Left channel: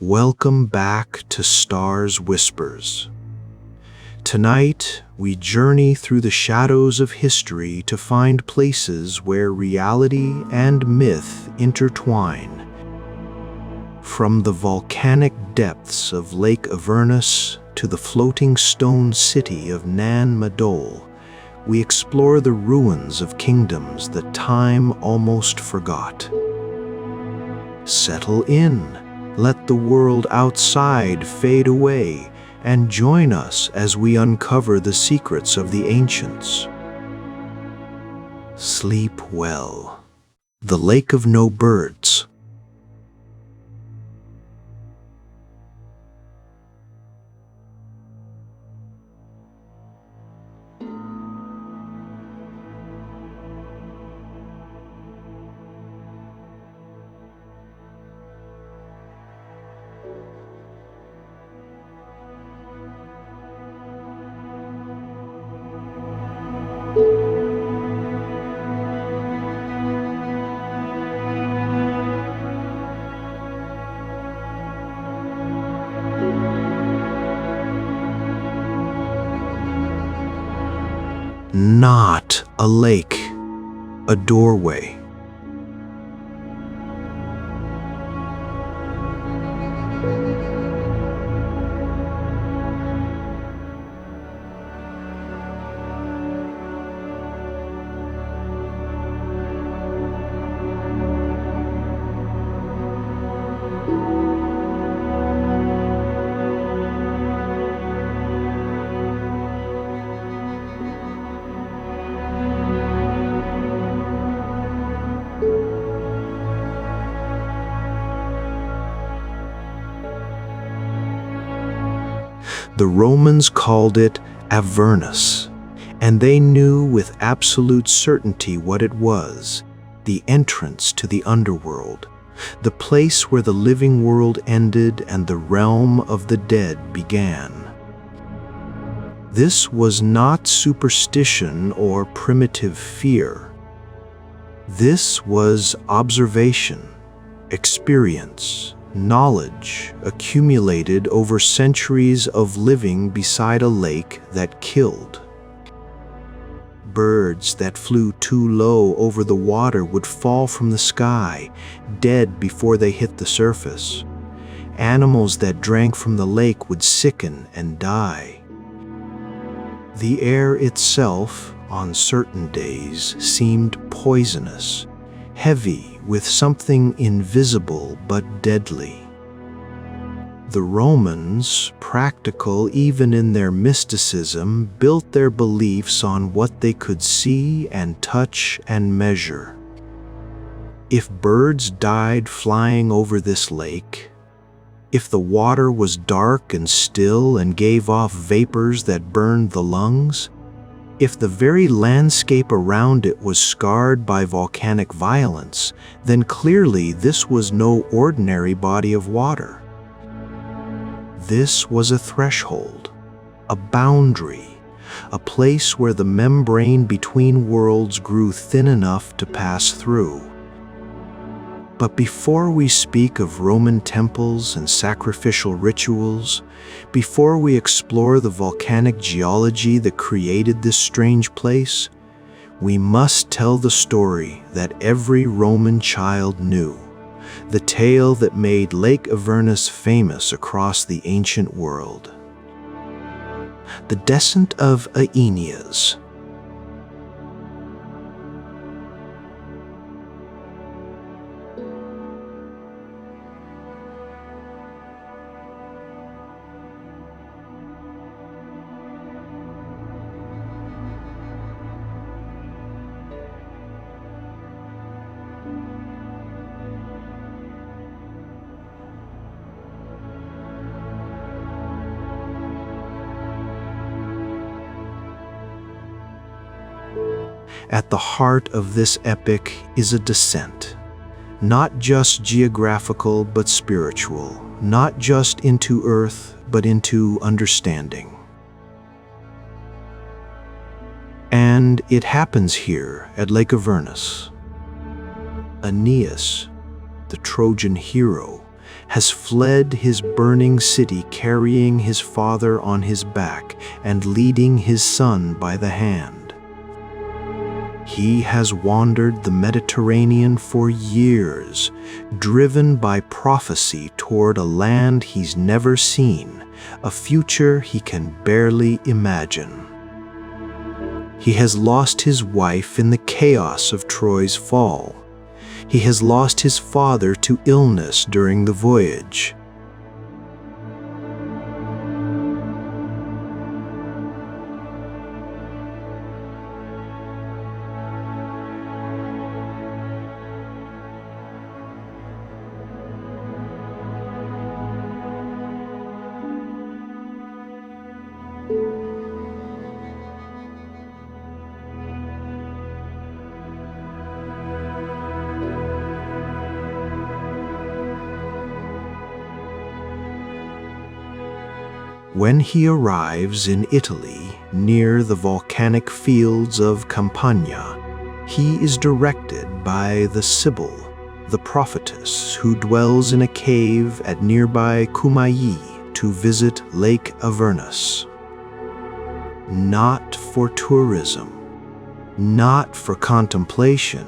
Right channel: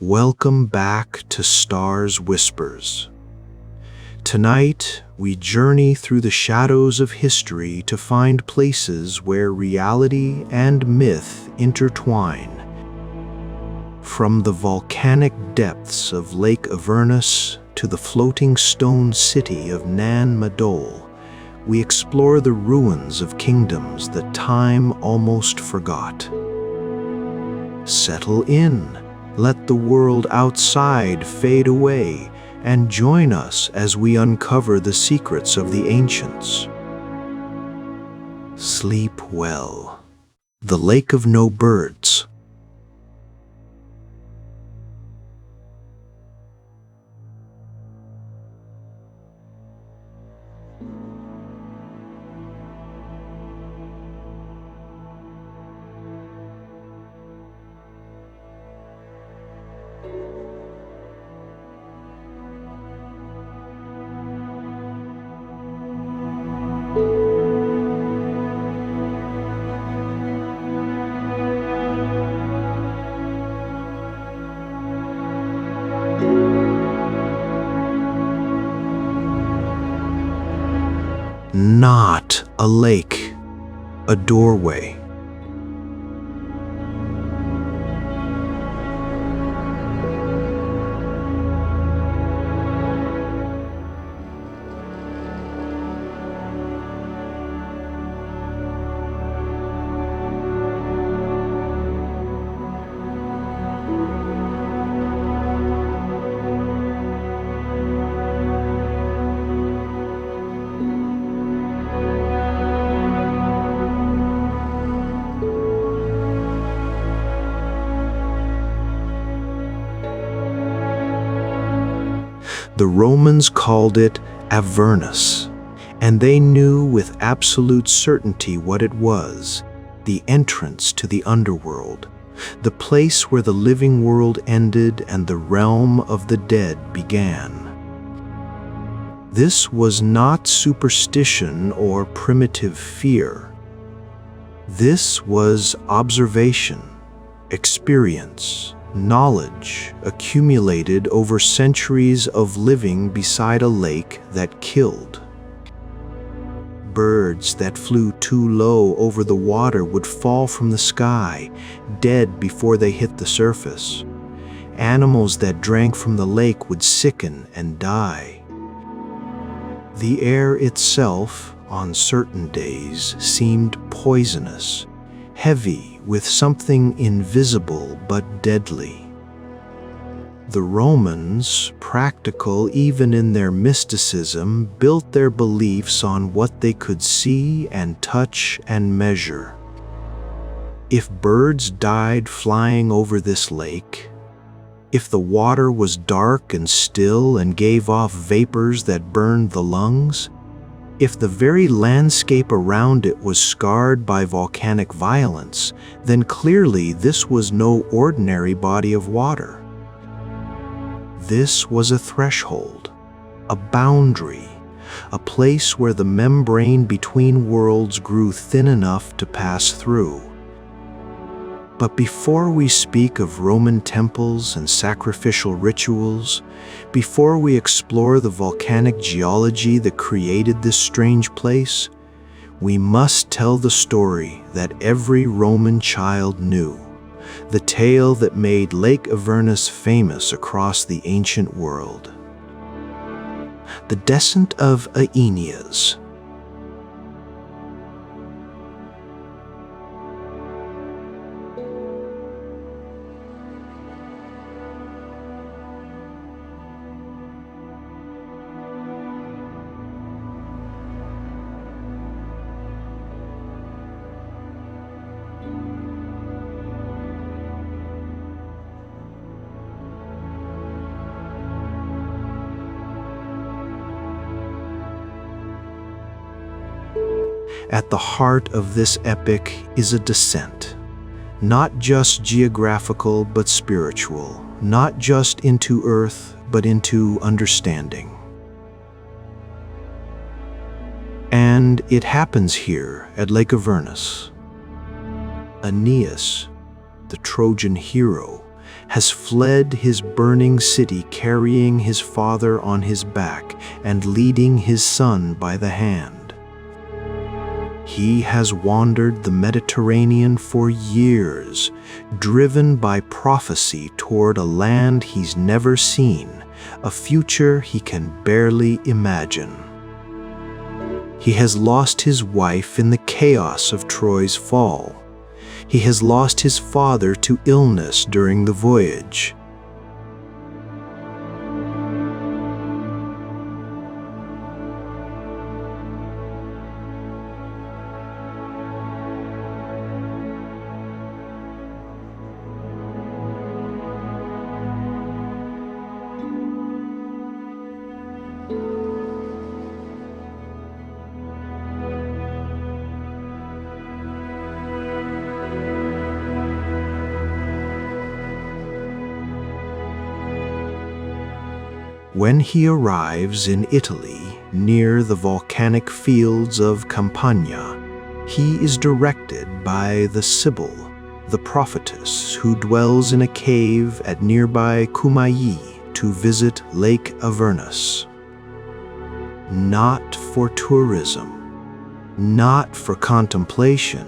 Welcome back to Stars Whispers. Tonight, we journey through the shadows of history to find places where reality and myth intertwine. From the volcanic depths of Lake Avernus to the floating stone city of Madol, we explore the ruins of kingdoms that time almost forgot. Settle in. Let the world outside fade away and join us as we uncover the secrets of the ancients. Sleep well. The Lake of No Birds. Not a lake, a doorway. The Romans called it Avernus, and they knew with absolute certainty what it was: the entrance to the underworld, the place where the living world ended and the realm of the dead began. This was not superstition or primitive fear. This was observation, experience, knowledge accumulated over centuries of living beside a lake that killed. Birds that flew too low over the water would fall from the sky, dead before they hit the surface. Animals that drank from the lake would sicken and die. The air itself, on certain days, seemed poisonous, heavy with something invisible but deadly. The Romans, practical even in their mysticism, built their beliefs on what they could see and touch and measure. If birds died flying over this lake, if the water was dark and still and gave off vapors that burned the lungs, if the very landscape around it was scarred by volcanic violence, then clearly this was no ordinary body of water. This was a threshold, a boundary, a place where the membrane between worlds grew thin enough to pass through. But before we speak of Roman temples and sacrificial rituals, before we explore the volcanic geology that created this strange place, we must tell the story that every Roman child knew, the tale that made Lake Avernus famous across the ancient world. The descent of Aeneas. At the heart of this epic is a descent, not just geographical but spiritual, not just into earth but into understanding. And it happens here at Lake Avernus. Aeneas, the Trojan hero, has fled his burning city carrying his father on his back and leading his son by the hand. He has wandered the Mediterranean for years, driven by prophecy toward a land he's never seen, a future he can barely imagine. He has lost his wife in the chaos of Troy's fall. He has lost his father to illness during the voyage. When he arrives in Italy, near the volcanic fields of Campania, he is directed by the Sibyl, the prophetess who dwells in a cave at nearby Cumae to visit Lake Avernus. Not for tourism, not for contemplation,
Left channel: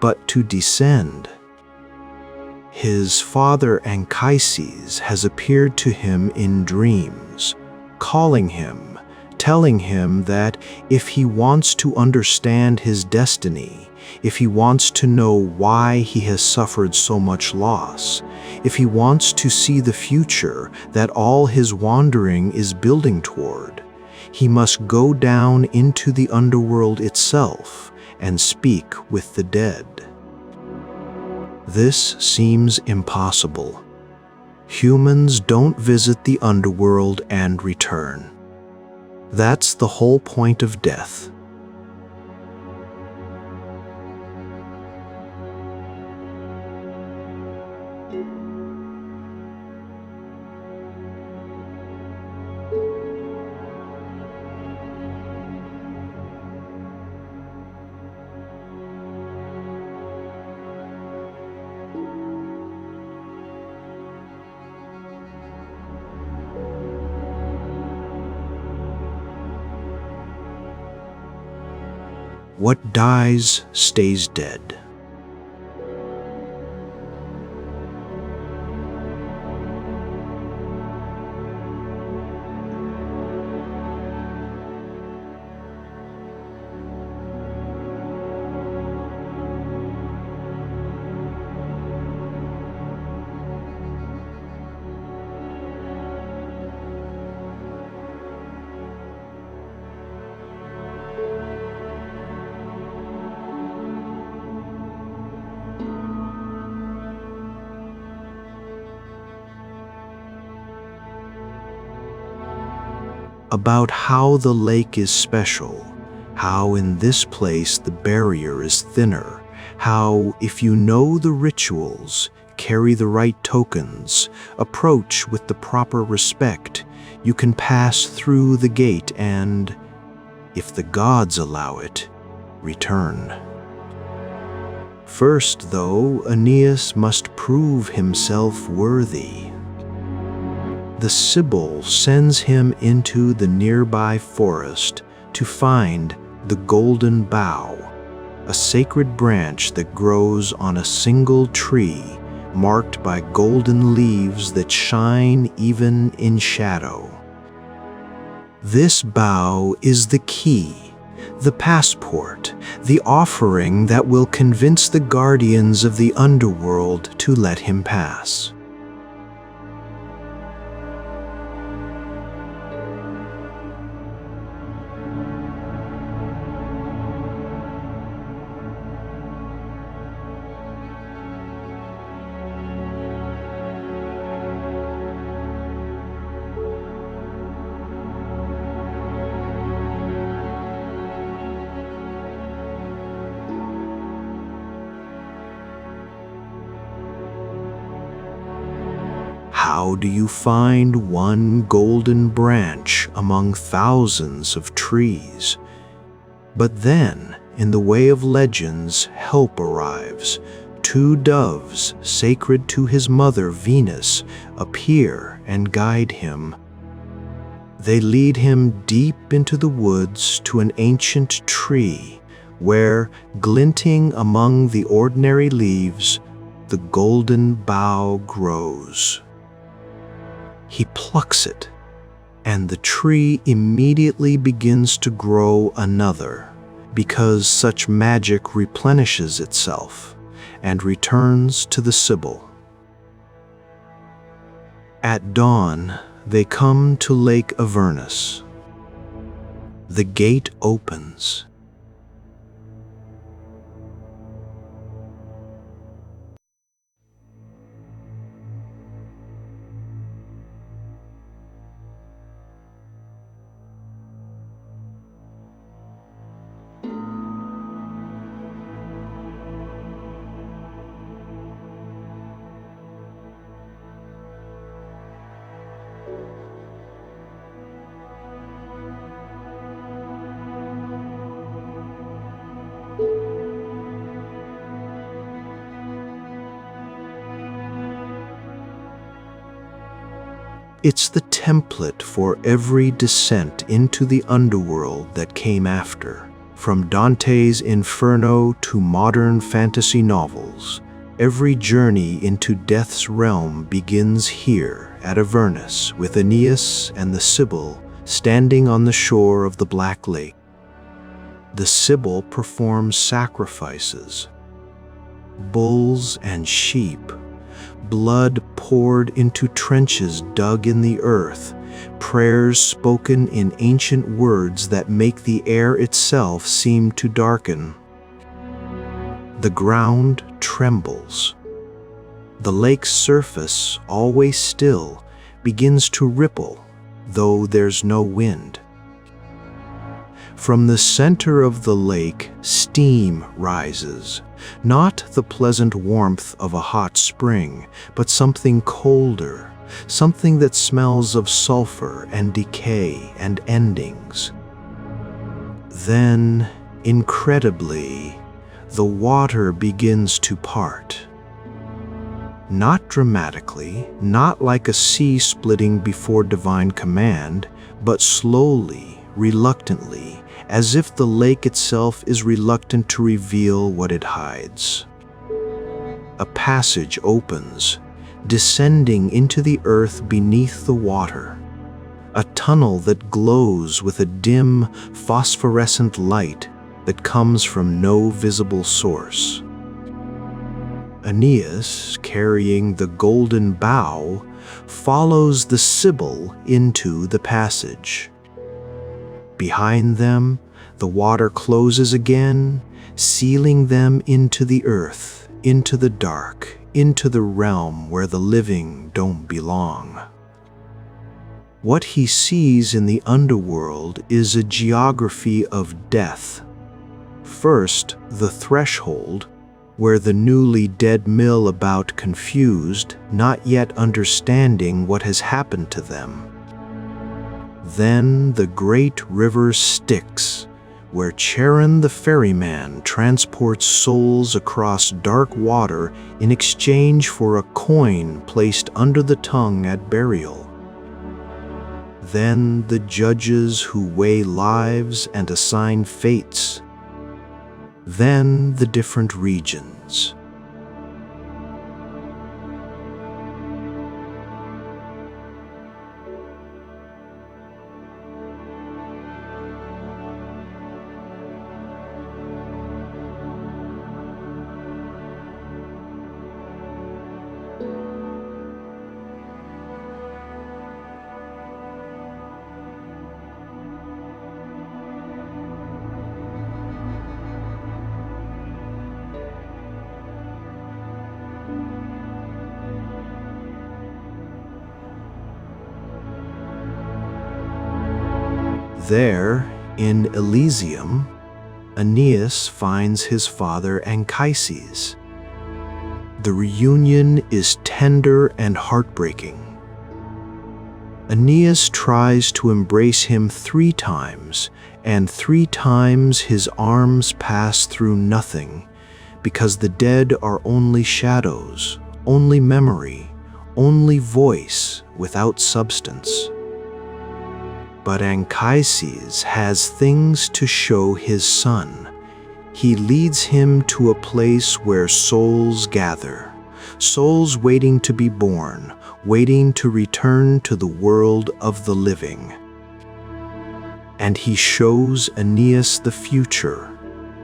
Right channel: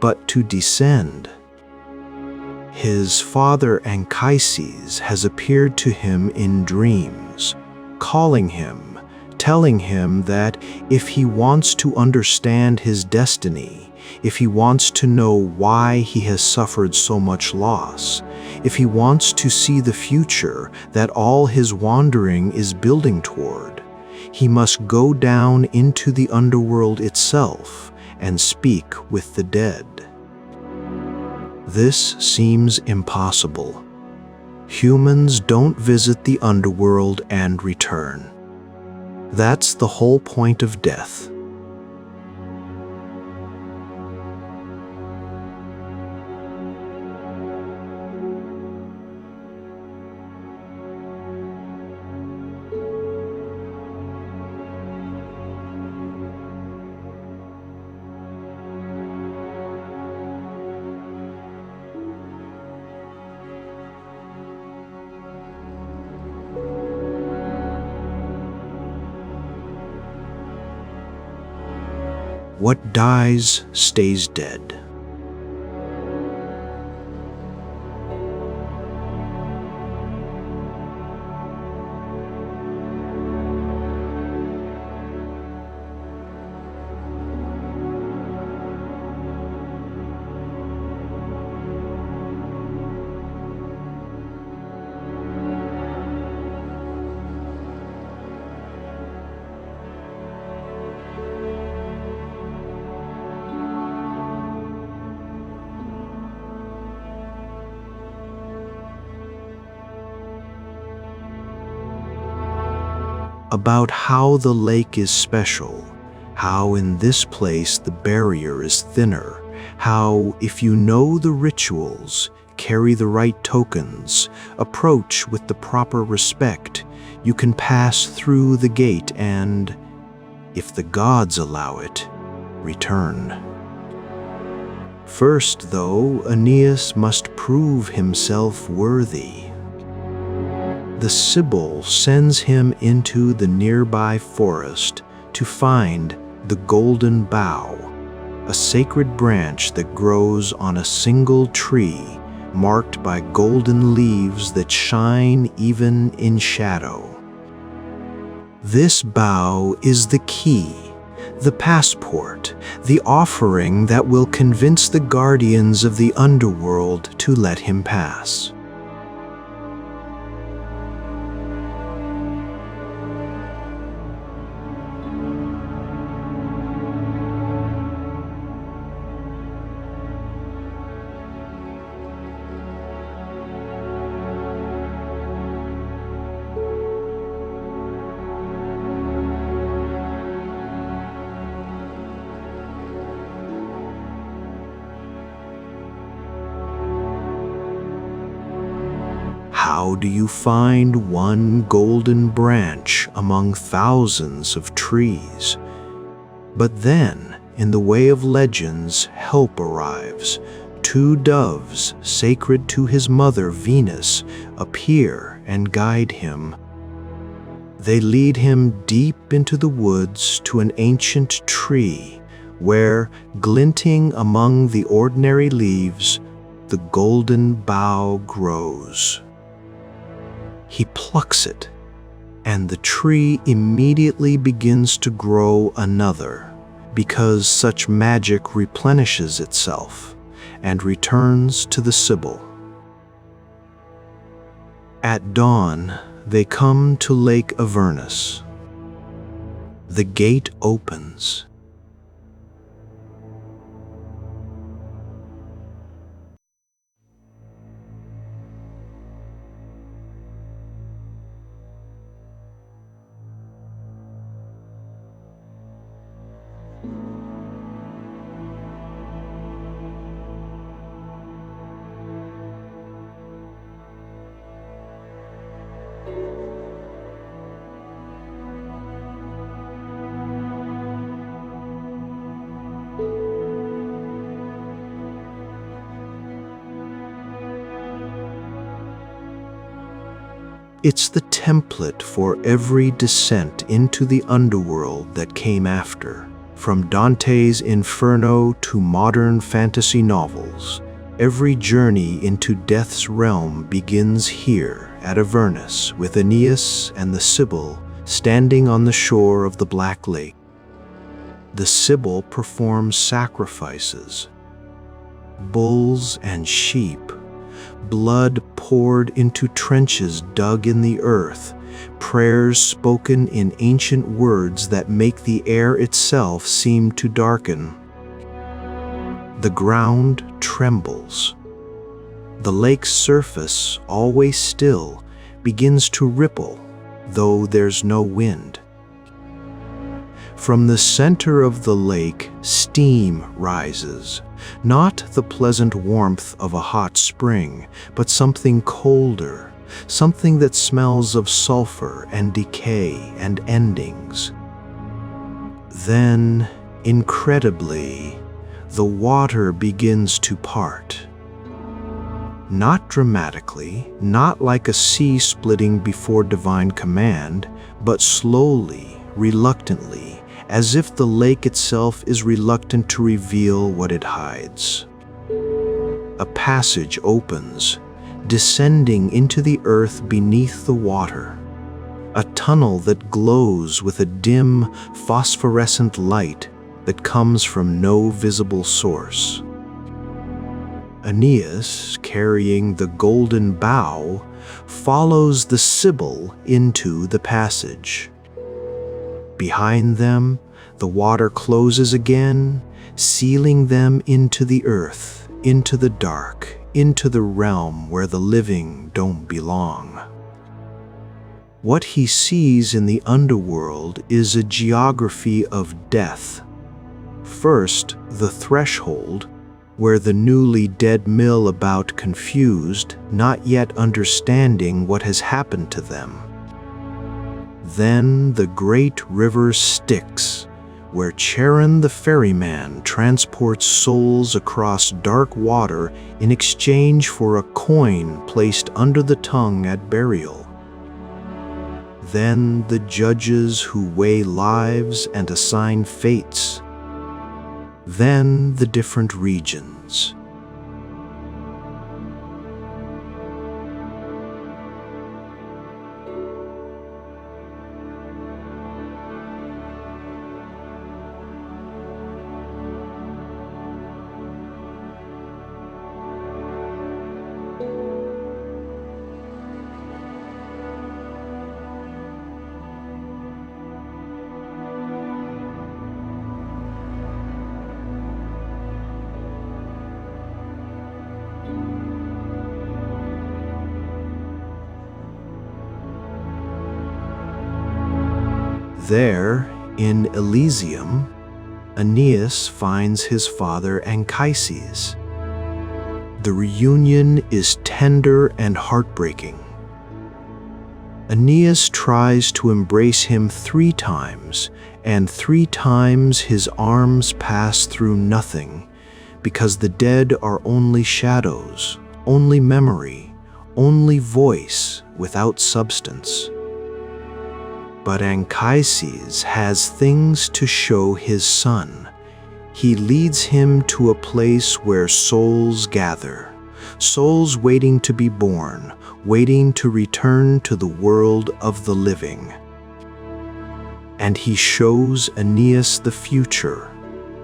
but to descend. His father Anchises has appeared to him in dreams, calling him, telling him that if he wants to understand his destiny, if he wants to know why he has suffered so much loss, if he wants to see the future that all his wandering is building toward, he must go down into the underworld itself and speak with the dead. This seems impossible. Humans don't visit the underworld and return. That's the whole point of death. What dies stays dead. About how the lake is special, how in this place the barrier is thinner, how if you know the rituals, carry the right tokens, approach with the proper respect, you can pass through the gate and, if the gods allow it, return. First, though, Aeneas must prove himself worthy. The Sibyl sends him into the nearby forest to find the golden bough, a sacred branch that grows on a single tree, marked by golden leaves that shine even in shadow. This bough is the key, the passport, the offering that will convince the guardians of the underworld to let him pass. How do you find one golden branch among thousands of trees? But then, in the way of legends, help arrives. 2 doves, sacred to his mother Venus, appear and guide him. They lead him deep into the woods to an ancient tree, where, glinting among the ordinary leaves, the golden bough grows. He plucks it, and the tree immediately begins to grow another, because such magic replenishes itself and returns to the Sibyl. At dawn, they come to Lake Avernus. The gate opens. It's the template for every descent into the underworld that came after. From Dante's Inferno to modern fantasy novels, every journey into death's realm begins here at Avernus, with Aeneas and the Sibyl standing on the shore of the Black Lake. The Sibyl performs sacrifices. Bulls and sheep, blood poured into trenches dug in the earth, prayers spoken in ancient words that make the air itself seem to darken. The ground trembles. The lake's surface, always still, begins to ripple, though there's no wind. From the center of the lake, steam rises. Not the pleasant warmth of a hot spring, but something colder, something that smells of sulfur and decay and endings. Then, incredibly, the water begins to part. Not dramatically, not like a sea splitting before divine command, but slowly, reluctantly, as if the lake itself is reluctant to reveal what it hides. A passage opens, descending into the earth beneath the water. A tunnel that glows with a dim, phosphorescent light that comes from no visible source. Aeneas, carrying the golden bough, follows the Sibyl into the passage. Behind them, the water closes again, sealing them into the earth, into the dark, into the realm where the living don't belong. What he sees in the underworld is a geography of death. First, the threshold, where the newly dead mill about confused, not yet understanding what has happened to them. Then the great river Styx, where Charon the ferryman transports souls across dark water in exchange for a coin placed under the tongue at burial. Then the judges who weigh lives and assign fates. Then the different regions. There, in Elysium, Aeneas finds his father Anchises. The reunion is tender and heartbreaking. Aeneas tries to embrace him 3 times, and 3 times his arms pass through nothing, because the dead are only shadows, only memory, only voice without substance. But Anchises has things to show his son. He leads him to a place where souls gather, souls waiting to be born, waiting to return to the world of the living. And he shows Aeneas the future,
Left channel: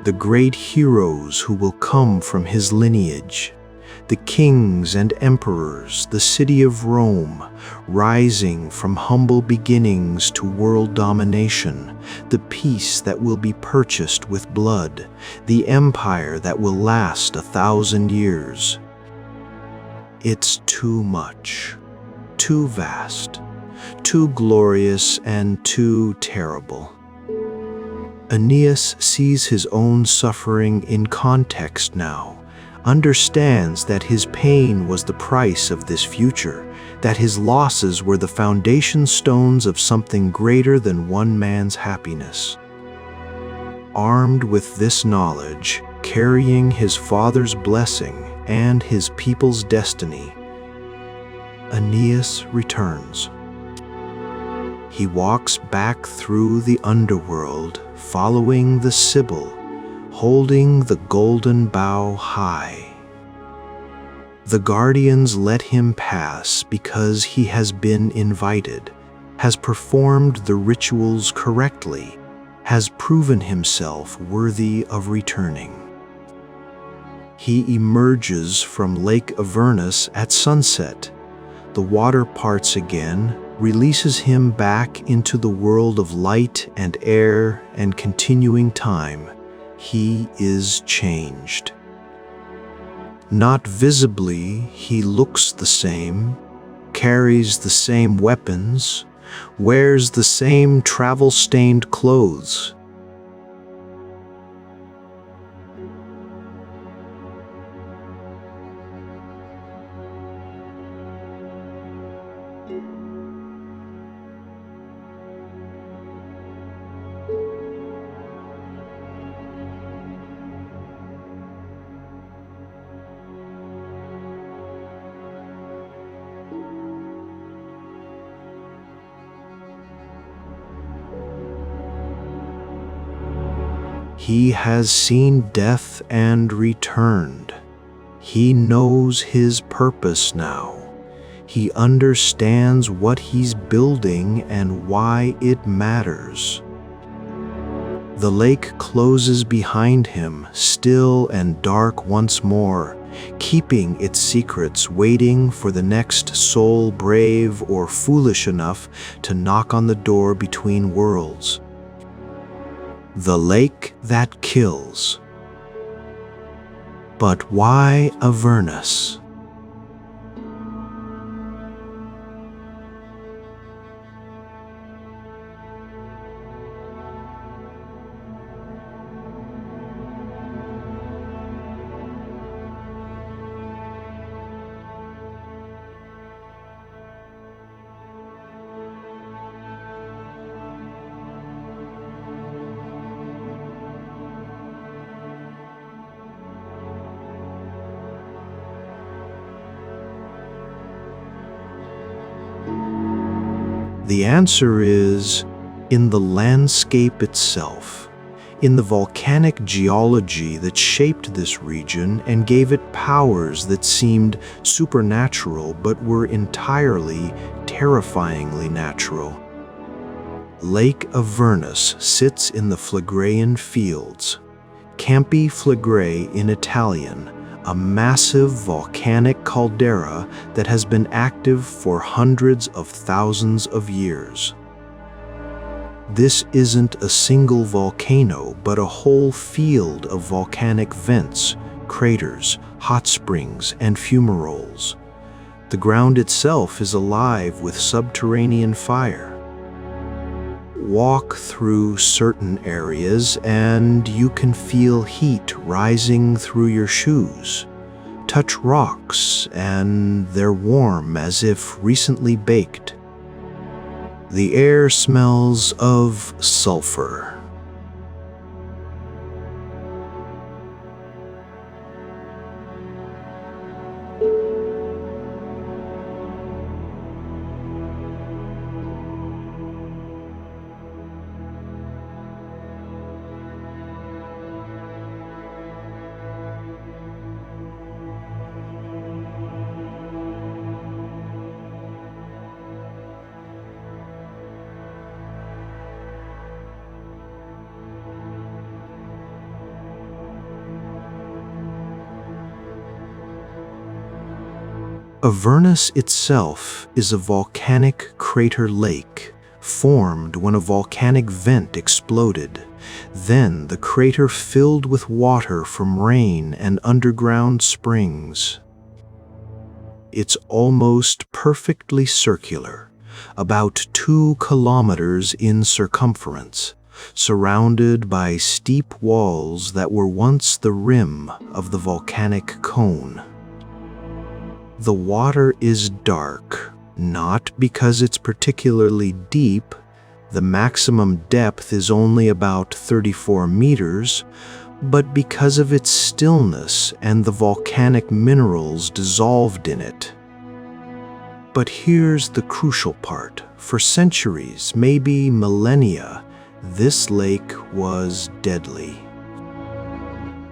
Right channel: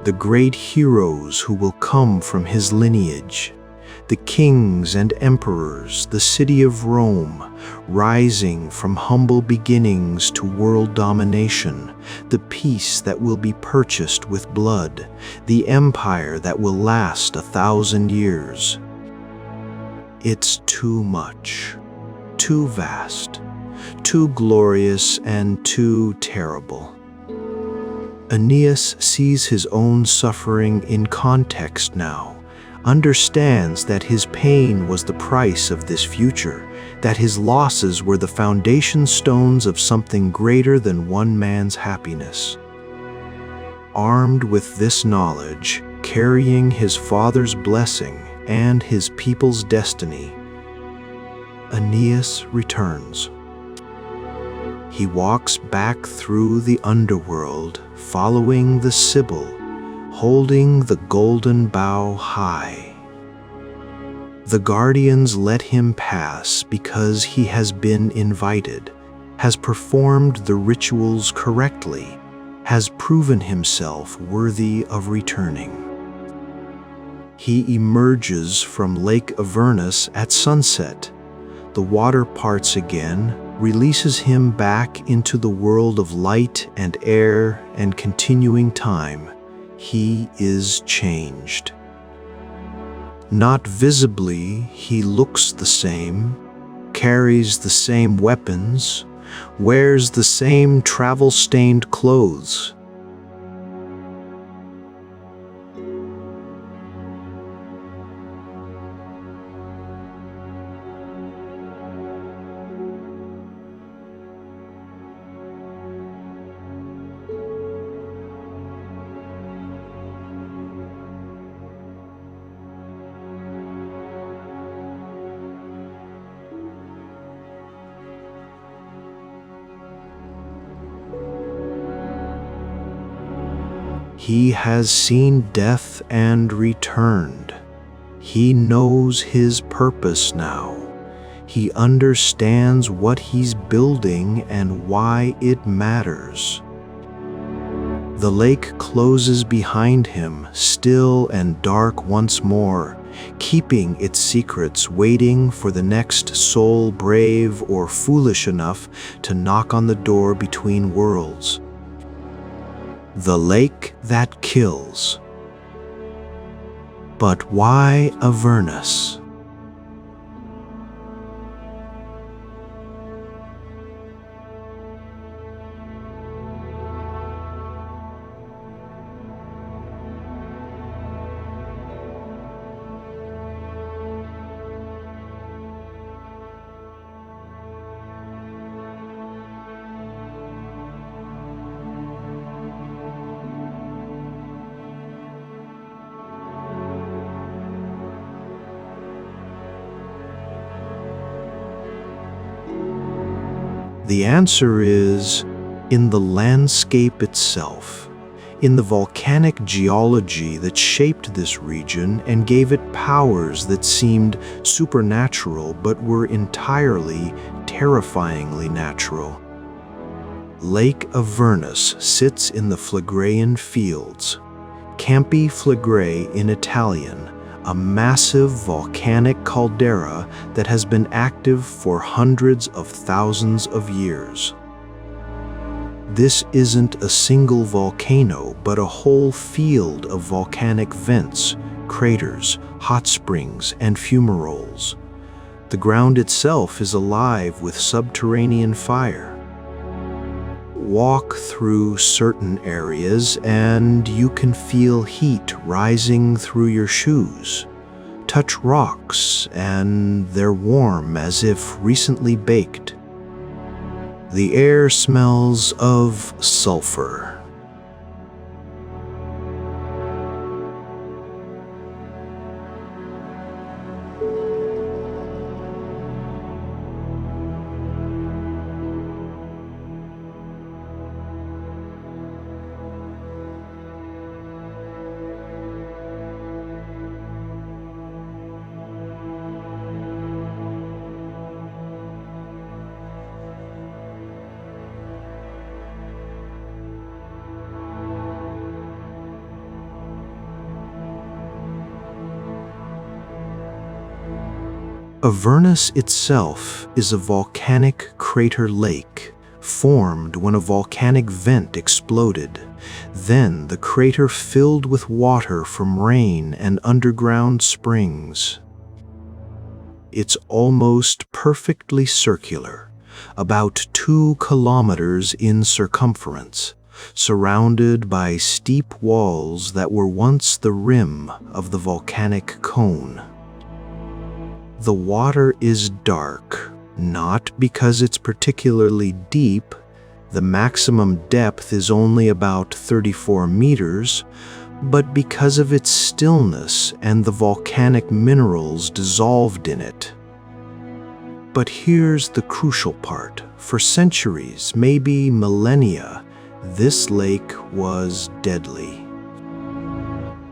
the great heroes who will come from his lineage, the kings and emperors, the city of Rome, rising from humble beginnings to world domination, the peace that will be purchased with blood, the empire that will last 1,000 years. It's too much, too vast, too glorious and too terrible. Aeneas sees his own suffering in context now, understands that his pain was the price of this future, that his losses were the foundation stones of something greater than one man's happiness. Armed with this knowledge, carrying his father's blessing and his people's destiny, Aeneas returns. He walks back through the underworld, following the Sibyl, holding the golden bough high. The guardians let him pass because he has been invited, has performed the rituals correctly, has proven himself worthy of returning. He emerges from Lake Avernus at sunset. The water parts again, releases him back into the world of light and air and continuing time. He is changed. Not visibly, he looks the same, carries the same weapons, wears the same travel-stained clothes. He has seen death and returned. He knows his purpose now. He understands what he's building and why it matters. The lake closes behind him, still and dark once more, keeping its secrets, waiting for the next soul brave or foolish enough to knock on the door between worlds. The lake that kills. But why Avernus? The answer is in the landscape itself, in the volcanic geology that shaped this region and gave it powers that seemed supernatural but were entirely, terrifyingly natural. Lake Avernus sits in the Phlegraean fields, Campi Flegrae in Italian, a massive volcanic caldera that has been active for hundreds of thousands of years. This isn't a single volcano, but a whole field of volcanic vents, craters, hot springs, and fumaroles. The ground itself is alive with subterranean fire. Walk through certain areas and you can feel heat rising through your shoes. Touch rocks and they're warm as if recently baked. The air smells of sulfur. Avernus itself is a volcanic crater lake, formed when a volcanic vent exploded. Then the crater filled with water from rain and underground springs. It's almost perfectly circular, about 2 kilometers in circumference, surrounded by steep walls that were once the rim of the volcanic cone. The water is dark, not because it's particularly deep. The maximum depth is only about 34 meters, but because of its stillness and the volcanic minerals dissolved in it. But here's the crucial part. For centuries, maybe millennia, this lake was deadly.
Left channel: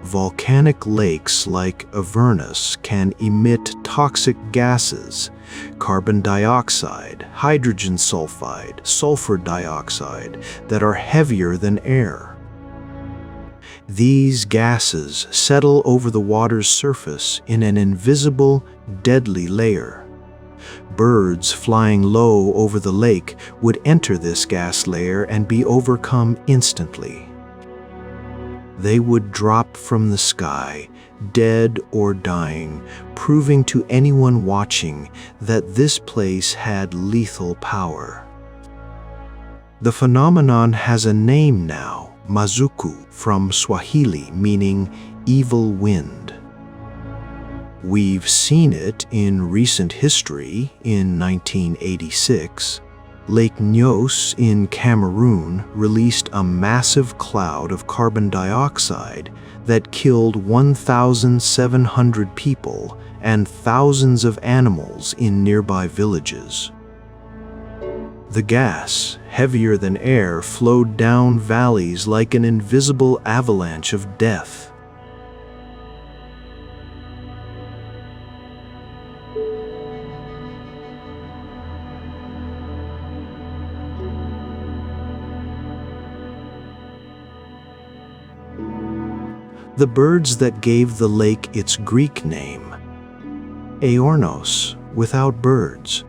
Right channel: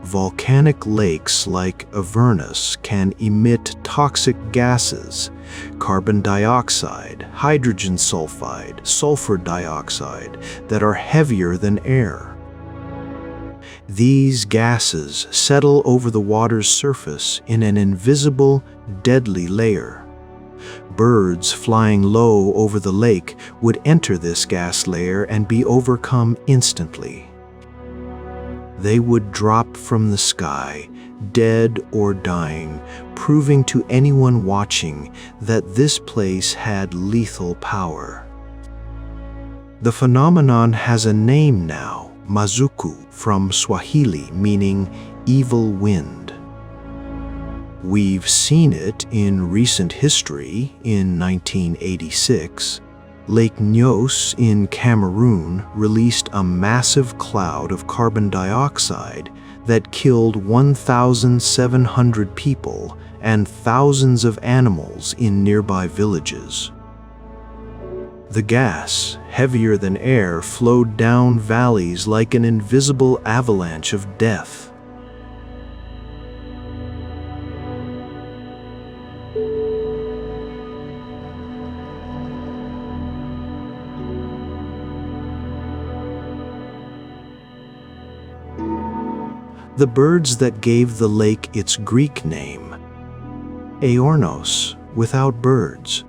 Volcanic lakes like Avernus can emit toxic gases, carbon dioxide, hydrogen sulfide, sulfur dioxide, that are heavier than air. These gases settle over the water's surface in an invisible, deadly layer. Birds flying low over the lake would enter this gas layer and be overcome instantly. They would drop from the sky, dead or dying, proving to anyone watching that this place had lethal power. The phenomenon has a name now, Mazuku, from Swahili, meaning evil wind. We've seen it in recent history. In 1986, Lake Nyos in Cameroon released a massive cloud of carbon dioxide that killed 1,700 people and thousands of animals in nearby villages. The gas, heavier than air, flowed down valleys like an invisible avalanche of death. The birds that gave the lake its Greek name, Aornos, without birds,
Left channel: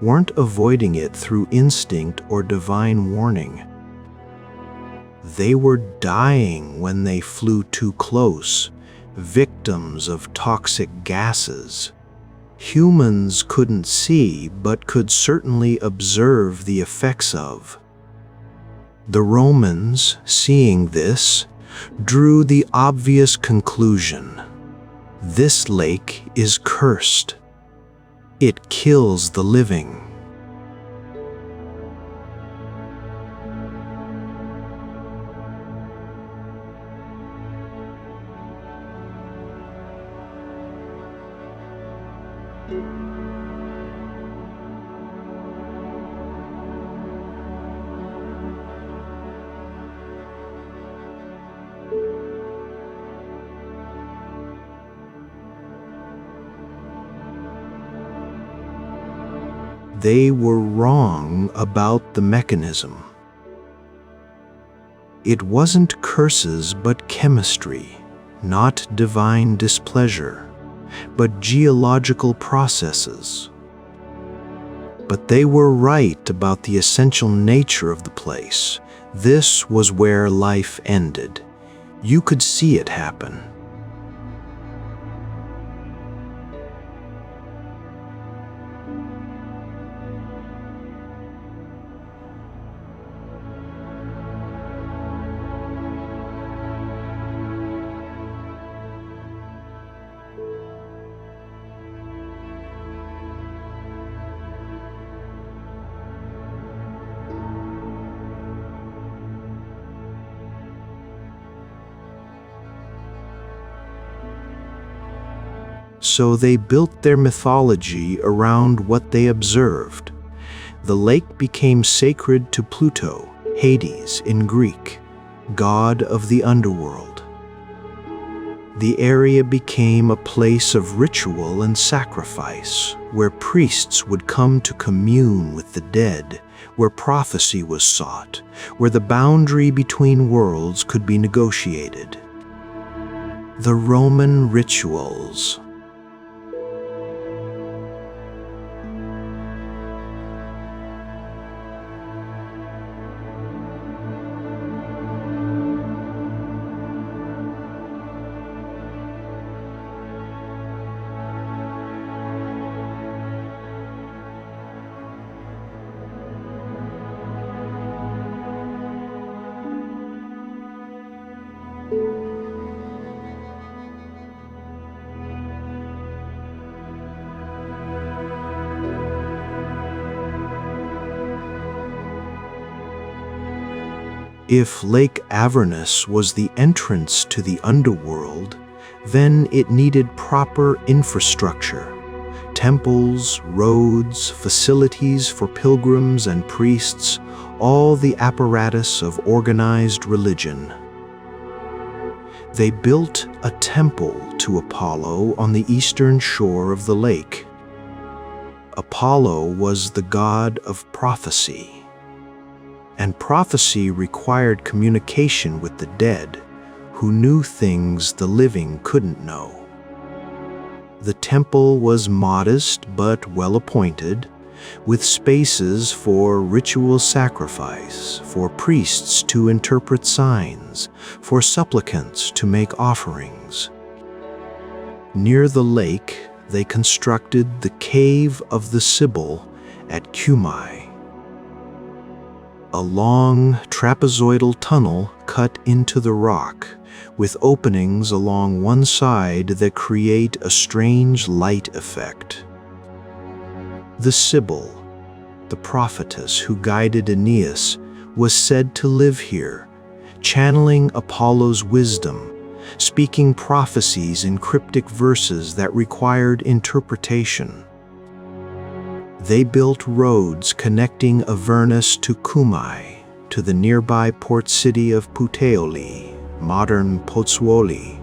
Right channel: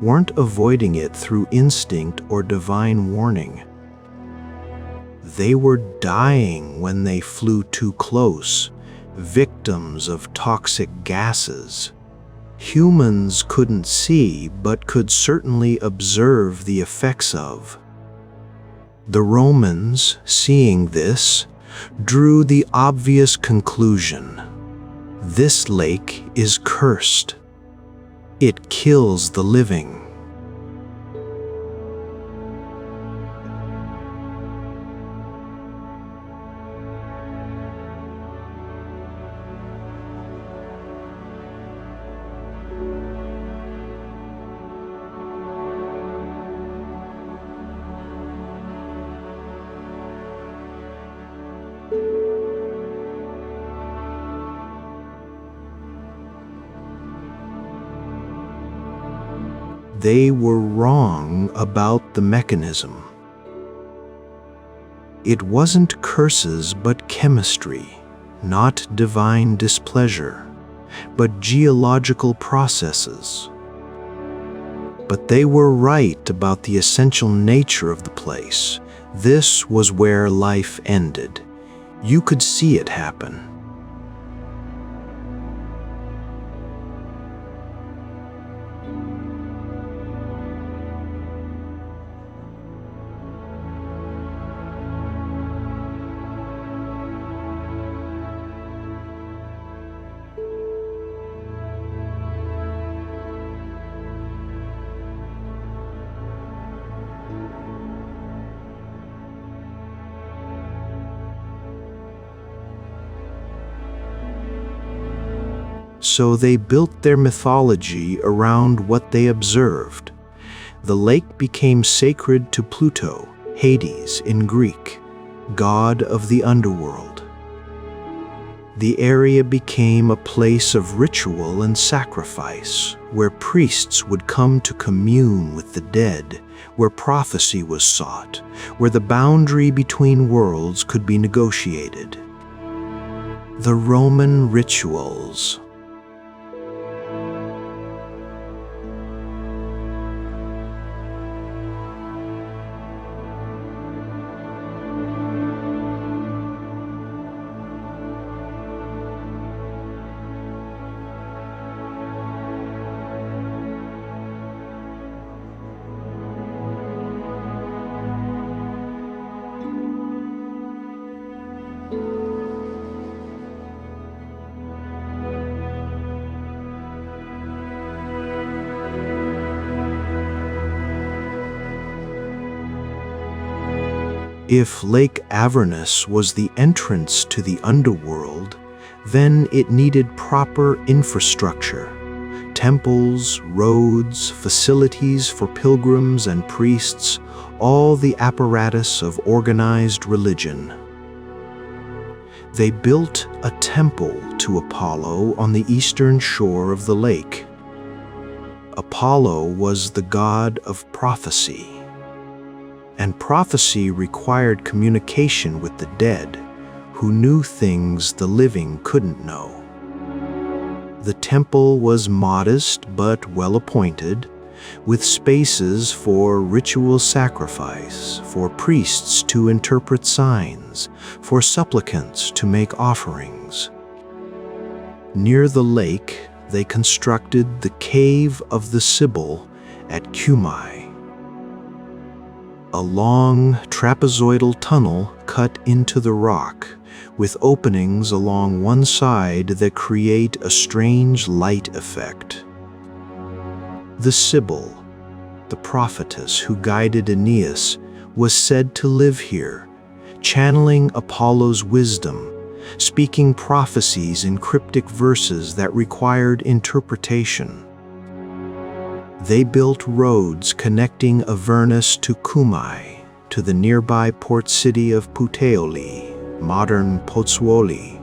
weren't avoiding it through instinct or divine warning. They were dying when they flew too close, victims of toxic gases. Humans couldn't see, but could certainly observe the effects of. The Romans, seeing this, drew the obvious conclusion: this lake is cursed. It kills the living. They were wrong about the mechanism. It wasn't curses but chemistry, not divine displeasure, but geological processes. But they were right about the essential nature of the place. This was where life ended. You could see it happen. So they built their mythology around what they observed. The lake became sacred to Pluto, Hades in Greek, god of the underworld. The area became a place of ritual and sacrifice, where priests would come to commune with the dead, where prophecy was sought, where the boundary between worlds could be negotiated. The Roman rituals. If Lake Avernus was the entrance to the underworld, then it needed proper infrastructure. Temples, roads, facilities for pilgrims and priests, all the apparatus of organized religion. They built a temple to Apollo on the eastern shore of the lake. Apollo was the god of prophecy, and prophecy required communication with the dead, who knew things the living couldn't know. The temple was modest but well-appointed, with spaces for ritual sacrifice, for priests to interpret signs, for supplicants to make offerings. Near the lake, they constructed the Cave of the Sibyl at Cumae, a long trapezoidal tunnel cut into the rock, with openings along one side that create a strange light effect. The Sibyl, the prophetess who guided Aeneas, was said to live here, channeling Apollo's wisdom, speaking prophecies in cryptic verses that required interpretation. They built roads connecting Avernus to Cumae, to the nearby port city of Puteoli, modern Pozzuoli,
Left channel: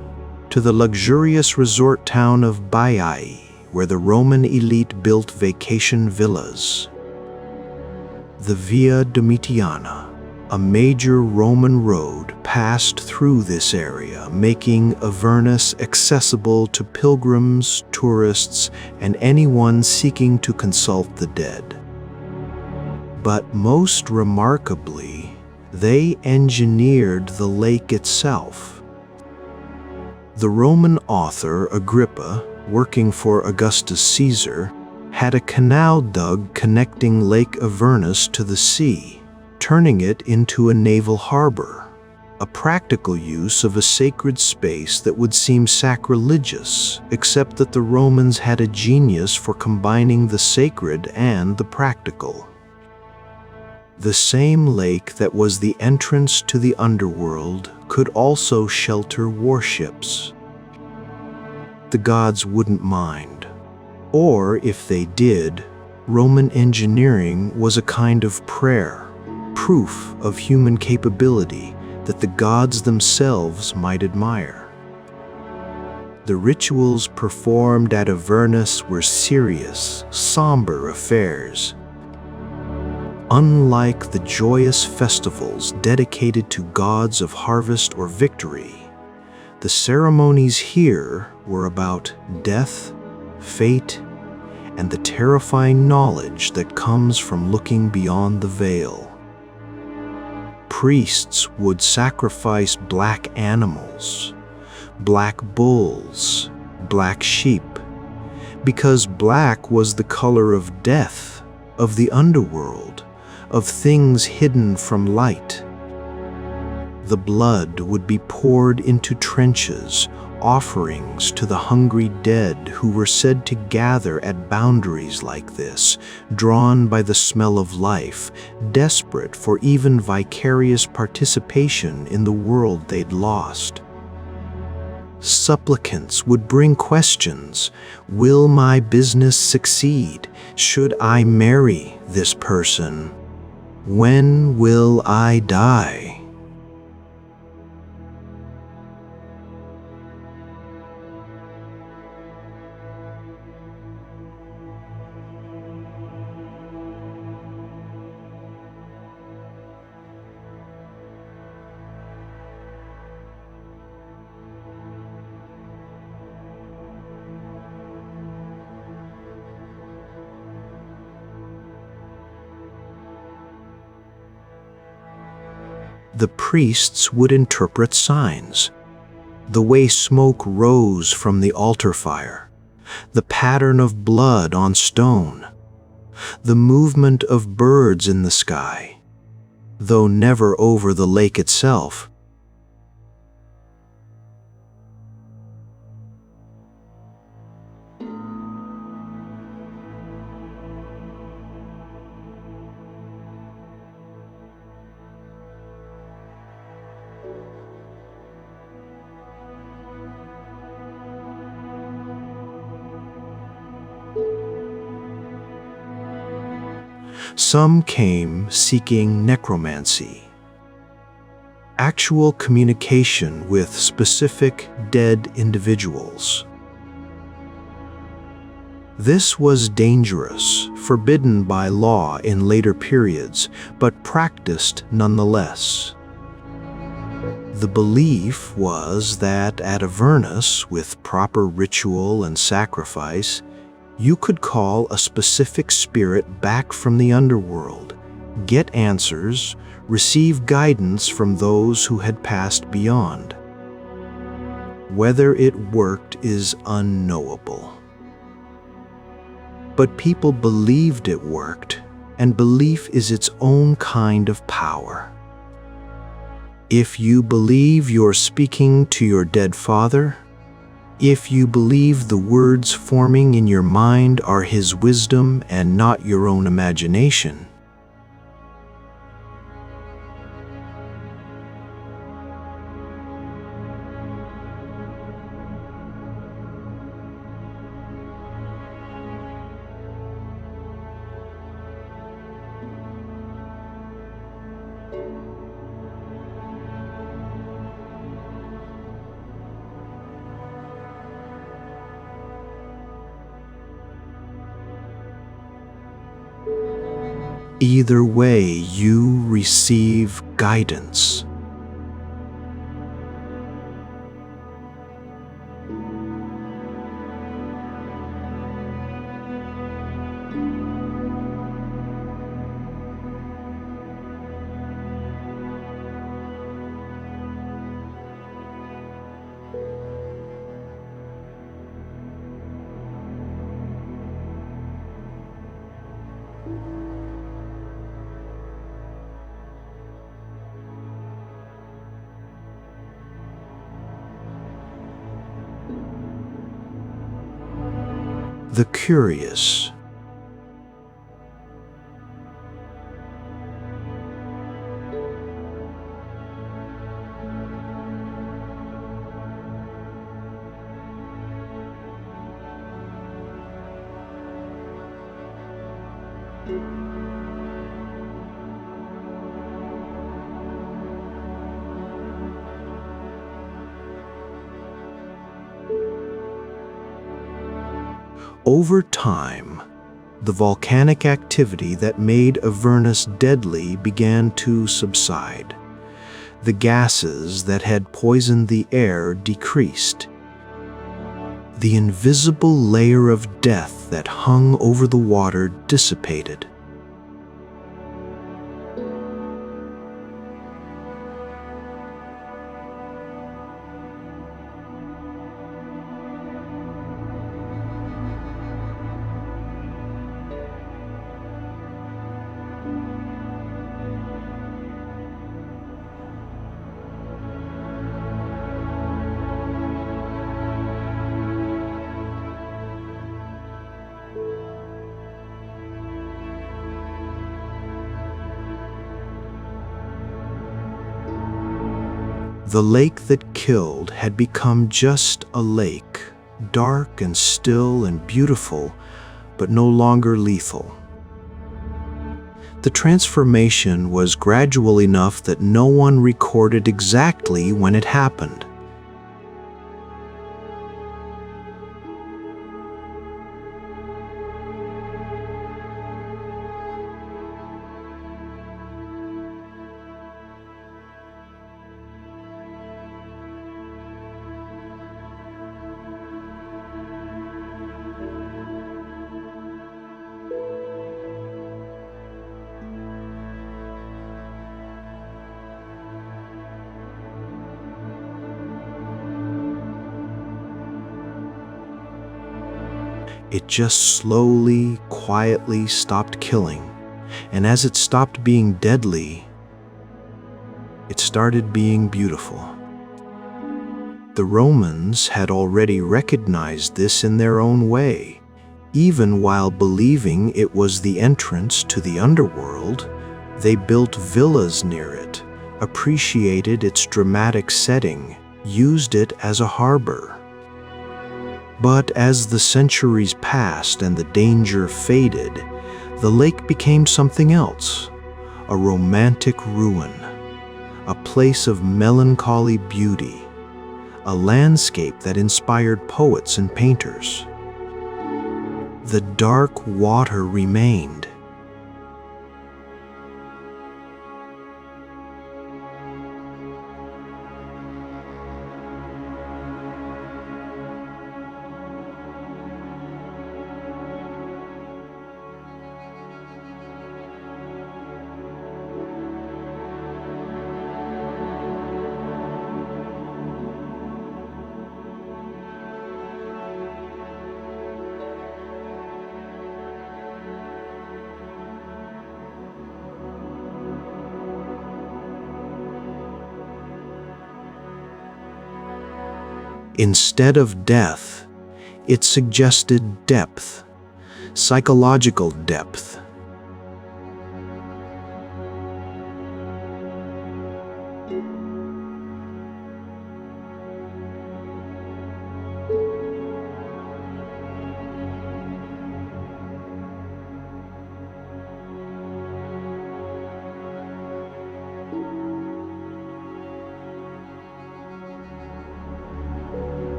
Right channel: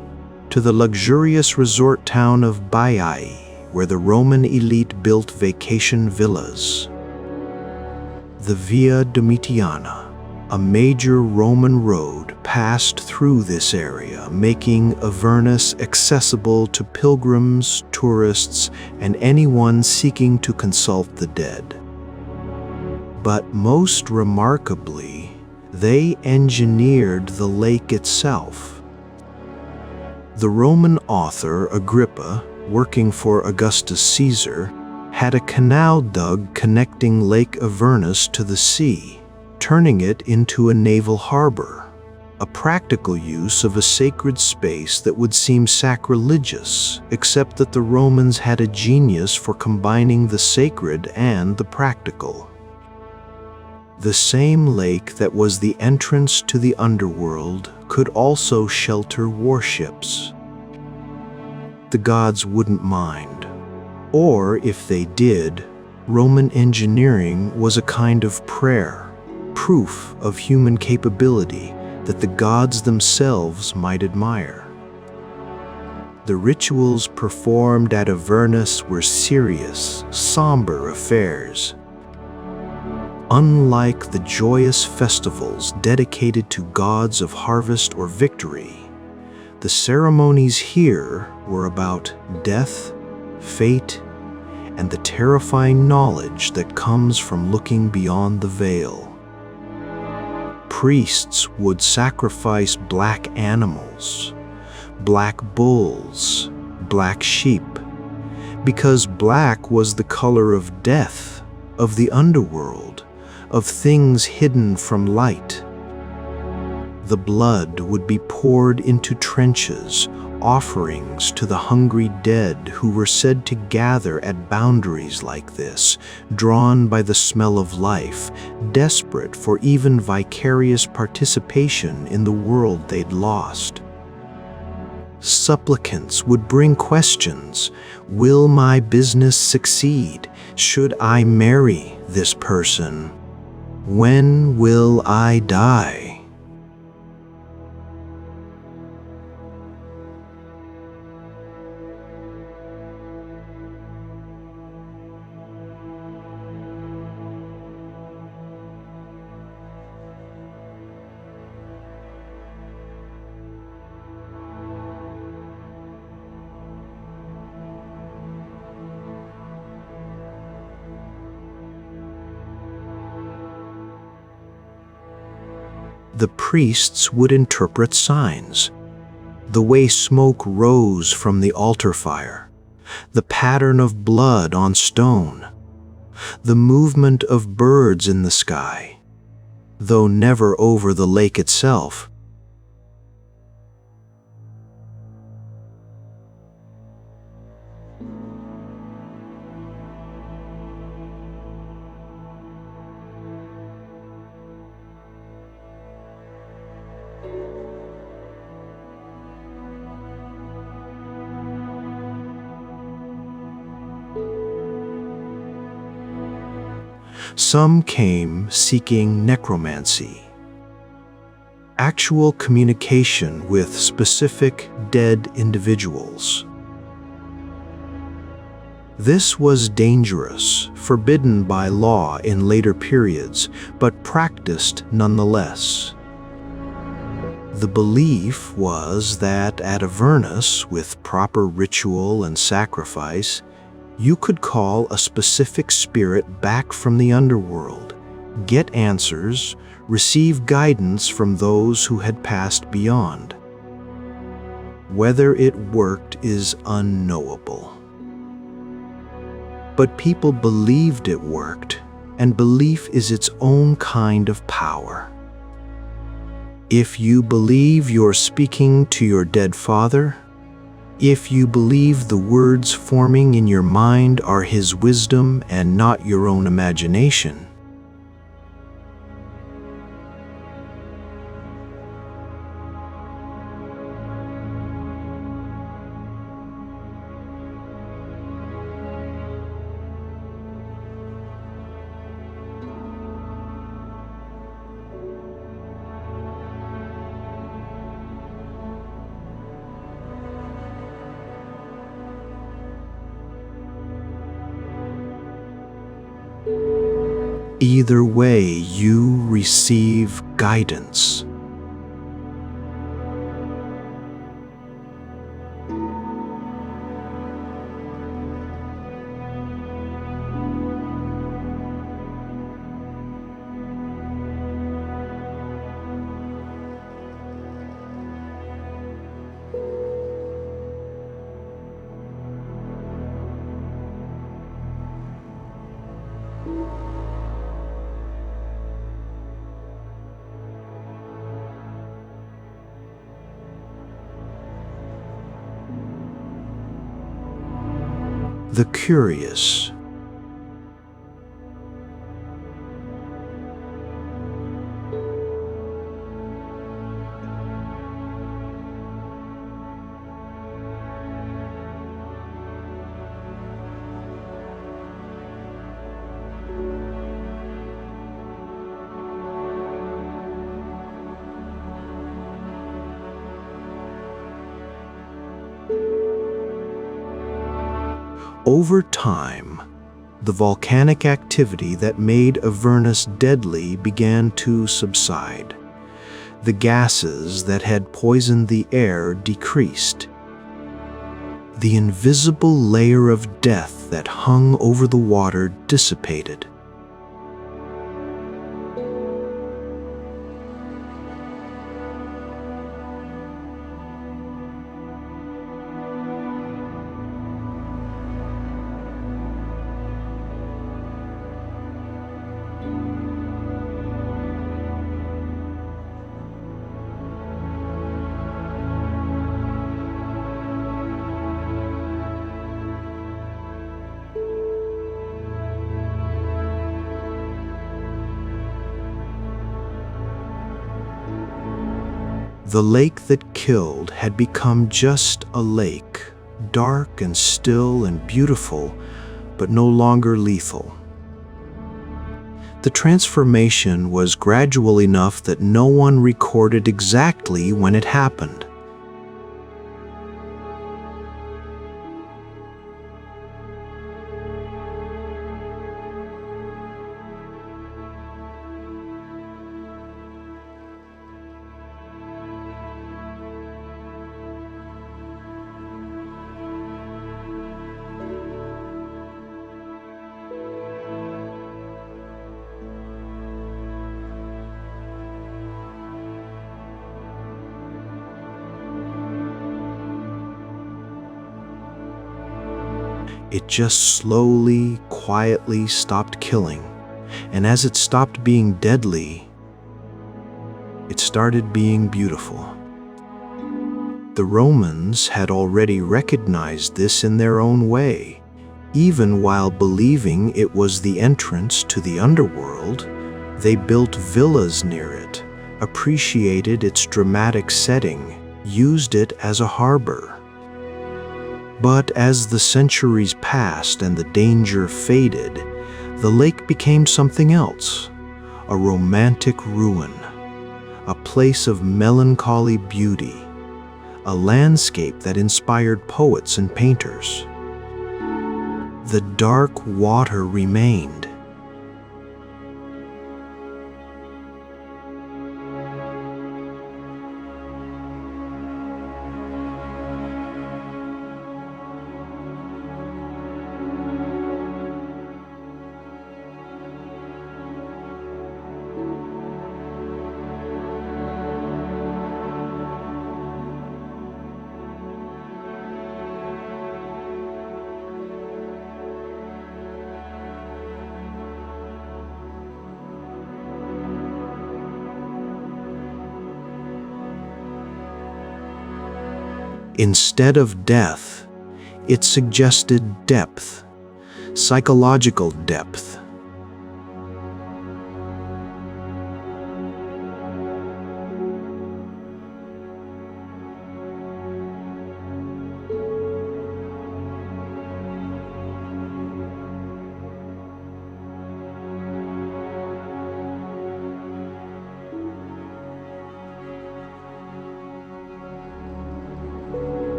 to the luxurious resort town of Baiae, where the Roman elite built vacation villas. The Via Domitiana, a major Roman road, passed through this area, making Avernus accessible to pilgrims, tourists, and anyone seeking to consult the dead. But most remarkably, they engineered the lake itself. The Roman author Agrippa, working for Augustus Caesar, had a canal dug connecting Lake Avernus to the sea, turning it into a naval harbor, a practical use of a sacred space that would seem sacrilegious, except that the Romans had a genius for combining the sacred and the practical. The same lake that was the entrance to the underworld could also shelter warships. The gods wouldn't mind. Or, if they did, Roman engineering was a kind of prayer, proof of human capability that the gods themselves might admire. The rituals performed at Avernus were serious, somber affairs. Unlike the joyous festivals dedicated to gods of harvest or victory, the ceremonies here were about death, fate, and the terrifying knowledge that comes from looking beyond the veil. Priests would sacrifice black animals, black bulls, black sheep, because black was the color of death, of the underworld, of things hidden from light. The blood would be poured into trenches, offerings to the hungry dead who were said to gather at boundaries like this, drawn by the smell of life, desperate for even vicarious participation in the world they'd lost. Supplicants would bring questions. Will my business succeed? Should I marry this person? When will I die? The priests would interpret signs. The way smoke rose from the altar fire, the pattern of blood on stone, the movement of birds in the sky, though never over the lake itself. Some came seeking necromancy, actual communication with specific dead individuals. This was dangerous, forbidden by law in later periods, but practiced nonetheless. The belief was that at Avernus, with proper ritual and sacrifice, you could call a specific spirit back from the underworld, get answers, receive guidance from those who had passed beyond. Whether it worked is unknowable. But people believed it worked, and belief is its own kind of power. If you believe you're speaking to your dead father, if you believe the words forming in your mind are his wisdom and not your own imagination, either way, you receive guidance. The curious. Over time, the volcanic activity that made Avernus deadly began to subside. The gases that had poisoned the air decreased. The invisible layer of death that hung over the water dissipated. The lake that killed had become just a lake, dark and still and beautiful, but no longer lethal. The transformation was gradual enough that no one recorded exactly when it happened. It just slowly, quietly stopped killing, and as it stopped being deadly, it started being beautiful. The Romans had already recognized this in their own way. Even while believing it was the entrance to the underworld, they built villas near it, appreciated its dramatic setting, used it as a harbor. But as the centuries passed and the danger faded, The lake became something else, a romantic ruin, a place of melancholy beauty, a landscape that inspired poets and painters. The dark water remained. Instead of death, it suggested depth, psychological depth.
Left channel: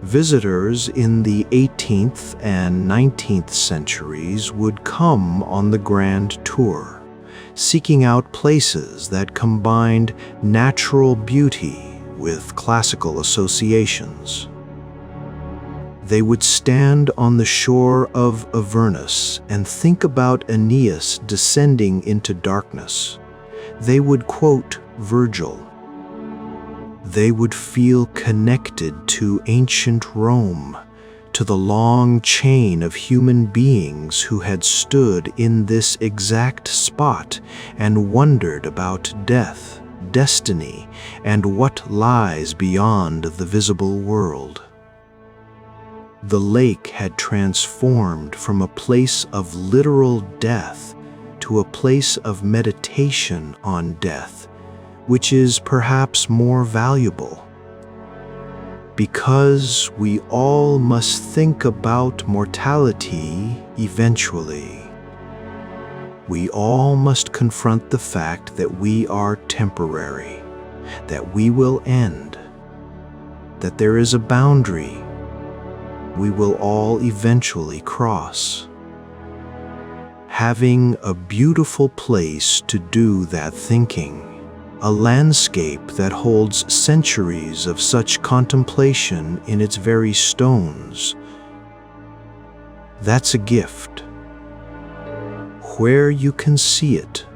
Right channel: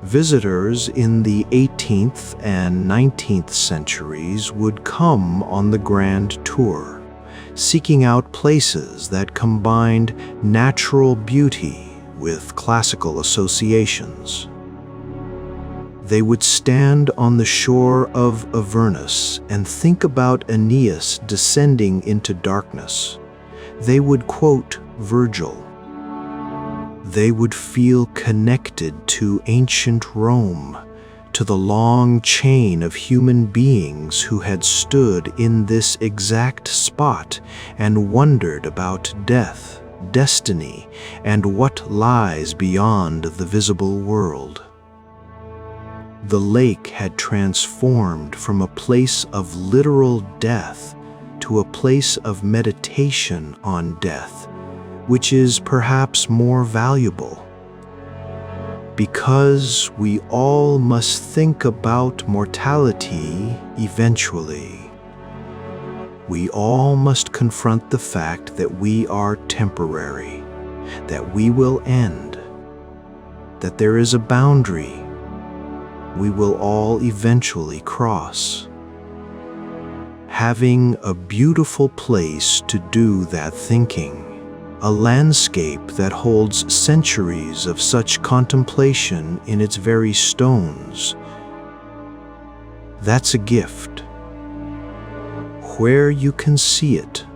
Visitors in the 18th and 19th centuries would come on the grand tour, seeking out places that combined natural beauty with classical associations. They would stand on the shore of Avernus and think about Aeneas descending into darkness. They would quote Virgil. They would feel connected to ancient Rome, to the long chain of human beings who had stood in this exact spot and wondered about death, destiny, and what lies beyond the visible world. The lake had transformed from a place of literal death to a place of meditation on death, which is perhaps more valuable. Because we all must think about mortality eventually. We all must confront the fact that we are temporary, that we will end, that there is a boundary we will all eventually cross. Having a beautiful place to do that thinking, a landscape that holds centuries of such contemplation in its very stones. That's a gift. Where you can see it.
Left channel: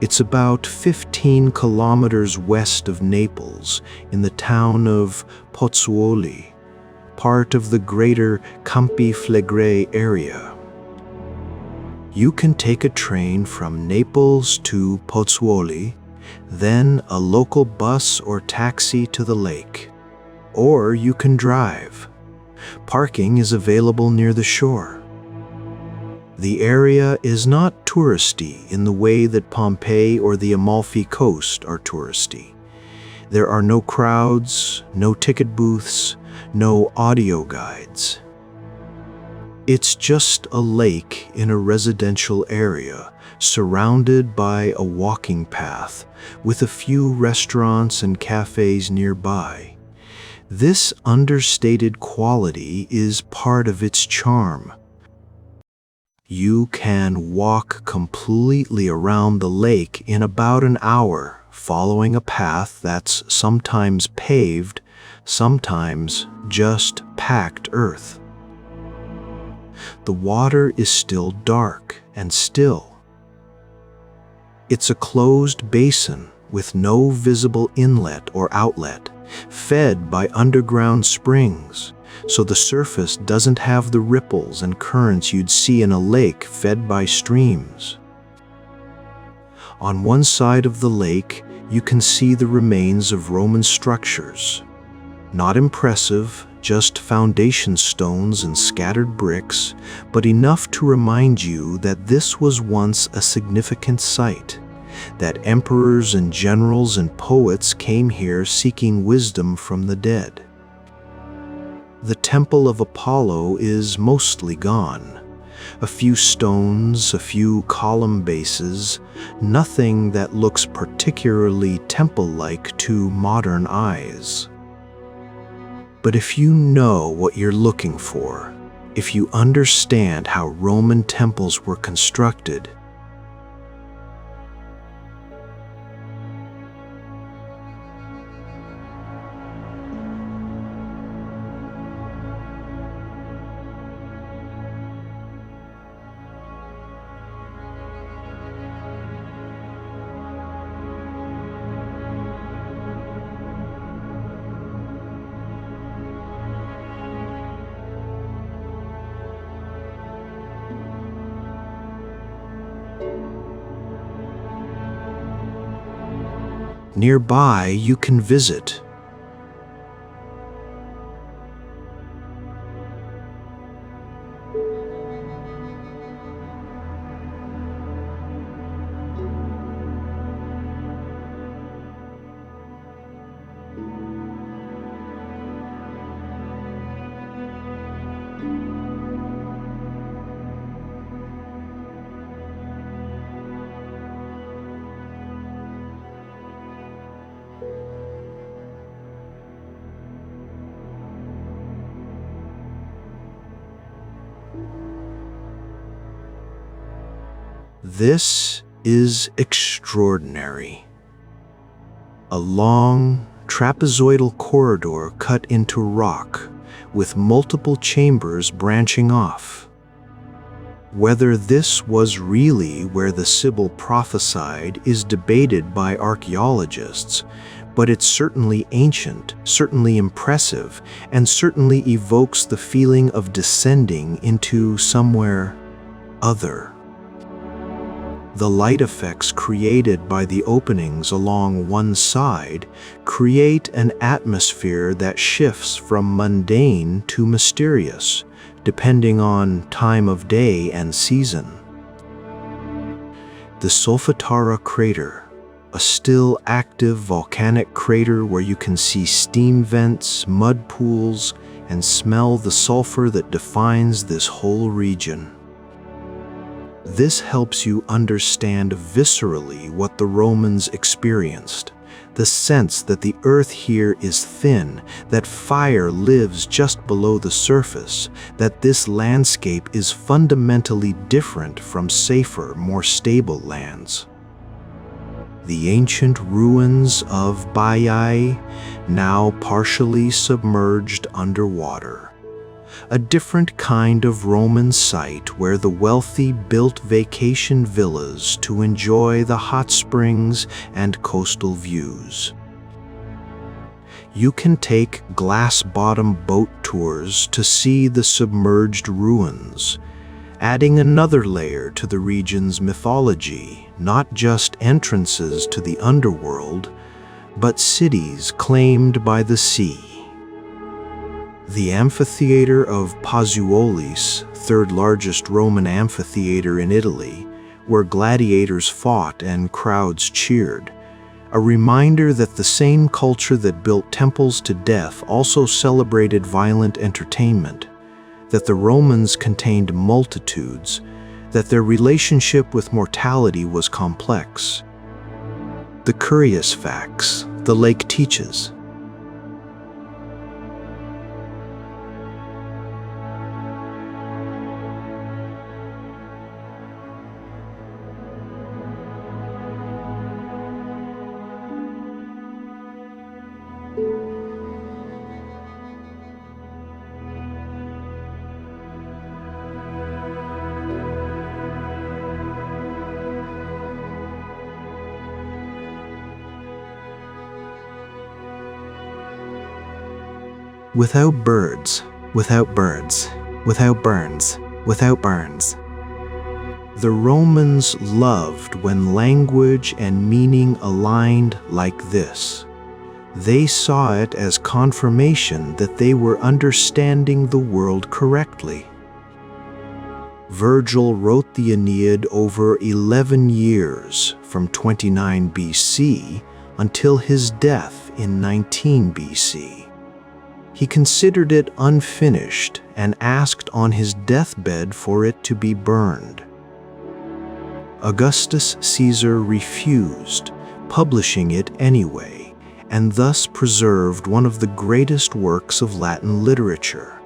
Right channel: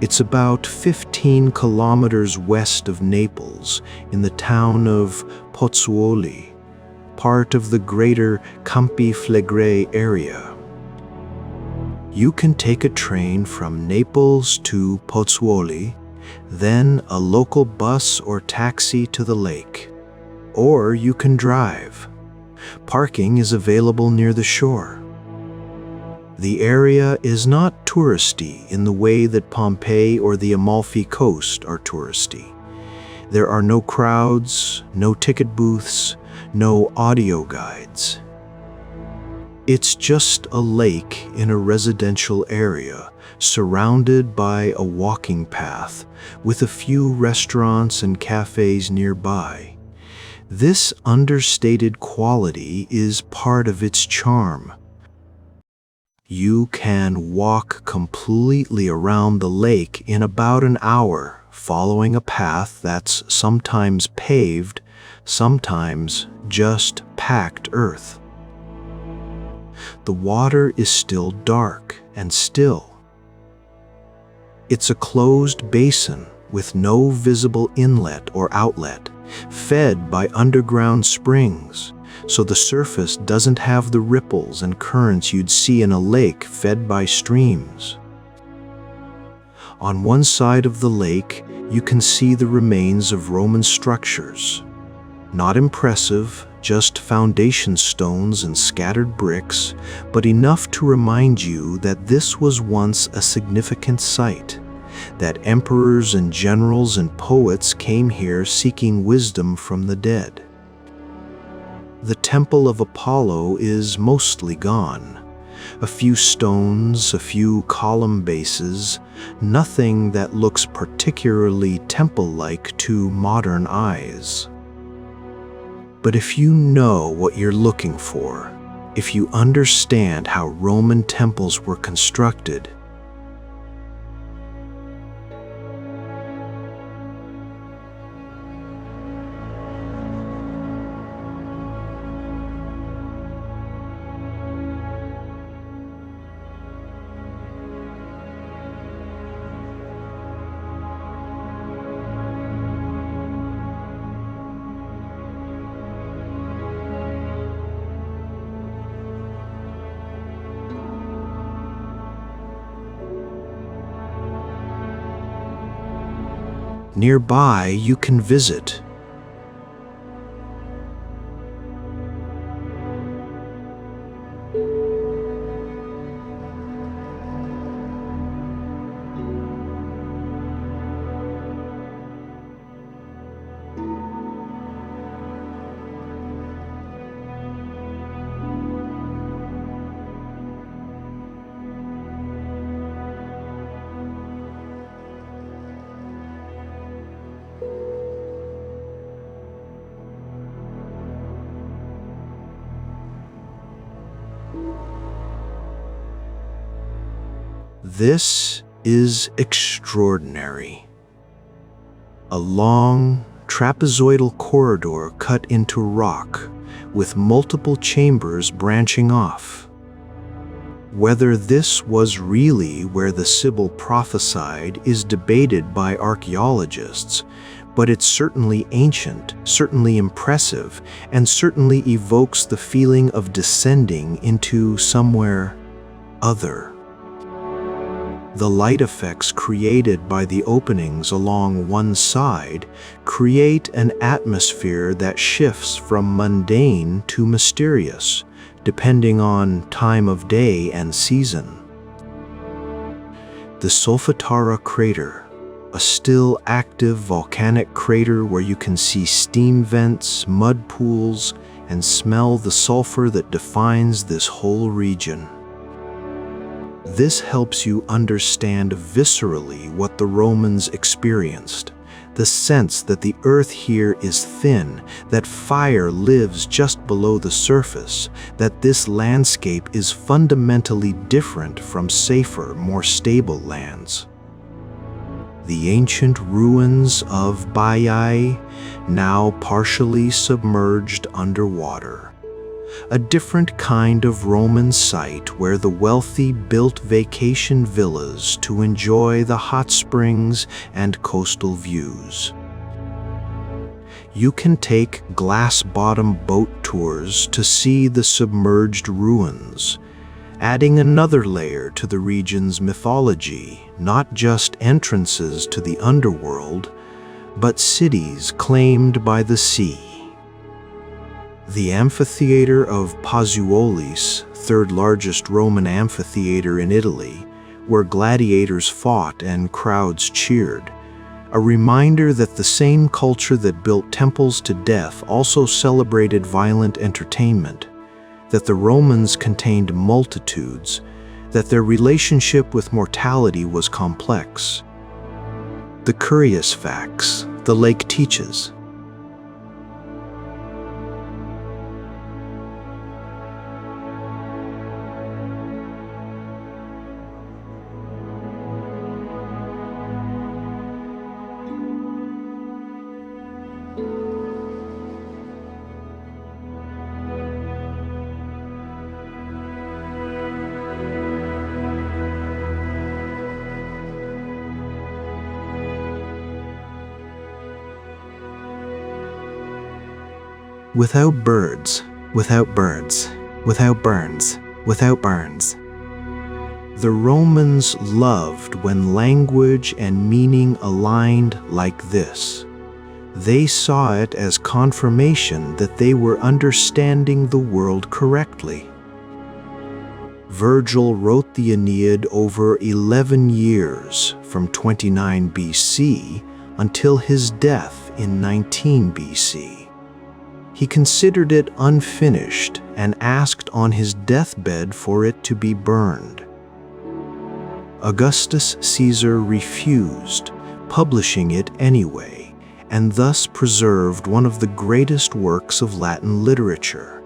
It's about 15 kilometers west of Naples, in the town of Pozzuoli, part of the greater Campi Flegrei area. You can take a train from Naples to Pozzuoli, then a local bus or taxi to the lake. Or you can drive. Parking is available near the shore. The area is not touristy in the way that Pompeii or the Amalfi Coast are touristy. There are no crowds, no ticket booths, no audio guides. It's just a lake in a residential area, surrounded by a walking path, with a few restaurants and cafes nearby. This understated quality is part of its charm. You can walk completely around the lake in about an hour, following a path that's sometimes paved, sometimes just packed earth. The water is still dark and still. It's a closed basin with no visible inlet or outlet, fed by underground springs, so the surface doesn't have the ripples and currents you'd see in a lake fed by streams. On one side of the lake, you can see the remains of Roman structures. Not impressive, just foundation stones and scattered bricks, but enough to remind you that this was once a significant site, that emperors and generals and poets came here seeking wisdom from the dead. The Temple of Apollo is mostly gone. A few stones, a few column bases, nothing that looks particularly temple-like to modern eyes. But if you know what you're looking for, if you understand how Roman temples were constructed, nearby you can visit. This is extraordinary. A long, trapezoidal corridor cut into rock, with multiple chambers branching off. Whether this was really where the Sibyl prophesied is debated by archaeologists, but it's certainly ancient, certainly impressive, and certainly evokes the feeling of descending into somewhere other. The light effects created by the openings along one side create an atmosphere that shifts from mundane to mysterious, depending on time of day and season. The Solfatara crater, a still active volcanic crater where you can see steam vents, mud pools, and smell the sulfur that defines this whole region. This helps you understand viscerally what the Romans experienced, the sense that the earth here is thin, that fire lives just below the surface, that this landscape is fundamentally different from safer, more stable lands. The ancient ruins of Baiae, now partially submerged underwater. A different kind of Roman site where the wealthy built vacation villas to enjoy the hot springs and coastal views. You can take glass-bottom boat tours to see the submerged ruins, adding another layer to the region's mythology, not just entrances to the underworld, but cities claimed by the sea. The amphitheater of Pozzuolis, third largest Roman amphitheater in Italy, where gladiators fought and crowds cheered, a reminder that the same culture that built temples to death also celebrated violent entertainment, that the Romans contained multitudes, that their relationship with mortality was complex. The curious facts the lake teaches. Without birds, without birds, without burns, without burns. The Romans loved when language and meaning aligned like this. They saw it as confirmation that they were understanding the world correctly. Virgil wrote the Aeneid over 11 years, from 29 BC until his death in 19 BC. He considered it unfinished and asked on his deathbed for it to be burned. Augustus Caesar refused, publishing it anyway, and thus preserved one of the greatest works of Latin literature.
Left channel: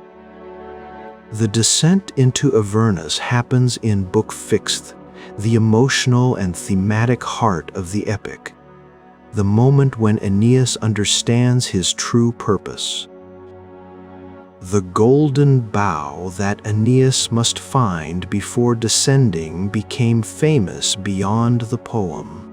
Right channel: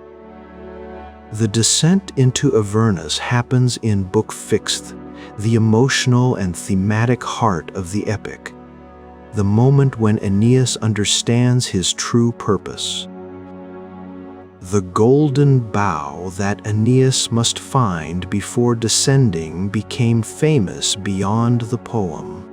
The descent into Avernus happens in Book 6, the emotional and thematic heart of the epic, the moment when Aeneas understands his true purpose. The golden bough that Aeneas must find before descending became famous beyond the poem.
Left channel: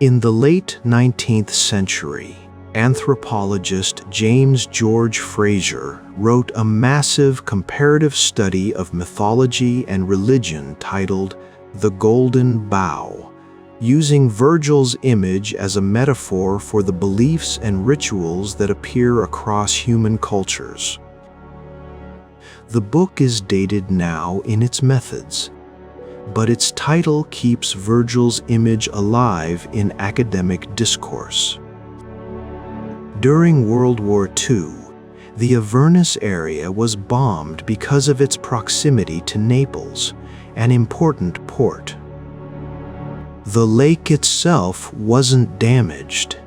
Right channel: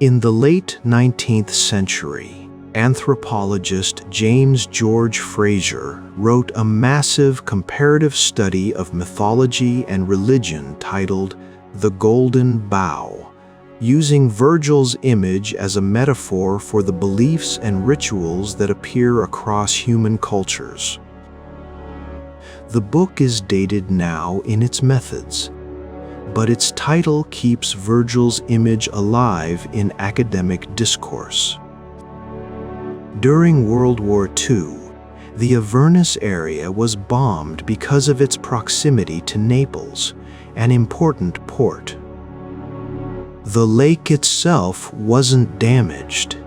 In the late 19th century, anthropologist James George Frazer wrote a massive comparative study of mythology and religion titled The Golden Bough, using Virgil's image as a metaphor for the beliefs and rituals that appear across human cultures. The book is dated now in its methods, but its title keeps Virgil's image alive in academic discourse. During World War II, the Avernus area was bombed because of its proximity to Naples, an important port. The lake itself wasn't damaged.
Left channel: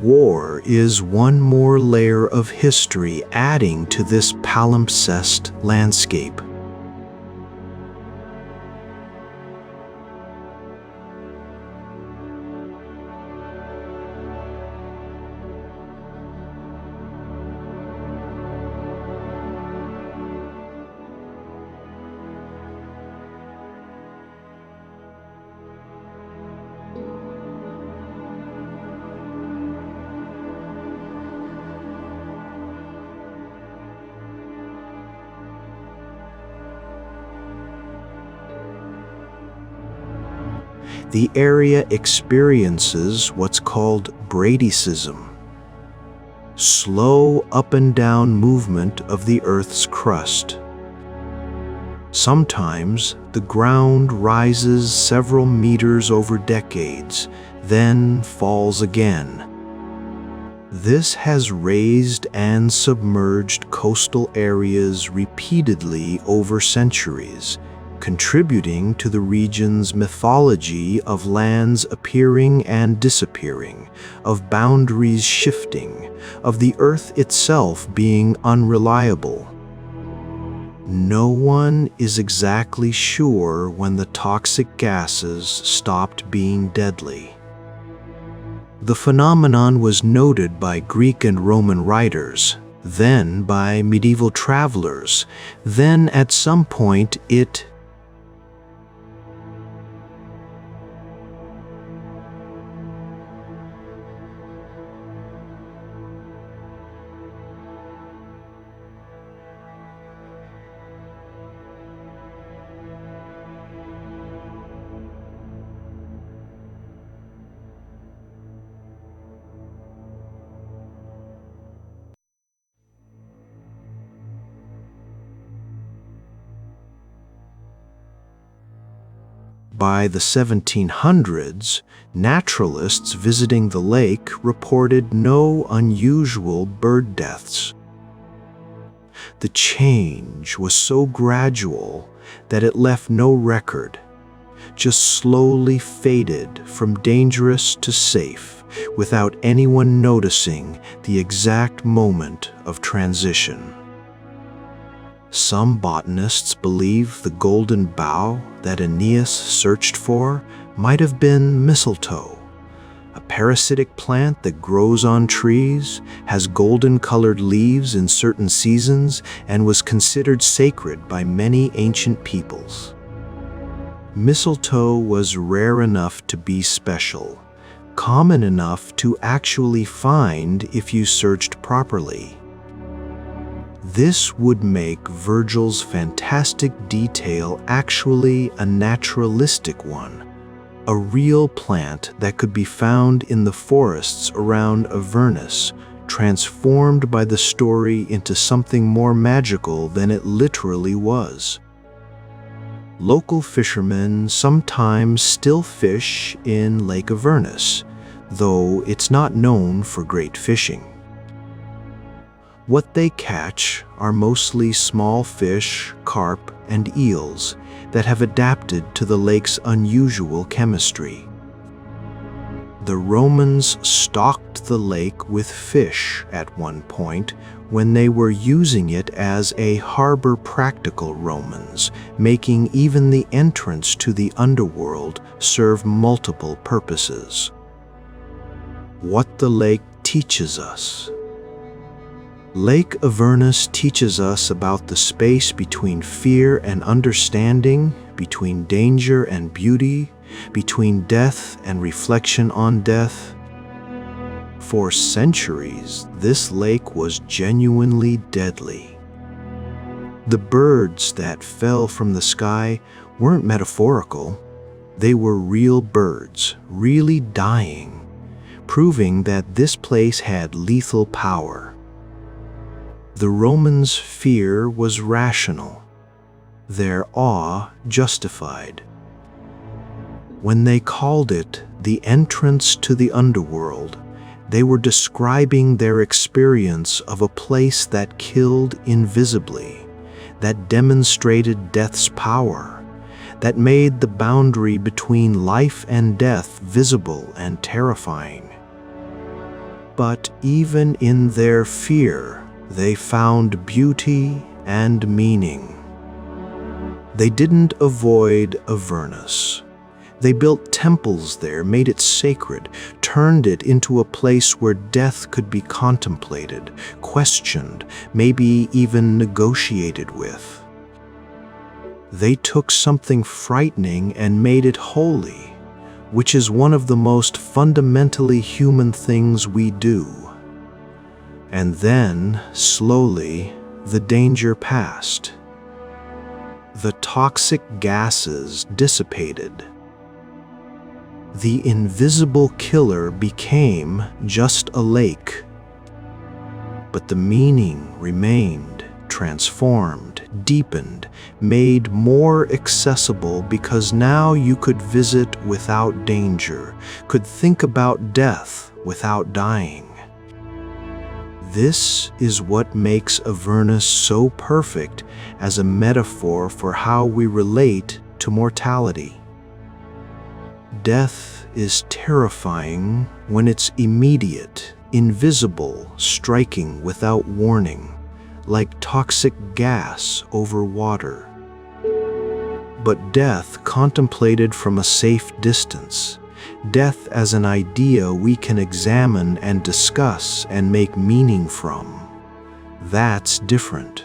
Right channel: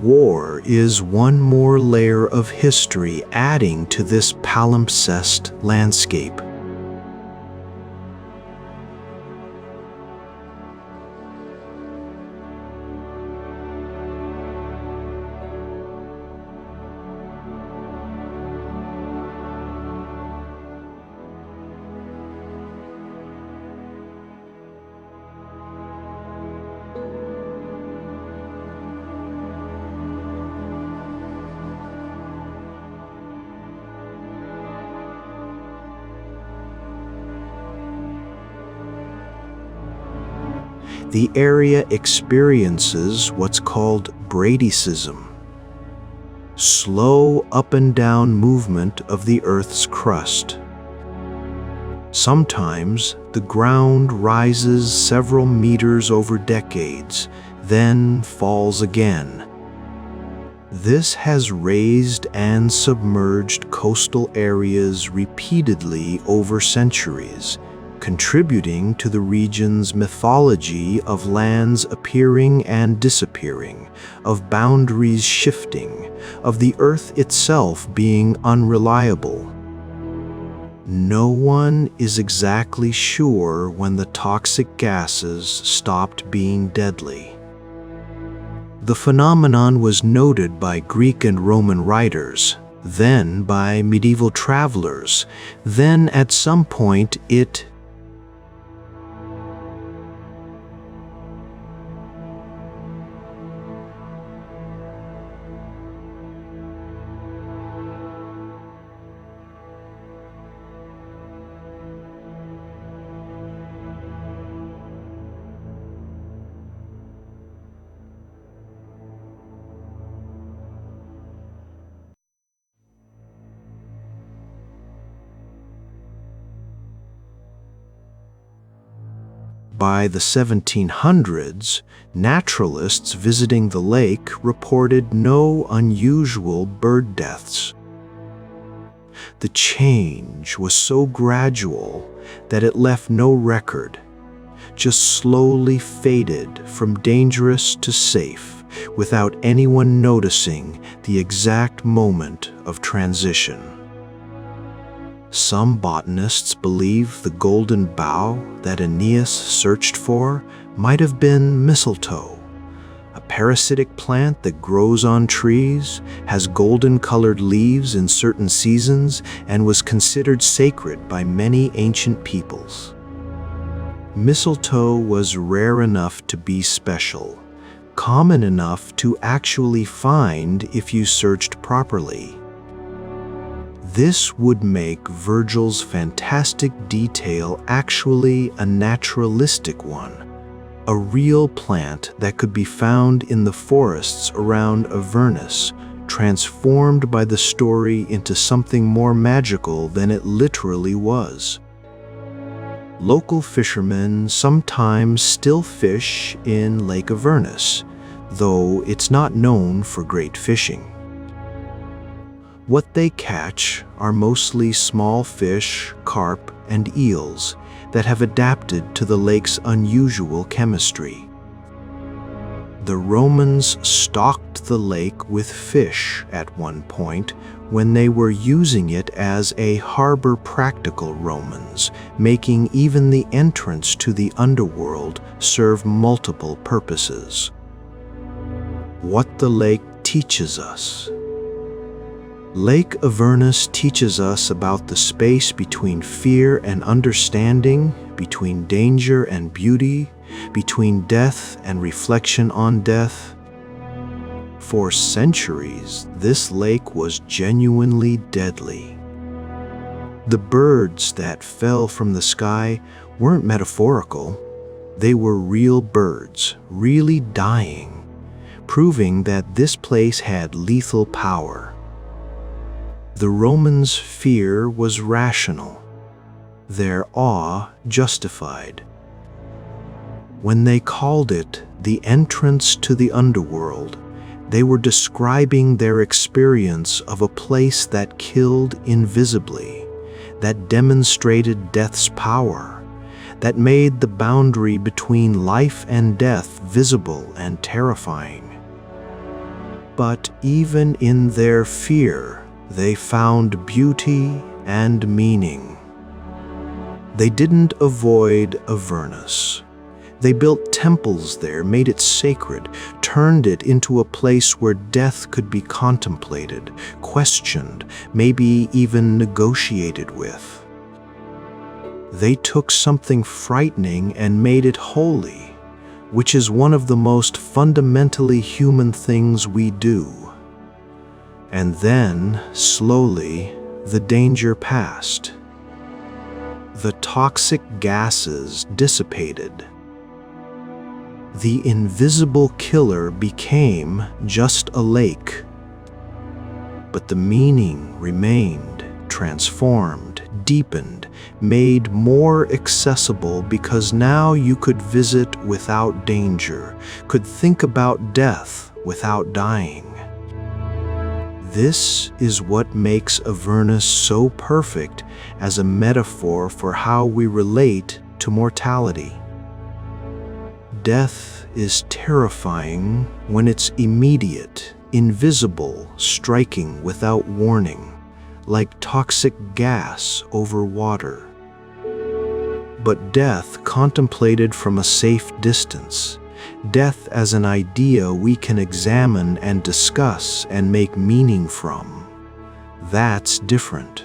War is one more layer of history adding to this palimpsest landscape. The area experiences what's called bradycism, slow up and down movement of the Earth's crust. Sometimes the ground rises several meters over decades, then falls again. This has raised and submerged coastal areas repeatedly over centuries, contributing to the region's mythology of lands appearing and disappearing, of boundaries shifting, of the Earth itself being unreliable. No one is exactly sure when the toxic gases stopped being deadly. The phenomenon was noted by Greek and Roman writers, then by medieval travelers, then at some point it By the 1700s, naturalists visiting the lake reported no unusual bird deaths. The change was so gradual that it left no record, just slowly faded from dangerous to safe without anyone noticing the exact moment of transition. Some botanists believe the golden bough that Aeneas searched for might have been mistletoe, a parasitic plant that grows on trees, has golden-colored leaves in certain seasons, and was considered sacred by many ancient peoples. Mistletoe was rare enough to be special, common enough to actually find if you searched properly. This would make Virgil's fantastic detail actually a naturalistic one, a real plant that could be found in the forests around Avernus, transformed by the story into something more magical than it literally was. Local fishermen sometimes still fish in Lake Avernus, though it's not known for great fishing. What they catch are mostly small fish, carp, and eels that have adapted to the lake's unusual chemistry. The Romans stocked the lake with fish at one point when they were using it as a harbor. Practical Romans, making even the entrance to the underworld serve multiple purposes. What the lake teaches us. Lake Avernus teaches us about the space between fear and understanding, between danger and beauty, between death and reflection on death. For centuries, this lake was genuinely deadly. The birds that fell from the sky weren't metaphorical. They were real birds, really dying, proving that this place had lethal power. The Romans' fear was rational, their awe justified. When they called it the entrance to the underworld, they were describing their experience of a place that killed invisibly, that demonstrated death's power, that made the boundary between life and death visible and terrifying. But even in their fear, they found beauty and meaning. They didn't avoid Avernus. They built temples there, made it sacred, turned it into a place where death could be contemplated, questioned, maybe even negotiated with. They took something frightening and made it holy, which is one of the most fundamentally human things we do. And then, slowly, the danger passed. The toxic gases dissipated. The invisible killer became just a lake. But the meaning remained, transformed, deepened, made more accessible because now you could visit without danger, could think about death without dying. This is what makes Avernus so perfect as a metaphor for how we relate to mortality. Death is terrifying when it's immediate, invisible, striking without warning, like toxic gas over water. But death contemplated from a safe distance, death as an idea we can examine and discuss and make meaning from, that's different.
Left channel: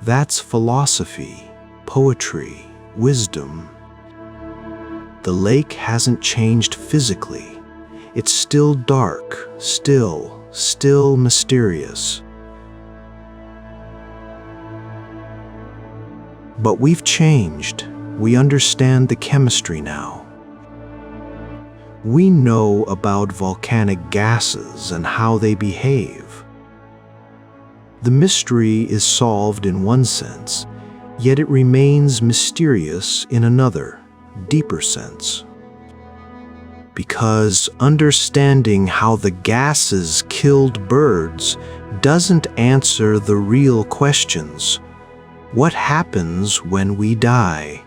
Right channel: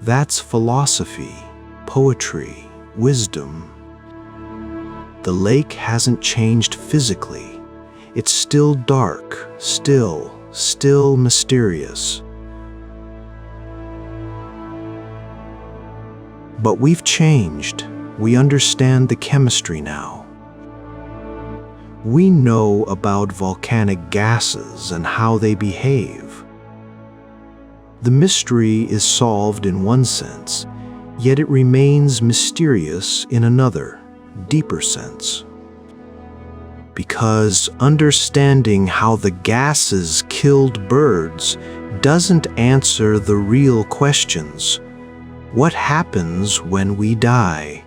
That's philosophy, poetry, wisdom. The lake hasn't changed physically. It's still dark, still mysterious. But we've changed. We understand the chemistry now. We know about volcanic gases and how they behave. The mystery is solved in one sense, yet it remains mysterious in another, deeper sense. Because understanding how the gases killed birds doesn't answer the real questions. What happens when we die?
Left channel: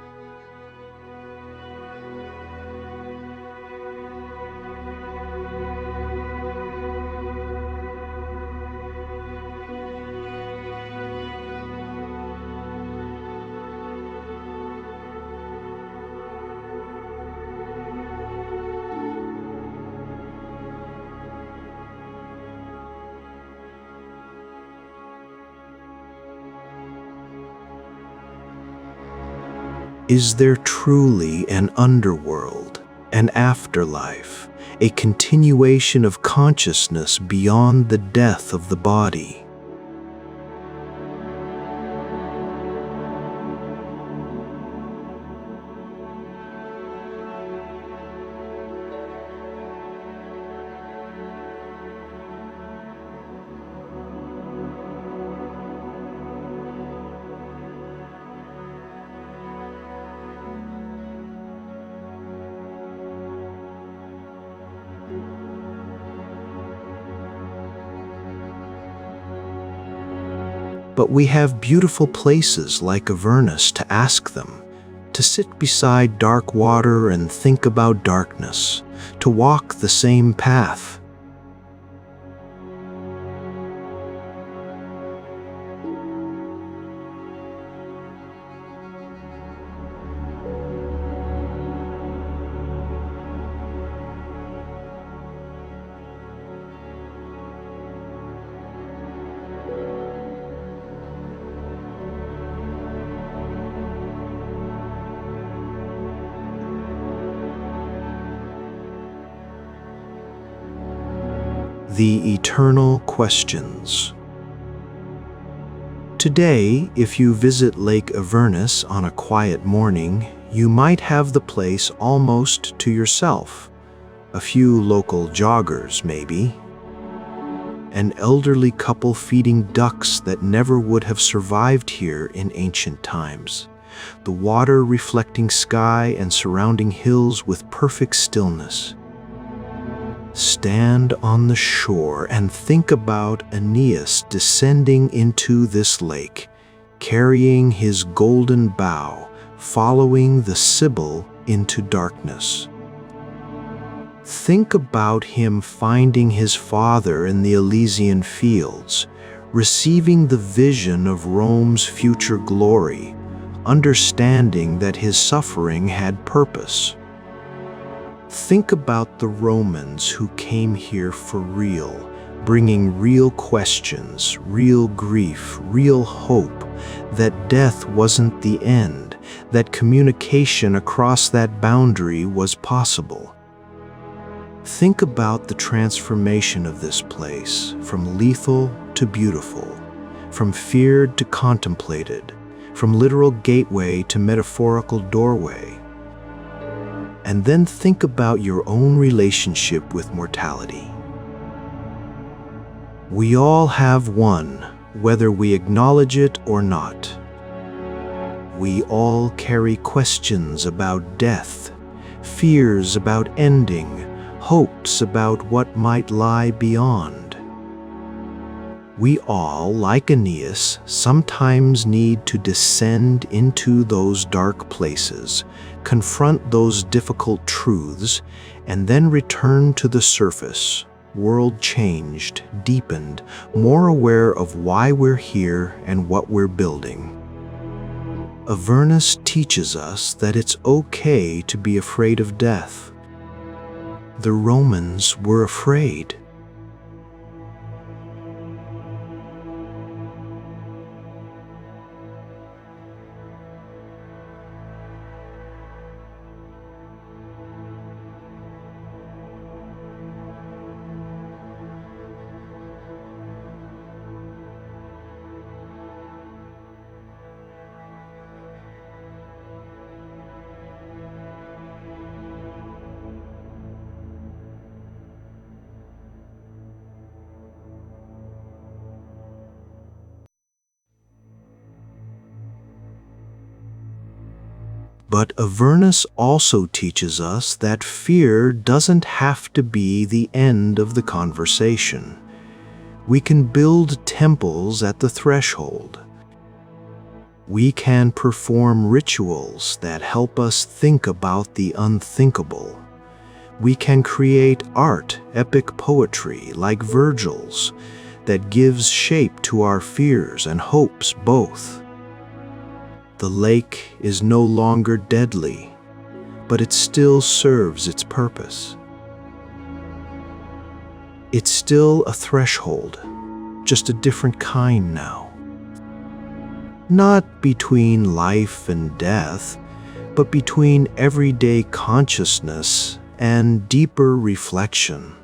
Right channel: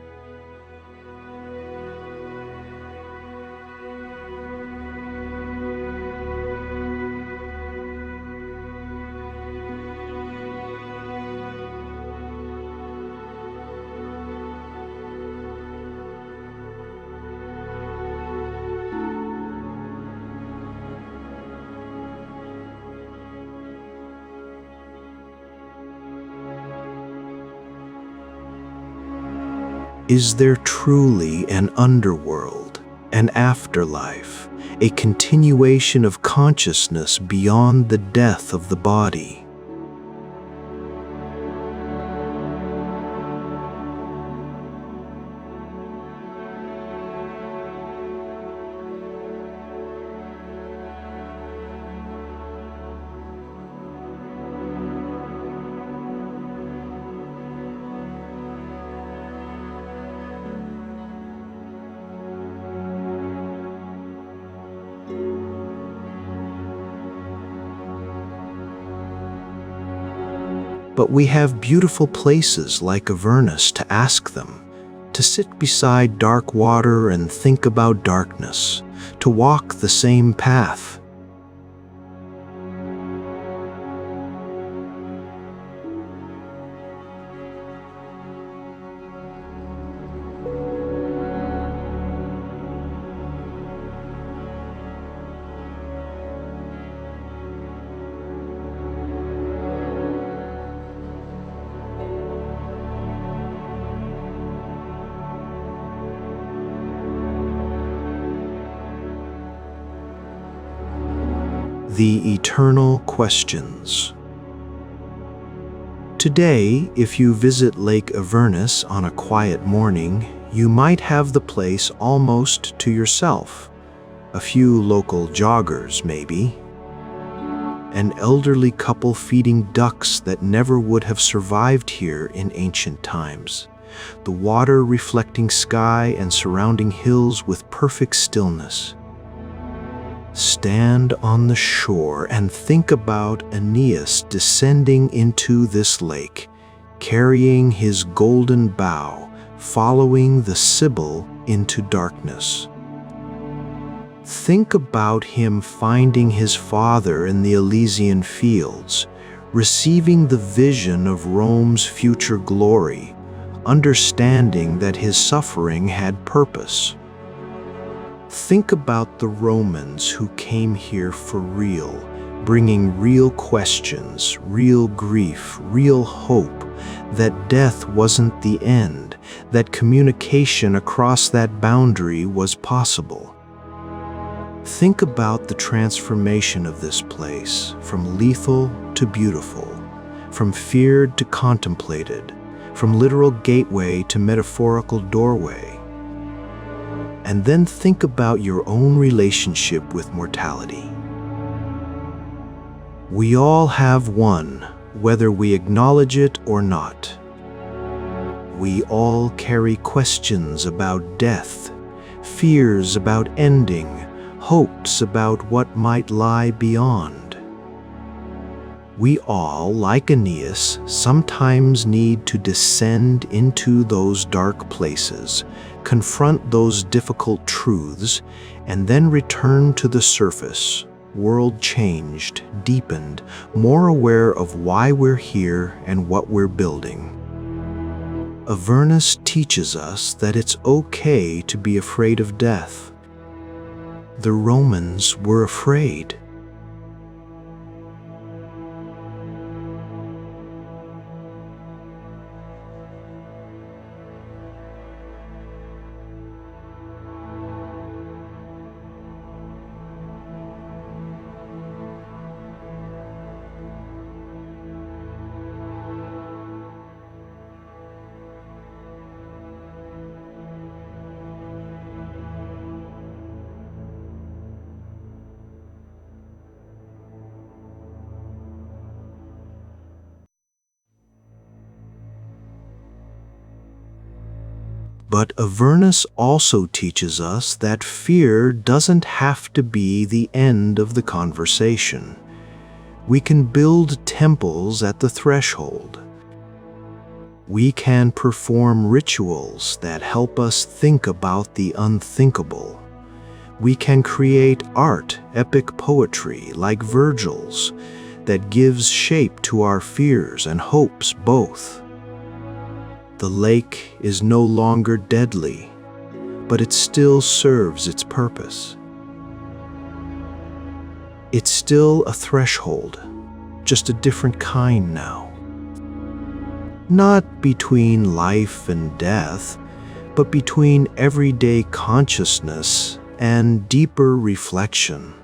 Is there truly an underworld, an afterlife, a continuation of consciousness beyond the death of the body? But we have beautiful places like Avernus to ask them, to sit beside dark water and think about darkness, to walk the same path. The eternal questions. Today, if you visit Lake Avernus on a quiet morning, you might have the place almost to yourself. A few local joggers, maybe. An elderly couple feeding ducks that never would have survived here in ancient times. The water reflecting sky and surrounding hills with perfect stillness. Stand on the shore and think about Aeneas descending into this lake, carrying his golden bow, following the Sibyl into darkness. Think about him finding his father in the Elysian fields, receiving the vision of Rome's future glory, understanding that his suffering had purpose. Think about the Romans who came here for real, bringing real questions, real grief, real hope, that death wasn't the end, that communication across that boundary was possible. Think about the transformation of this place, from lethal to beautiful, from feared to contemplated, from literal gateway to metaphorical doorway. And then think about your own relationship with mortality. We all have one, whether we acknowledge it or not. We all carry questions about death, fears about ending, hopes about what might lie beyond. We all, like Aeneas, sometimes need to descend into those dark places, confront those difficult truths, and then return to the surface, world-changed, deepened, more aware of why we're here and what we're building. Avernus teaches us that it's okay to be afraid of death. The Romans were afraid. But Avernus also teaches us that fear doesn't have to be the end of the conversation. We can build temples at the threshold. We can perform rituals that help us think about the unthinkable. We can create art, epic poetry like Virgil's, that gives shape to our fears and hopes both. The lake is no longer deadly, but it still serves its purpose. It's still a threshold, just a different kind now. Not between life and death, but between everyday consciousness and deeper reflection.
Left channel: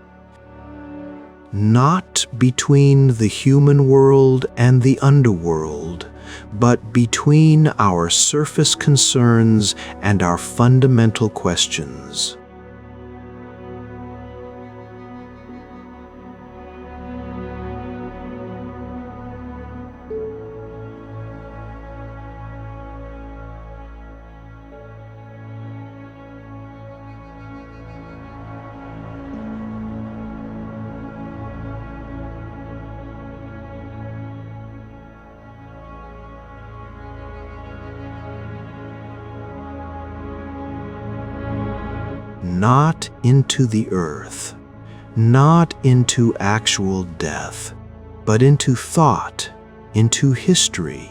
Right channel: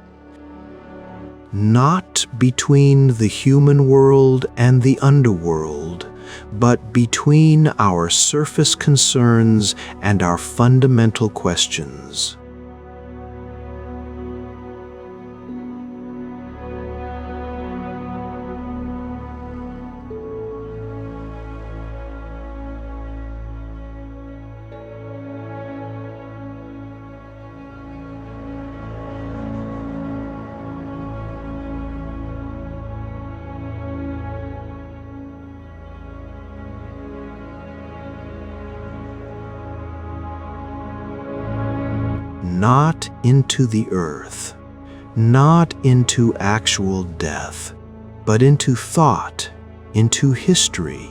Not between the human world and the underworld, but between our surface concerns and our fundamental questions. Not into the earth, not into actual death, but into thought, into history,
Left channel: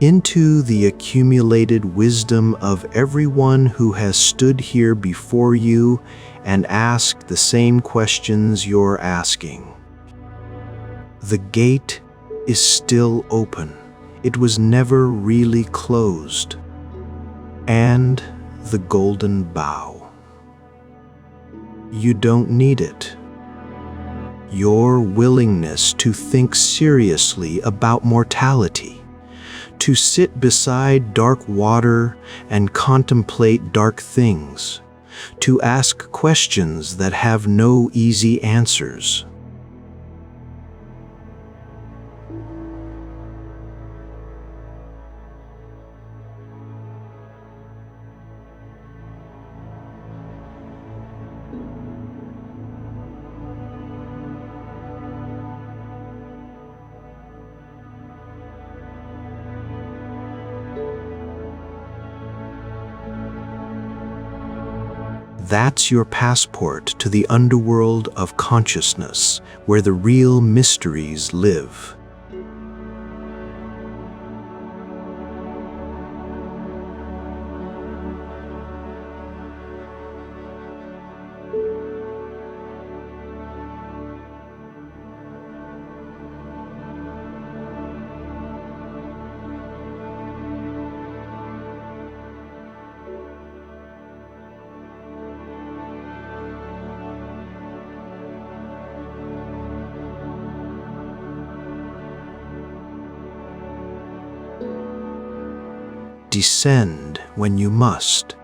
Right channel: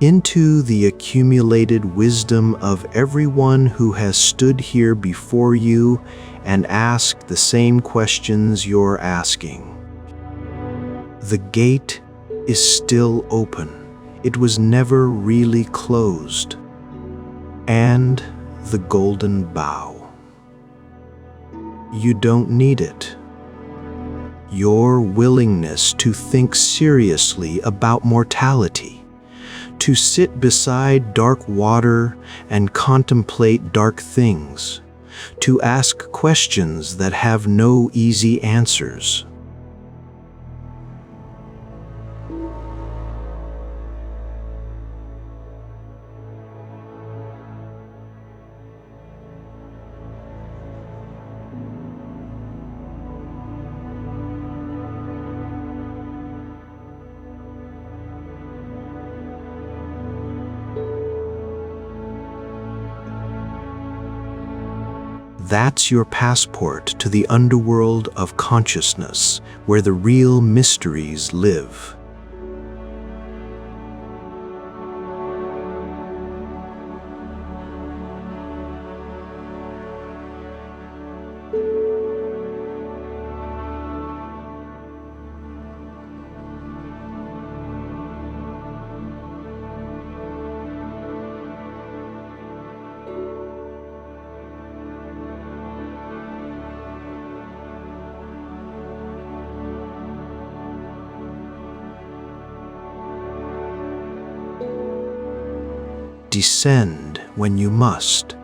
into the accumulated wisdom of everyone who has stood here before you and asked the same questions you're asking. The gate is still open. It was never really closed. And the golden bough. You don't need it. Your willingness to think seriously about mortality, to sit beside dark water and contemplate dark things, to ask questions that have no easy answers. That's your passport to the underworld of consciousness, where the real mysteries live. Descend when you must.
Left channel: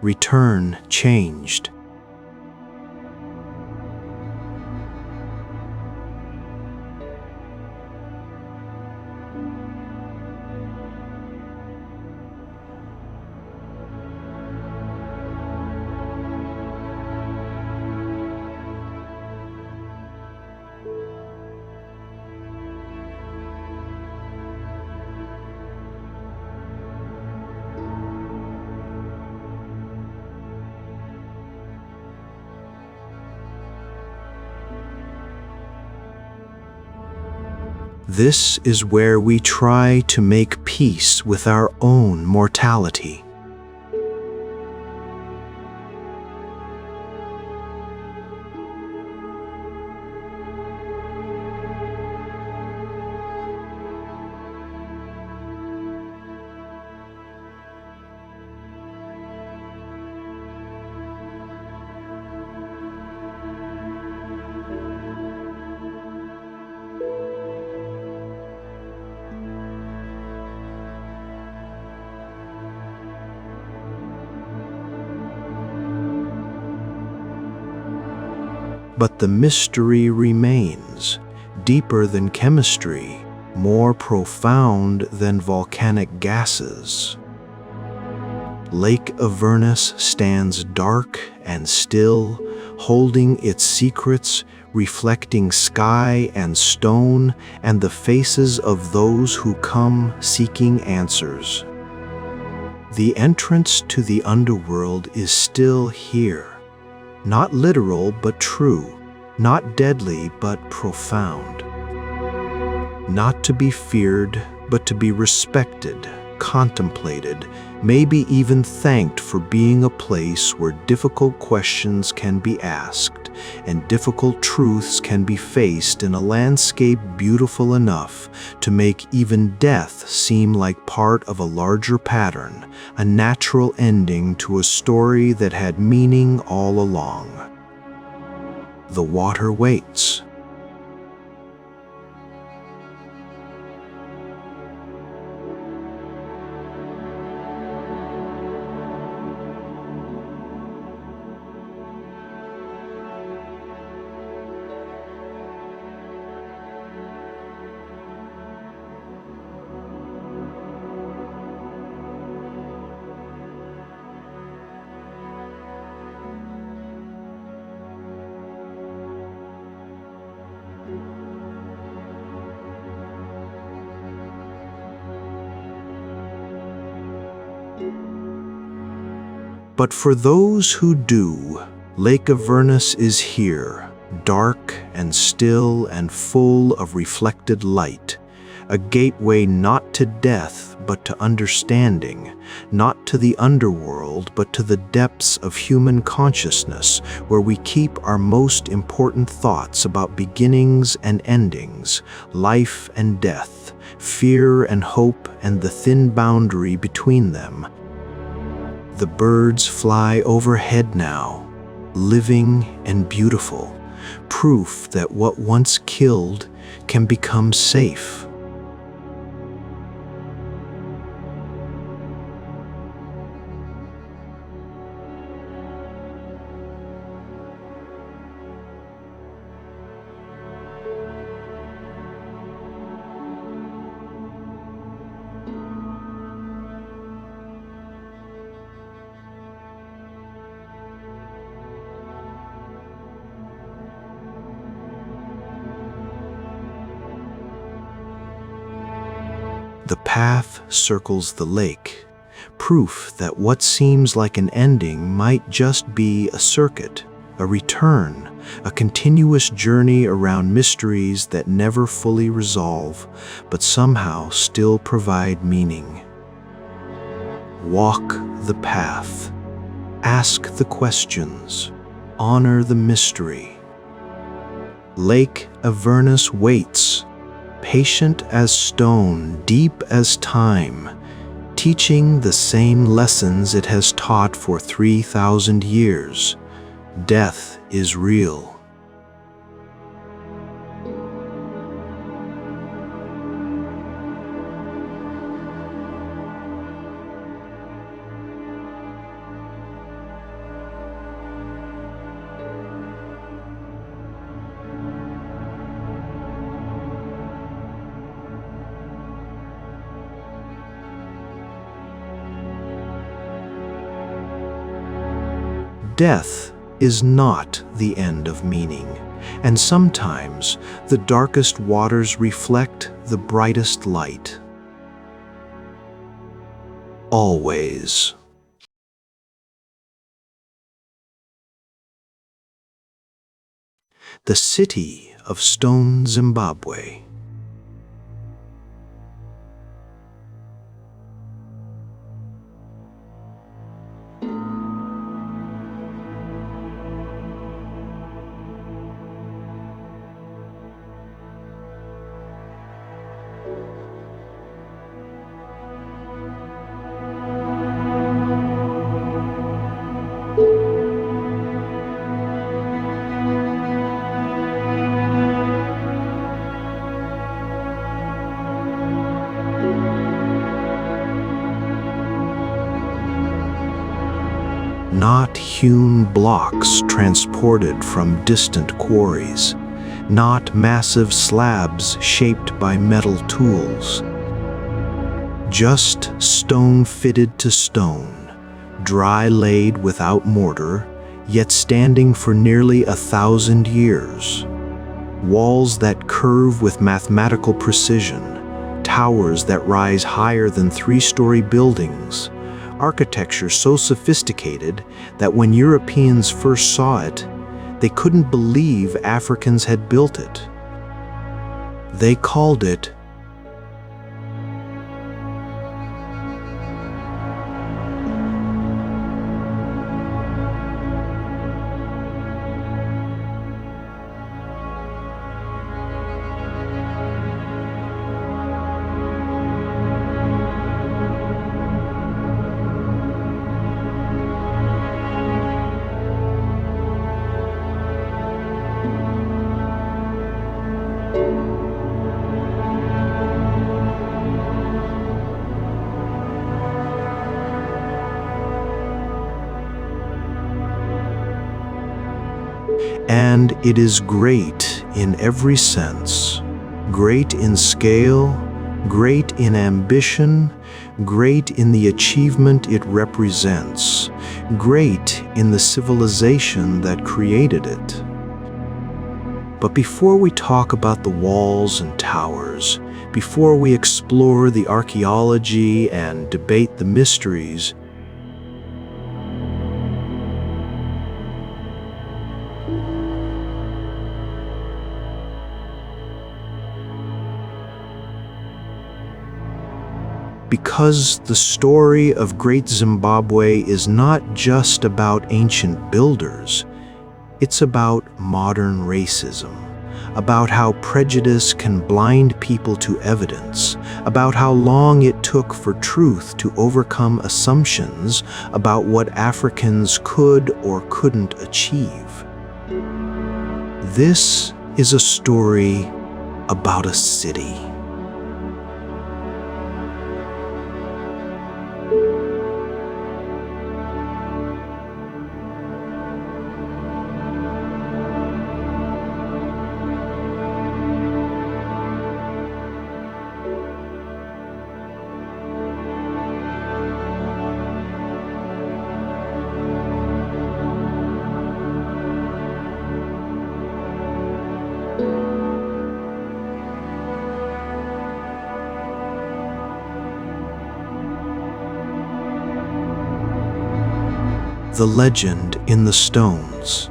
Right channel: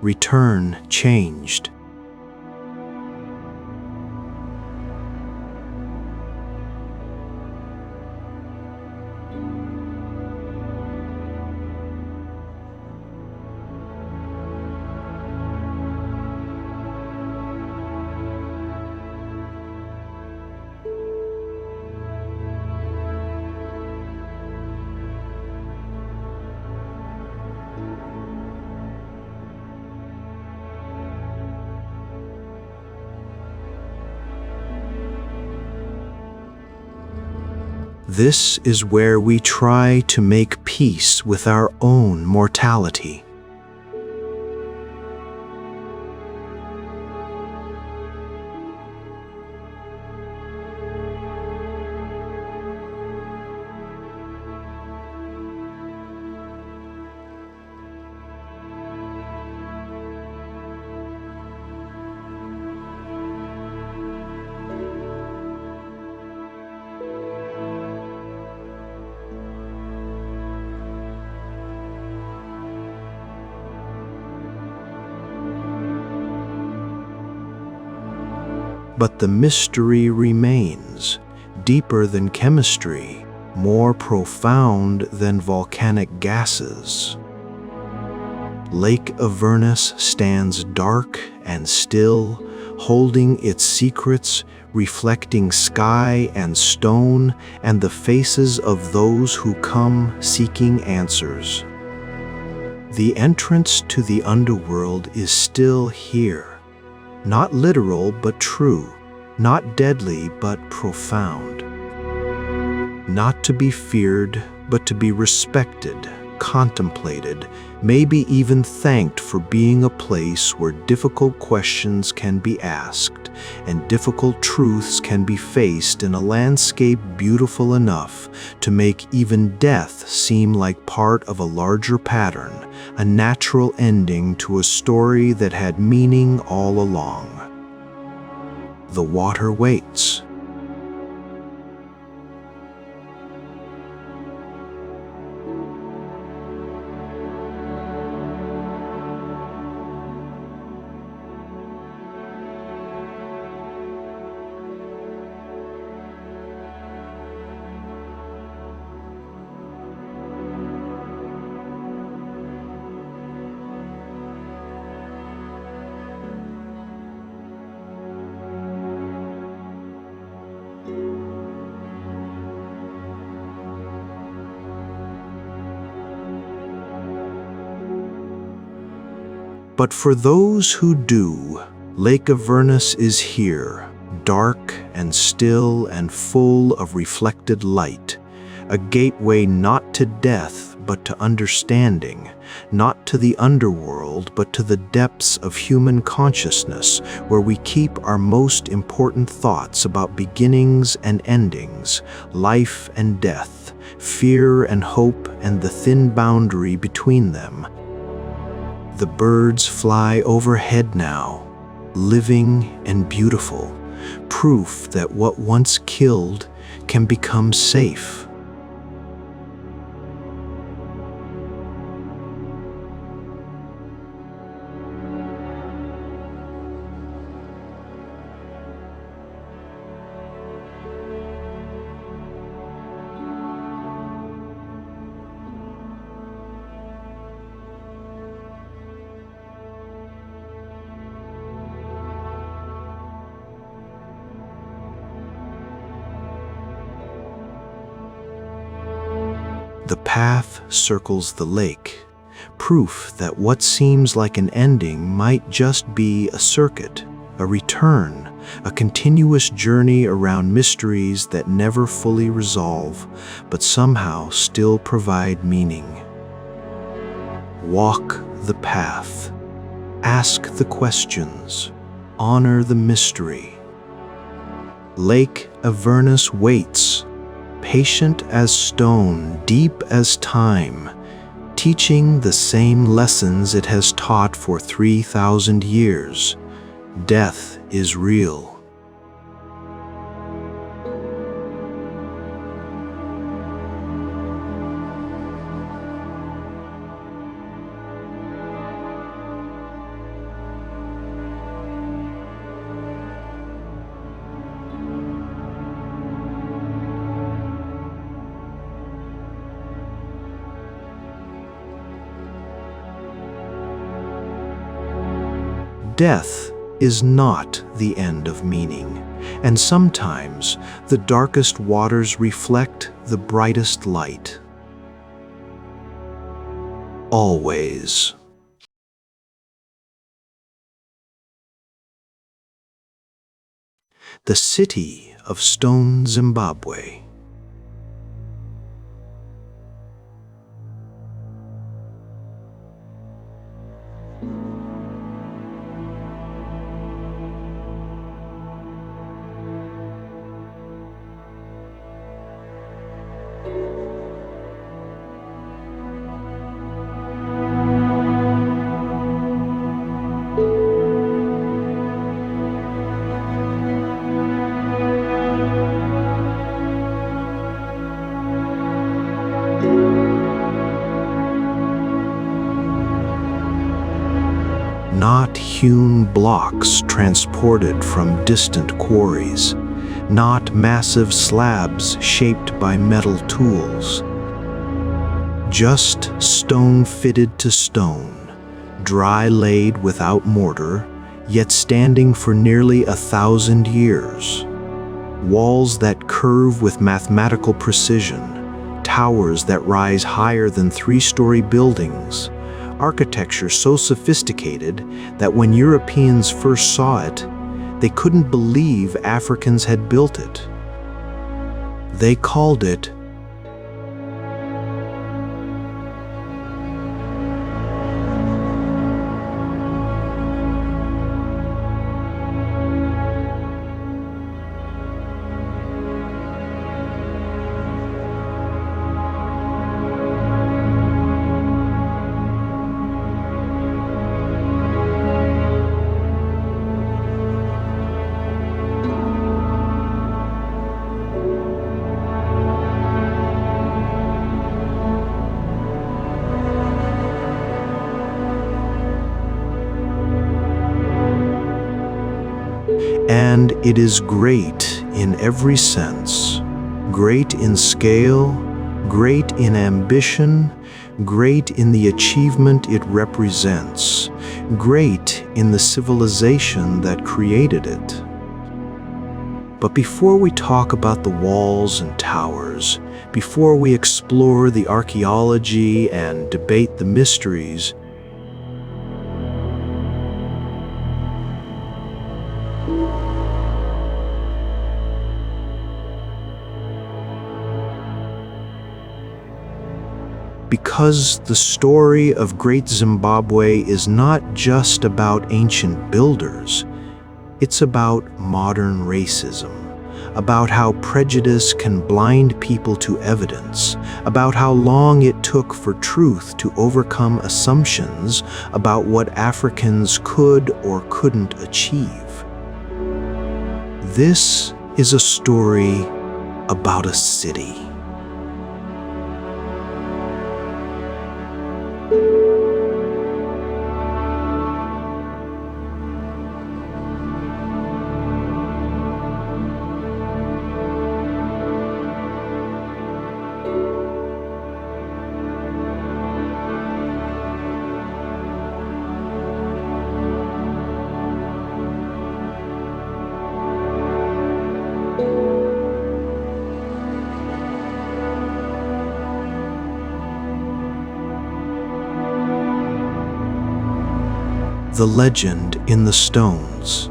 Return changed. This is where we try to make peace with our own mortality. But the mystery remains, deeper than chemistry, more profound than volcanic gases. Lake Avernus stands dark and still, holding its secrets, reflecting sky and stone and the faces of those who come seeking answers. The entrance to the underworld is still here. Not literal but true, not deadly but profound. Not to be feared, but to be respected, contemplated, maybe even thanked for being a place where difficult questions can be asked, and difficult truths can be faced in a landscape beautiful enough to make even death seem like part of a larger pattern, a natural ending to a story that had meaning all along. The water waits. But for those who do, Lake Avernus is here, dark and still and full of reflected light, a gateway not to death but to understanding, not to the underworld but to the depths of human consciousness, where we keep our most important thoughts about beginnings and endings, life and death, fear and hope and the thin boundary between them. The birds fly overhead now, living and beautiful, proof that what once killed can become safe. The path circles the lake, proof that what seems like an ending might just be a circuit, a return, a continuous journey around mysteries that never fully resolve, but somehow still provide meaning. Walk the path. Ask the questions. Honor the mystery. Lake Avernus waits, patient as stone, deep as time, teaching the same lessons it has taught for 3,000 years. Death is real. Death is not the end of meaning, and sometimes the darkest waters reflect the brightest light. Always. The city of stone Zimbabwe. Not hewn blocks transported from distant quarries, not massive slabs shaped by metal tools. Just stone fitted to stone, dry laid without mortar, yet standing for nearly 1,000 years. Walls that curve with mathematical precision, towers that rise higher than 3-story buildings, architecture so sophisticated that when Europeans first saw it, they couldn't believe Africans had built it. They called it And it is great in every sense, great in scale, great in ambition, great in the achievement it represents, great in the civilization that created it. But before we talk about the walls and towers, before we explore the archaeology and debate the mysteries, because the story of Great Zimbabwe is not just about ancient builders, it's about modern racism, about how prejudice can blind people to evidence, about how long it took for truth to overcome assumptions about what Africans could or couldn't achieve. This is a story about a city. The legend in the stones.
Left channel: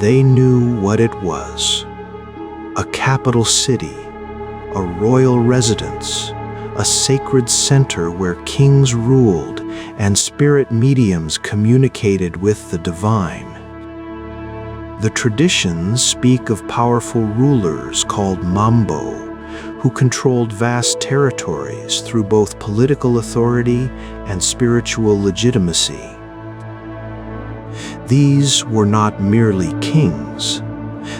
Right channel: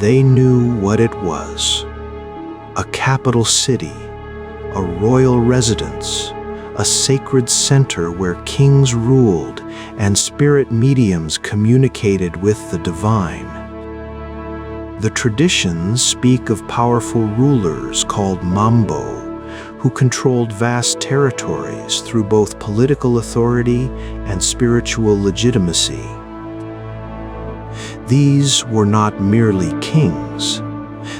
They knew what it was: a capital city, a royal residence, a sacred center where kings ruled and spirit mediums communicated with the divine. The traditions speak of powerful rulers called Mambo, who controlled vast territories through both political authority and spiritual legitimacy. These were not merely kings.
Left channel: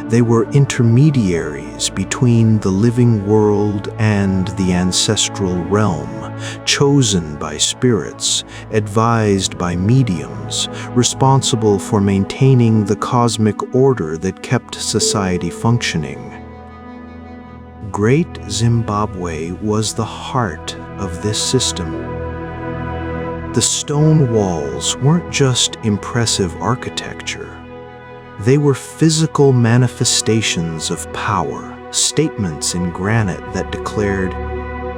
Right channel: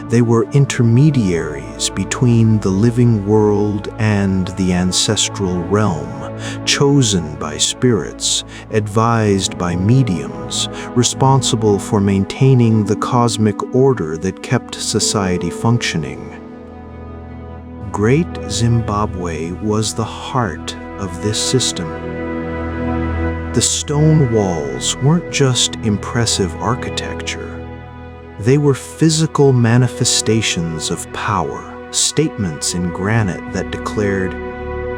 They were intermediaries between the living world and the ancestral realm, chosen by spirits, advised by mediums, responsible for maintaining the cosmic order that kept society functioning. Great Zimbabwe was the heart of this system. The stone walls weren't just impressive architecture. They were physical manifestations of power, statements in granite that declared,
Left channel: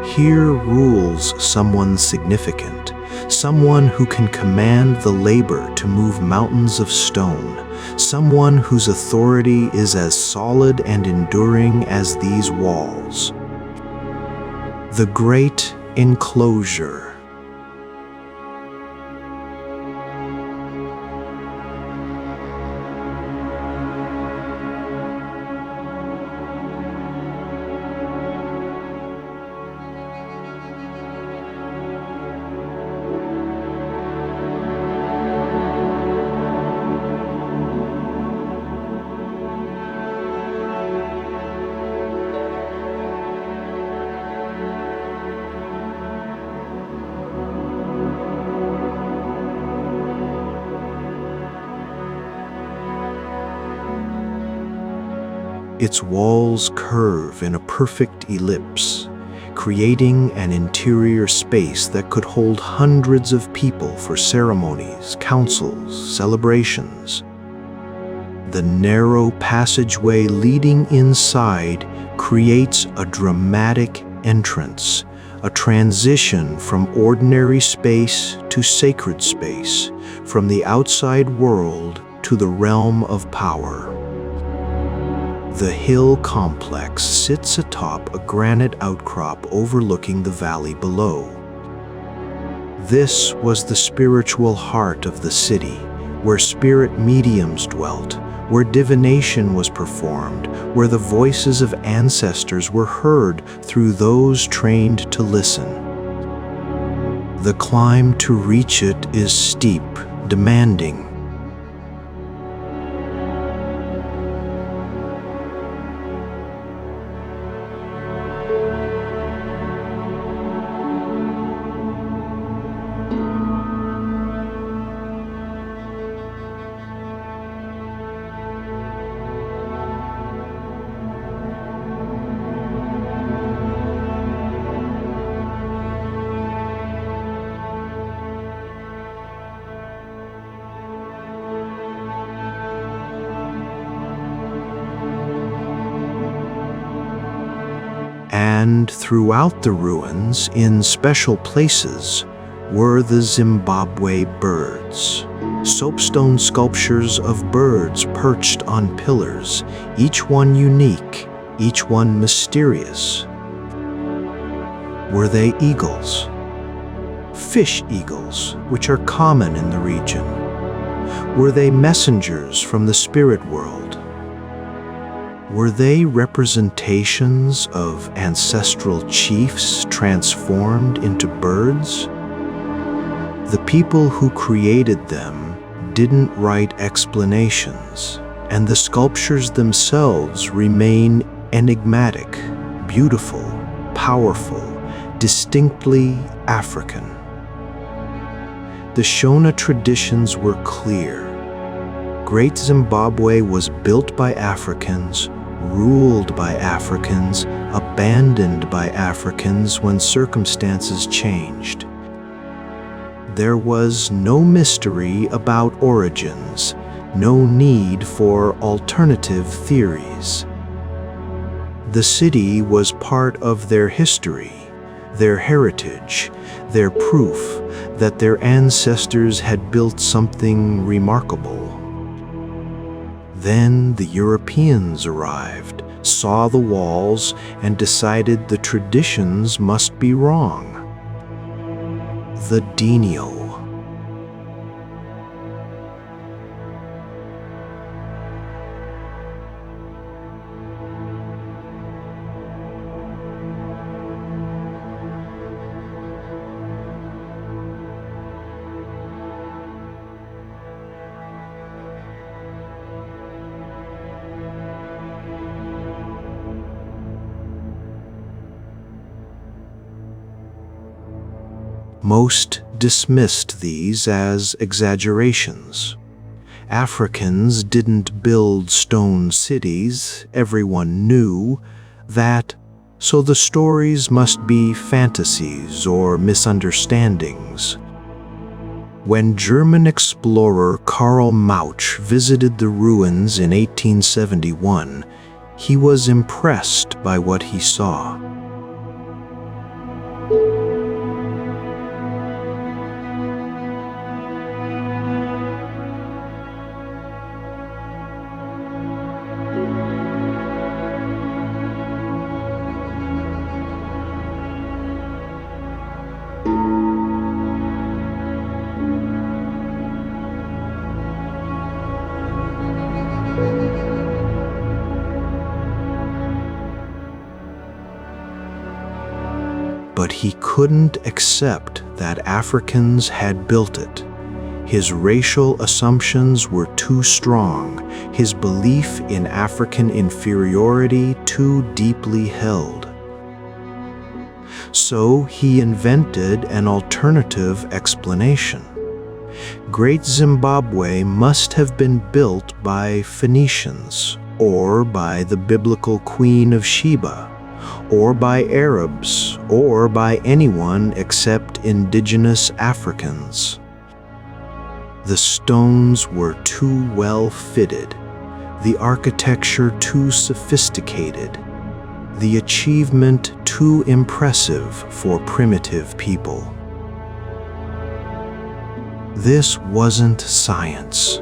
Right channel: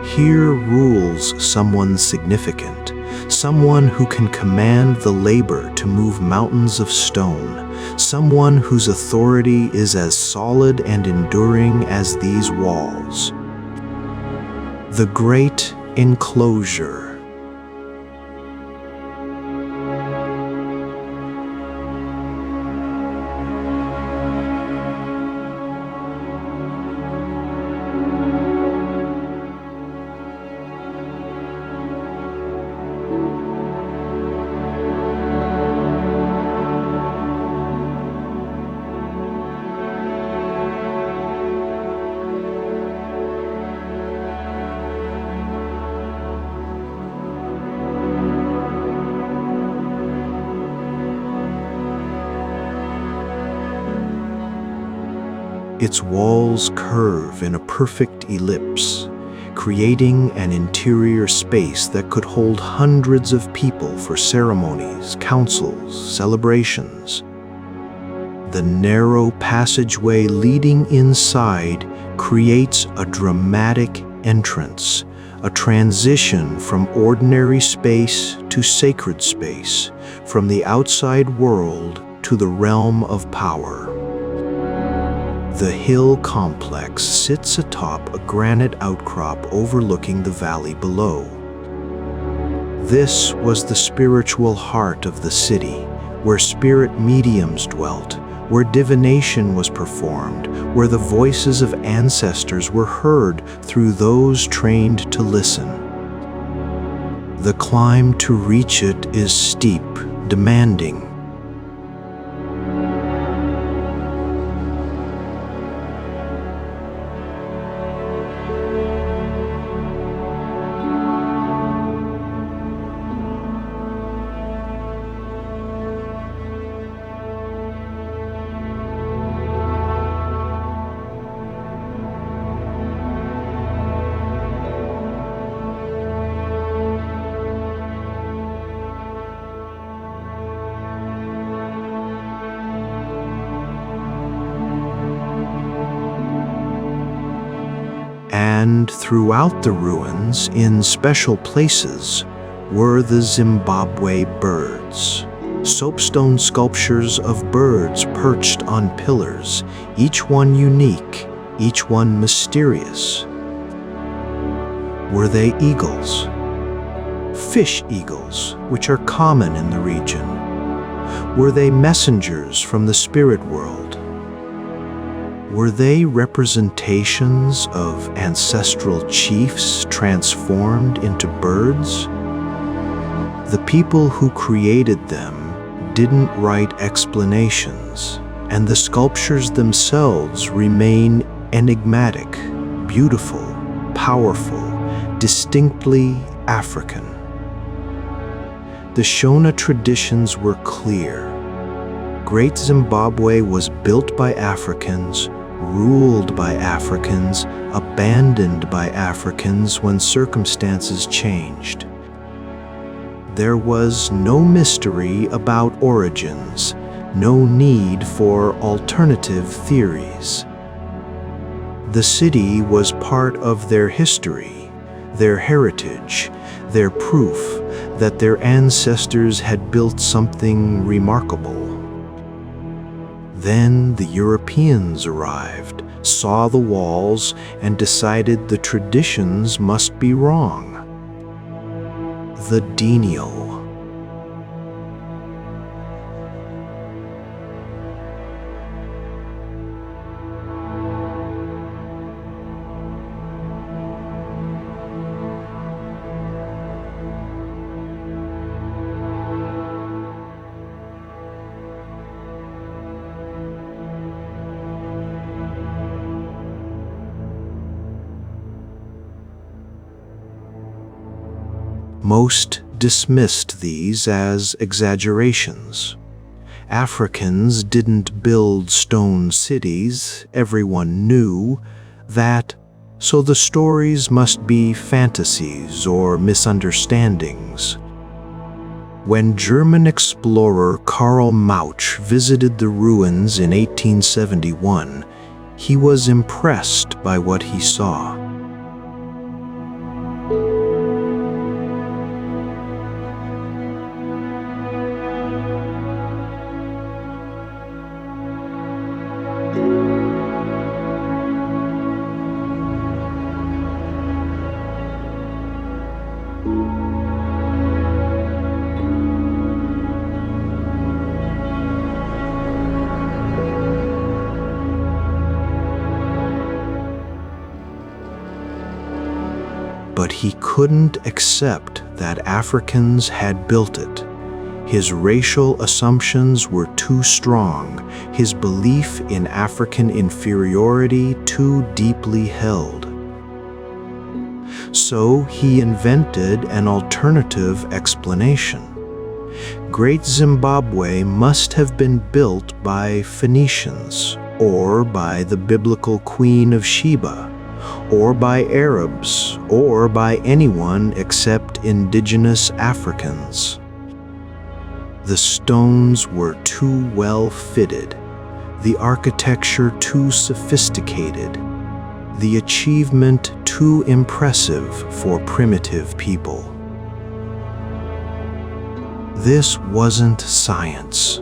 "Here rules someone significant, someone who can command the labor to move mountains of stone, someone whose authority is as solid and enduring as these walls." The Great Enclosure. Its walls curve in a perfect ellipse, creating an interior space that could hold hundreds of people for ceremonies, councils, celebrations. The narrow passageway leading inside creates a dramatic entrance, a transition from ordinary space to sacred space, from the outside world to the realm of power. The hill complex sits atop a granite outcrop overlooking the valley below. This was the spiritual heart of the city, where spirit mediums dwelt, where divination was performed, where the voices of ancestors were heard through those trained to listen. The climb to reach it is steep, demanding. And throughout the ruins, in special places, were the Zimbabwe birds. Soapstone sculptures of birds perched on pillars, each one unique, each one mysterious. Were they eagles? Fish eagles, which are common in the region. Were they messengers from the spirit world? Were they representations of ancestral chiefs transformed into birds? The people who created them didn't write explanations, and the sculptures themselves remain enigmatic, beautiful, powerful, distinctly African. The Shona traditions were clear. Great Zimbabwe was built by Africans, ruled by Africans, abandoned by Africans when circumstances changed. There was no mystery about origins, no need for alternative theories. The city was part of their history, their heritage, their proof that their ancestors had built something remarkable. Then the Europeans arrived, saw the walls, and decided the traditions must be wrong. The Denial. Most dismissed these as exaggerations. Africans didn't build stone cities, everyone knew that, so the stories must be fantasies or misunderstandings. When German explorer Karl Mauch visited the ruins in 1871, he was impressed by what he saw. But he couldn't accept that Africans had built it. His racial assumptions were too strong, his belief in African inferiority too deeply held. So he invented an alternative explanation. Great Zimbabwe must have been built by Phoenicians, or by the biblical Queen of Sheba, or by Arabs, or by anyone except indigenous Africans. The stones were too well fitted, the architecture too sophisticated, the achievement too impressive for primitive people. This wasn't science.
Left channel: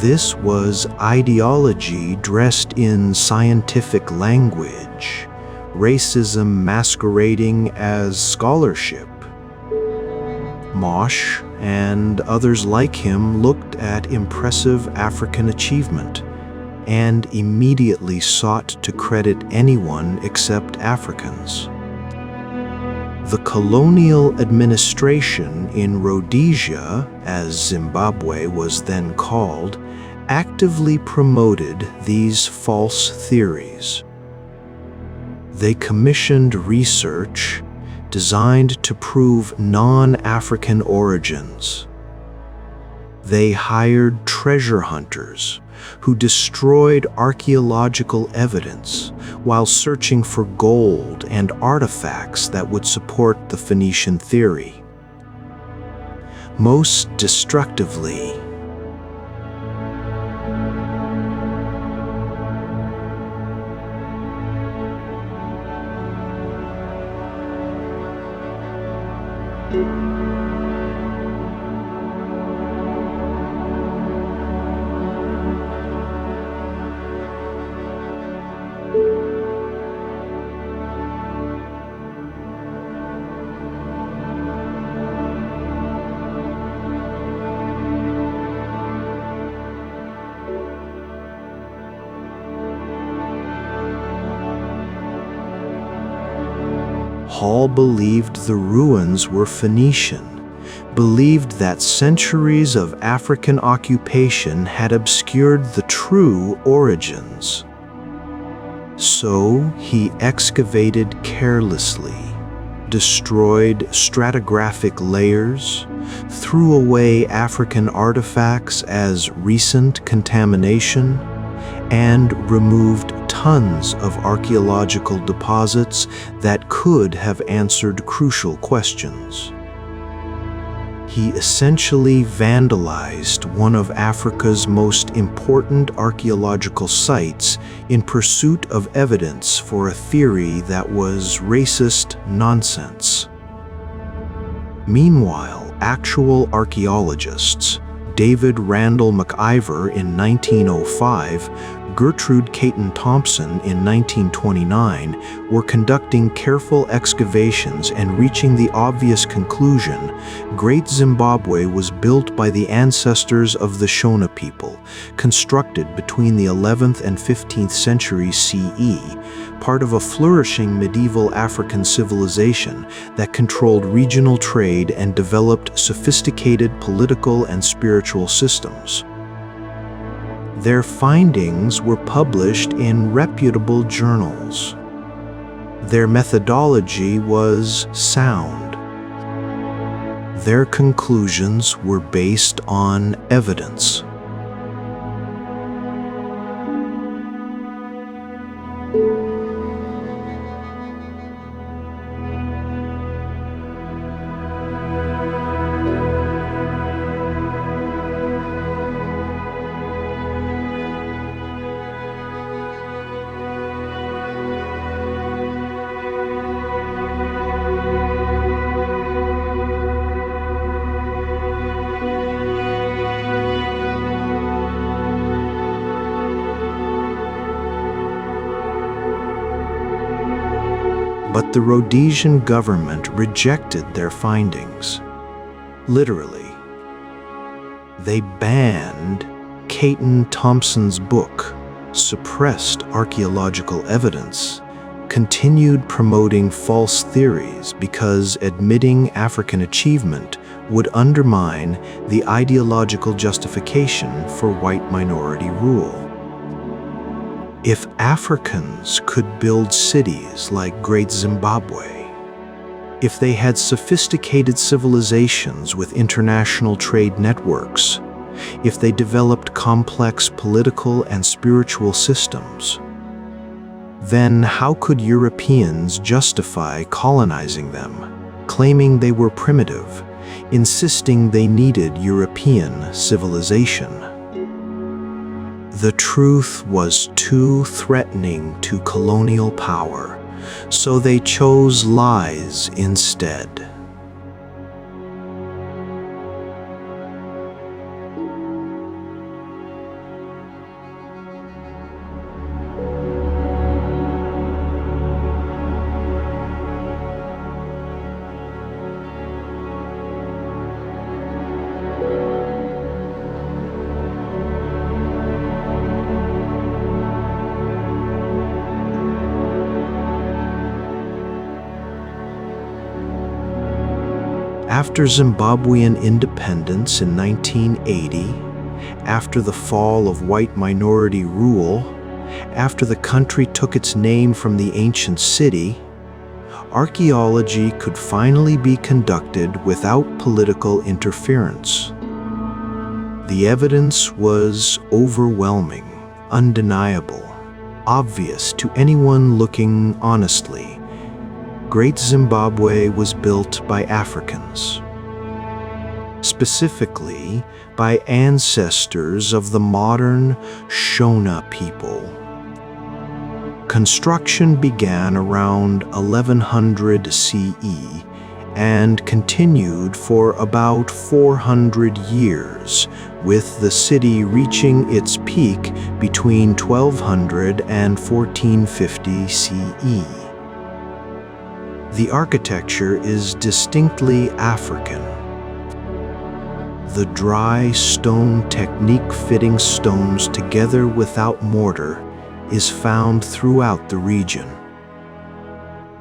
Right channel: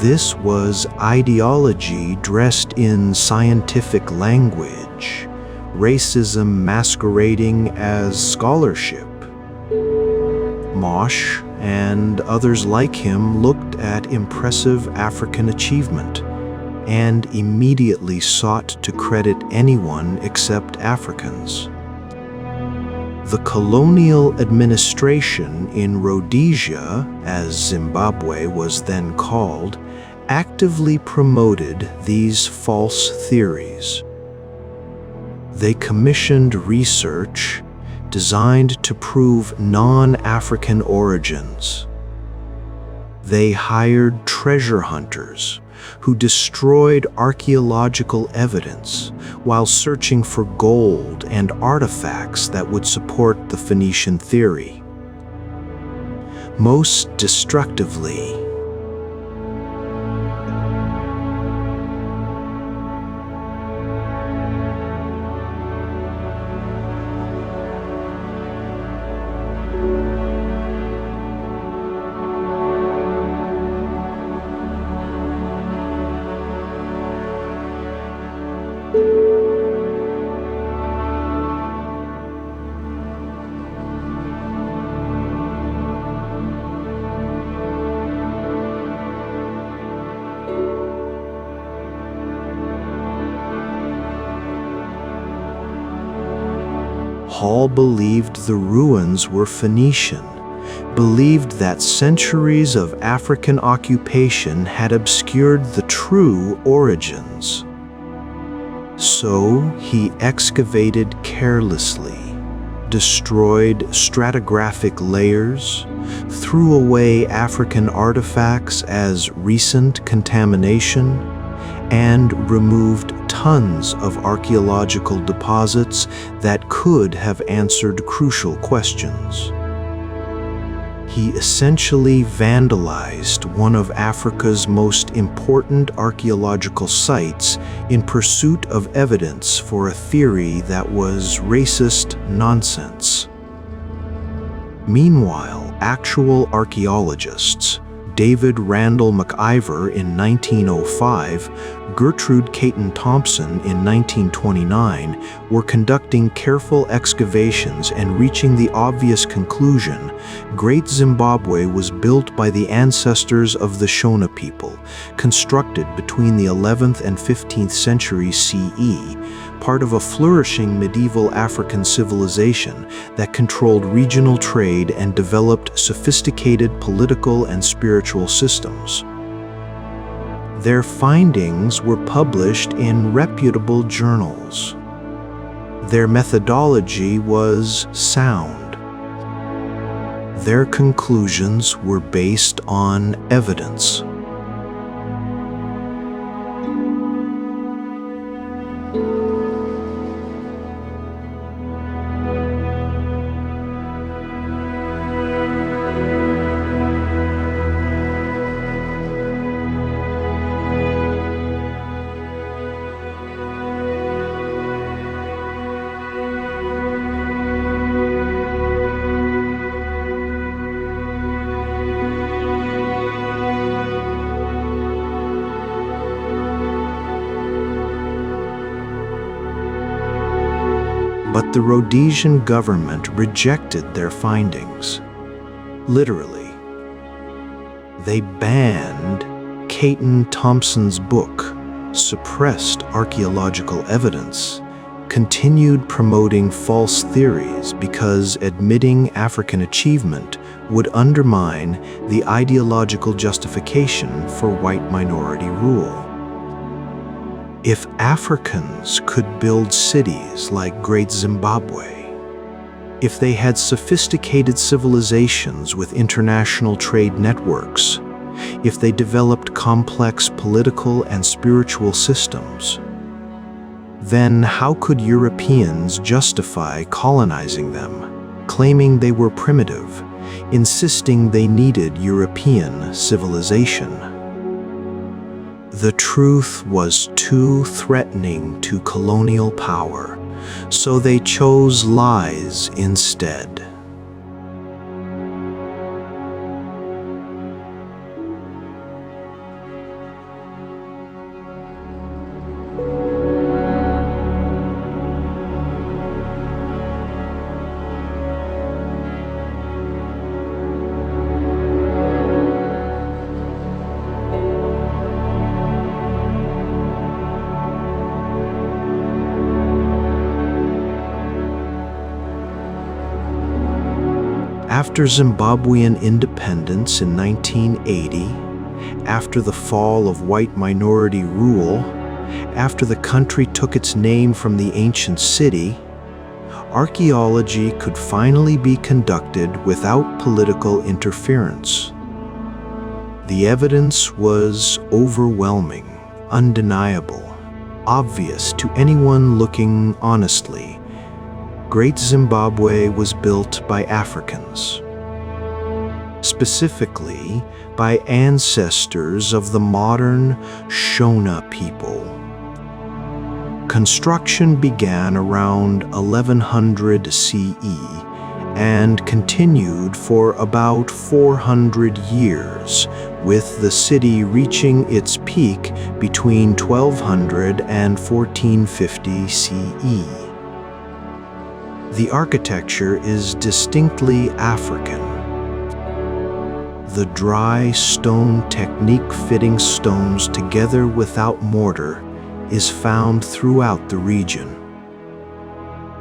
This was ideology dressed in scientific language, racism masquerading as scholarship. Mosh and others like him looked at impressive African achievement and immediately sought to credit anyone except Africans. The colonial administration in Rhodesia, as Zimbabwe was then called, actively promoted these false theories. They commissioned research designed to prove non-African origins. They hired treasure hunters who destroyed archaeological evidence while searching for gold and artifacts that would support the Phoenician theory. Most destructively, Hall believed the ruins were Phoenician, believed that centuries of African occupation had obscured the true origins. So he excavated carelessly, destroyed stratigraphic layers, threw away African artifacts as recent contamination, and removed tons of archaeological deposits that could have answered crucial questions. He essentially vandalized one of Africa's most important archaeological sites in pursuit of evidence for a theory that was racist nonsense. Meanwhile, actual archaeologists, David Randall McIver in 1905, Gertrude Caton Thompson in 1929, were conducting careful excavations and reaching the obvious conclusion: Great Zimbabwe was built by the ancestors of the Shona people, constructed between the 11th and 15th centuries CE, part of a flourishing medieval African civilization that controlled regional trade and developed sophisticated political and spiritual systems. Their findings were published in reputable journals. Their methodology was sound. Their conclusions were based on evidence. But the Rhodesian government rejected their findings. Literally. They banned Caton Thompson's book, suppressed archaeological evidence, continued promoting false theories because admitting African achievement would undermine the ideological justification for white minority rule. If Africans could build cities like Great Zimbabwe, if they had sophisticated civilizations with international trade networks, if they developed complex political and spiritual systems, then how could Europeans justify colonizing them, claiming they were primitive, insisting they needed European civilization? The truth was too threatening to colonial power, so they chose lies instead. After Zimbabwean independence in 1980, after the fall of white minority rule, after the country took its name from the ancient city, archaeology could finally be conducted without political interference. The evidence was overwhelming, undeniable, obvious to anyone looking honestly. Great Zimbabwe was built by Africans, specifically by ancestors of the modern Shona people. Construction began around 1100 CE and continued for about 400 years, with the city reaching its peak between 1200 and 1450 CE. The architecture is distinctly African. The dry stone technique, fitting stones together without mortar, is found throughout the region.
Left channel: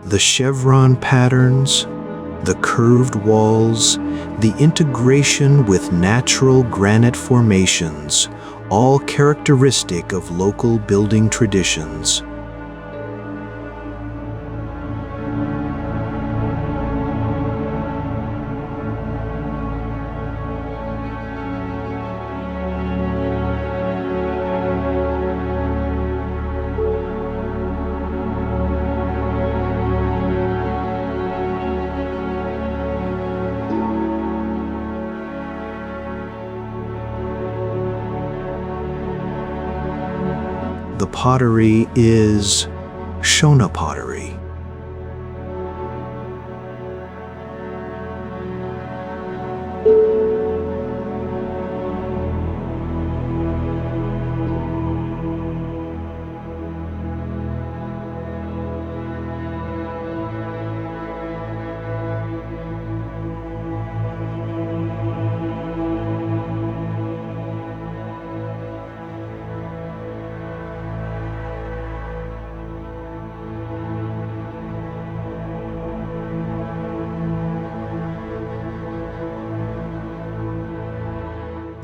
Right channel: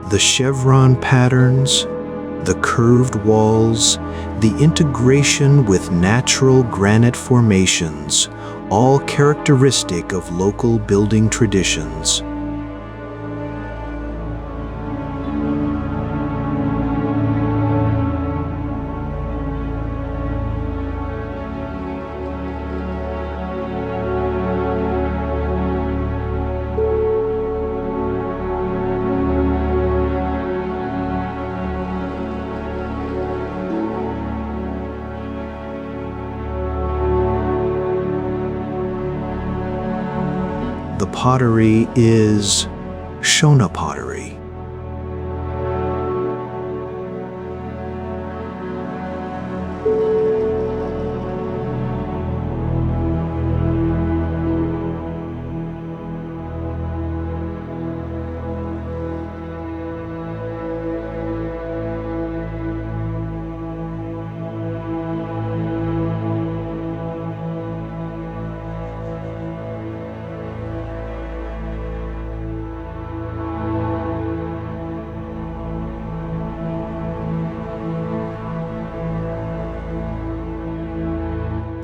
The chevron patterns, the curved walls, the integration with natural granite formations, all characteristic of local building traditions. The pottery is Shona pottery.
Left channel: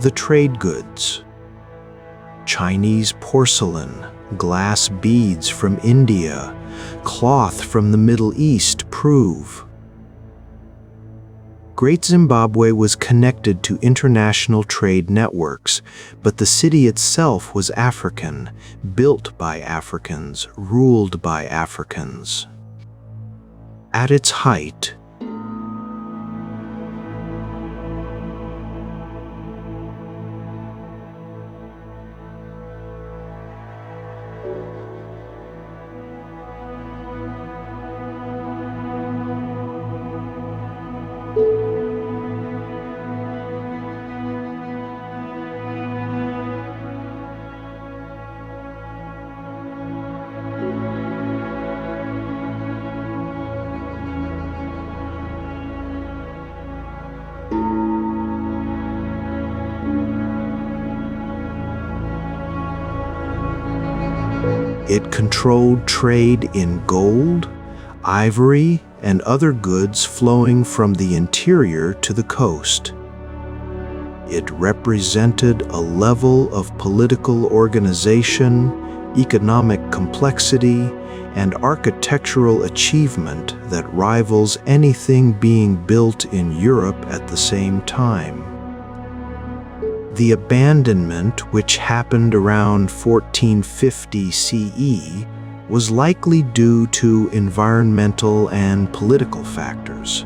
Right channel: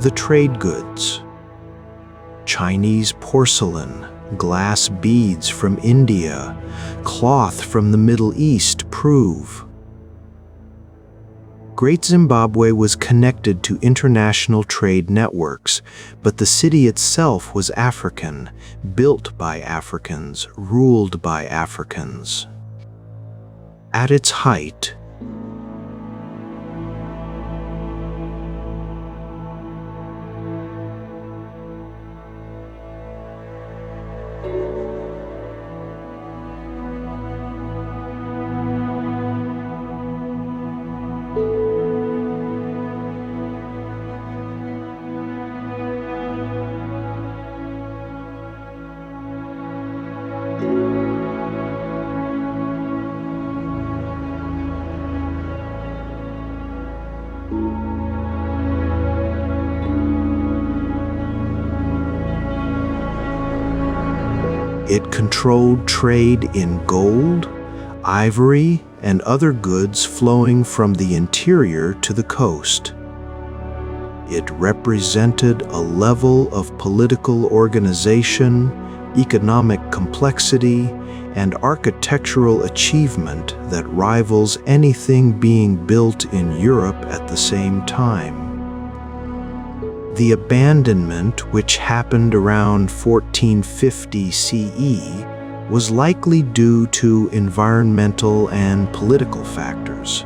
The trade goods. Chinese porcelain, glass beads from India, cloth from the Middle East prove. Great Zimbabwe was connected to international trade networks, but the city itself was African, built by Africans, ruled by Africans. At its height, it controlled trade in gold, ivory, and other goods flowing from the interior to the coast. It represented a level of political organization, economic complexity, and architectural achievement that rivals anything being built in Europe at the same time. The abandonment, which happened around 1450 CE, was likely due to environmental and political factors.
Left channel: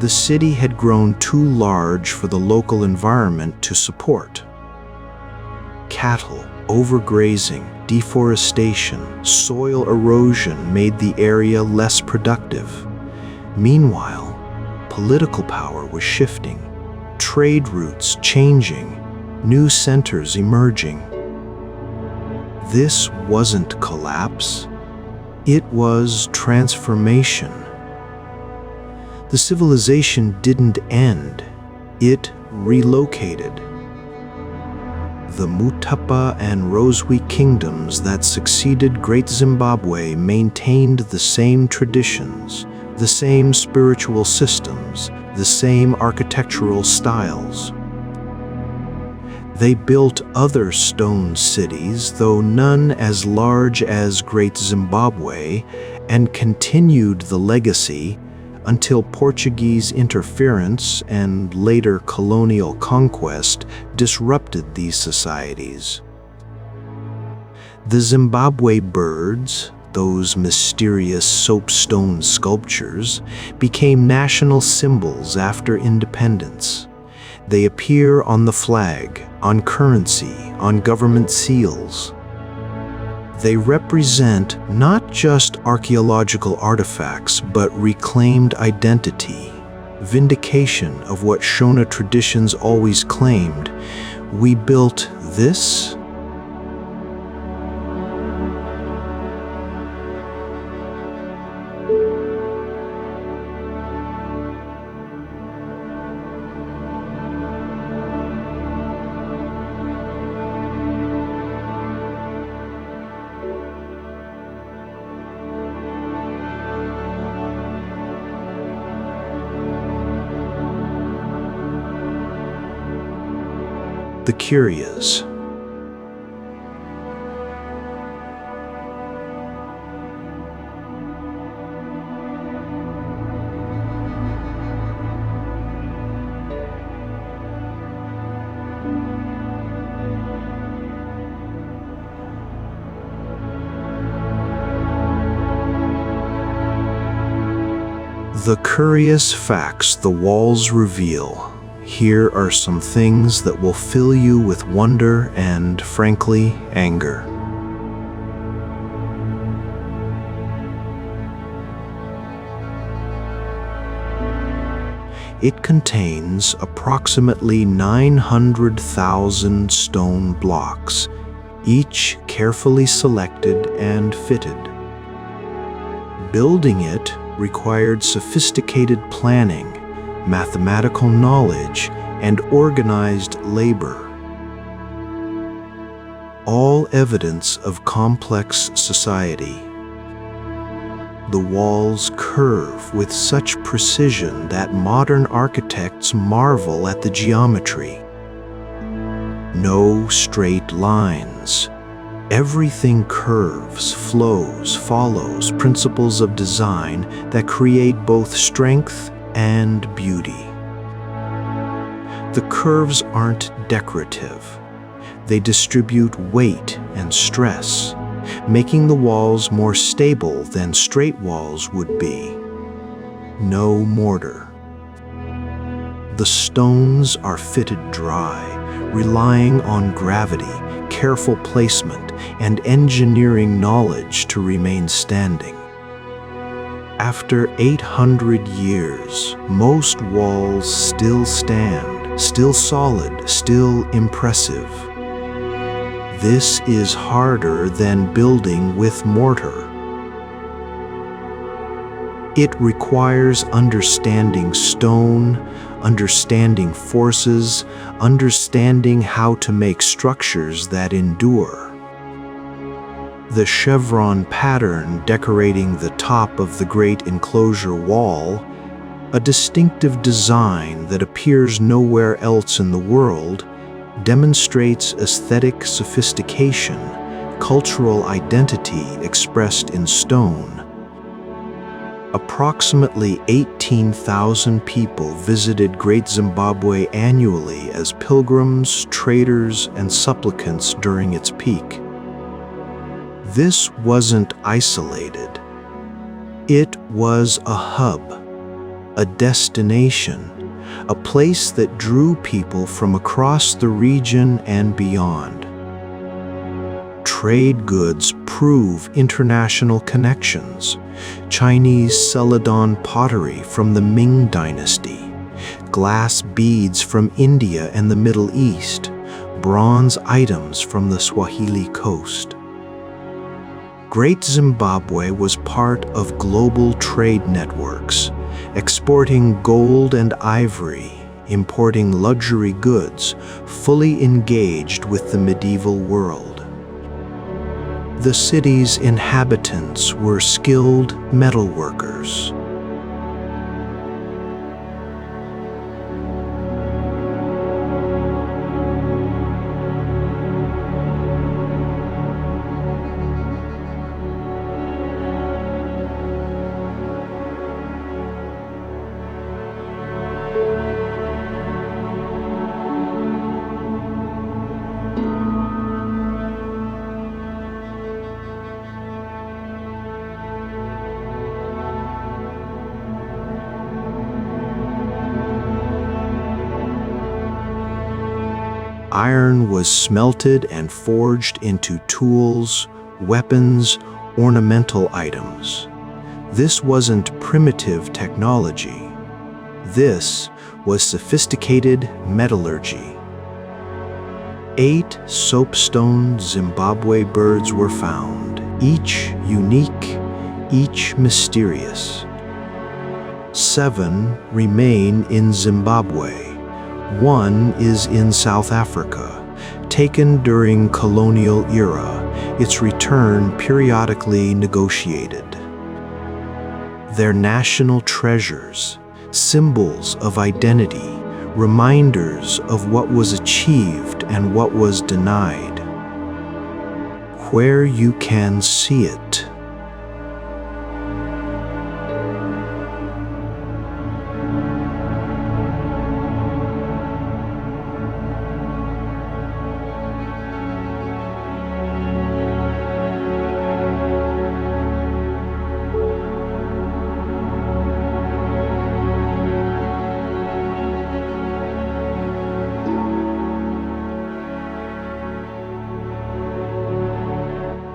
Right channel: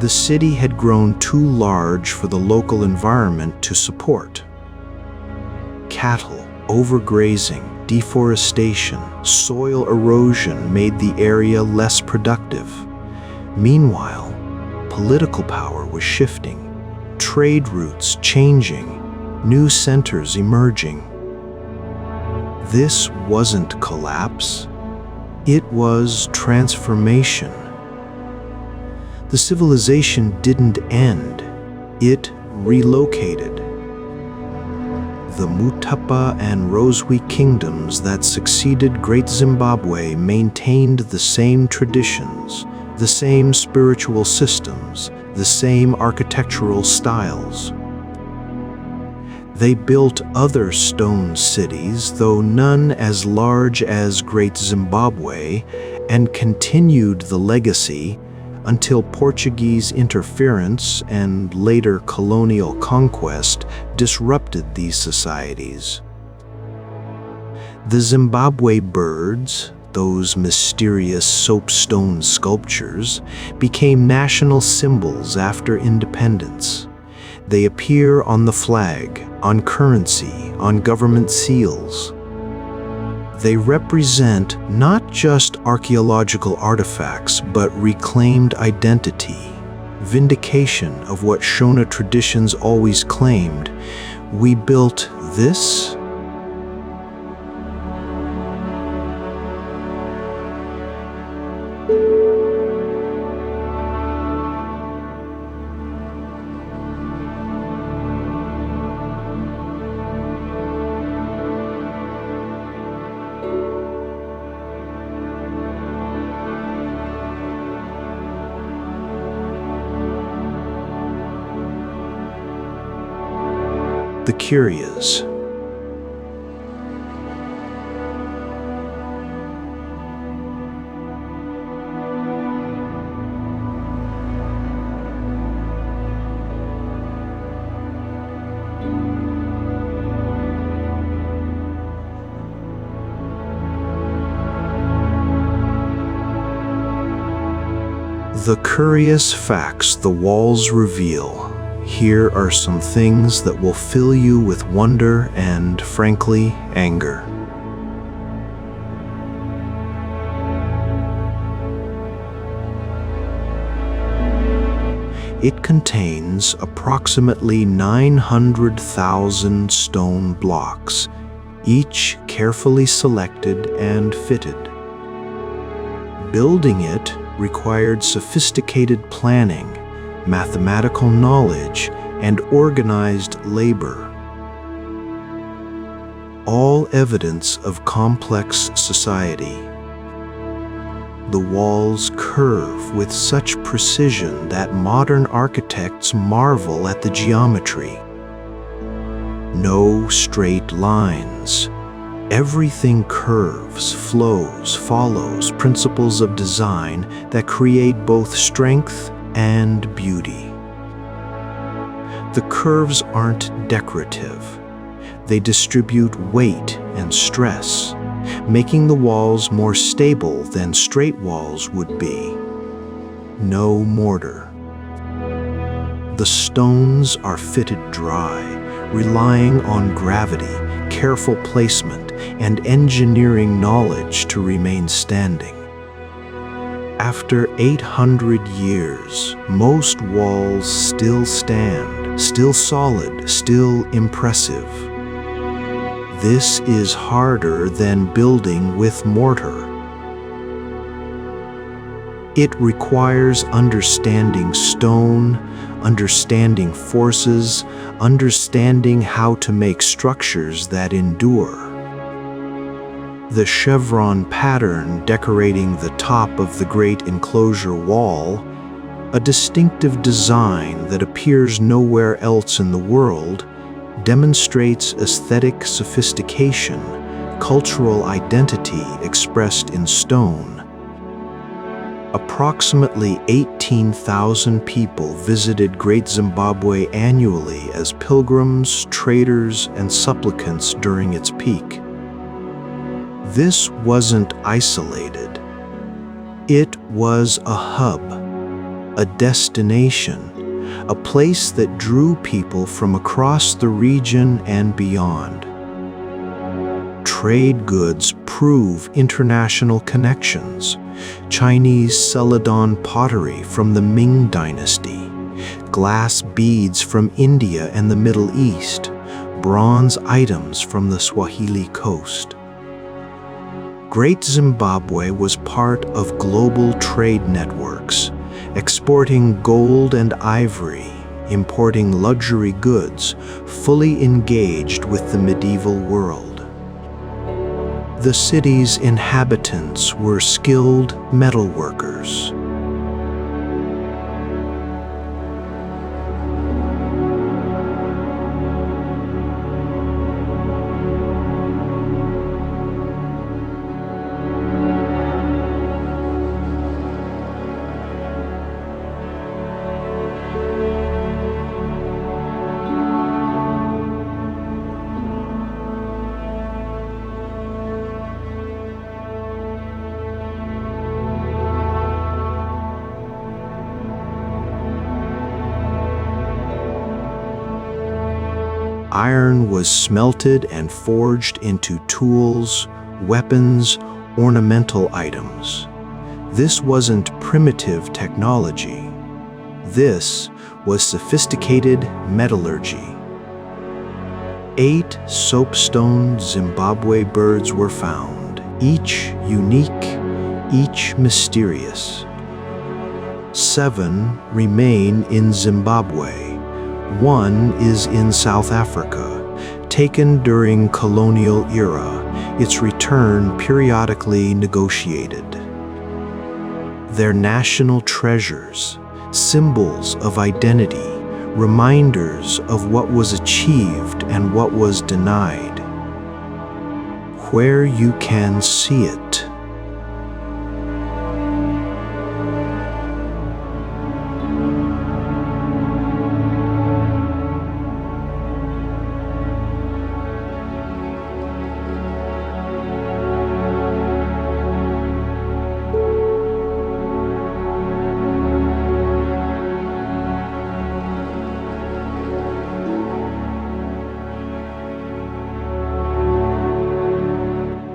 The city had grown too large for the local environment to support. Cattle, overgrazing, deforestation, soil erosion made the area less productive. Meanwhile, political power was shifting, trade routes changing, new centers emerging. This wasn't collapse, it was transformation. The civilization didn't end, it relocated. The Mutapa and Rozwi kingdoms that succeeded Great Zimbabwe maintained the same traditions, the same spiritual systems, the same architectural styles. They built other stone cities, though none as large as Great Zimbabwe, and continued the legacy until Portuguese interference and later colonial conquest disrupted these societies. The Zimbabwe birds, those mysterious soapstone sculptures, became national symbols after independence. They appear on the flag, on currency, on government seals. They represent not just archaeological artifacts, but reclaimed identity, vindication of what Shona traditions always claimed. We built this. The curious. The curious facts the walls reveal. Here are some things that will fill you with wonder and, frankly, anger. It contains approximately 900,000 stone blocks, each carefully selected and fitted. Building it required sophisticated planning, mathematical knowledge, and organized labor. All evidence of complex society. The walls curve with such precision that modern architects marvel at the geometry. No straight lines. Everything curves, flows, follows principles of design that create both strength and beauty. The curves aren't decorative. They distribute weight and stress, making the walls more stable than straight walls would be. No mortar. The stones are fitted dry, relying on gravity, careful placement, and engineering knowledge to remain standing. After 800 years, most walls still stand, still solid, still impressive. This is harder than building with mortar. It requires understanding stone, understanding forces, understanding how to make structures that endure. The chevron pattern decorating the top of the great enclosure wall, a distinctive design that appears nowhere else in the world, demonstrates aesthetic sophistication, cultural identity expressed in stone. Approximately 18,000 people visited Great Zimbabwe annually as pilgrims, traders, and supplicants during its peak. This wasn't isolated. It was a hub, a destination, a place that drew people from across the region and beyond. Trade goods prove international connections. Chinese Celadon pottery from the Ming Dynasty, glass beads from India and the Middle East, bronze items from the Swahili coast. Great Zimbabwe was part of global trade networks, exporting gold and ivory, importing luxury goods, fully engaged with the medieval world. The city's inhabitants were skilled metalworkers. Iron was smelted and forged into tools, weapons, ornamental items. This wasn't primitive technology. This was sophisticated metallurgy. 8 soapstone Zimbabwe birds were found, each unique, each mysterious. 7 remain in Zimbabwe. 1 is in South Africa, taken during colonial era, its return periodically negotiated. They're national treasures, symbols of identity, reminders of what was achieved and what was denied. Where you can see it.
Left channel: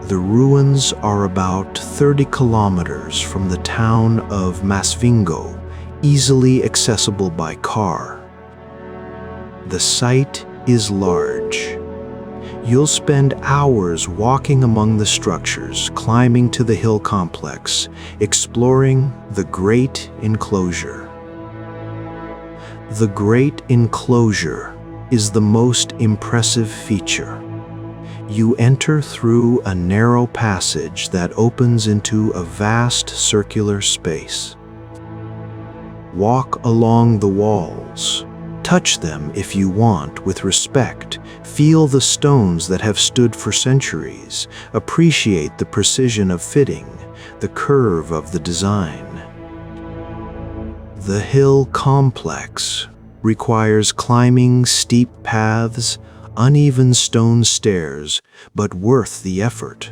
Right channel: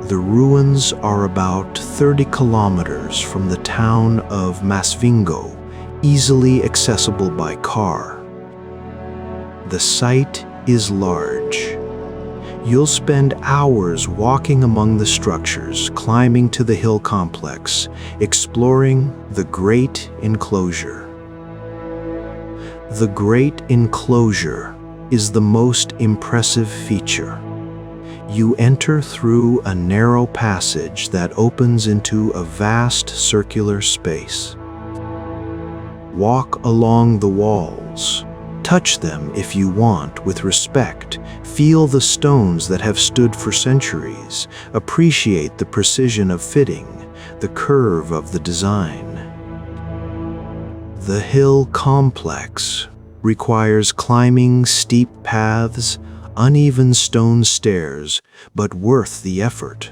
The ruins are about 30 kilometers from the town of Masvingo, easily accessible by car. The site is large. You'll spend hours walking among the structures, climbing to the hill complex, exploring the Great Enclosure. The Great Enclosure is the most impressive feature. You enter through a narrow passage that opens into a vast circular space. Walk along the walls. Touch them if you want with respect. Feel the stones that have stood for centuries. Appreciate the precision of fitting, the curve of the design. The hill complex requires climbing steep paths, uneven stone stairs, but worth the effort.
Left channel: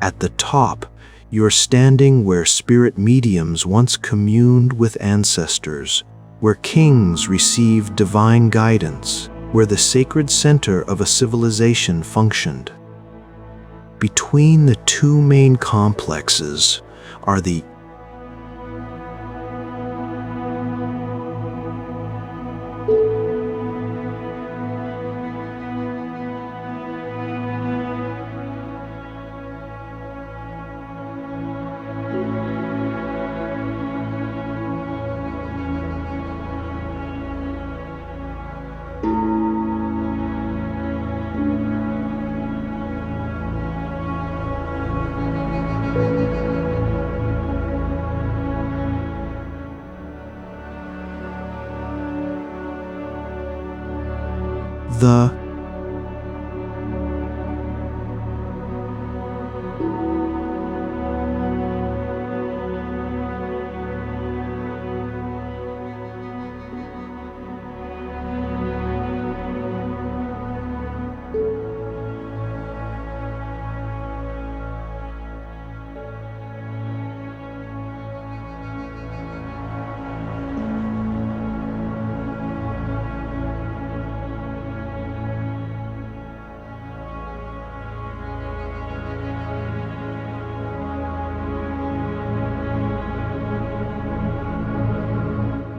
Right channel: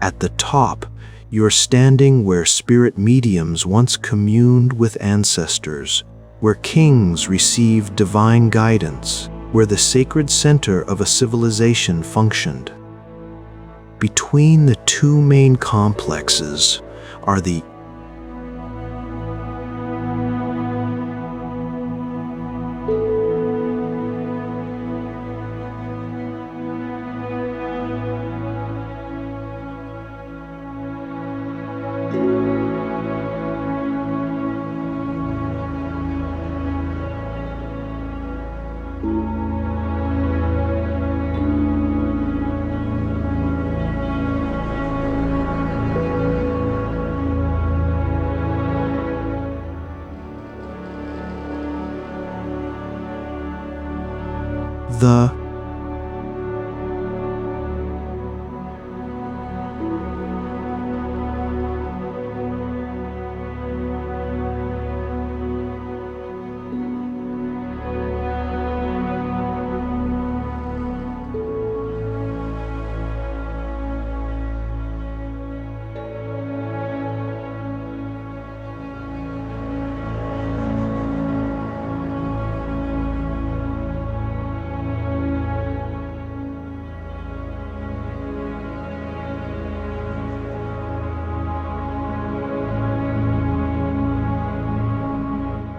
At the top, you're standing where spirit mediums once communed with ancestors, where kings received divine guidance, where the sacred center of a civilization functioned. Between the 2 main complexes are the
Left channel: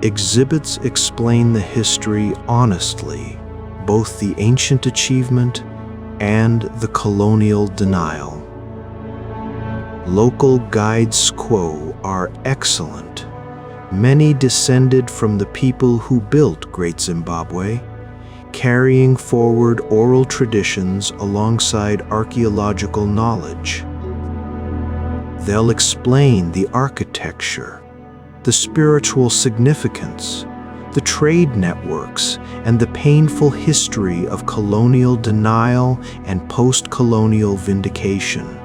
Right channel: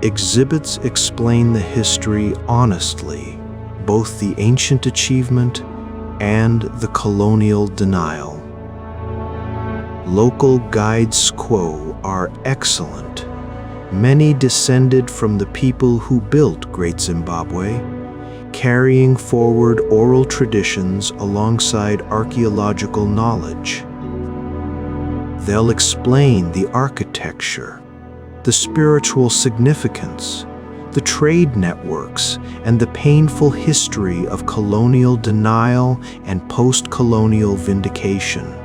exhibits explain the history honestly, both the ancient achievement and the colonial denial. Local guides quo are excellent. Many descended from the people who built Great Zimbabwe, carrying forward oral traditions alongside archaeological knowledge. They'll explain the architecture, the spiritual significance, the trade networks, and the painful history of colonial denial and post-colonial vindication.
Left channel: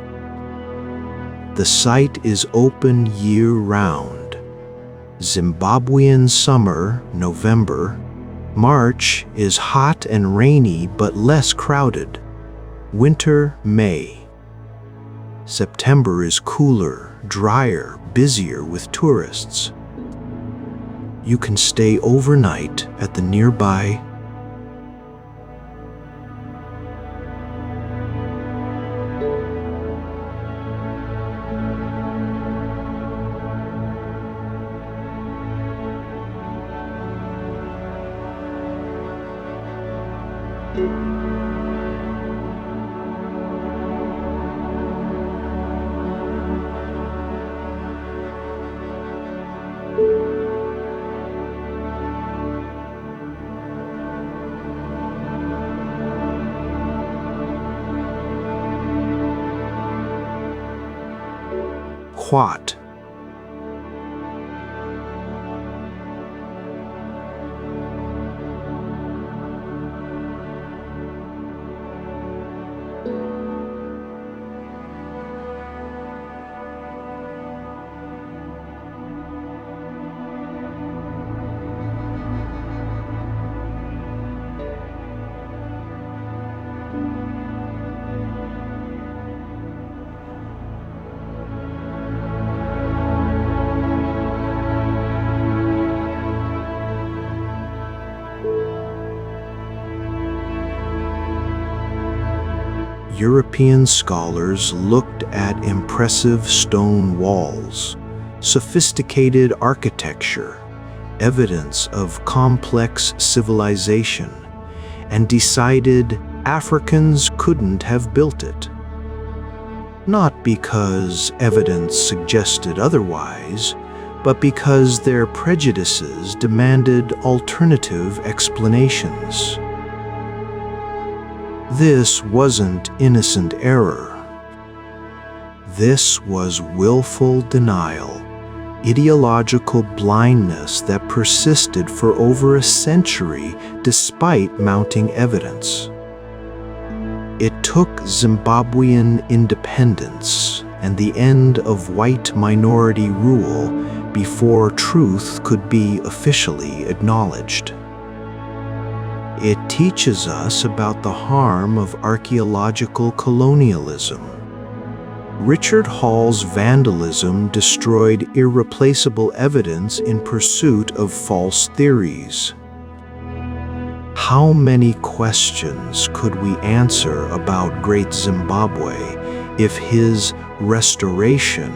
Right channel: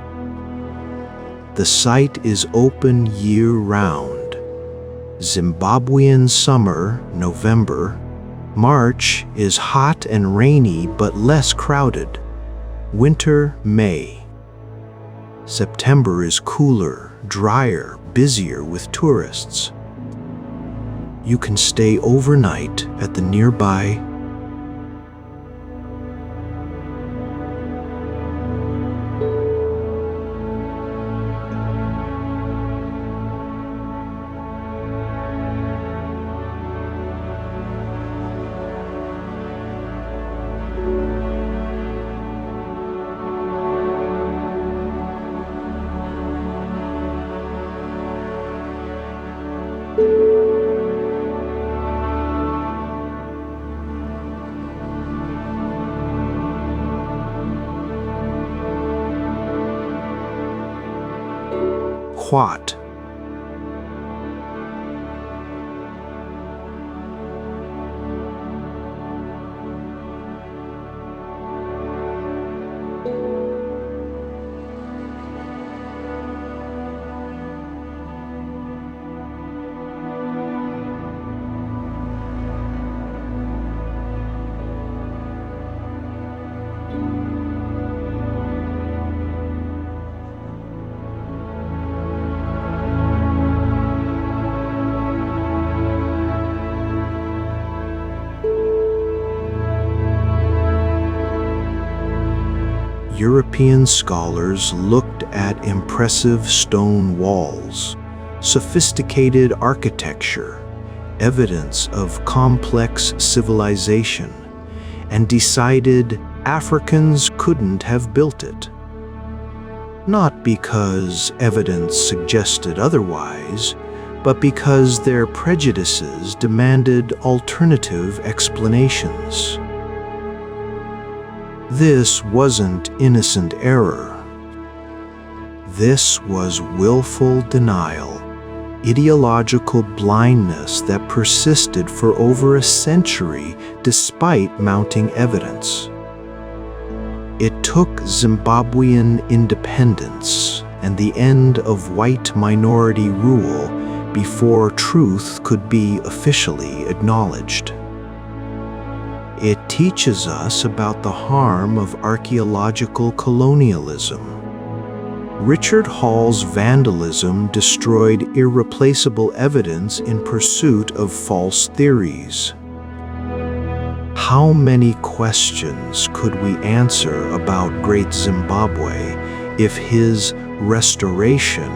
The site is open year-round. Zimbabwean summer, November. March is hot and rainy but less crowded. Winter, May. September is cooler, drier, busier with tourists. You can stay overnight at the nearby What? European scholars looked at impressive stone walls, sophisticated architecture, evidence of complex civilization, and decided Africans couldn't have built it. Not because evidence suggested otherwise, but because their prejudices demanded alternative explanations. This wasn't innocent error. This was willful denial, ideological blindness that persisted for over a century despite mounting evidence. It took Zimbabwean independence and the end of white minority rule before truth could be officially acknowledged. It teaches us about the harm of archaeological colonialism. Richard Hall's vandalism destroyed irreplaceable evidence in pursuit of false theories. How many questions could we answer about Great Zimbabwe if his restoration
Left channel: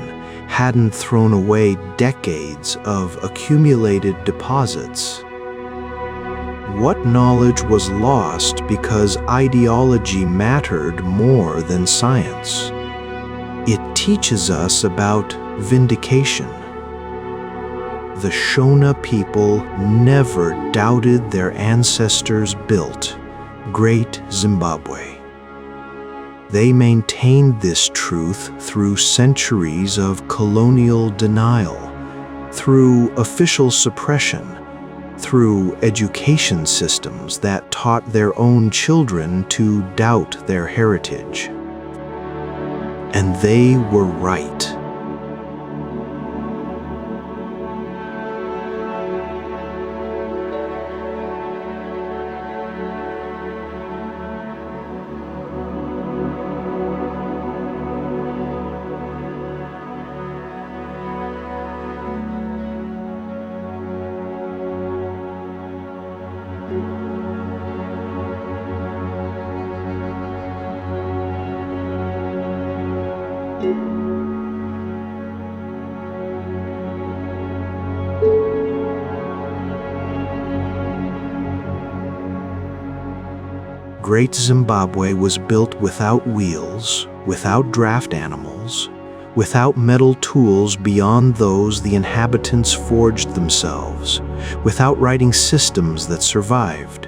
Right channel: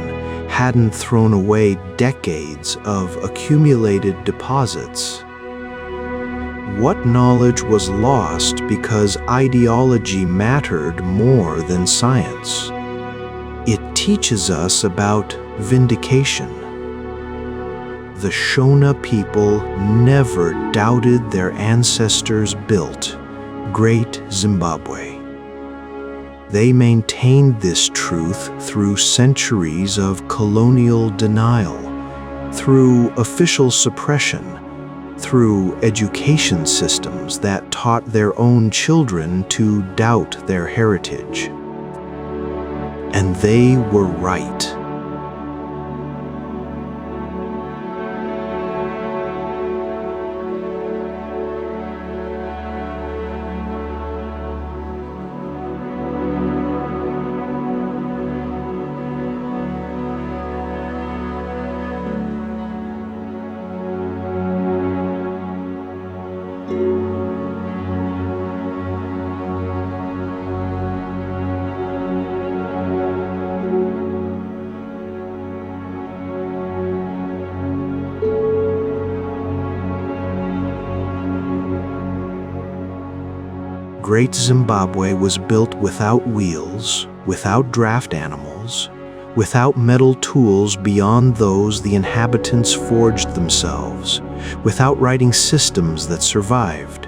hadn't thrown away decades of accumulated deposits? What knowledge was lost because ideology mattered more than science? It teaches us about vindication. The Shona people never doubted their ancestors built Great Zimbabwe. They maintained this truth through centuries of colonial denial, through official suppression, through education systems that taught their own children to doubt their heritage. And they were right. Great Zimbabwe was built without wheels, without draft animals, without metal tools beyond those the inhabitants forged themselves, without writing systems that survived.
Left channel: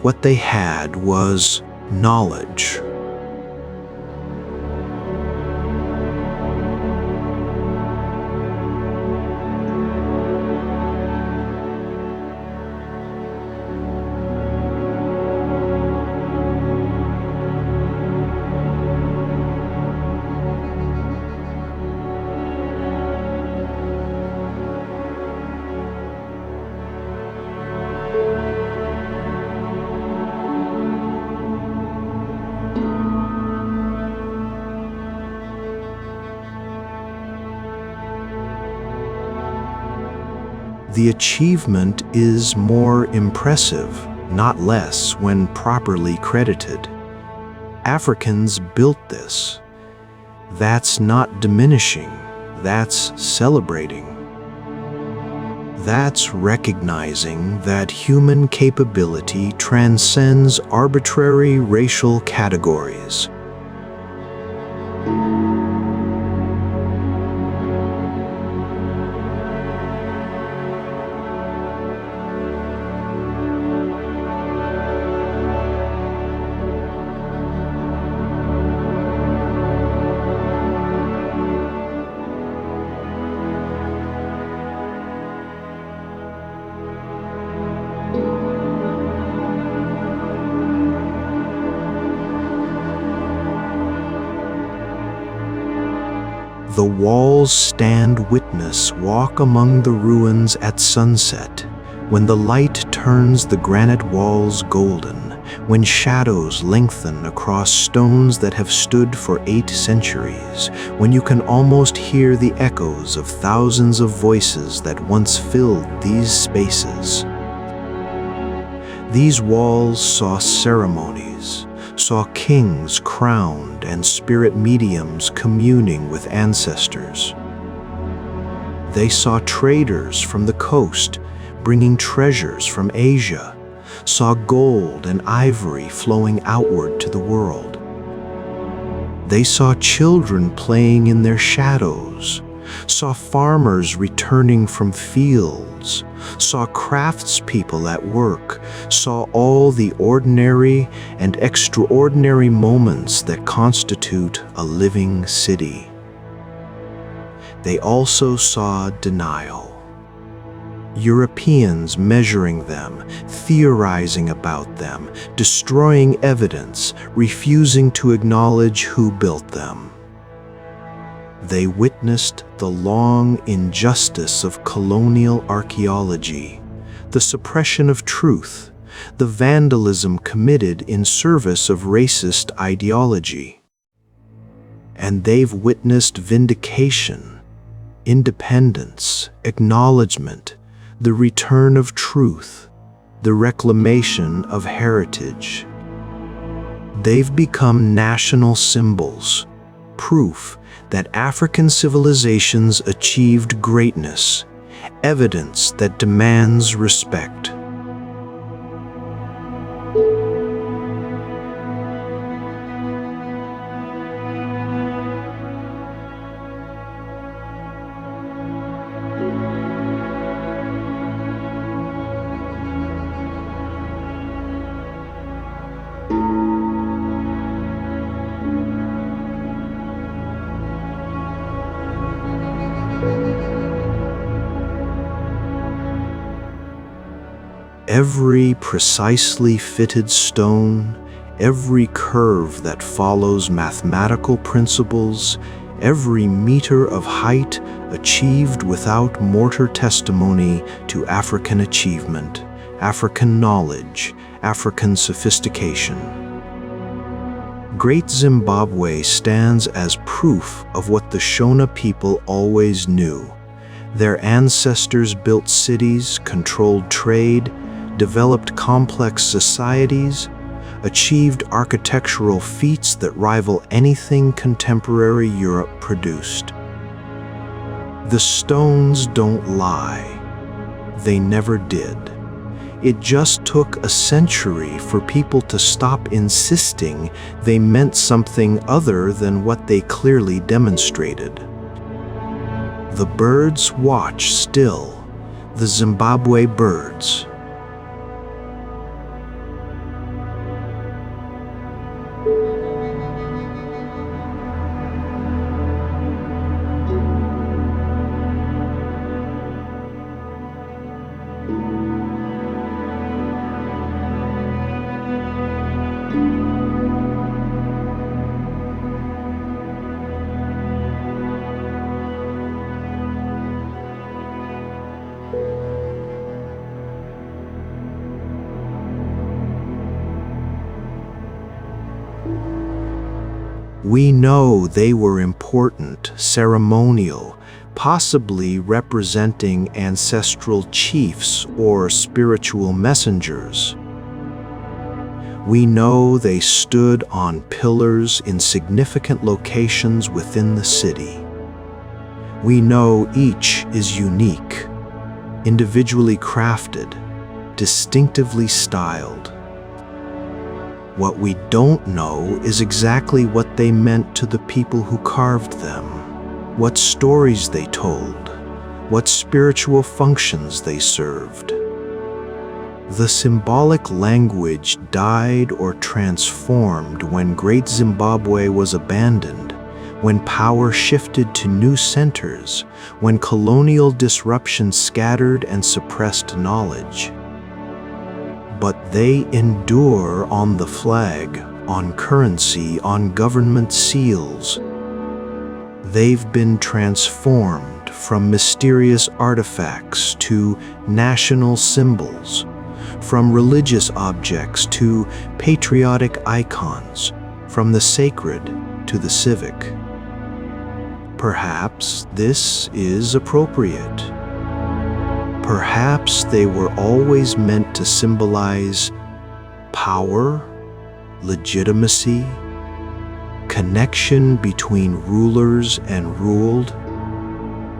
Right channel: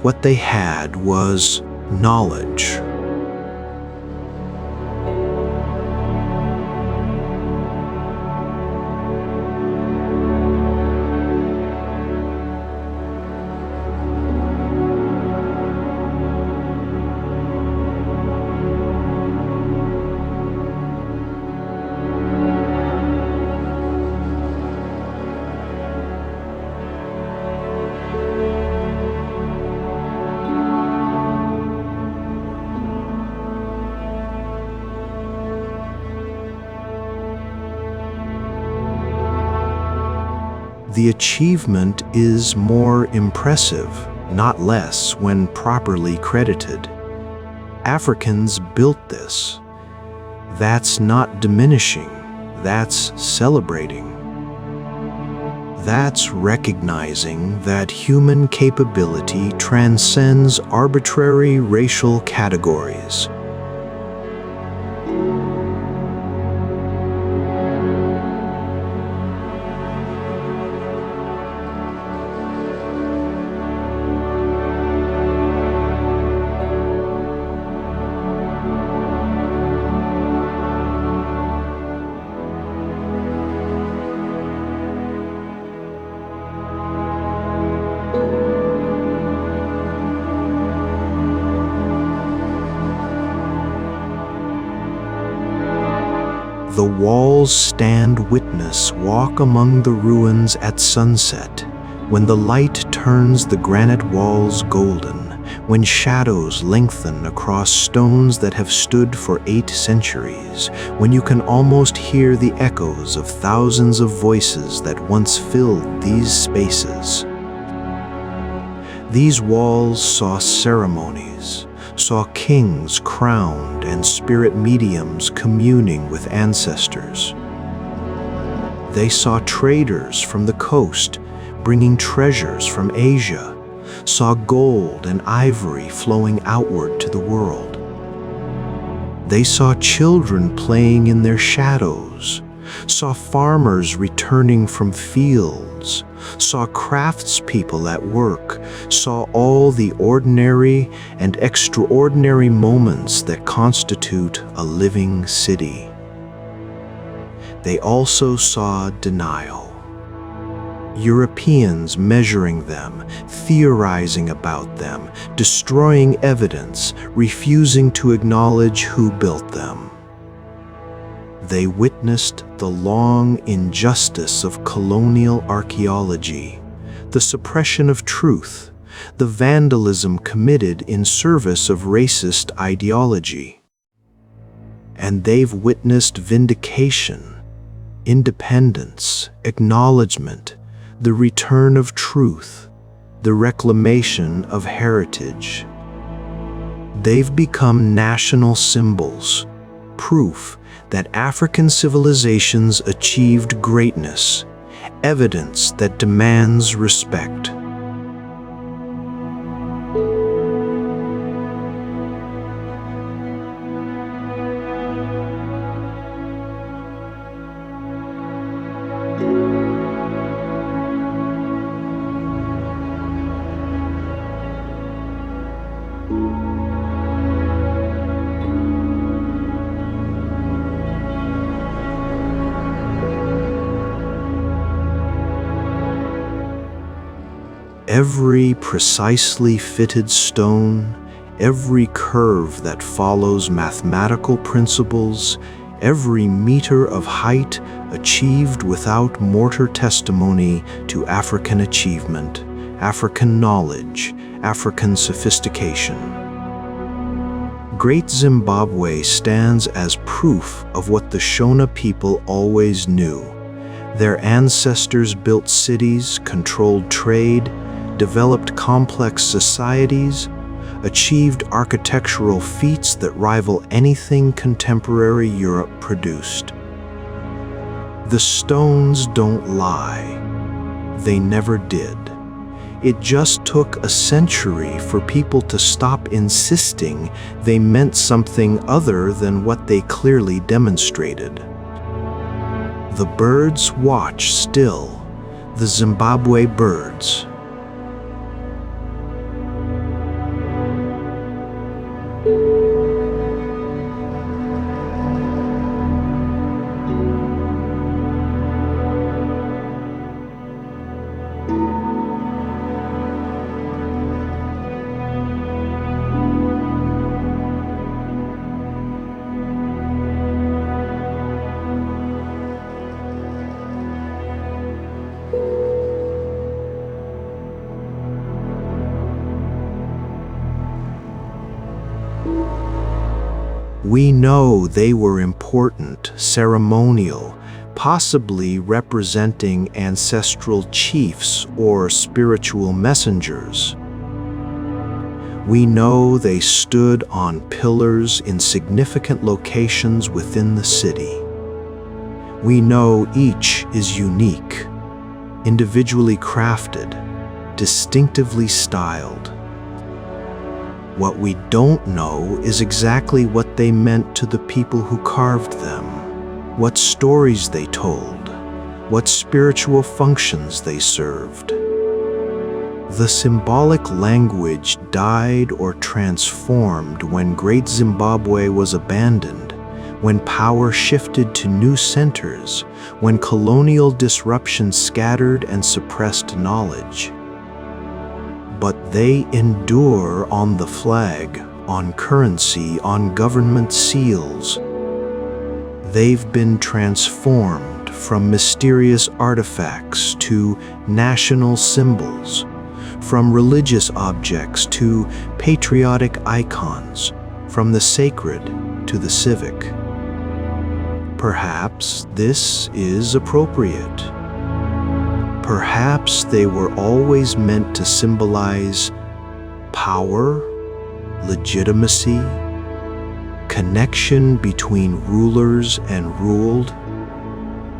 What they had was knowledge. The achievement is more impressive, not less, when properly credited. Africans built this. That's not diminishing, that's celebrating. That's recognizing that human capability transcends arbitrary racial categories. The walls stand witness, walk among the ruins at sunset, when the light turns the granite walls golden, when shadows lengthen across stones that have stood for 8 centuries, when you can almost hear the echoes of thousands of voices that once filled these spaces. These walls saw ceremonies, saw kings crowned and spirit mediums communing with ancestors. They saw traders from the coast bringing treasures from Asia, saw gold and ivory flowing outward to the world. They saw children playing in their shadows, saw farmers returning from fields, saw craftspeople at work, saw all the ordinary and extraordinary moments that constitute a living city. They also saw denial. Europeans measuring them, theorizing about them, destroying evidence, refusing to acknowledge who built them. They witnessed the long injustice of colonial archaeology, the suppression of truth, the vandalism committed in service of racist ideology. And they've witnessed vindication, independence, acknowledgement, the return of truth, the reclamation of heritage. They've become national symbols, proof that African civilizations achieved greatness, evidence that demands respect. Every precisely fitted stone, every curve that follows mathematical principles, every meter of height achieved without mortar testimony to African achievement, African knowledge, African sophistication. Great Zimbabwe stands as proof of what the Shona people always knew. Their ancestors built cities, controlled trade, developed complex societies, achieved architectural feats that rival anything contemporary Europe produced. The stones don't lie. They never did. It just took a century for people to stop insisting they meant something other than what they clearly demonstrated. The birds watch still, the Zimbabwe birds. We know they were important, ceremonial, possibly representing ancestral chiefs or spiritual messengers. We know they stood on pillars in significant locations within the city. We know each is unique, individually crafted, distinctively styled. What we don't know is exactly what they meant to the people who carved them, what stories they told, what spiritual functions they served. The symbolic language died or transformed when Great Zimbabwe was abandoned, when power shifted to new centers, when colonial disruption scattered and suppressed knowledge. But they endure on the flag, on currency, on government seals. They've been transformed from mysterious artifacts to national symbols, from religious objects to patriotic icons, from the sacred to the civic. Perhaps this is appropriate. Perhaps they were always meant to symbolize power, legitimacy, connection between rulers and ruled,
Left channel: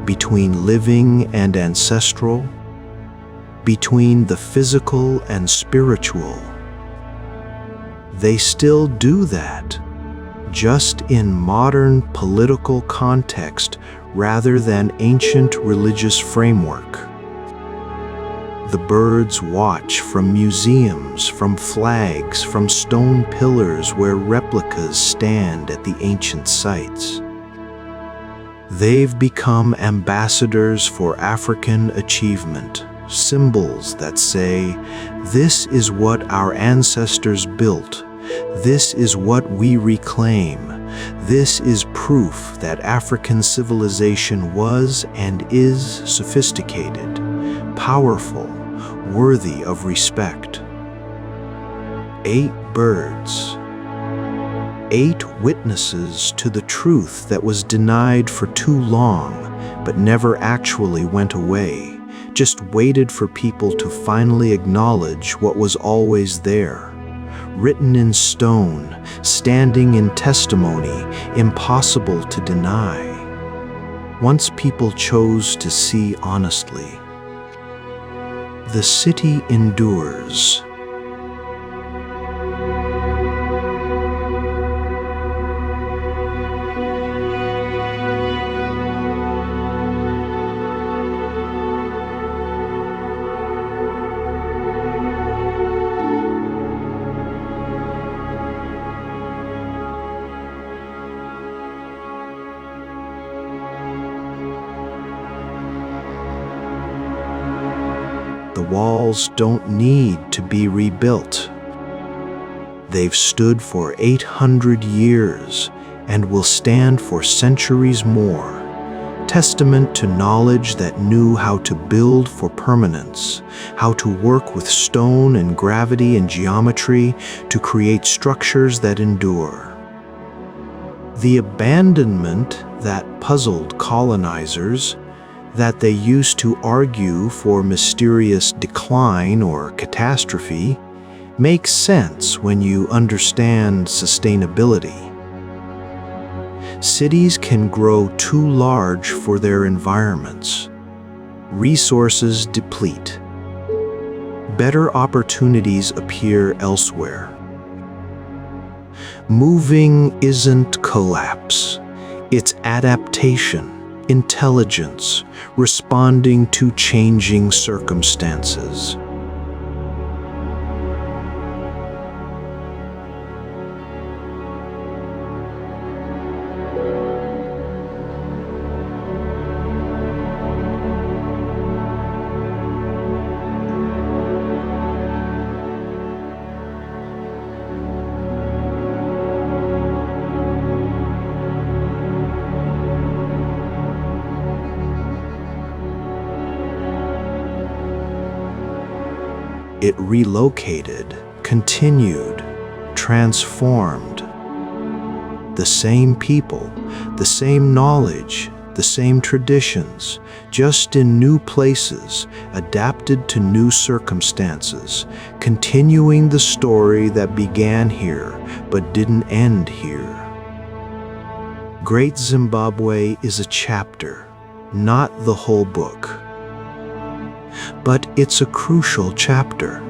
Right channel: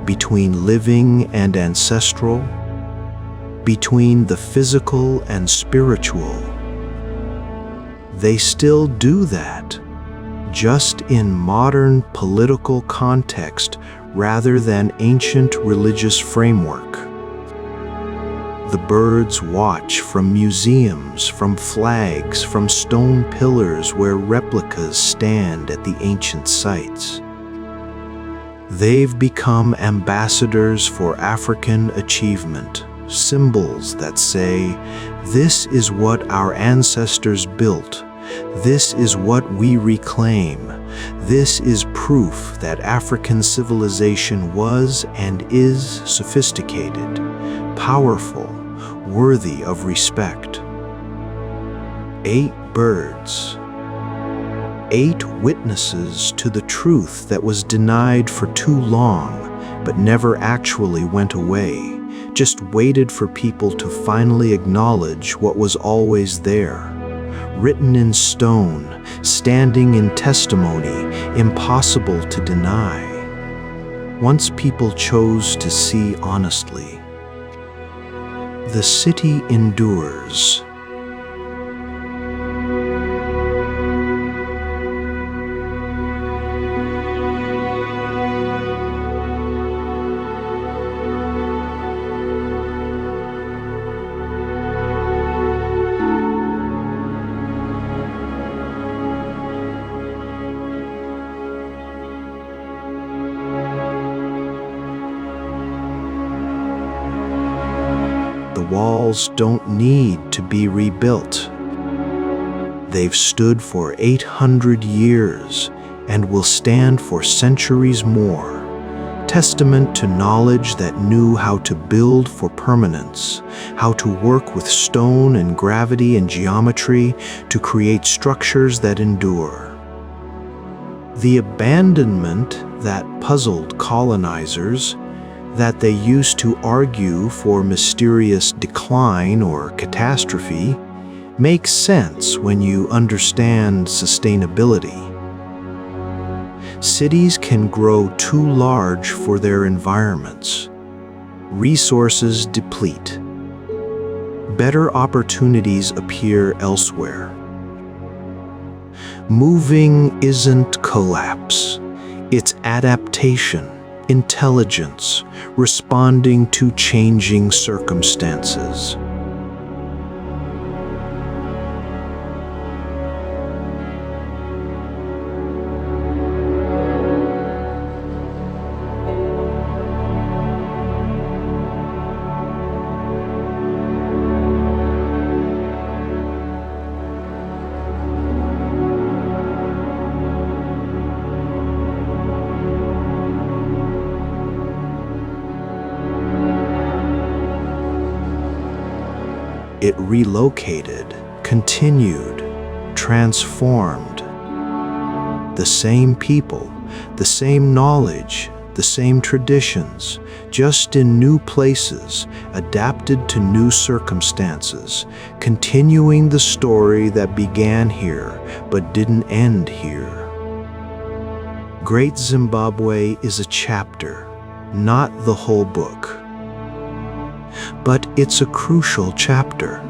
between living and ancestral, between the physical and spiritual. They still do that, just in modern political context rather than ancient religious framework. The birds watch from museums, from flags, from stone pillars where replicas stand at the ancient sites. They've become ambassadors for African achievement, symbols that say, "This is what our ancestors built. This is what we reclaim. This is proof that African civilization was and is sophisticated, powerful, worthy of respect." 8 birds. 8 witnesses to the truth that was denied for too long, but never actually went away, just waited for people to finally acknowledge what was always there. Written in stone, standing in testimony, impossible to deny. Once people chose to see honestly. The city endures. The walls don't need to be rebuilt. They've stood for 800 years and will stand for centuries more, testament to knowledge that knew how to build for permanence, how to work with stone and gravity and geometry to create structures that endure. The abandonment that puzzled colonizers, that they used to argue for mysterious decline or catastrophe, makes sense when you understand sustainability. Cities can grow too large for their environments. Resources deplete. Better opportunities appear elsewhere. Moving isn't collapse, it's adaptation. Intelligence, responding to changing circumstances. It relocated, continued, transformed. The same people, the same knowledge, the same traditions, just in new places, adapted to new circumstances, continuing the story that began here but didn't end here. Great Zimbabwe is a chapter, not the whole book. But it's a crucial chapter.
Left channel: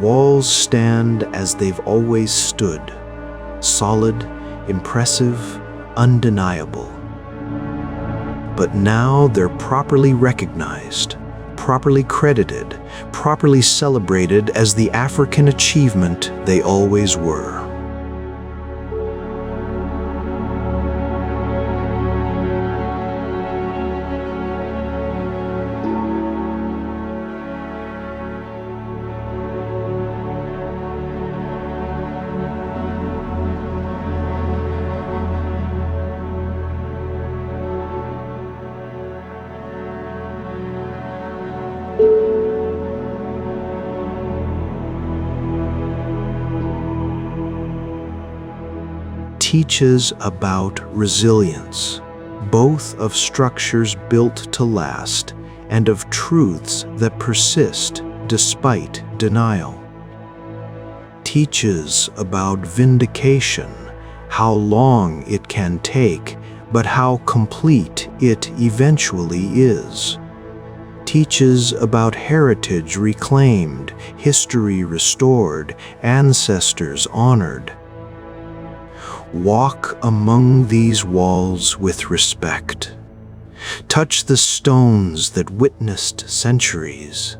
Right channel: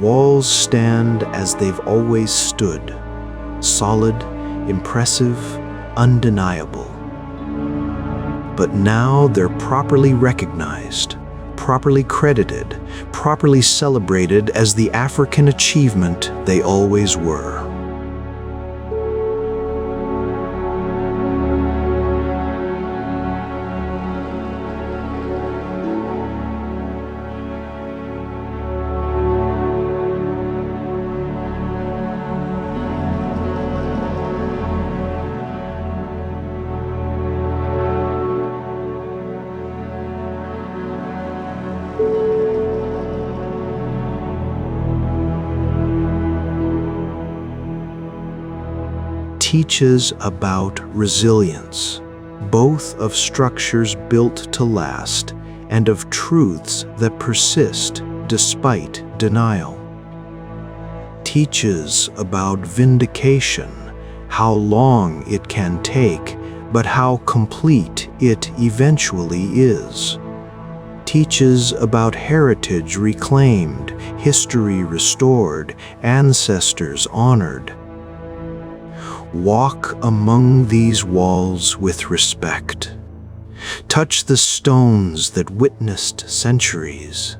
walls stand as they've always stood, solid, impressive, undeniable. But now they're properly recognized, properly credited, properly celebrated as the African achievement they always were. Teaches about resilience, both of structures built to last and of truths that persist despite denial. Teaches about vindication, how long it can take, but how complete it eventually is. Teaches about heritage reclaimed, history restored, ancestors honored. Walk among these walls with respect. Touch the stones that witnessed centuries.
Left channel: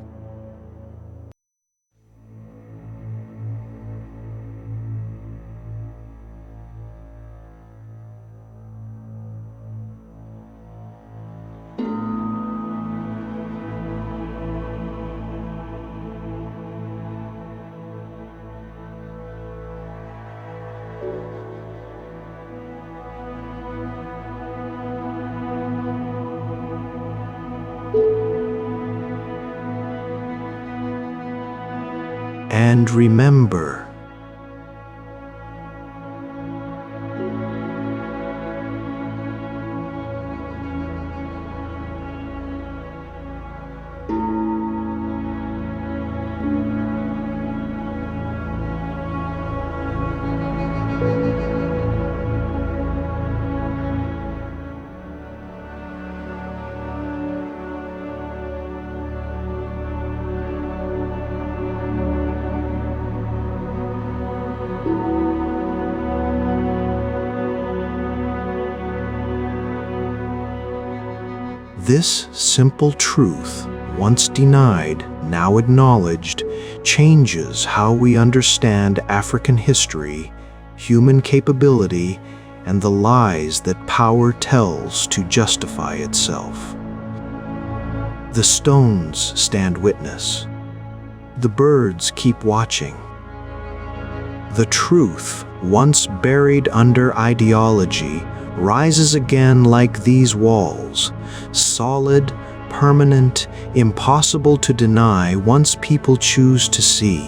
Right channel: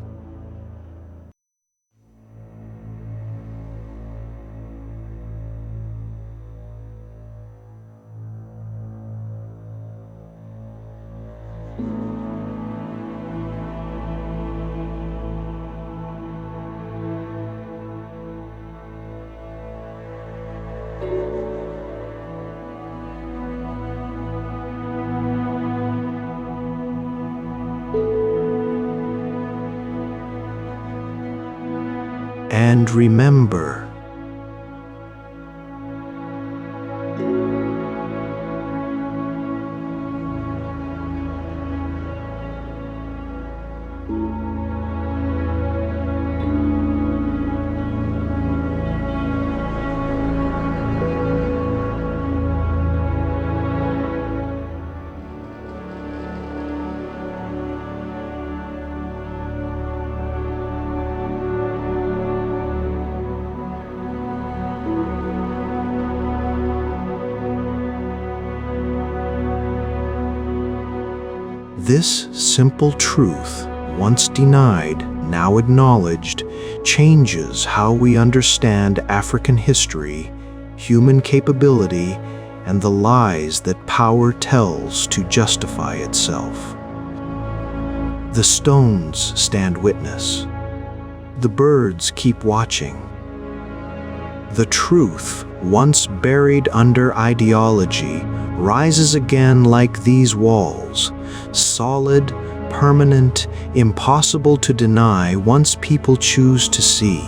And remember, this simple truth, once denied, now acknowledged, changes how we understand African history, human capability, and the lies that power tells to justify itself. The stones stand witness. The birds keep watching. The truth, once buried under ideology, rises again like these walls, solid, permanent, impossible to deny once people choose to see.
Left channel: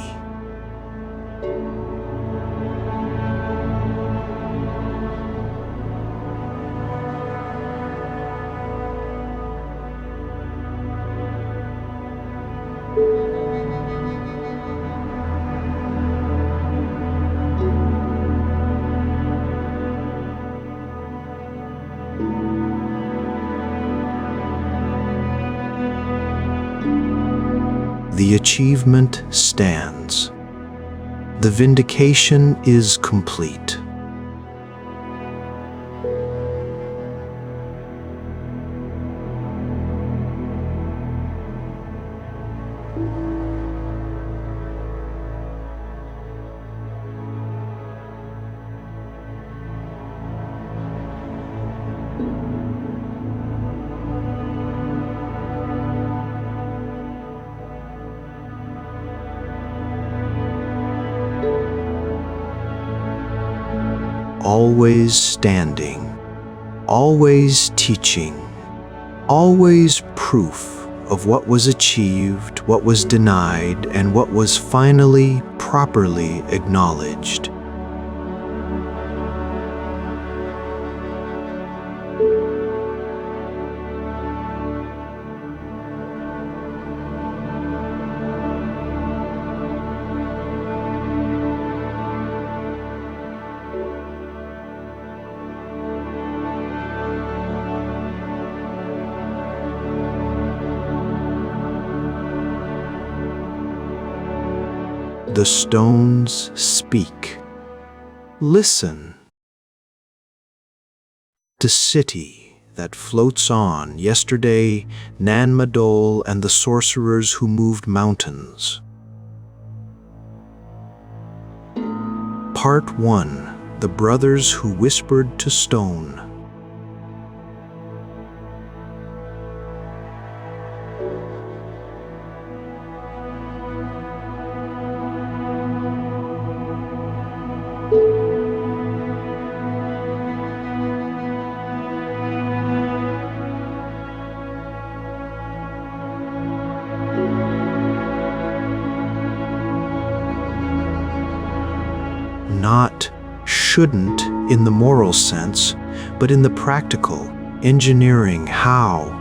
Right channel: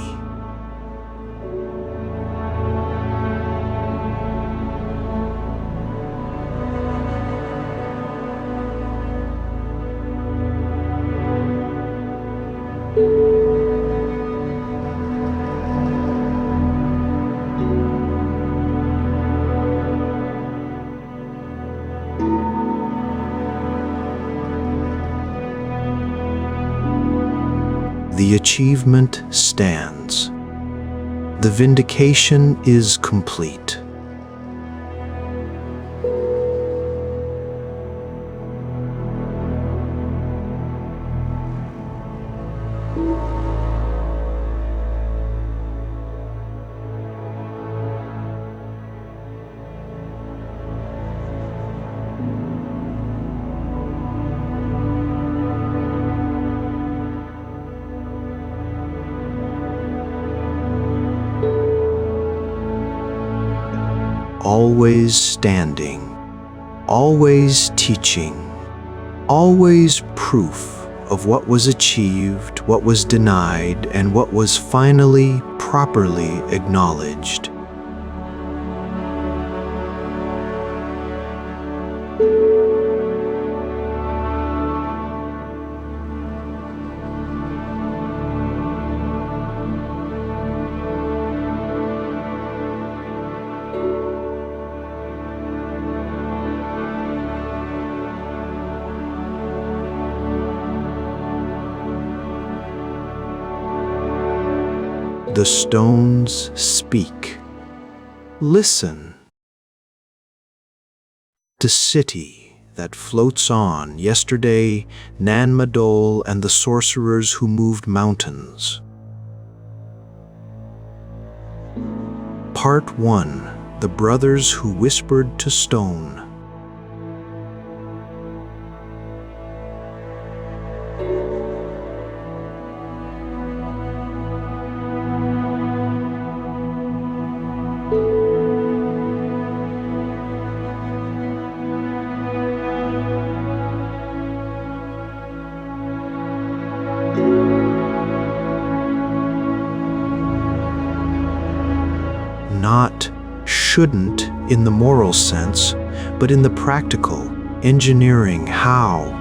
The achievement stands. The vindication is complete. Always standing, always teaching, always proof of what was achieved, what was denied, and what was finally properly acknowledged. The stones speak. Listen. The city that floats on, yesterday, Madol and the sorcerers who moved mountains. Part 1. The brothers who whispered to stone. Not shouldn't in the moral sense, but in the practical, engineering how.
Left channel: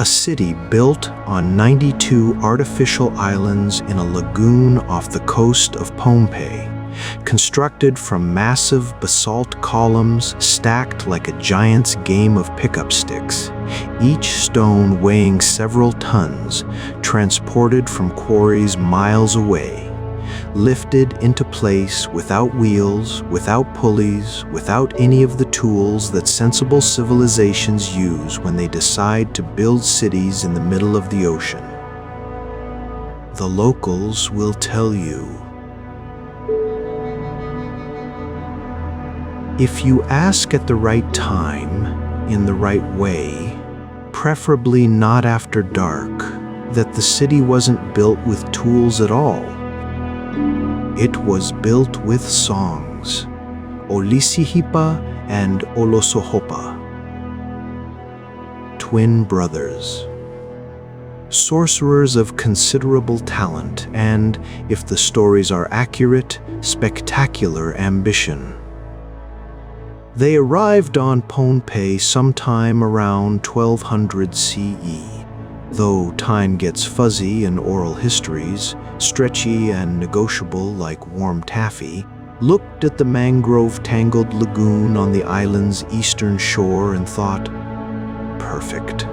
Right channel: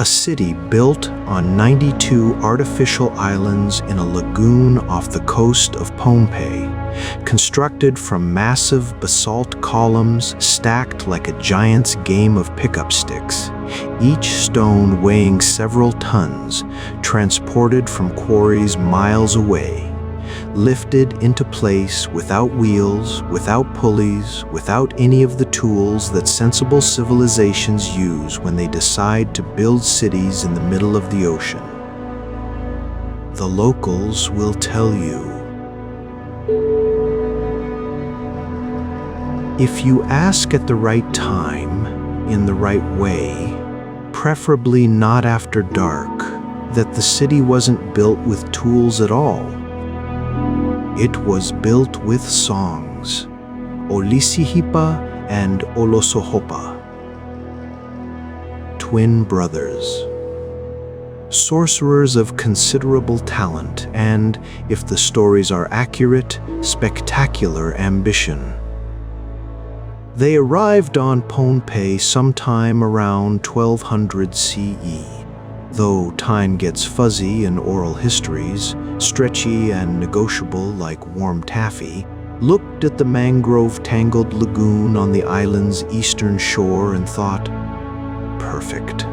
A city built on 92 artificial islands in a lagoon off the coast of Pompeii, constructed from massive basalt columns stacked like a giant's game of pickup sticks, each stone weighing several tons, transported from quarries miles away, lifted into place without wheels, without pulleys, without any of the tools that sensible civilizations use when they decide to build cities in the middle of the ocean. The locals will tell you. If you ask at the right time, in the right way, preferably not after dark, that the city wasn't built with tools at all. It was built with songs, Olisihipa and Olosohopa, twin brothers, sorcerers of considerable talent and, if the stories are accurate, spectacular ambition. They arrived on Pompeii sometime around 1200 CE. Though time gets fuzzy in oral histories, stretchy and negotiable like warm taffy, looked at the mangrove-tangled lagoon on the island's eastern shore and thought, perfect.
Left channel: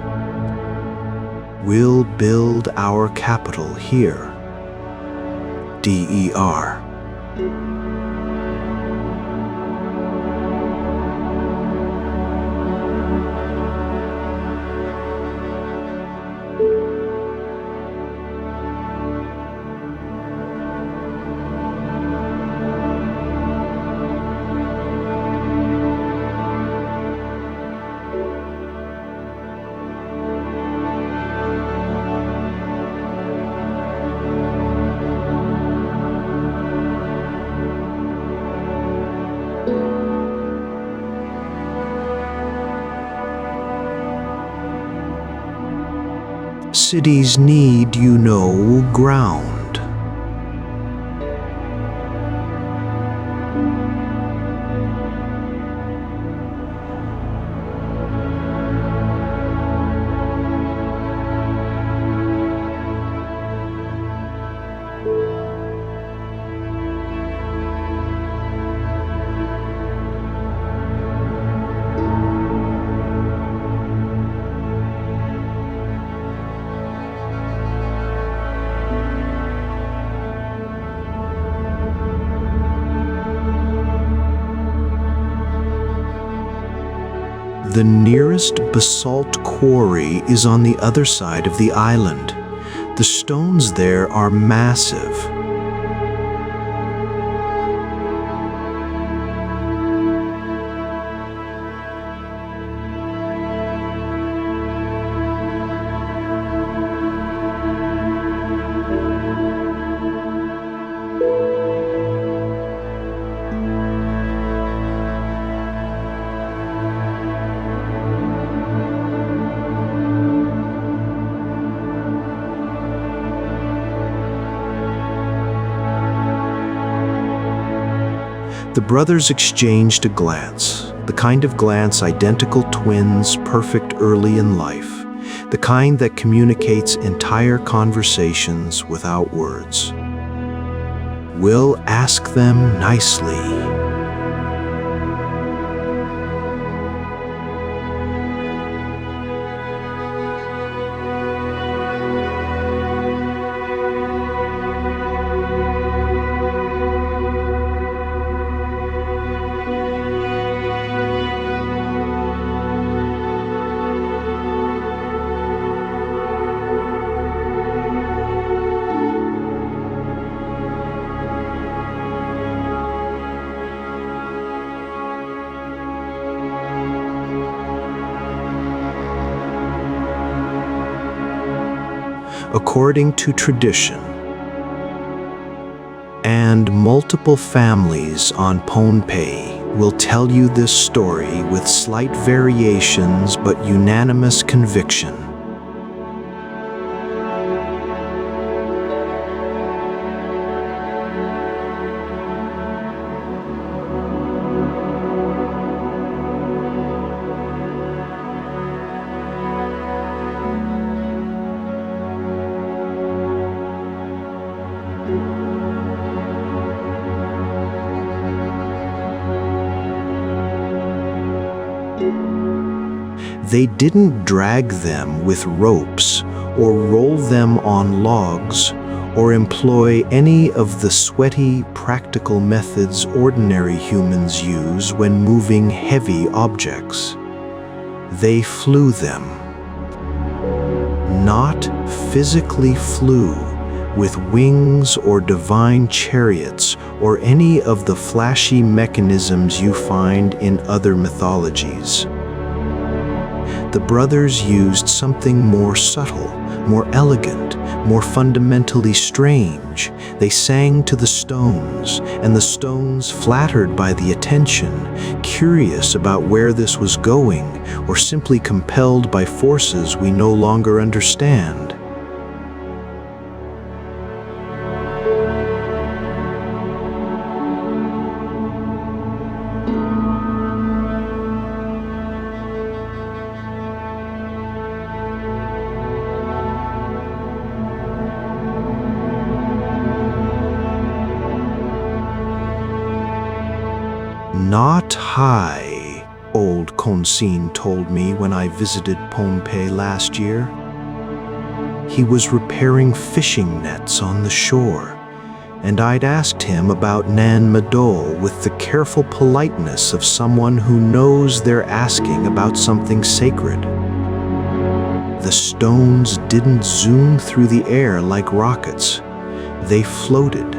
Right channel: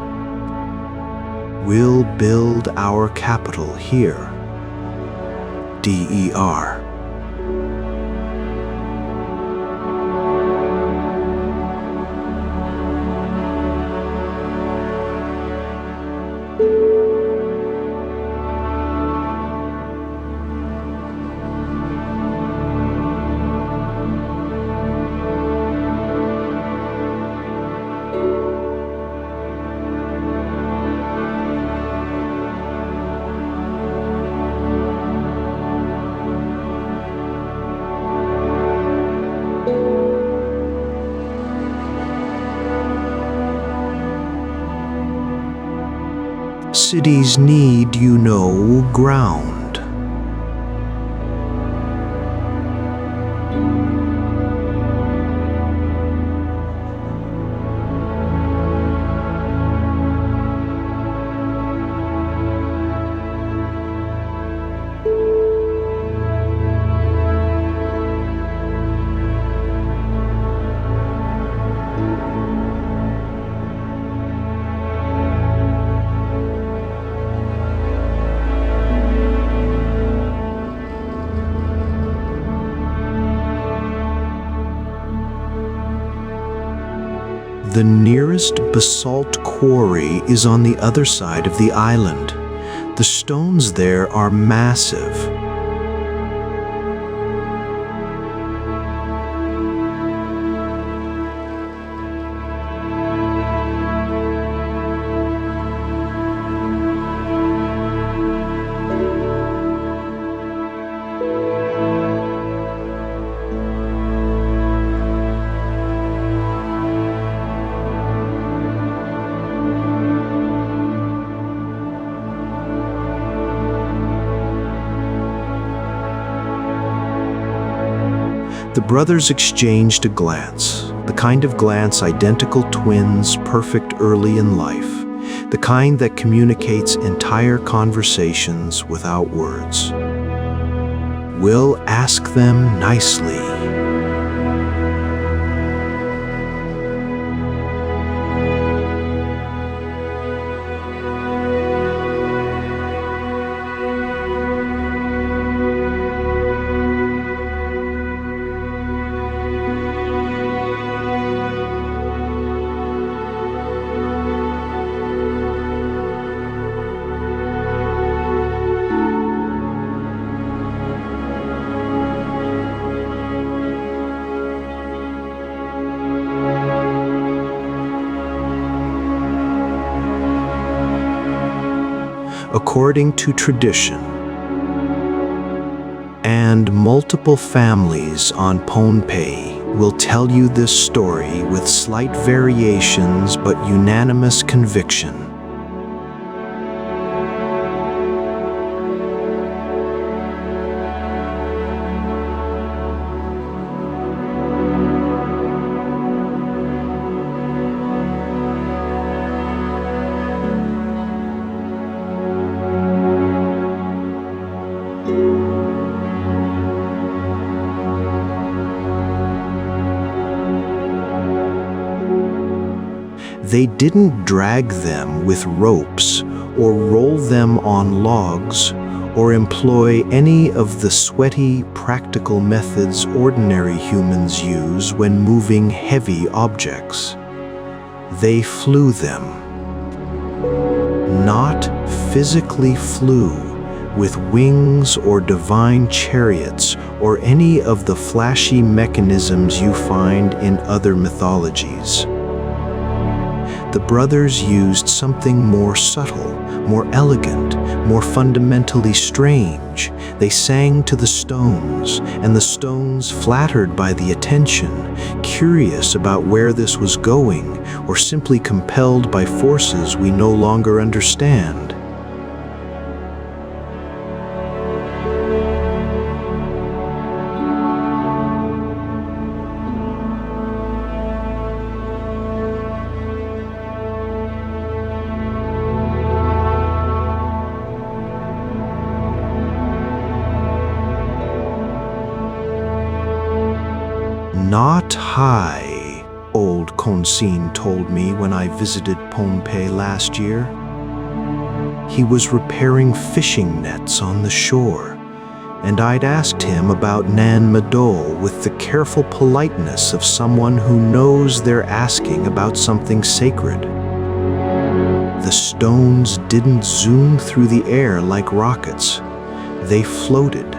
We'll build our capital here. Der. Cities need, ground. The nearest basalt quarry is on the other side of the island. The stones there are massive. The brothers exchanged a glance, the kind of glance identical twins perfect early in life, the kind that communicates entire conversations without words. "We'll ask them nicely." According to tradition, and multiple families on Pohnpei will tell you this story with slight variations but unanimous conviction. They didn't drag them with ropes or roll them on logs or employ any of the sweaty, practical methods ordinary humans use when moving heavy objects. They flew them. Not physically flew with wings or divine chariots or any of the flashy mechanisms you find in other mythologies. The brothers used something more subtle, more elegant, more fundamentally strange. They sang to the stones, and the stones, flattered by the attention, curious about where this was going, or simply compelled by forces we no longer understand. Not high, old Konsin told me when I visited Pohnpei last year. He was repairing fishing nets on the shore, and I'd asked him about Nan Madol with the careful politeness of someone who knows they're asking about something sacred. The stones didn't zoom through the air like rockets. They floated,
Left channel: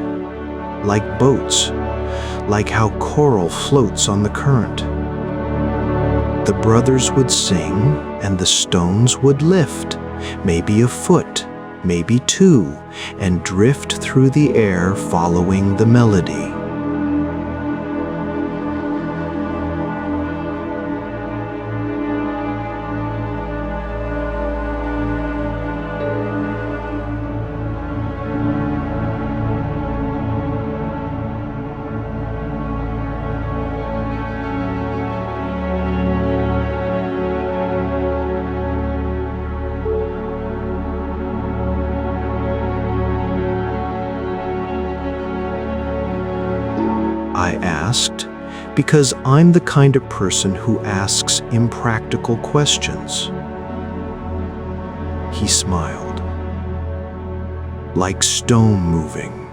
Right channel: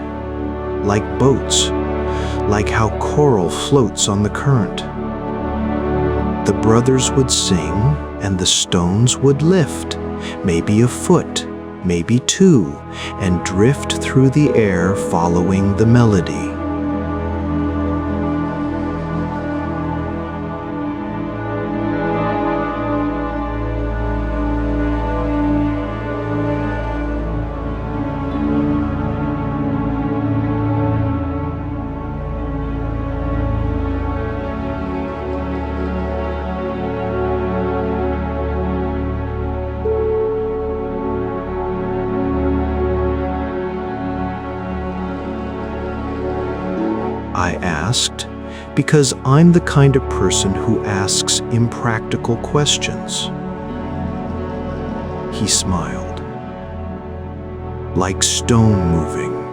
like boats, like how coral floats on the current. The brothers would sing, and the stones would lift, maybe a foot, maybe two, and drift through the air following the melody. I asked, because I'm the kind of person who asks impractical questions. He smiled. Like stone moving.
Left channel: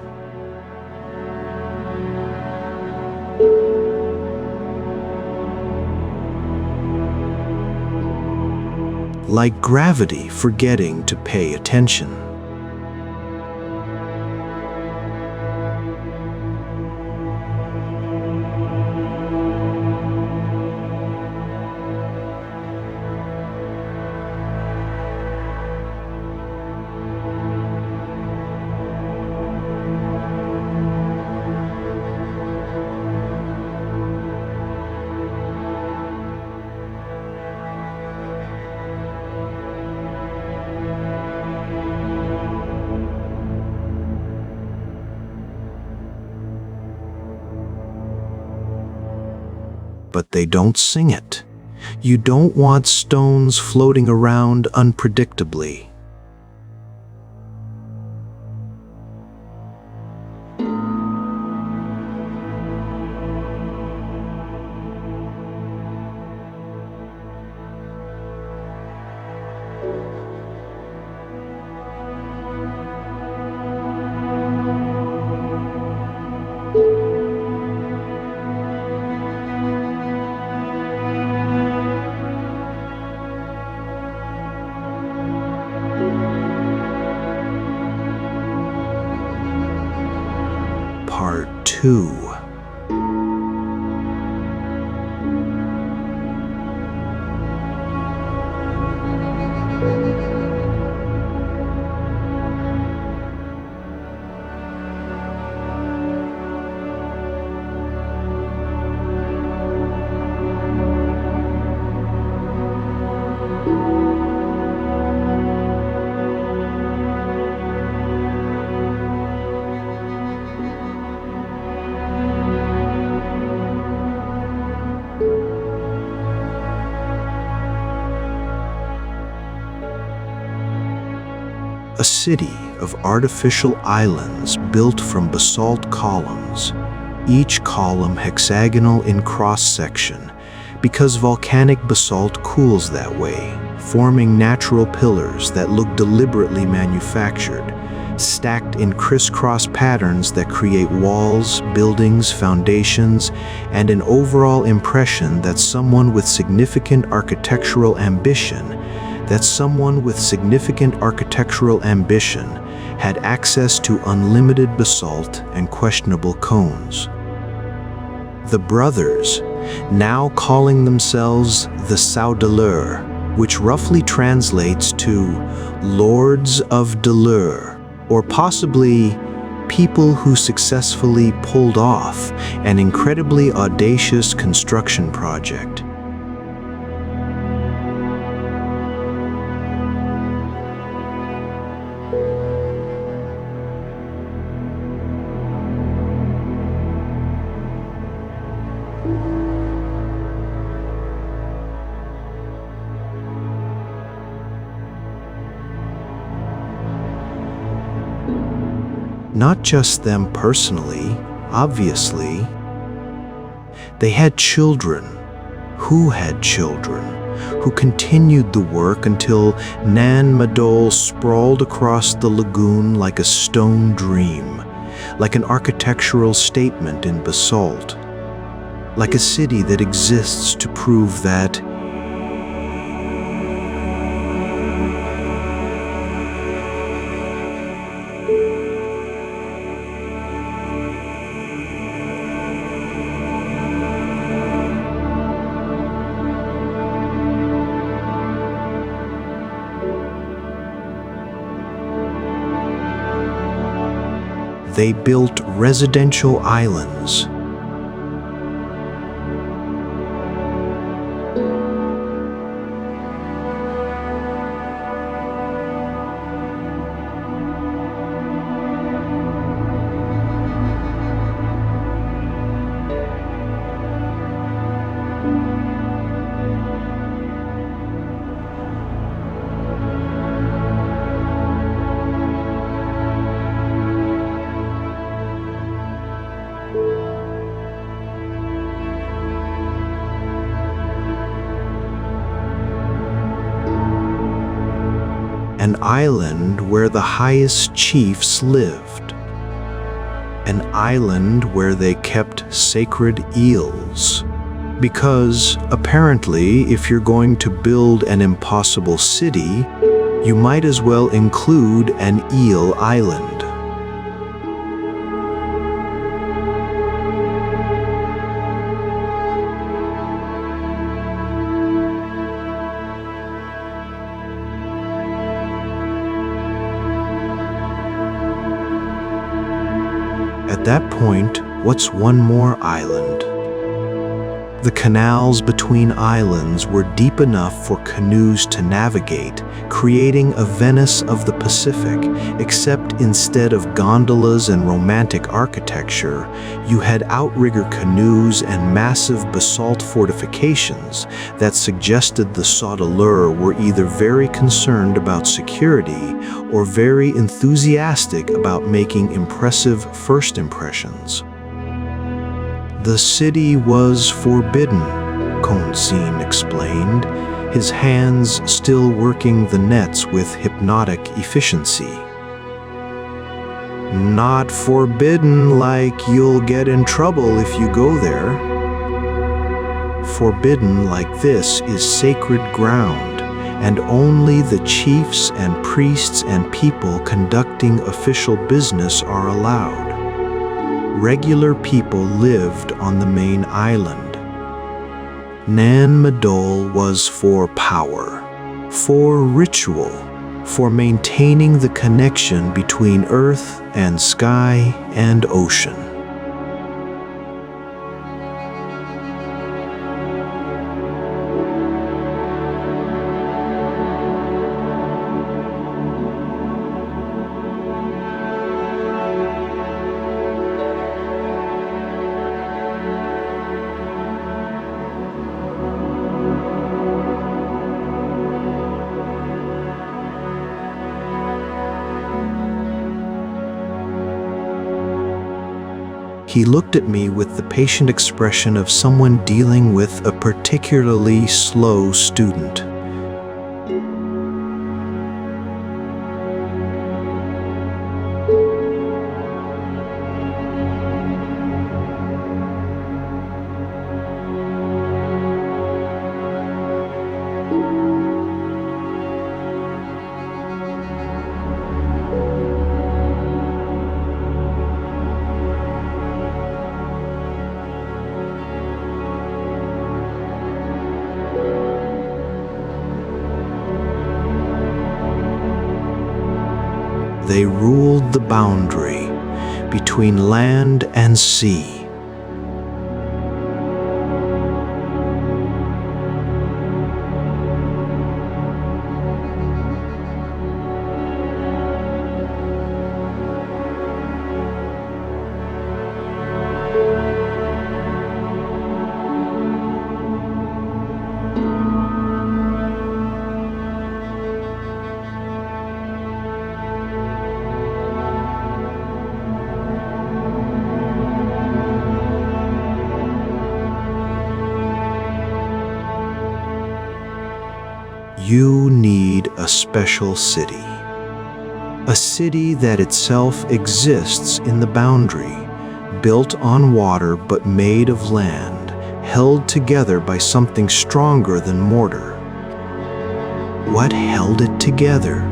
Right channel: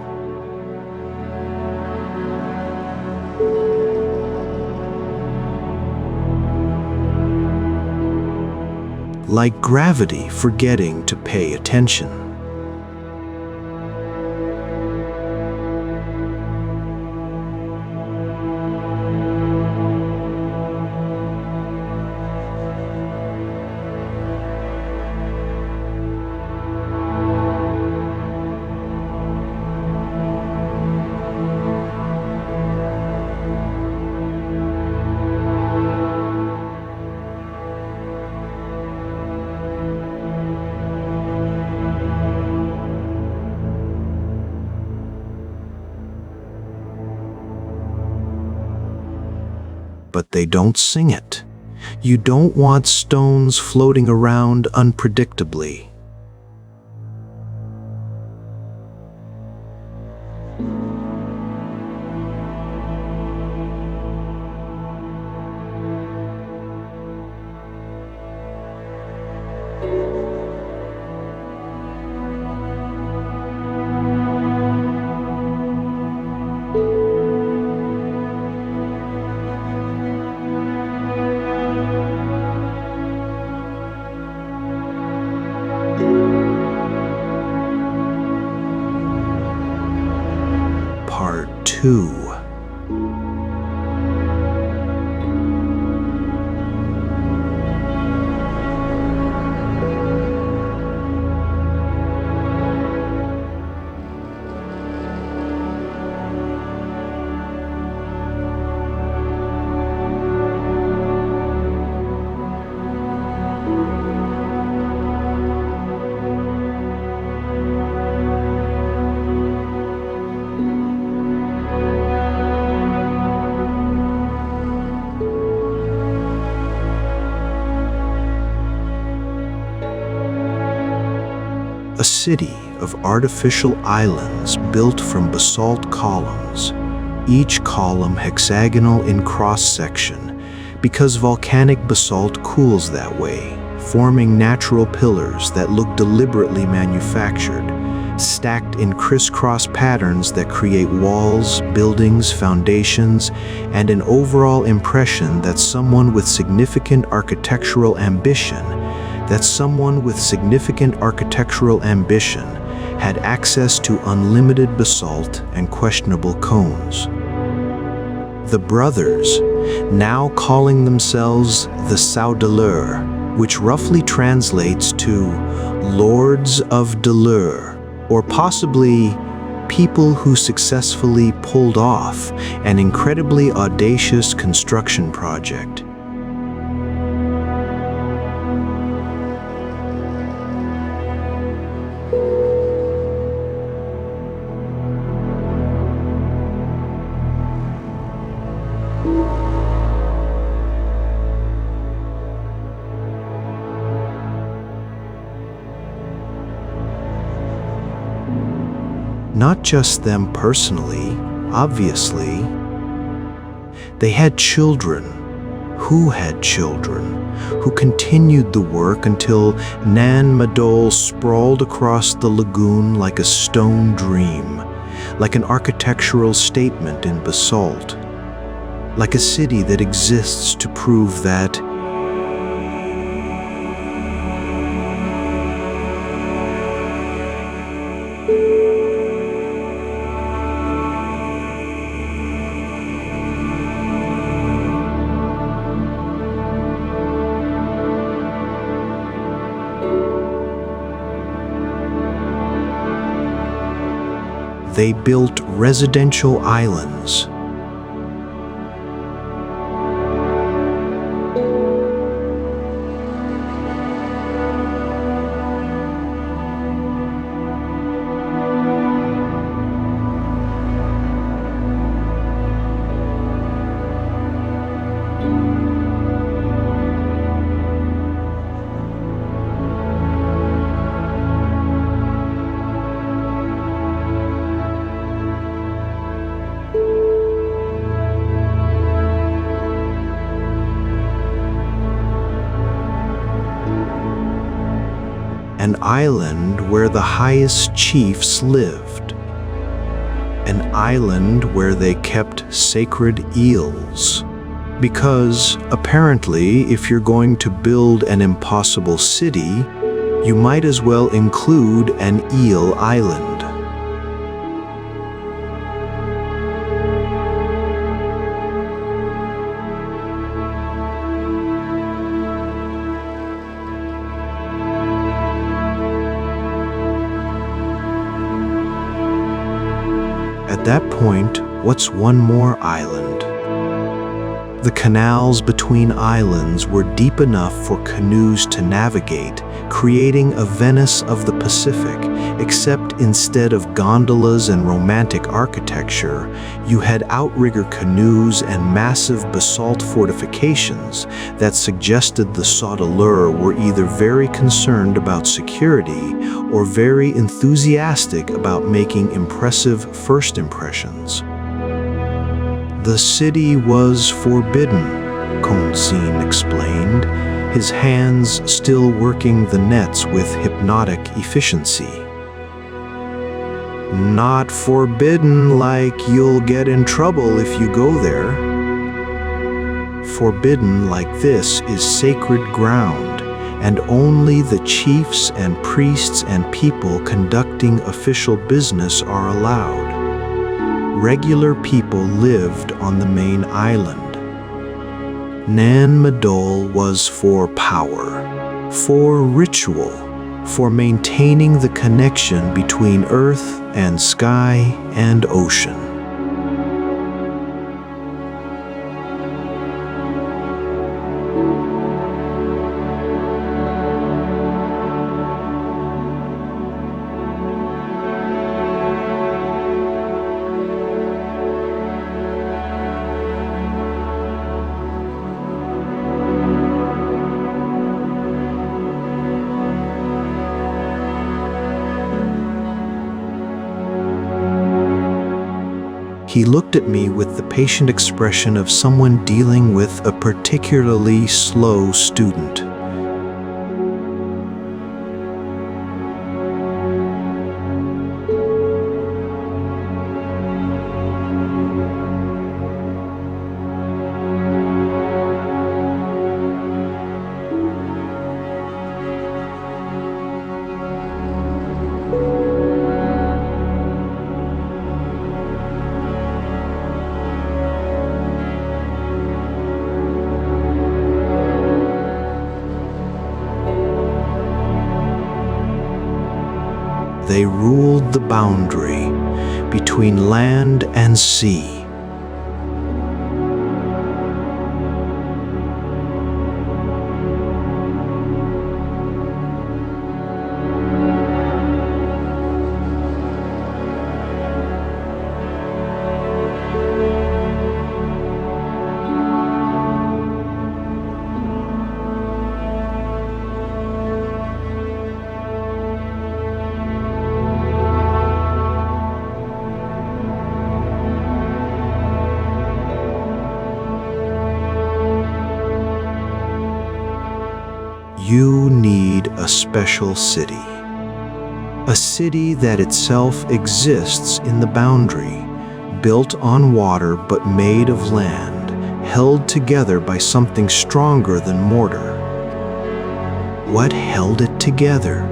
Like gravity forgetting to pay attention. but they don't sing it. You don't want stones floating around unpredictably. Part 2. A city of artificial islands built from basalt columns, each column hexagonal in cross-section, because volcanic basalt cools that way, forming natural pillars that look deliberately manufactured, stacked in crisscross patterns that create walls, buildings, foundations, and an overall impression that someone with significant architectural ambition had access to unlimited basalt and questionable cones. The brothers, now calling themselves the Saudeleur, which roughly translates to Lords of Deleur, or possibly people who successfully pulled off an incredibly audacious construction project. Not just them personally, obviously. They had children who continued the work until Nan Madol sprawled across the lagoon like a stone dream, like an architectural statement in basalt, like a city that exists to prove that they built residential islands. An island where the highest chiefs lived. An island where they kept sacred eels. Because, apparently, if you're going to build an impossible city, you might as well include an eel island. At that point, what's one more island? The canals between islands were deep enough for canoes to navigate, creating a Venice of the Pacific, except instead of gondolas and romantic architecture, you had outrigger canoes and massive basalt fortifications that suggested the sauteleurs were either very concerned about security or very enthusiastic about making impressive first impressions. The city was forbidden, Konsin explained, his hands still working the nets with hypnotic efficiency. Not forbidden like you'll get in trouble if you go there. Forbidden like this is sacred ground, and only the chiefs and priests and people conducting official business are allowed. Regular people lived on the main island. Nan Madol was for power, for ritual, for maintaining the connection between earth and sky and ocean. He looked at me with the patient expression of someone dealing with a particularly slow student. They ruled the boundary between land and sea. You need a special city. A city that itself exists in the boundary, built on water but made of land, held together by something stronger than mortar. What held it together?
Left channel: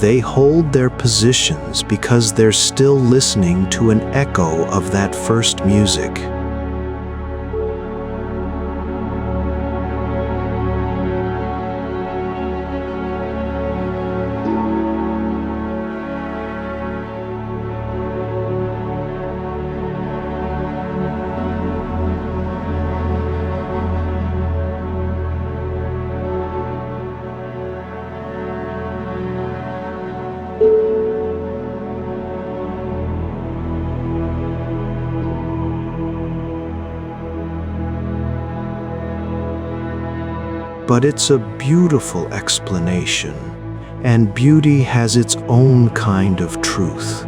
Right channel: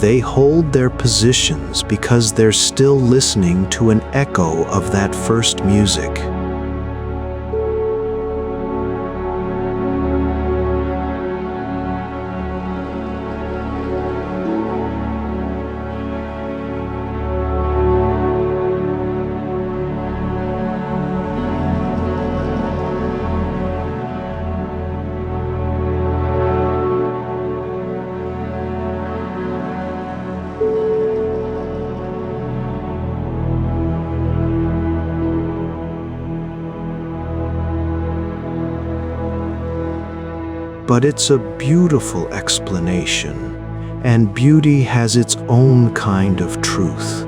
They hold their positions because they're still listening to an echo of that first music. But it's a beautiful explanation, and beauty has its own kind of truth.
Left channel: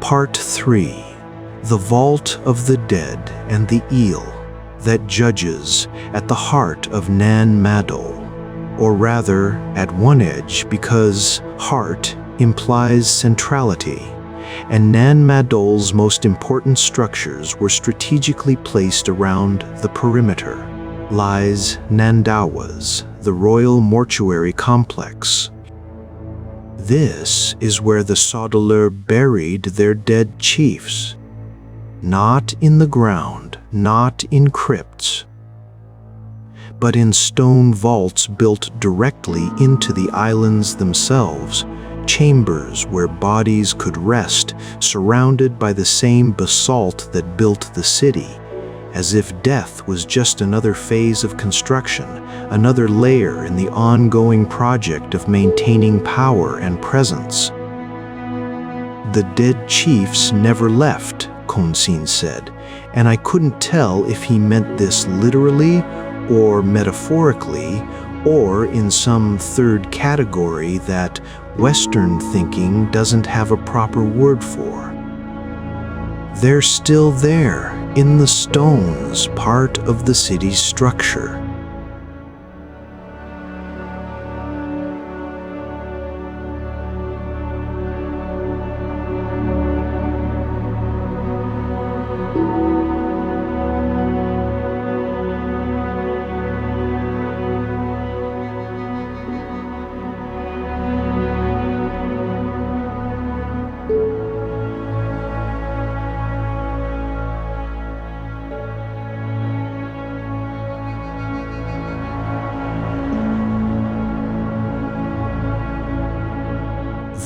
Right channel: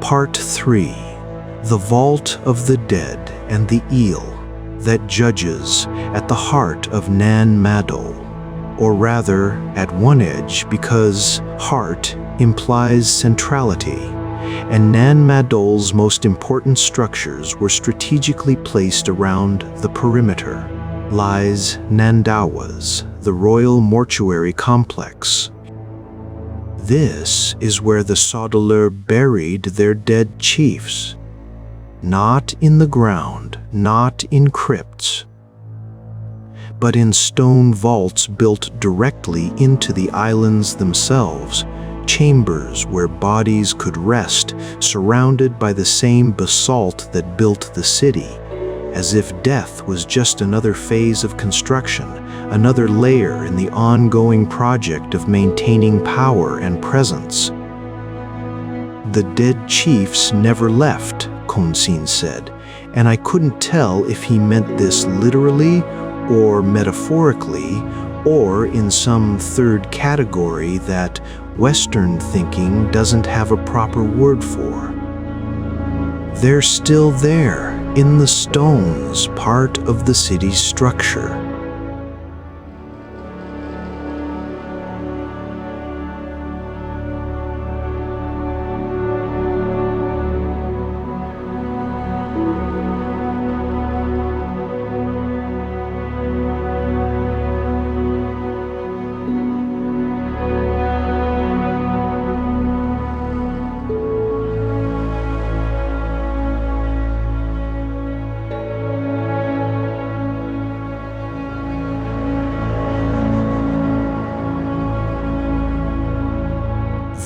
Part 3. The Vault of the Dead and the Eel that judges at the heart of Nan Madol, or rather at one edge, because heart implies centrality, and Madol's most important structures were strategically placed around the perimeter. Lies Nandawas, the royal mortuary complex. This is where the Sodelur buried their dead chiefs. Not in the ground, not in crypts, but in stone vaults built directly into the islands themselves, chambers where bodies could rest, surrounded by the same basalt that built the city, as if death was just another phase of construction, another layer in the ongoing project of maintaining power and presence. The dead chiefs never left, Konsin said, and I couldn't tell if he meant this literally or metaphorically, or in some third category that Western thinking doesn't have a proper word for. They're still there, in the stones, part of the city's structure.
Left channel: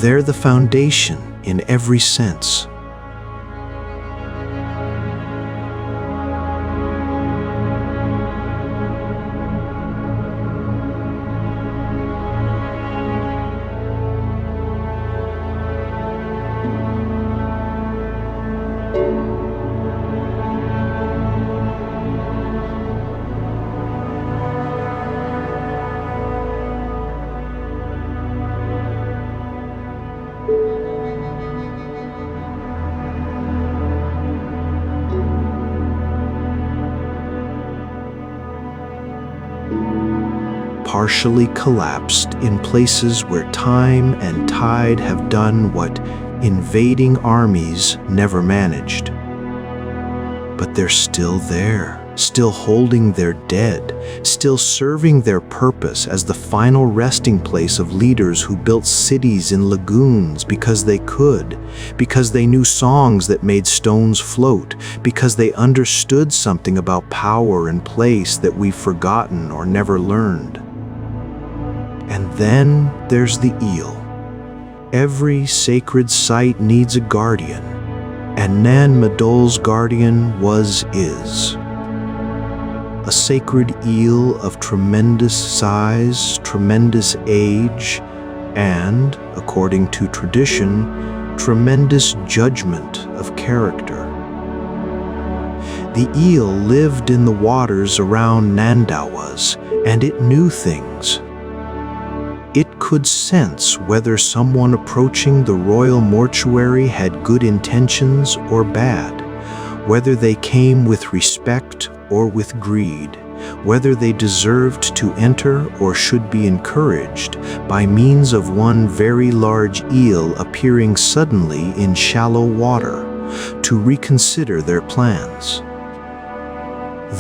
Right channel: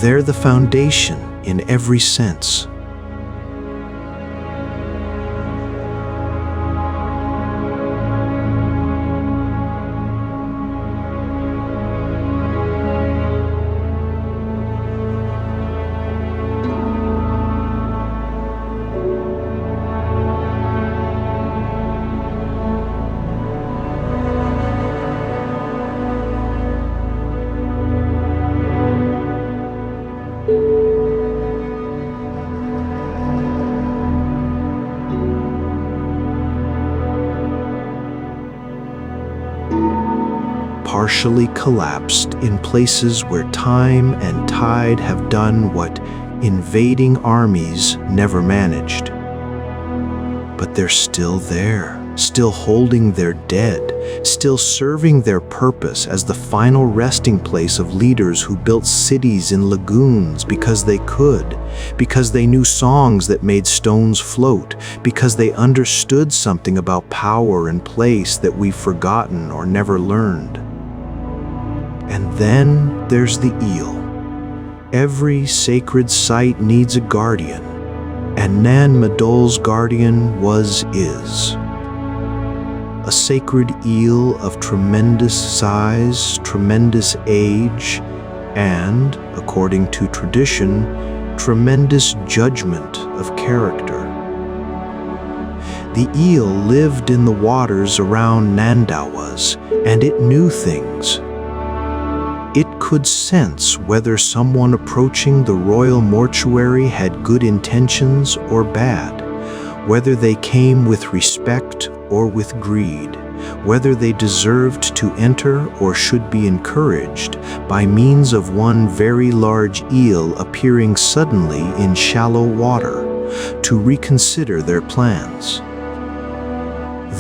They're the foundation in every sense. Partially collapsed in places where time and tide have done what invading armies never managed. But they're still there, still holding their dead, still serving their purpose as the final resting place of leaders who built cities in lagoons because they could, because they knew songs that made stones float, because they understood something about power and place that we've forgotten or never learned. And then there's the eel. Every sacred site needs a guardian, and Madol's guardian is. A sacred eel of tremendous size, tremendous age, and, according to tradition, tremendous judgment of character. The eel lived in the waters around Nandawas, and it knew things. It could sense whether someone approaching the royal mortuary had good intentions or bad, whether they came with respect or with greed, whether they deserved to enter or should be encouraged by means of one very large eel appearing suddenly in shallow water to reconsider their plans.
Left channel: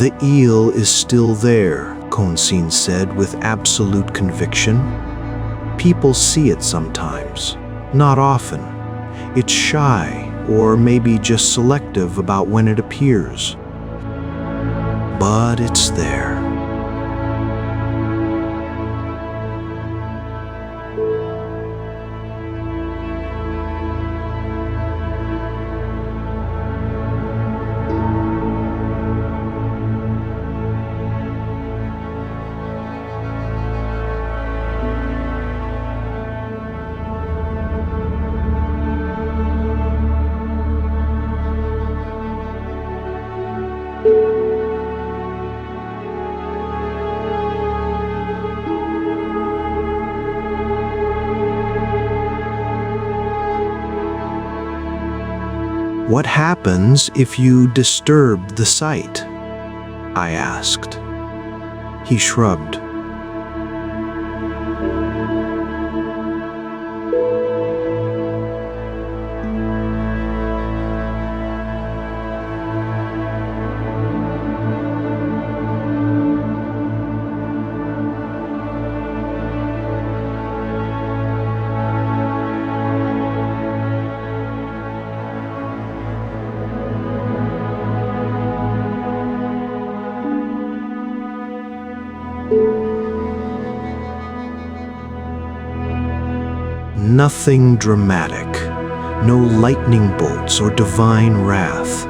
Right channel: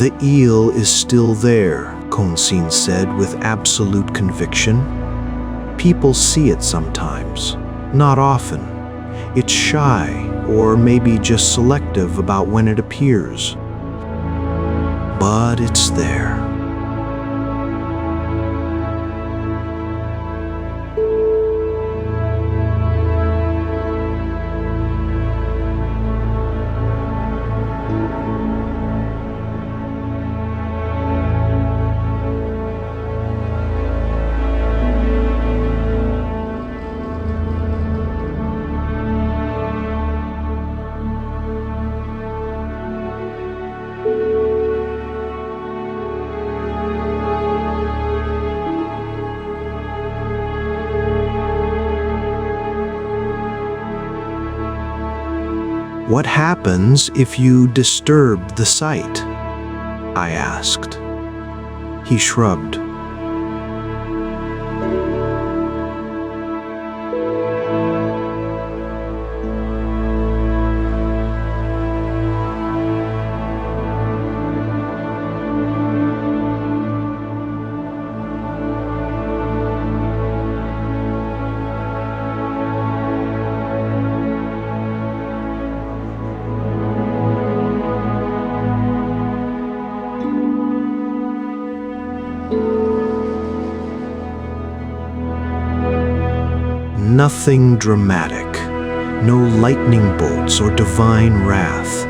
The eel is still there, Konsin said with absolute conviction. People see it sometimes, not often. It's shy, or maybe just selective about when it appears. But it's there. What happens if you disturb the site? I asked. He shrugged. Nothing dramatic, no lightning bolts or divine wrath.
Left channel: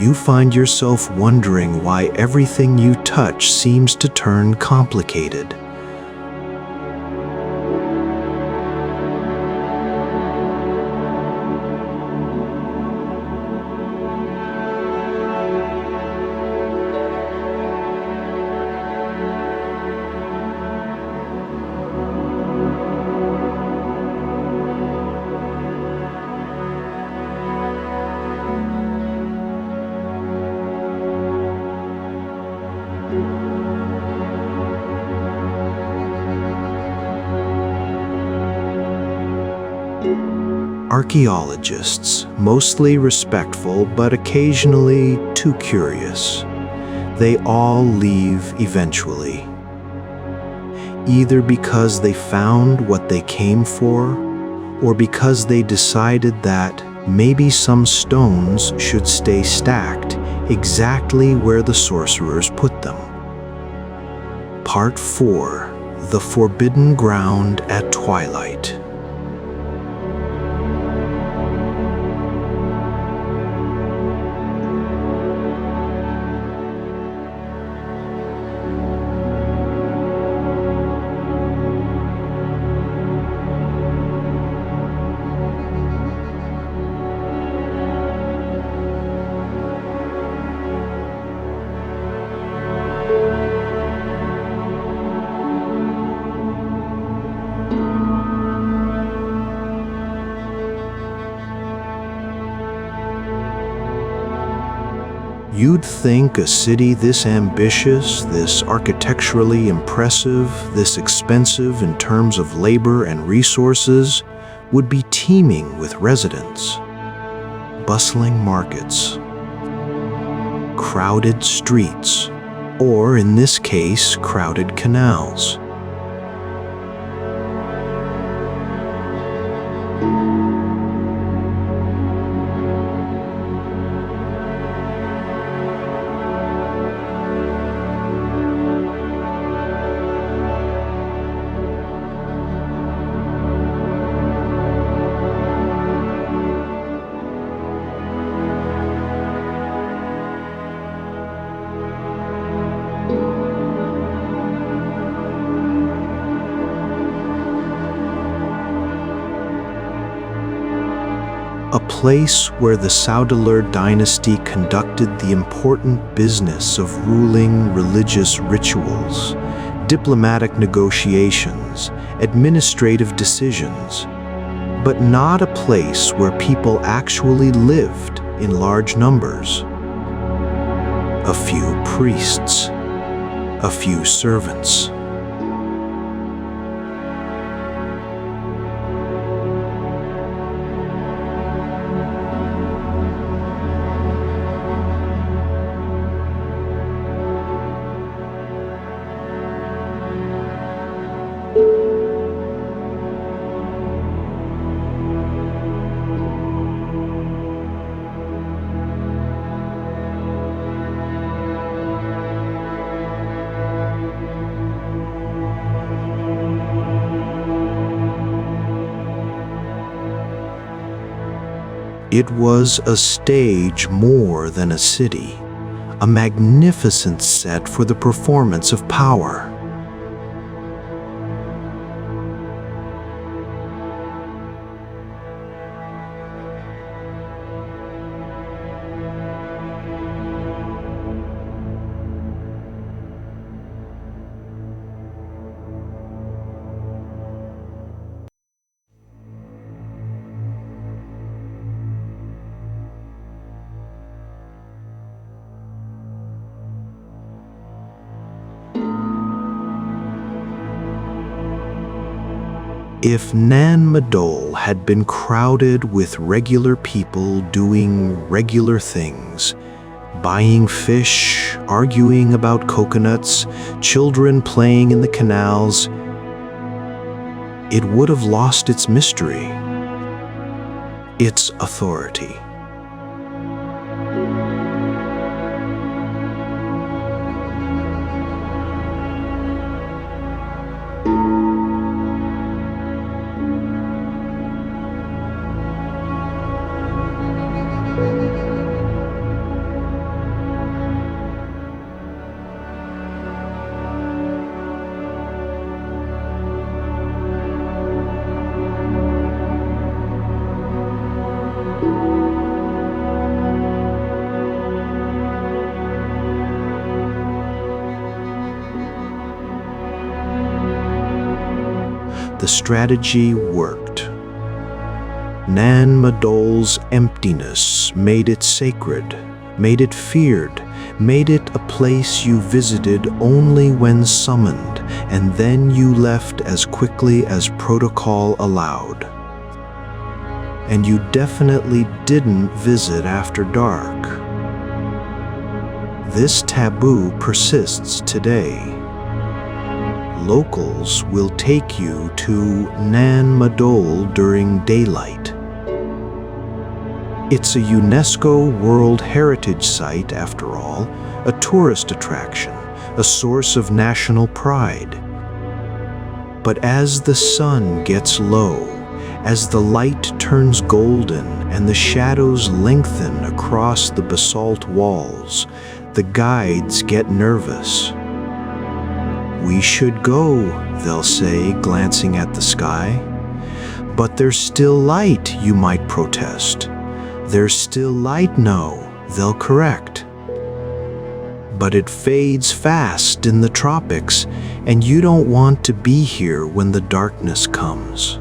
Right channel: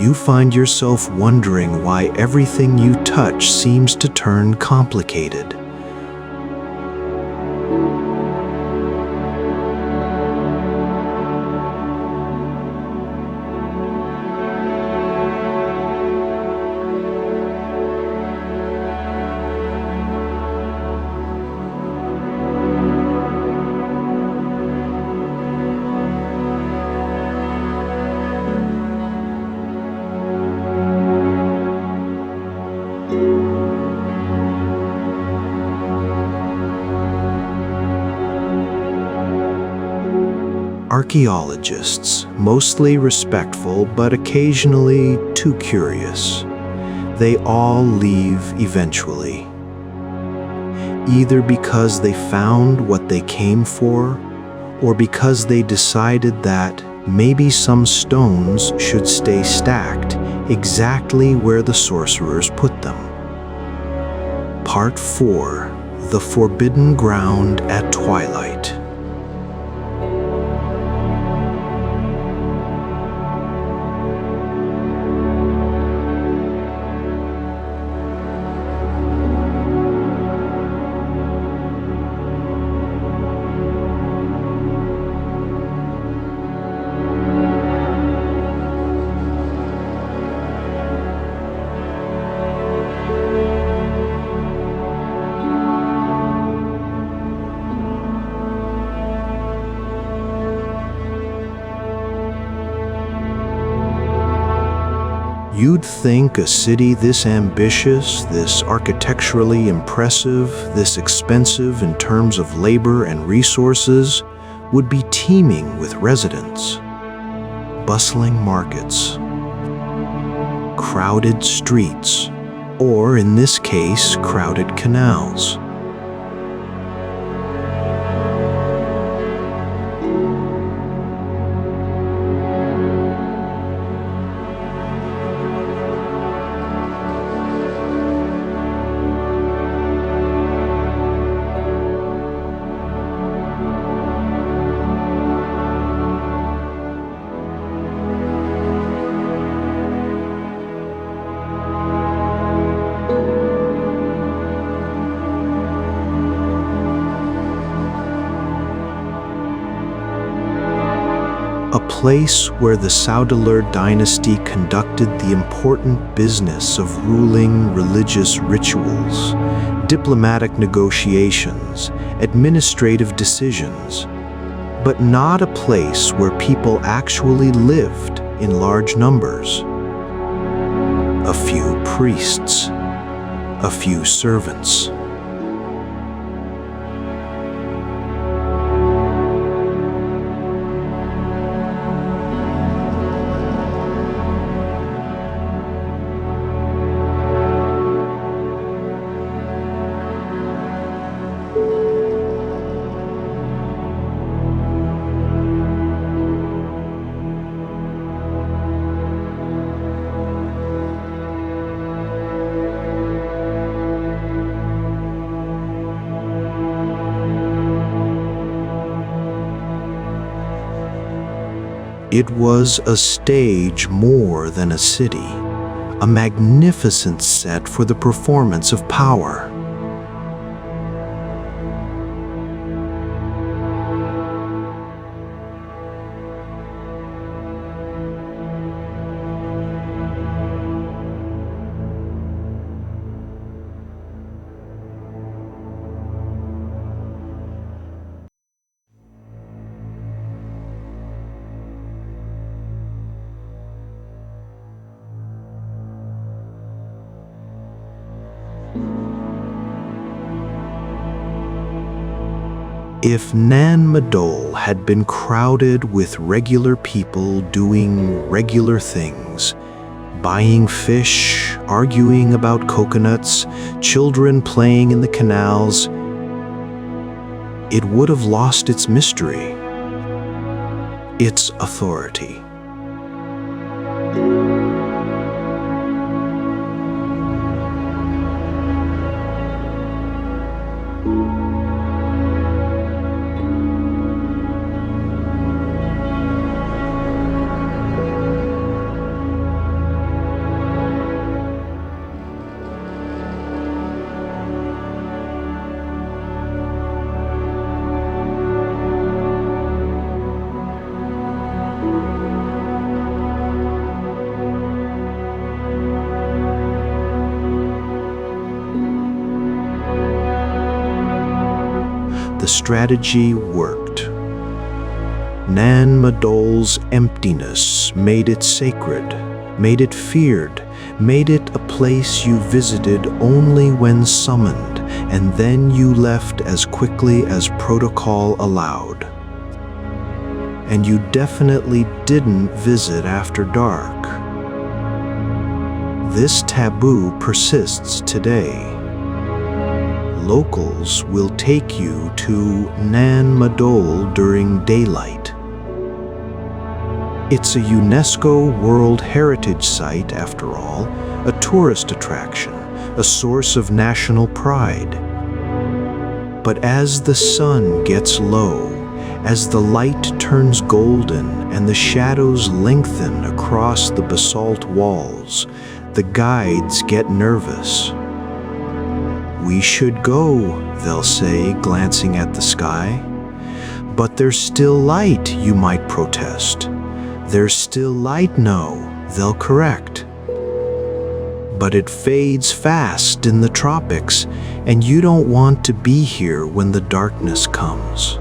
You find yourself wondering why everything you touch seems to turn complicated. Archaeologists, mostly respectful but occasionally too curious, they all leave eventually. Either because they found what they came for, or because they decided that maybe some stones should stay stacked exactly where the sorcerers put them. Part 4: The Forbidden Ground at Twilight. You'd think a city this ambitious, this architecturally impressive, this expensive in terms of labor and resources, would be teeming with residents. Bustling markets, crowded streets, or in this case, crowded canals. A place where the Saudeler dynasty conducted the important business of ruling religious rituals, diplomatic negotiations, administrative decisions, but not a place where people actually lived in large numbers. A few priests, a few servants. It was a stage more than a city, a magnificent set for the performance of power. If Madol had been crowded with regular people doing regular things, buying fish, arguing about coconuts, children playing in the canals, it would have lost its mystery, its authority. The strategy worked. Madol's emptiness made it sacred, made it feared, made it a place you visited only when summoned, and then you left as quickly as protocol allowed. And you definitely didn't visit after dark. This taboo persists today. Locals will take you to Madol during daylight. It's a UNESCO World Heritage Site, after all, a tourist attraction, a source of national pride. But as the sun gets low, as the light turns golden and the shadows lengthen across the basalt walls, the guides get nervous. "We should go," they'll say, glancing at the sky. "But there's still light," you might protest. "There's still light, no," they'll correct. But it fades fast in the tropics, and you don't want to be here when the darkness comes.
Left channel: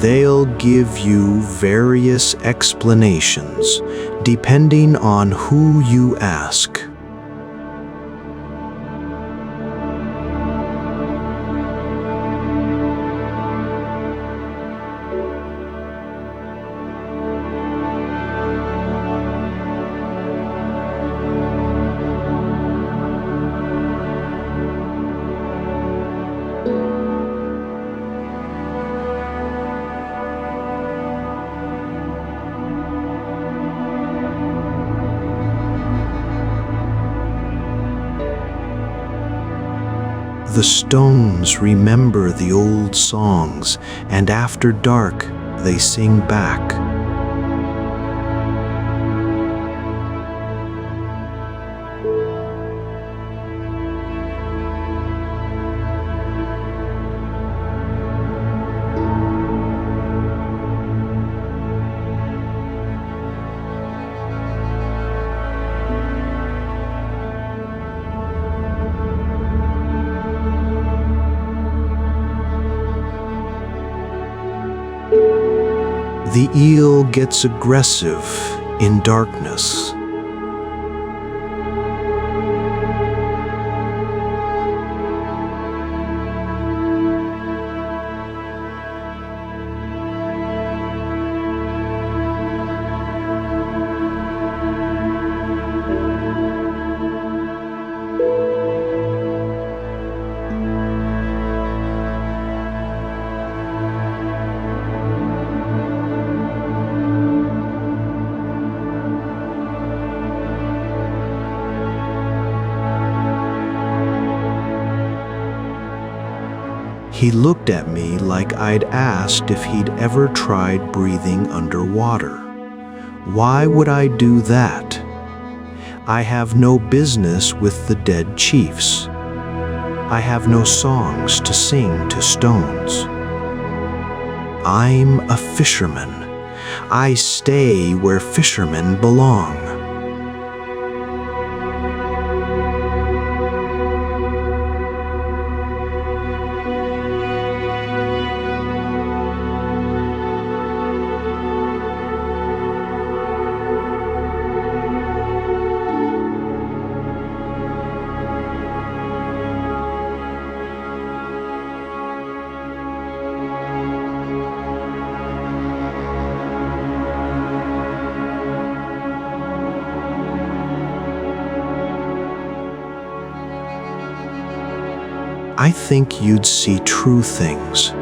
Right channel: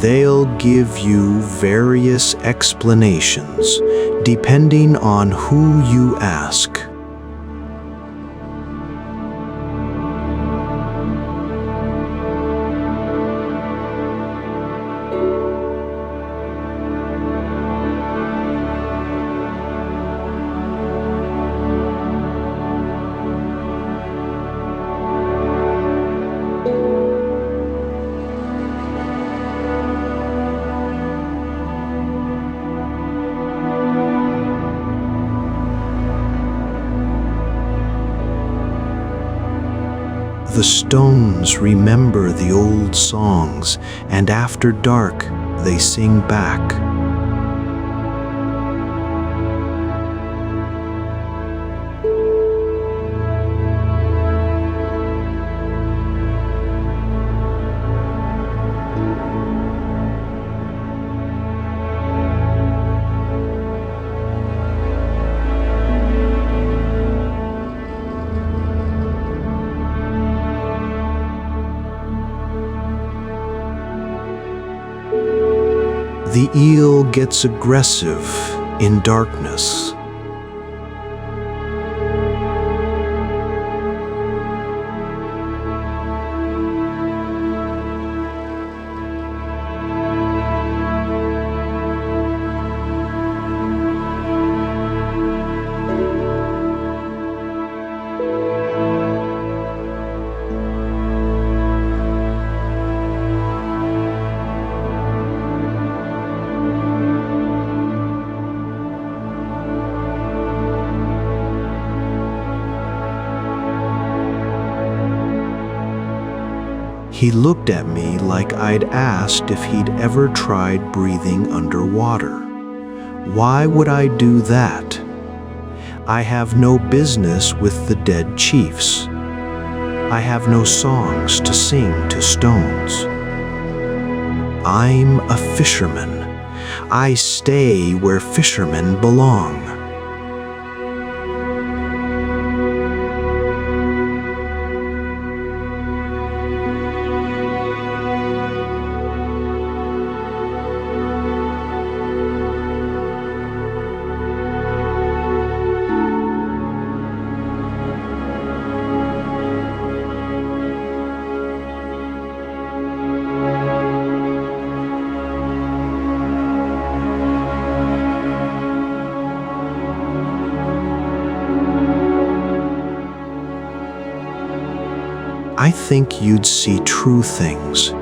They'll give you various explanations, depending on who you ask. The stones remember the old songs, and after dark, they sing back. The eel gets aggressive in darkness. He looked at me like I'd asked if he'd ever tried breathing underwater. Why would I do that? I have no business with the dead chiefs. I have no songs to sing to stones. I'm a fisherman. I stay where fishermen belong. I think you'd see true things,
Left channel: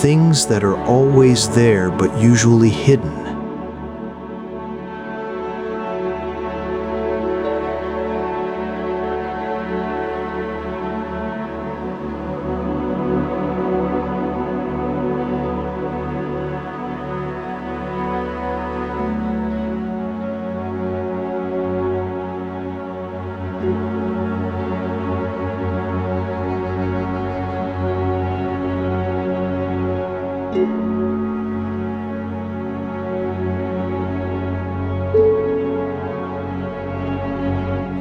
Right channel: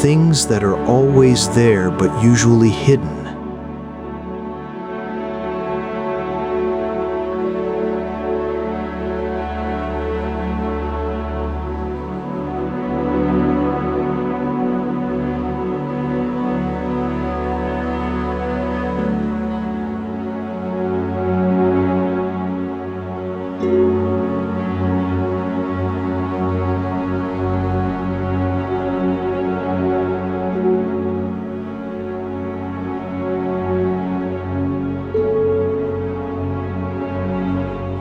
things that are always there but usually hidden.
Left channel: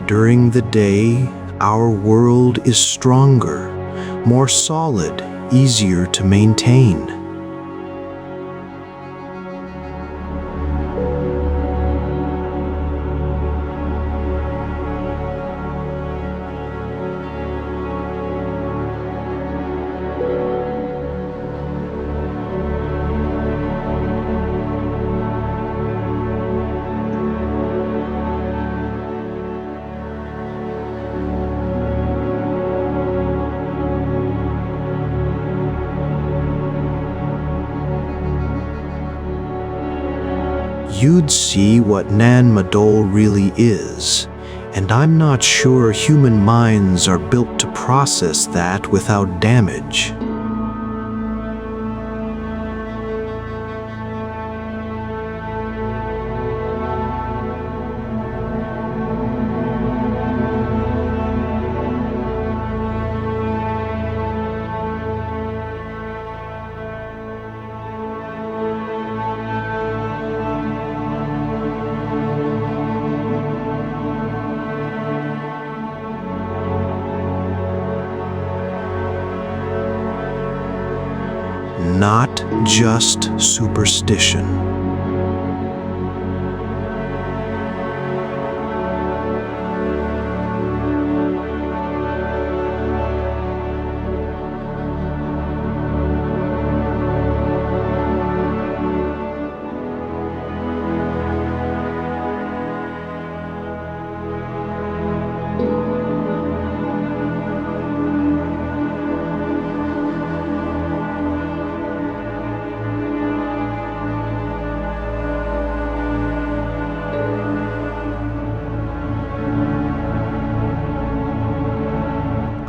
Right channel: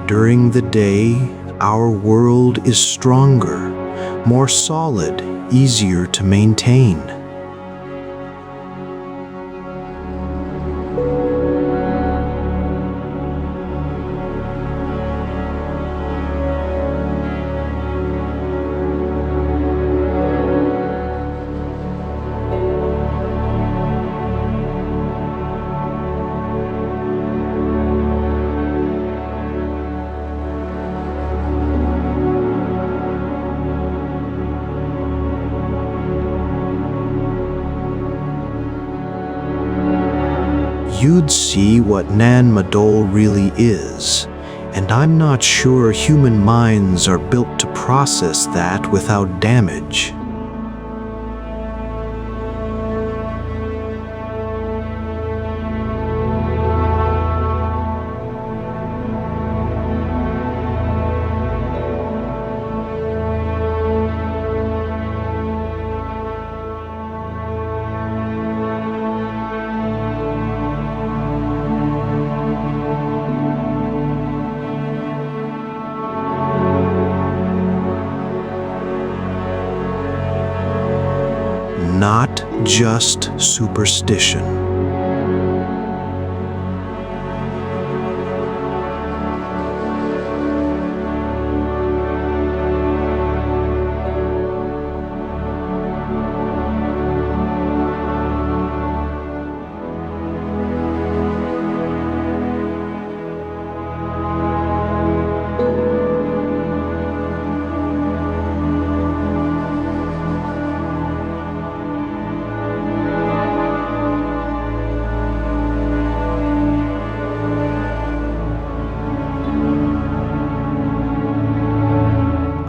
During the day, our world is stronger, more solid, easier to maintain. You'd see what Madol really is, and I'm not sure human minds are built to process that without damage. Not just superstition.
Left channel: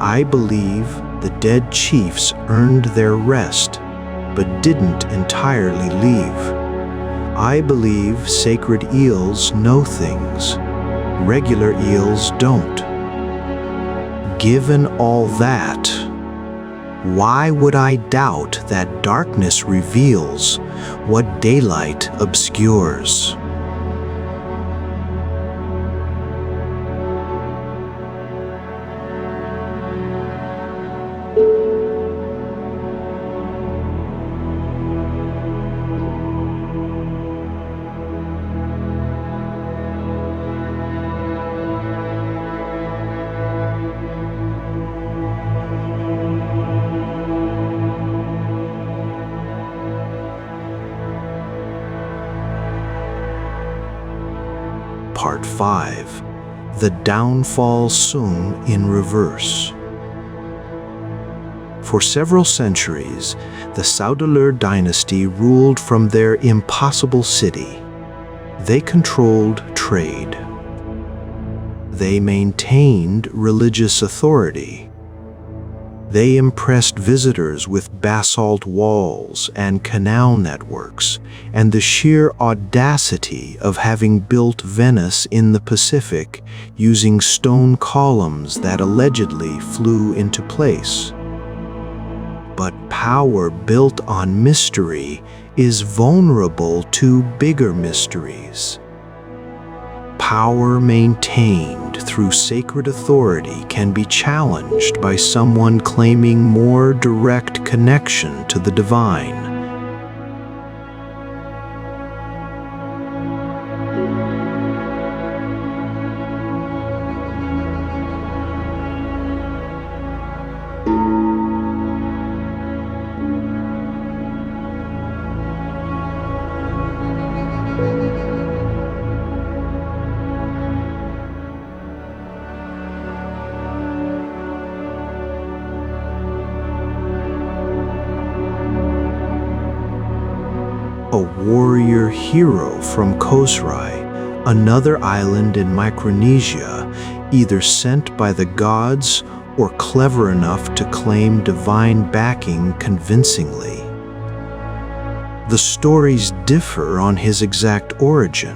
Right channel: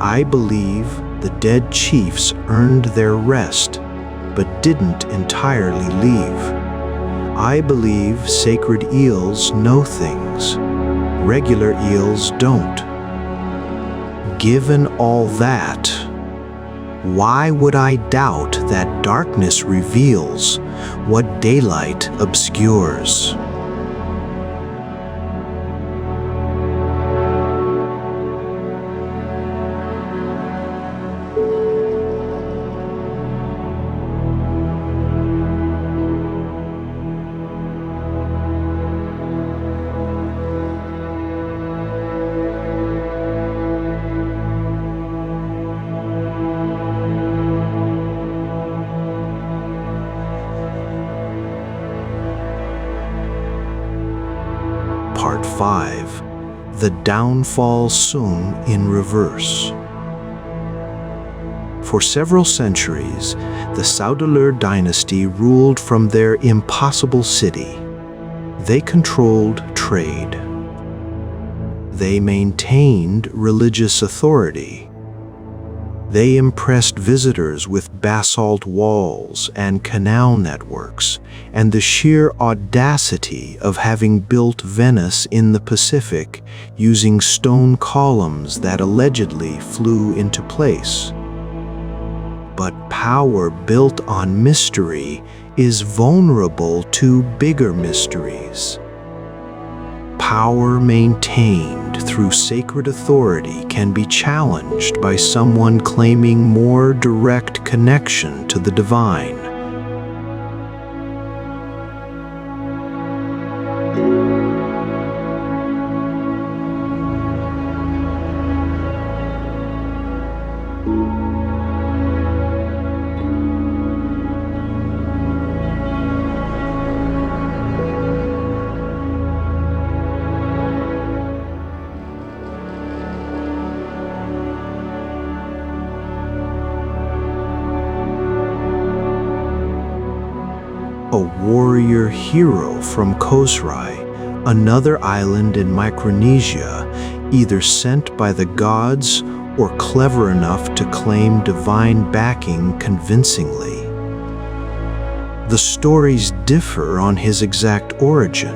I believe the dead chiefs earned their rest, but didn't entirely leave. I believe sacred eels know things. Regular eels don't. Given all that, why would I doubt that darkness reveals what daylight obscures? Part 5. The Downfall Sung in Reverse. For several centuries, the Saudeleur dynasty ruled from their impossible city. They controlled trade. They maintained religious authority. They impressed visitors with basalt walls and canal networks, and the sheer audacity of having built Venice in the Pacific using stone columns that allegedly flew into place. But power built on mystery is vulnerable to bigger mysteries. Power maintained through sacred authority can be challenged by someone claiming more direct connection to the divine. A warrior hero from Khosrai, another island in Micronesia, either sent by the gods or clever enough to claim divine backing convincingly. The stories differ on his exact origin,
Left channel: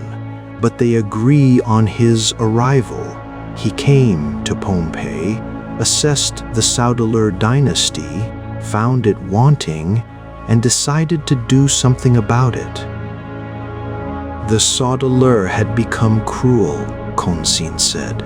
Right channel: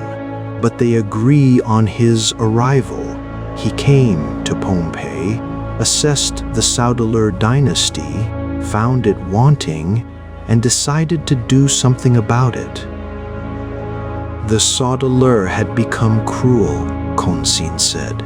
but they agree on his arrival. He came to Pompeii, assessed the Saudeleur dynasty, found it wanting, and decided to do something about it. The Saudeleur had become cruel, Konsin said.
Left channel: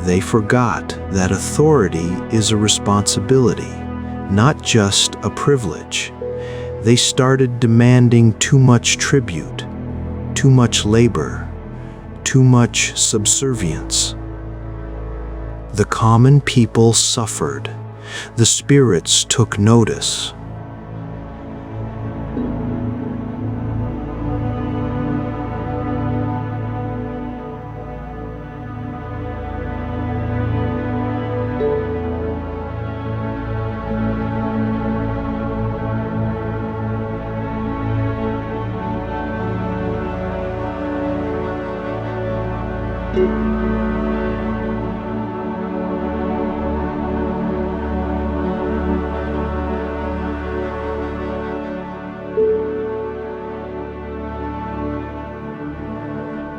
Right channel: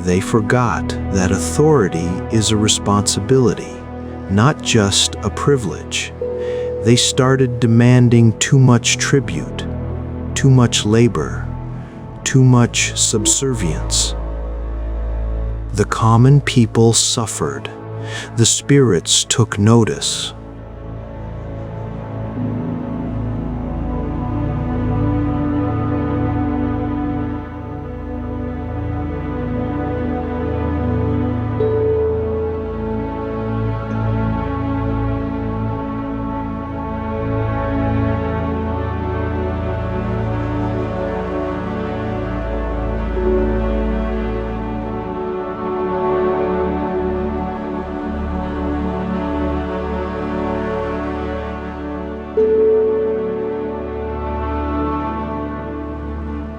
They forgot that authority is a responsibility, not just a privilege. They started demanding too much tribute, too much labor, too much subservience. The common people suffered. The spirits took notice.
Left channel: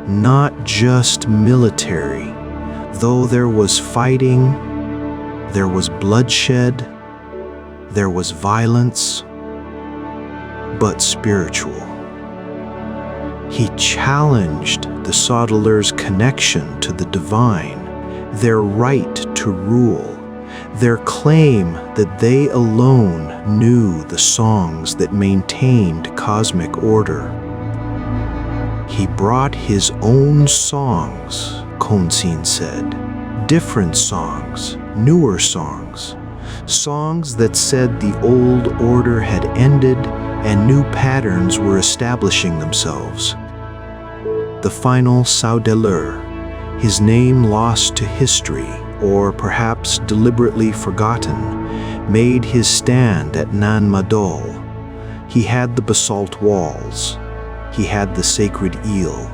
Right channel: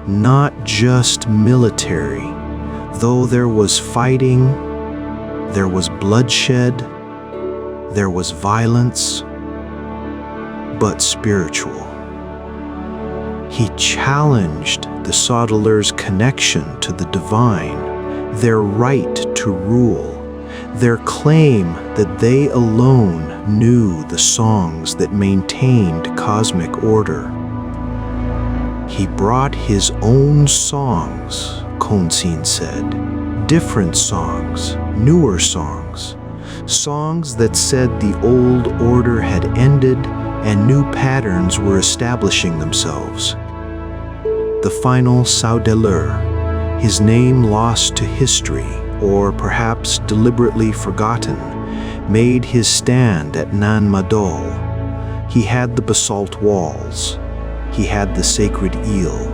Not just military. Though there was fighting, there was bloodshed, there was violence, but spiritual. He challenged the Saudeleur's connection to the divine, their right to rule, their claim that they alone knew the songs that maintained cosmic order. He brought his own songs, Konsin said. Different songs, newer songs. Songs that said the old order had ended and new patterns were establishing themselves. The final Saudeleur, his name lost to history or perhaps deliberately forgotten, made his stand at Nan Madol. He had the basalt walls. He had the sacred eel.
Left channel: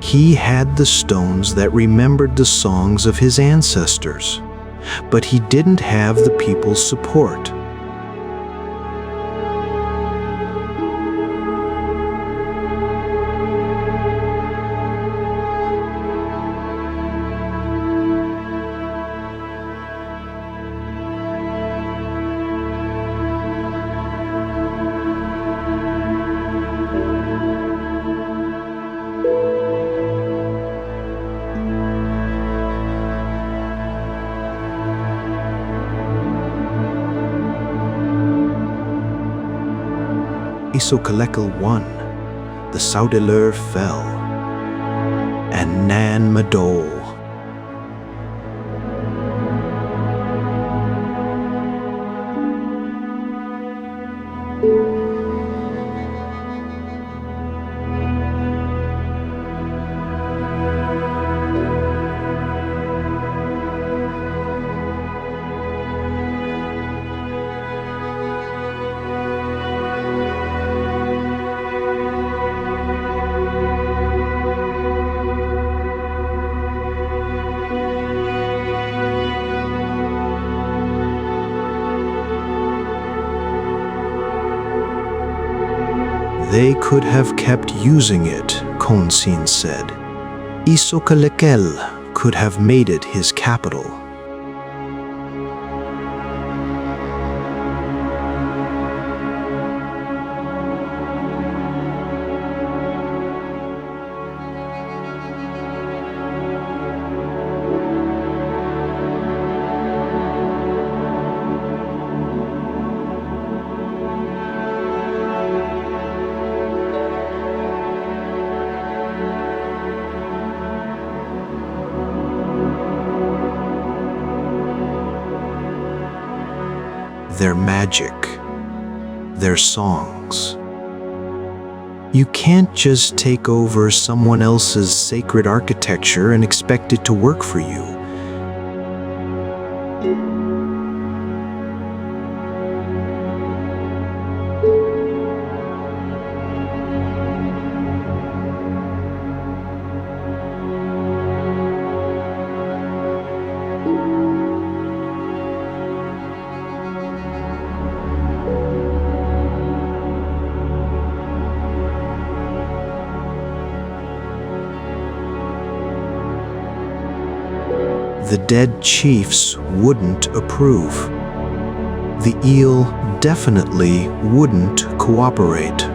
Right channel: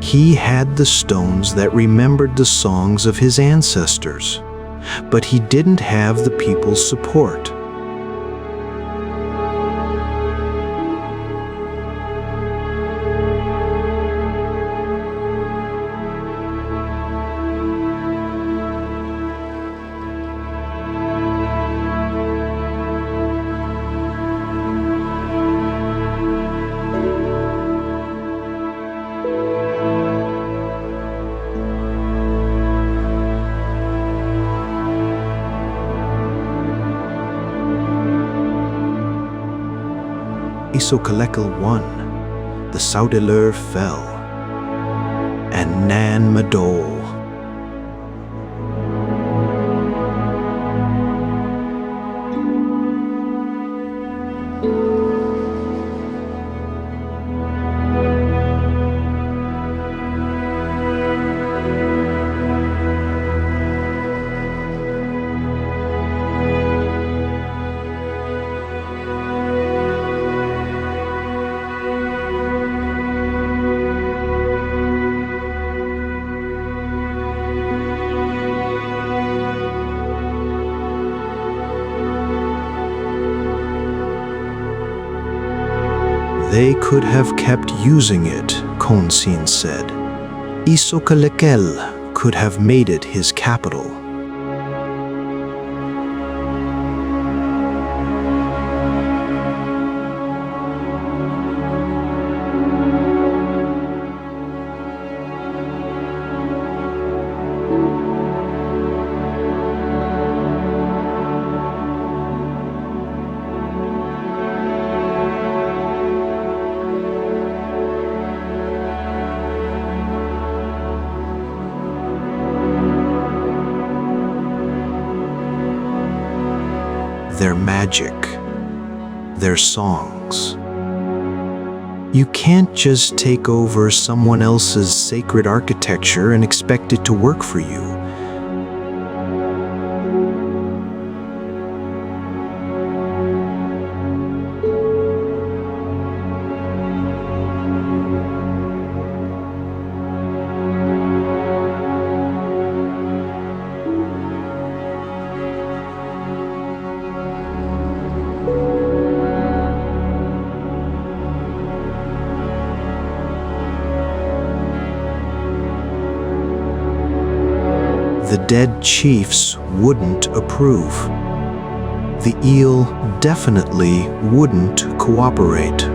He had the stones that remembered the songs of his ancestors, but he didn't have the people's support. Isokalekel won. The Saudeleur fell. and Nan Madol. They could have kept using it, Konsin said. Isokalekel could have made it his capital. Their magic, their songs. You can't just take over someone else's sacred architecture and expect it to work for you. The dead chiefs wouldn't approve. The eel definitely wouldn't cooperate.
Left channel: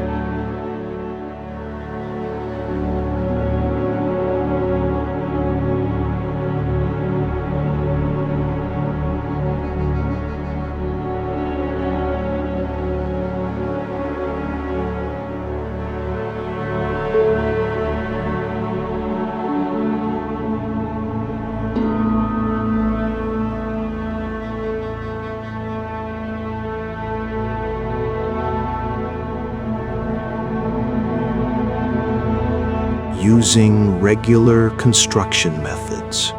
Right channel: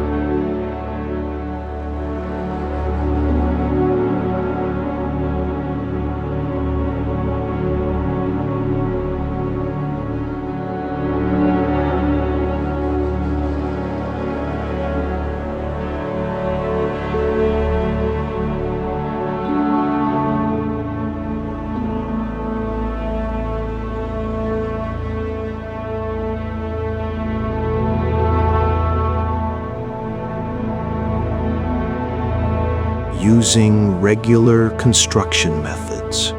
Using regular construction methods.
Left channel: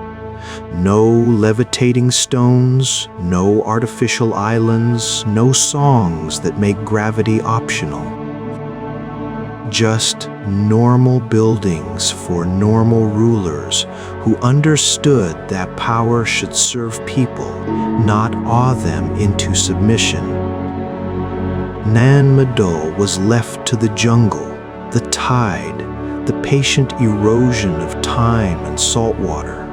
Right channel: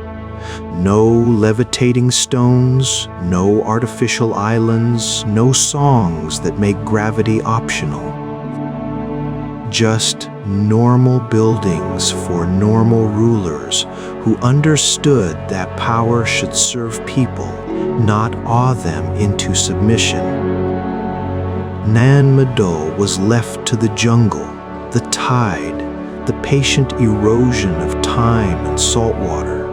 No levitating stones, no artificial islands, no songs that make gravity optional. Just normal buildings for normal rulers who understood that power should serve people, not awe them into submission. Nan Madol was left to the jungle, the tide, the patient erosion of time and salt water.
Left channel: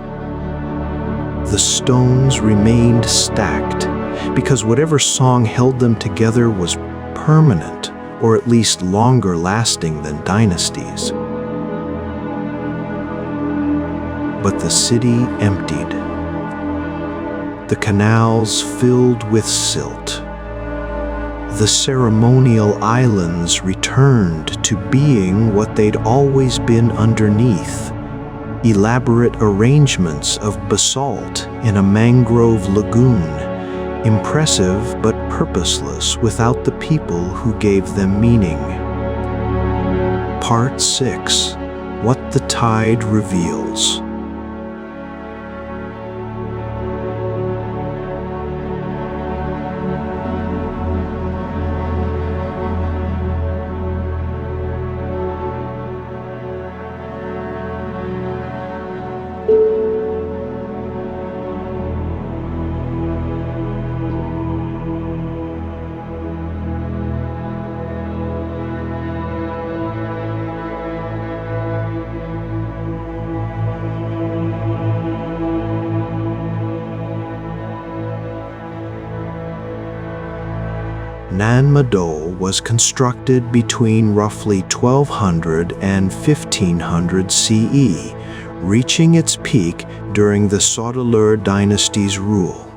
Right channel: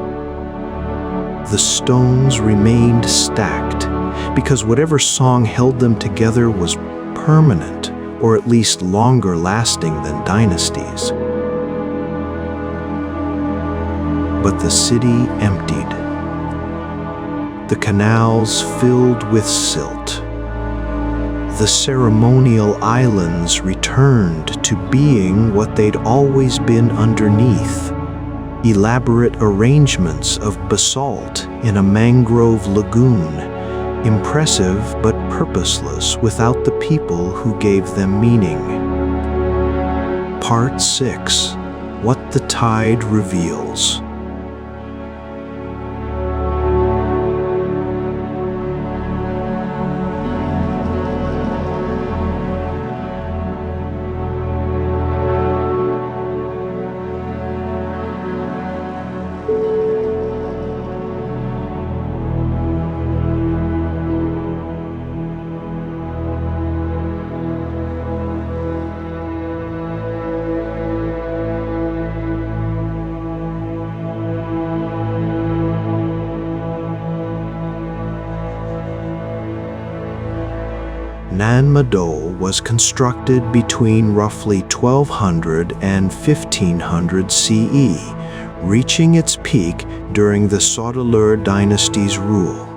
The stones remained stacked because whatever song held them together was permanent, or at least longer lasting than dynasties. But the city emptied. The canals filled with silt. The ceremonial islands returned to being what they'd always been underneath, elaborate arrangements of basalt in a mangrove lagoon, impressive but purposeless without the people who gave them meaning. Part 6. What the Tide Reveals. Nan Madol was constructed between roughly 1200 and 1500 CE, reaching its peak during the Sodelur dynasty's rule.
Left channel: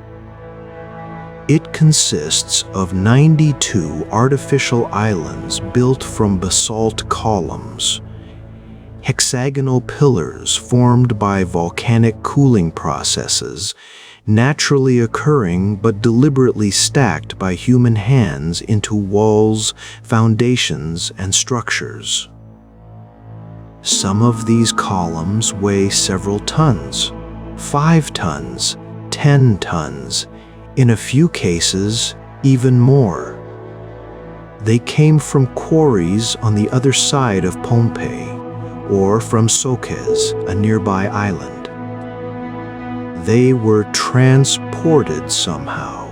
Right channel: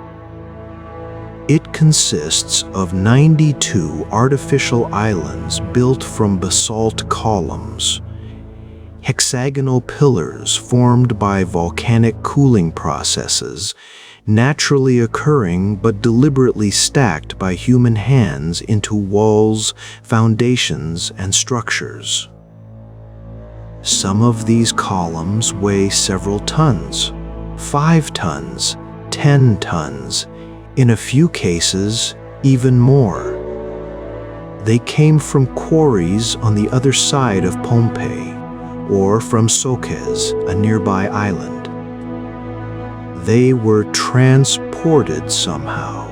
It consists of 92 artificial islands built from basalt columns. hexagonal pillars formed by volcanic cooling processes, naturally occurring but deliberately stacked by human hands into walls, foundations, and structures. Some of these columns weigh several tons, 5 tons, 10 tons, in a few cases, even more. They came from quarries on the other side of Pompeii, or from Sokes, a nearby island. They were transported somehow.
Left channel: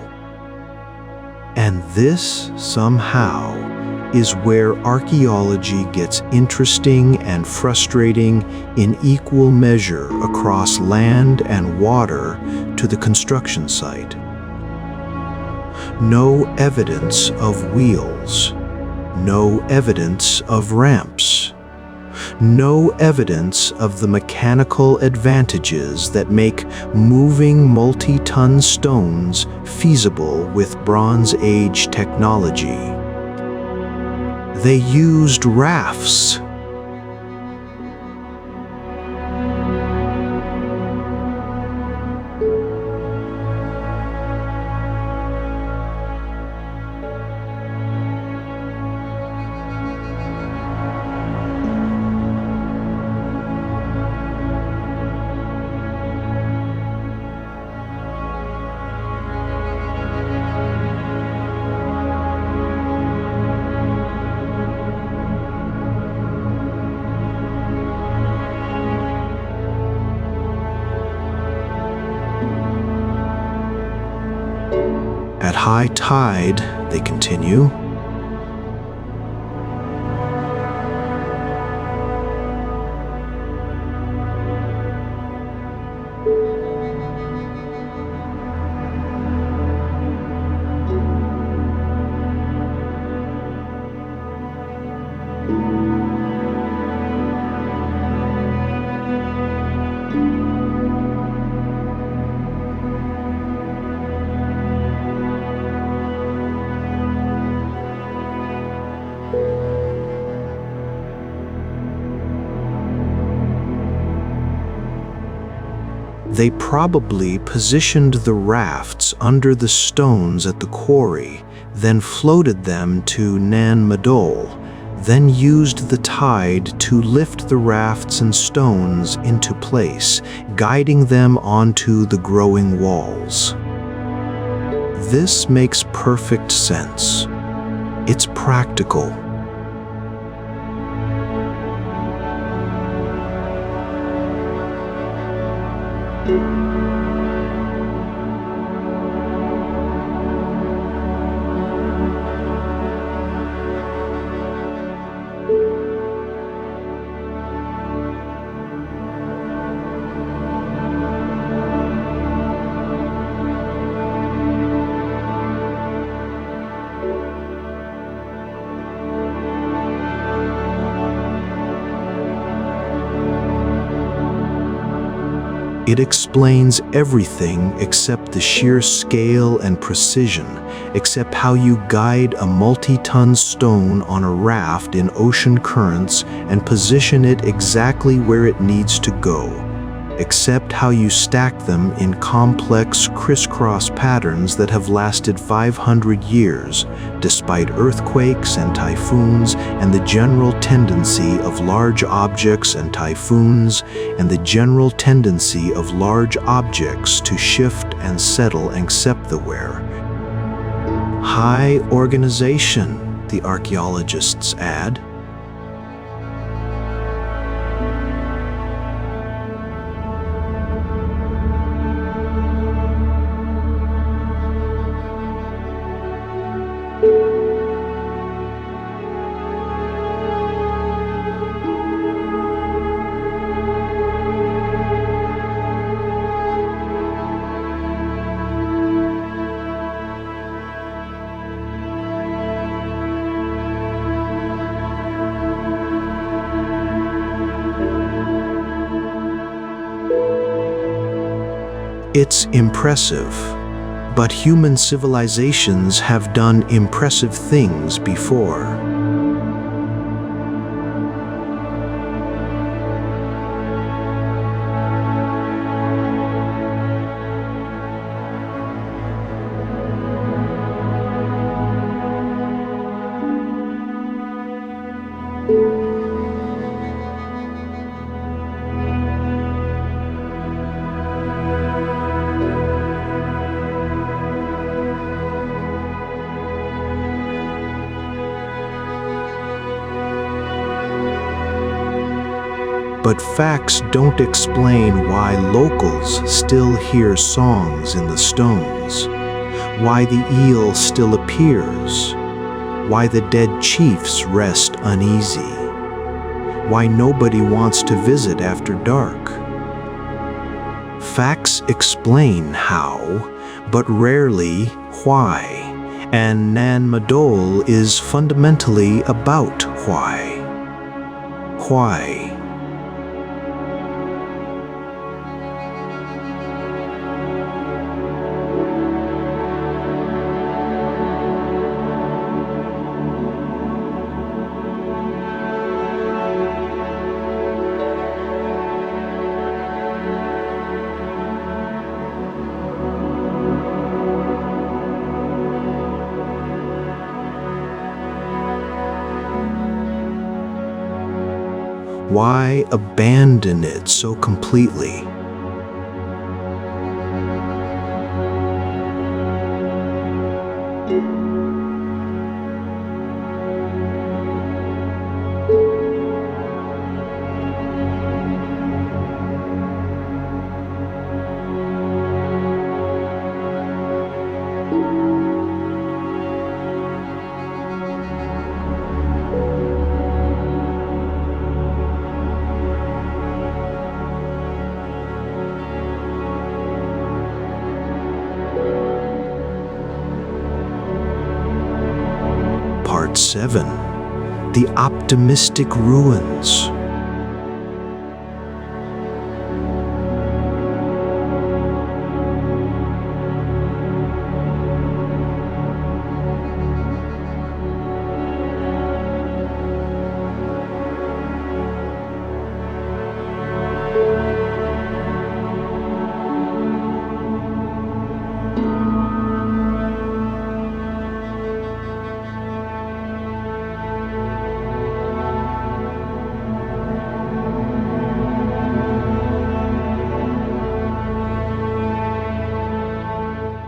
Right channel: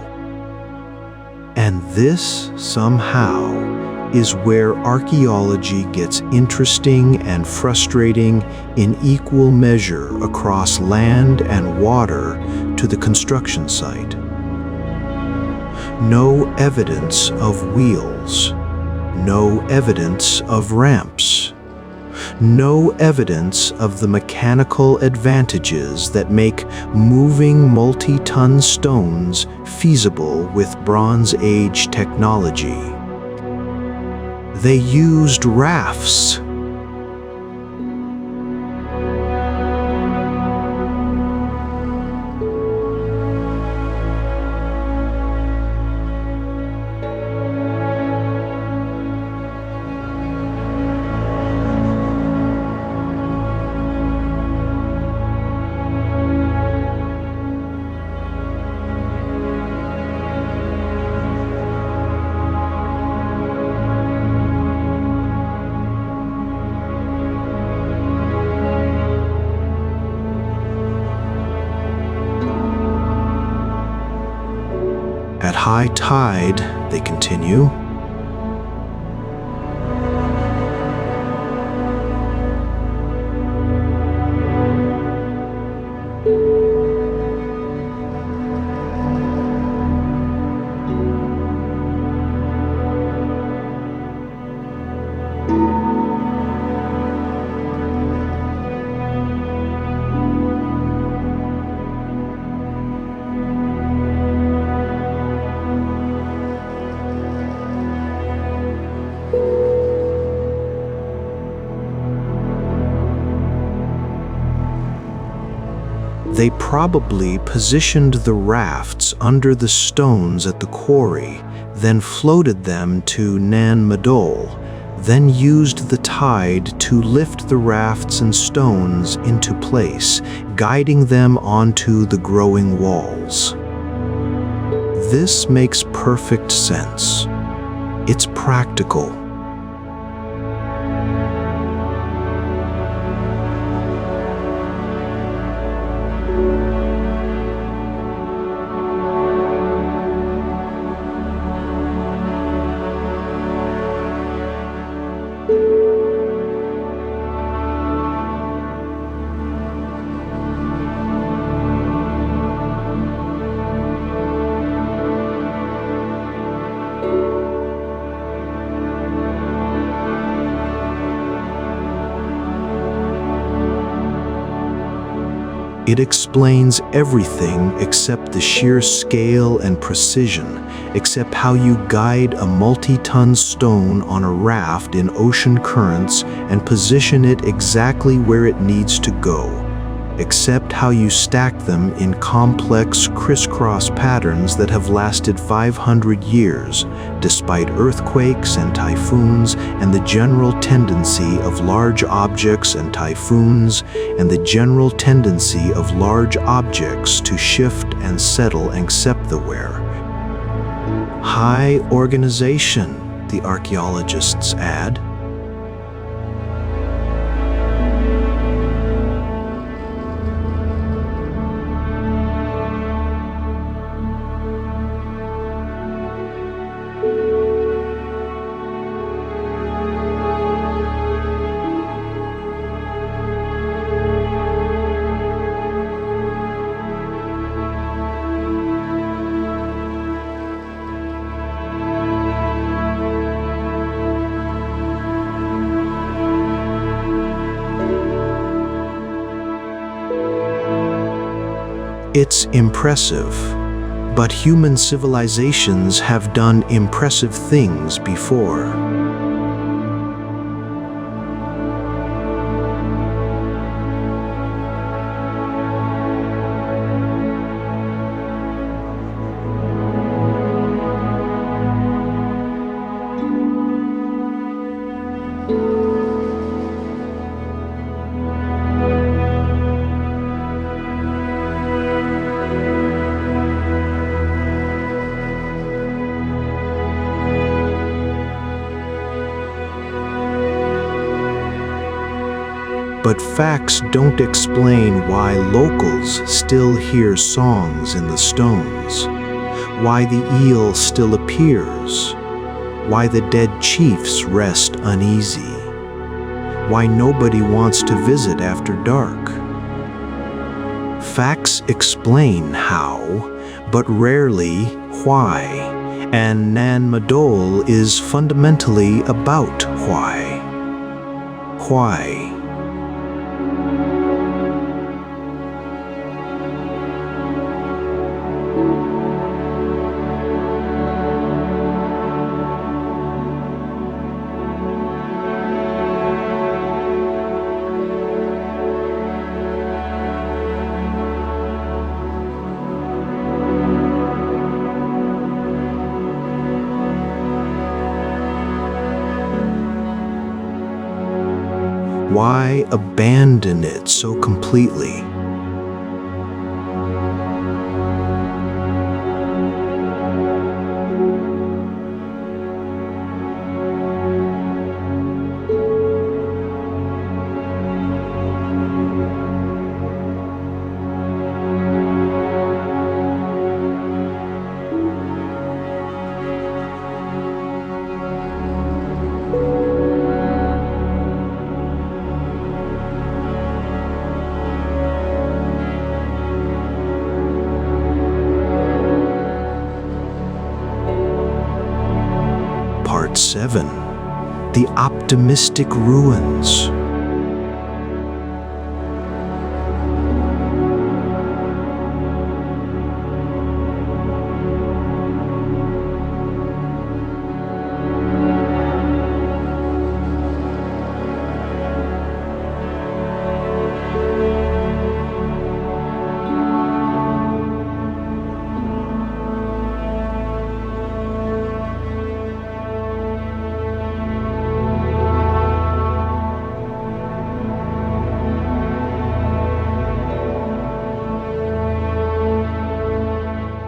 And this somehow is where archaeology gets interesting and frustrating in equal measure across land and water to the construction site. No evidence of wheels, no evidence of ramps, no evidence of the mechanical advantages that make moving multi-ton stones feasible with Bronze Age technology. They used rafts. At high tide, they continue, they probably positioned the rafts under the stones at the quarry, then floated them to Nan Madol, then used the tide to lift the rafts and stones into place, guiding them onto the growing walls. This makes perfect sense. It's practical. It explains everything except the sheer scale and precision, except how you guide a multi-ton stone on a raft in ocean currents and position it exactly where it needs to go, except how you stack them in complex crisscross patterns that have lasted 500 years, despite earthquakes and typhoons and the general tendency of large objects and typhoons and the general tendency of large objects to shift and settle except the where. High organization, the archaeologists add. It's impressive, but human civilizations have done impressive things before. But facts don't explain why locals still hear songs in the stones, why the eel still appears, why the dead chiefs rest uneasy, why nobody wants to visit after dark. Facts explain how, but rarely why, and Nan Madol is fundamentally about why. Why? Why abandon it so completely? Part 7. The Optimistic Ruins.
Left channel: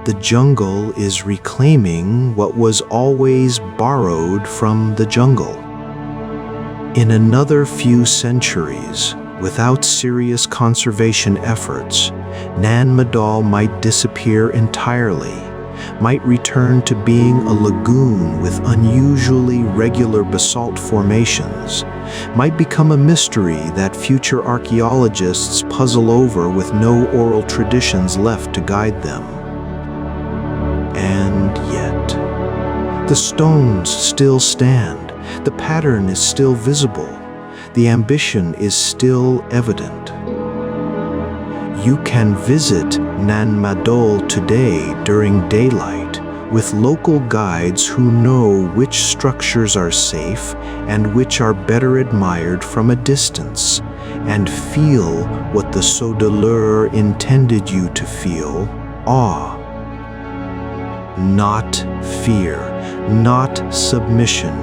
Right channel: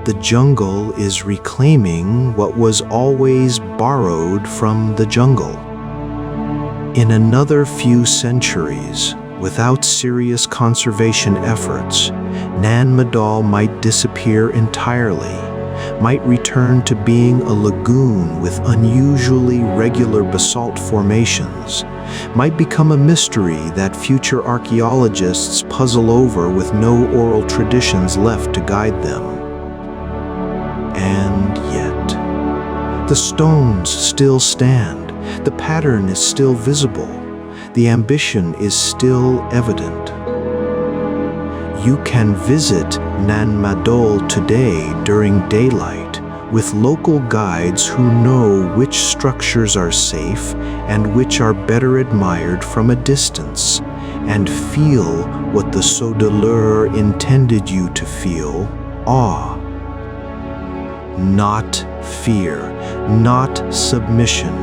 The jungle is reclaiming what was always borrowed from the jungle. In another few centuries, without serious conservation efforts, Nan Madol might disappear entirely, might return to being a lagoon with unusually regular basalt formations, might become a mystery that future archaeologists puzzle over with no oral traditions left to guide them. And yet, the stones still stand, the pattern is still visible, the ambition is still evident. You can visit Nan Madol today during daylight with local guides who know which structures are safe and which are better admired from a distance, and feel what the Saudeleur intended you to feel: awe. Not fear, not submission,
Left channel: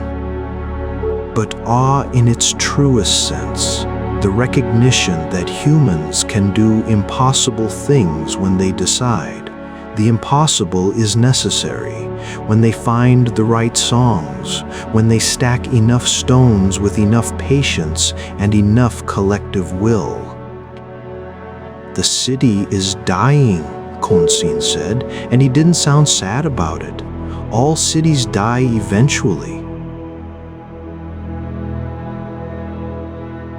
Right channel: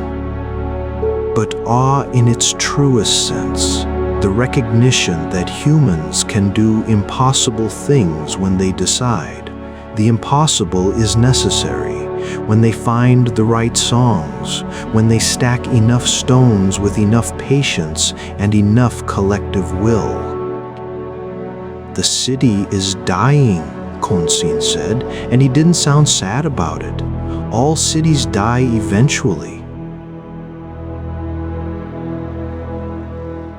but awe in its truest sense, the recognition that humans can do impossible things when they decide. The impossible is necessary, when they find the right songs, when they stack enough stones with enough patience and enough collective will. The city is dying, Konsin said, and he didn't sound sad about it. All cities die eventually.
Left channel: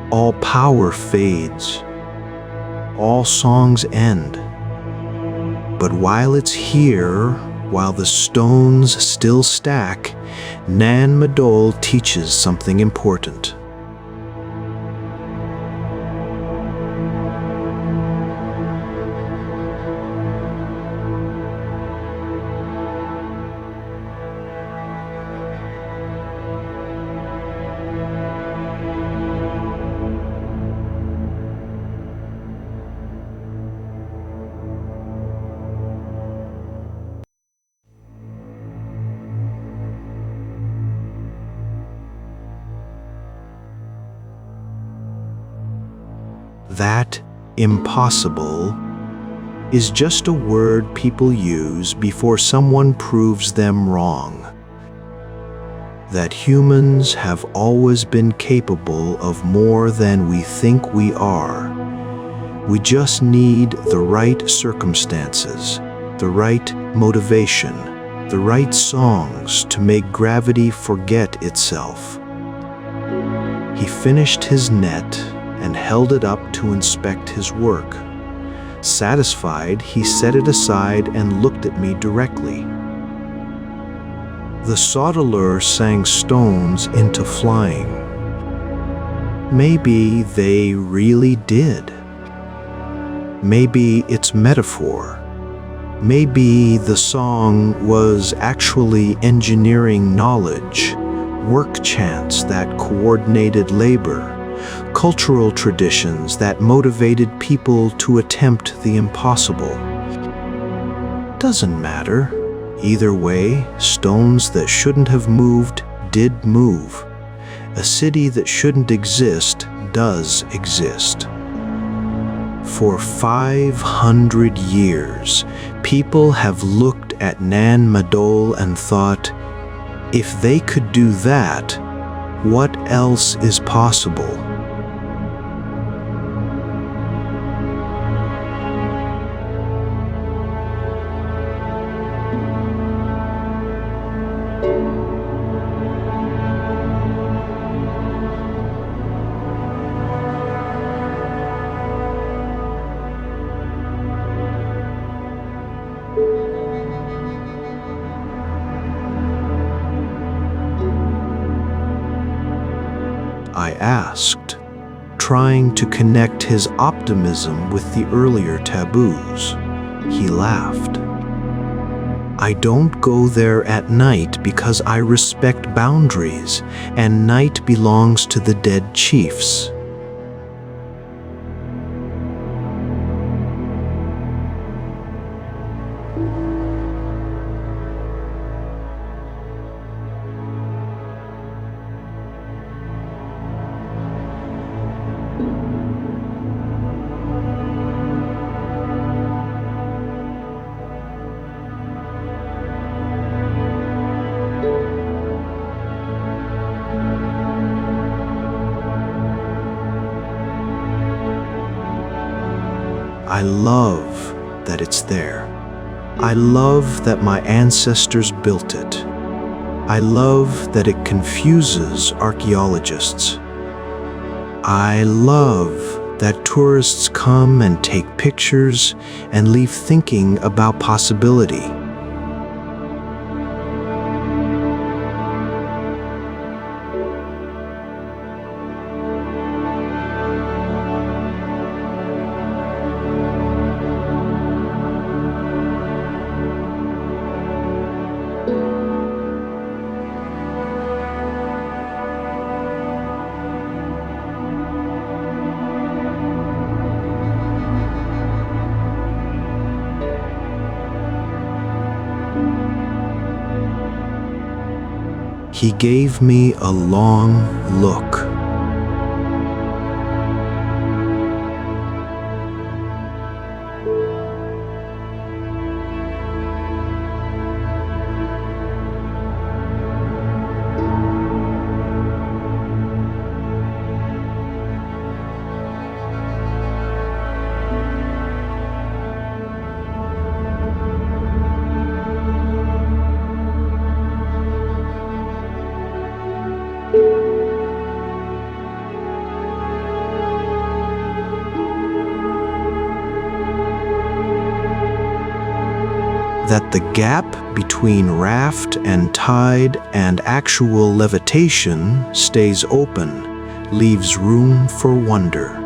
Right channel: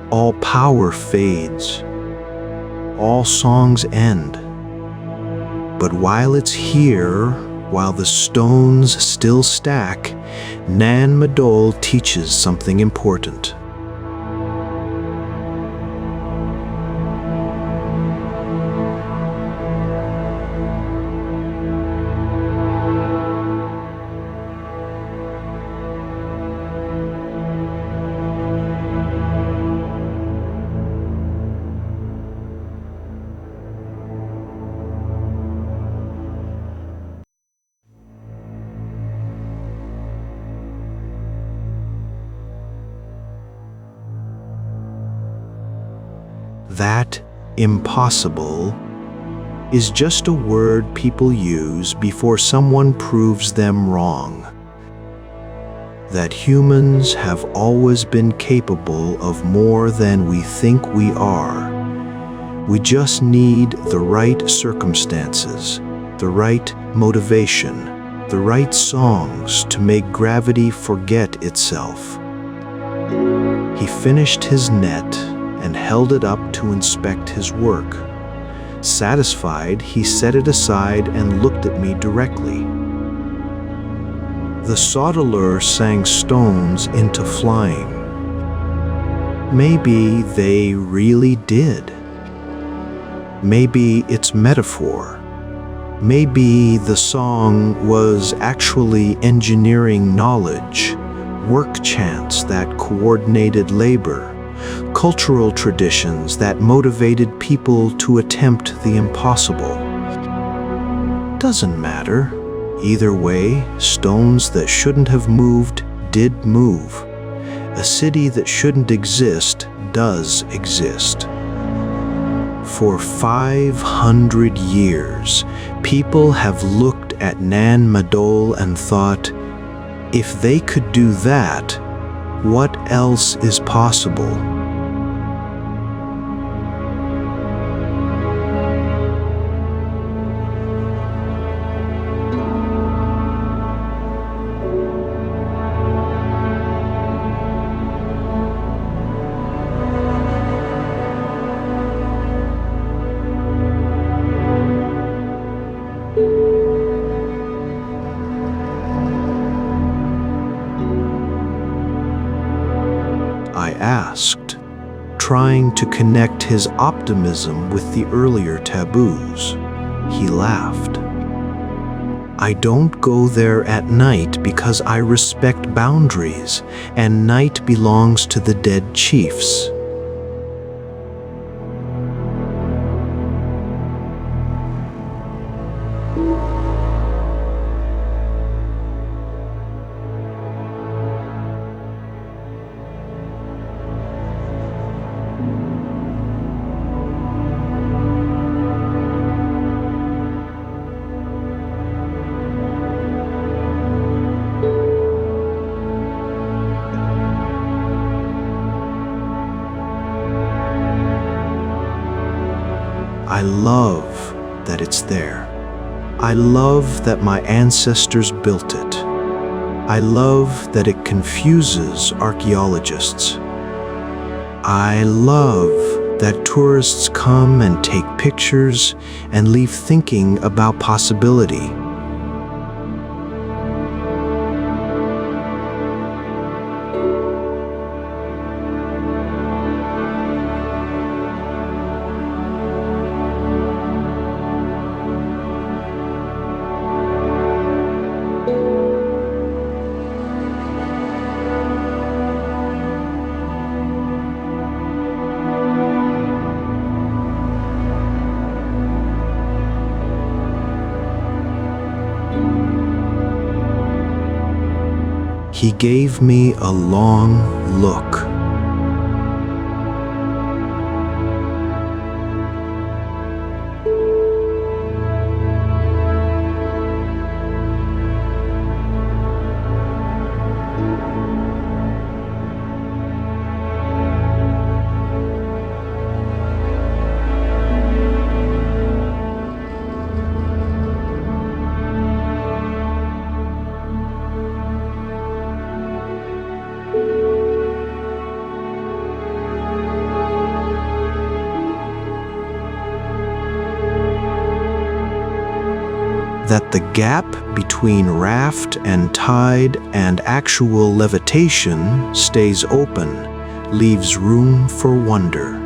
All power fades. All songs end. But while it's here, while the stones still stack, Nan Madol teaches something important. That impossible is just a word people use before someone proves them wrong. that humans have always been capable of more than we think we are. We just need the right circumstances, the right motivation, the right songs to make gravity forget itself. He finished his net and held it up to inspect his work. Satisfied, he set it aside and looked at me directly. The sauteleur sang stones into flying. Maybe they really did. Maybe it's metaphor. Maybe the song was actually engineering knowledge, work chants that coordinated labor, cultural traditions that motivated people to attempt the impossible. Doesn't matter. Either way, stones that shouldn't have moved did move. A city that shouldn't exist does exist. For 500 years, people have looked at Madol and thought, if they could do that, what else is possible? I asked, trying to connect his optimism with the earlier taboos. He laughed. I don't go there at night because I respect boundaries, and night belongs to the dead chiefs. I love that it's there. I love that my ancestors built it. I love that it confuses archaeologists. I love that tourists come and take pictures and leave thinking about possibility. He gave me a long look. That the gap between raft and tide and actual levitation stays open, leaves room for wonder.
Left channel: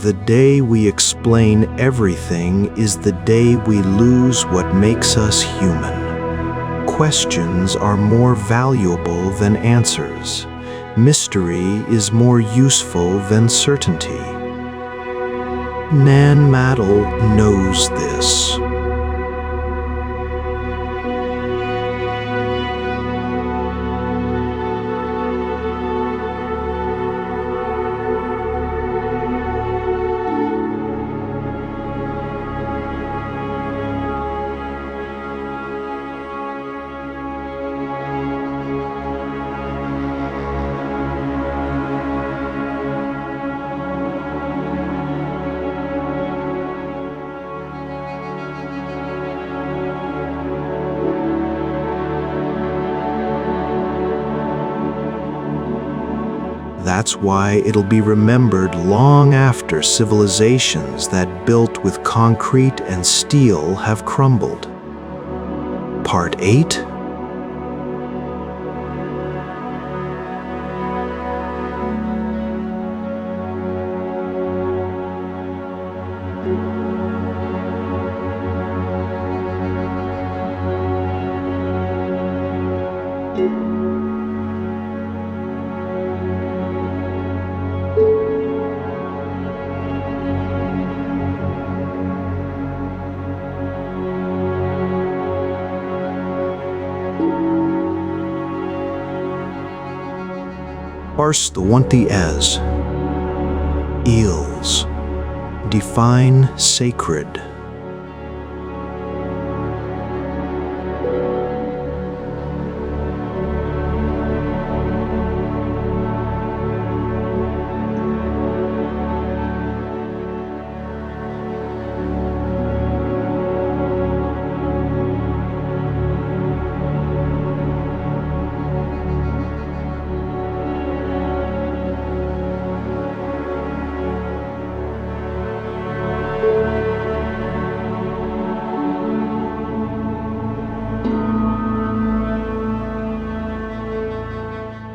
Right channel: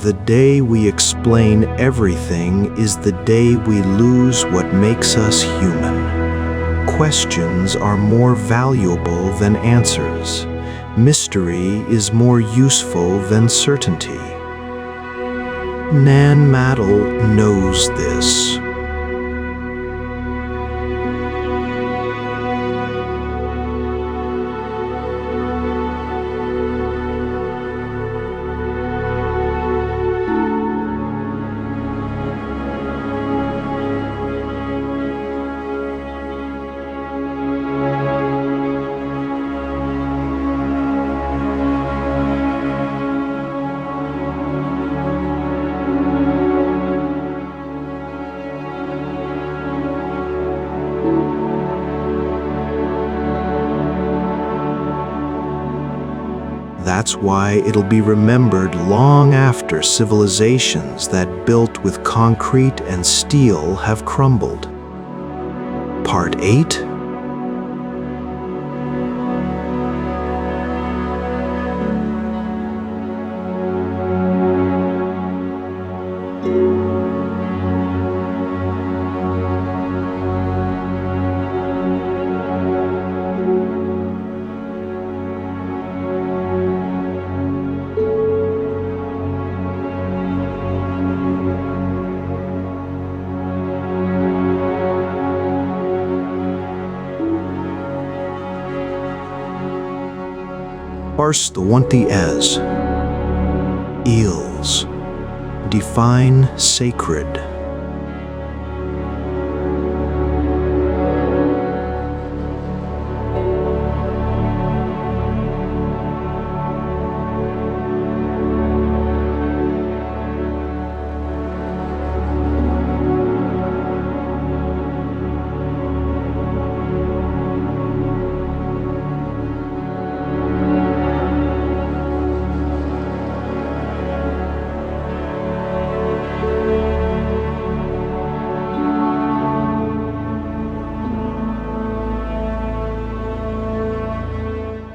The day we explain everything is the day we lose what makes us human. questions are more valuable than answers. Mystery is more useful than certainty. Nan Madol knows this. That's why it'll be remembered long after civilizations that built with concrete and steel have crumbled. Part 8. Parse the wanti as eels. Define sacred.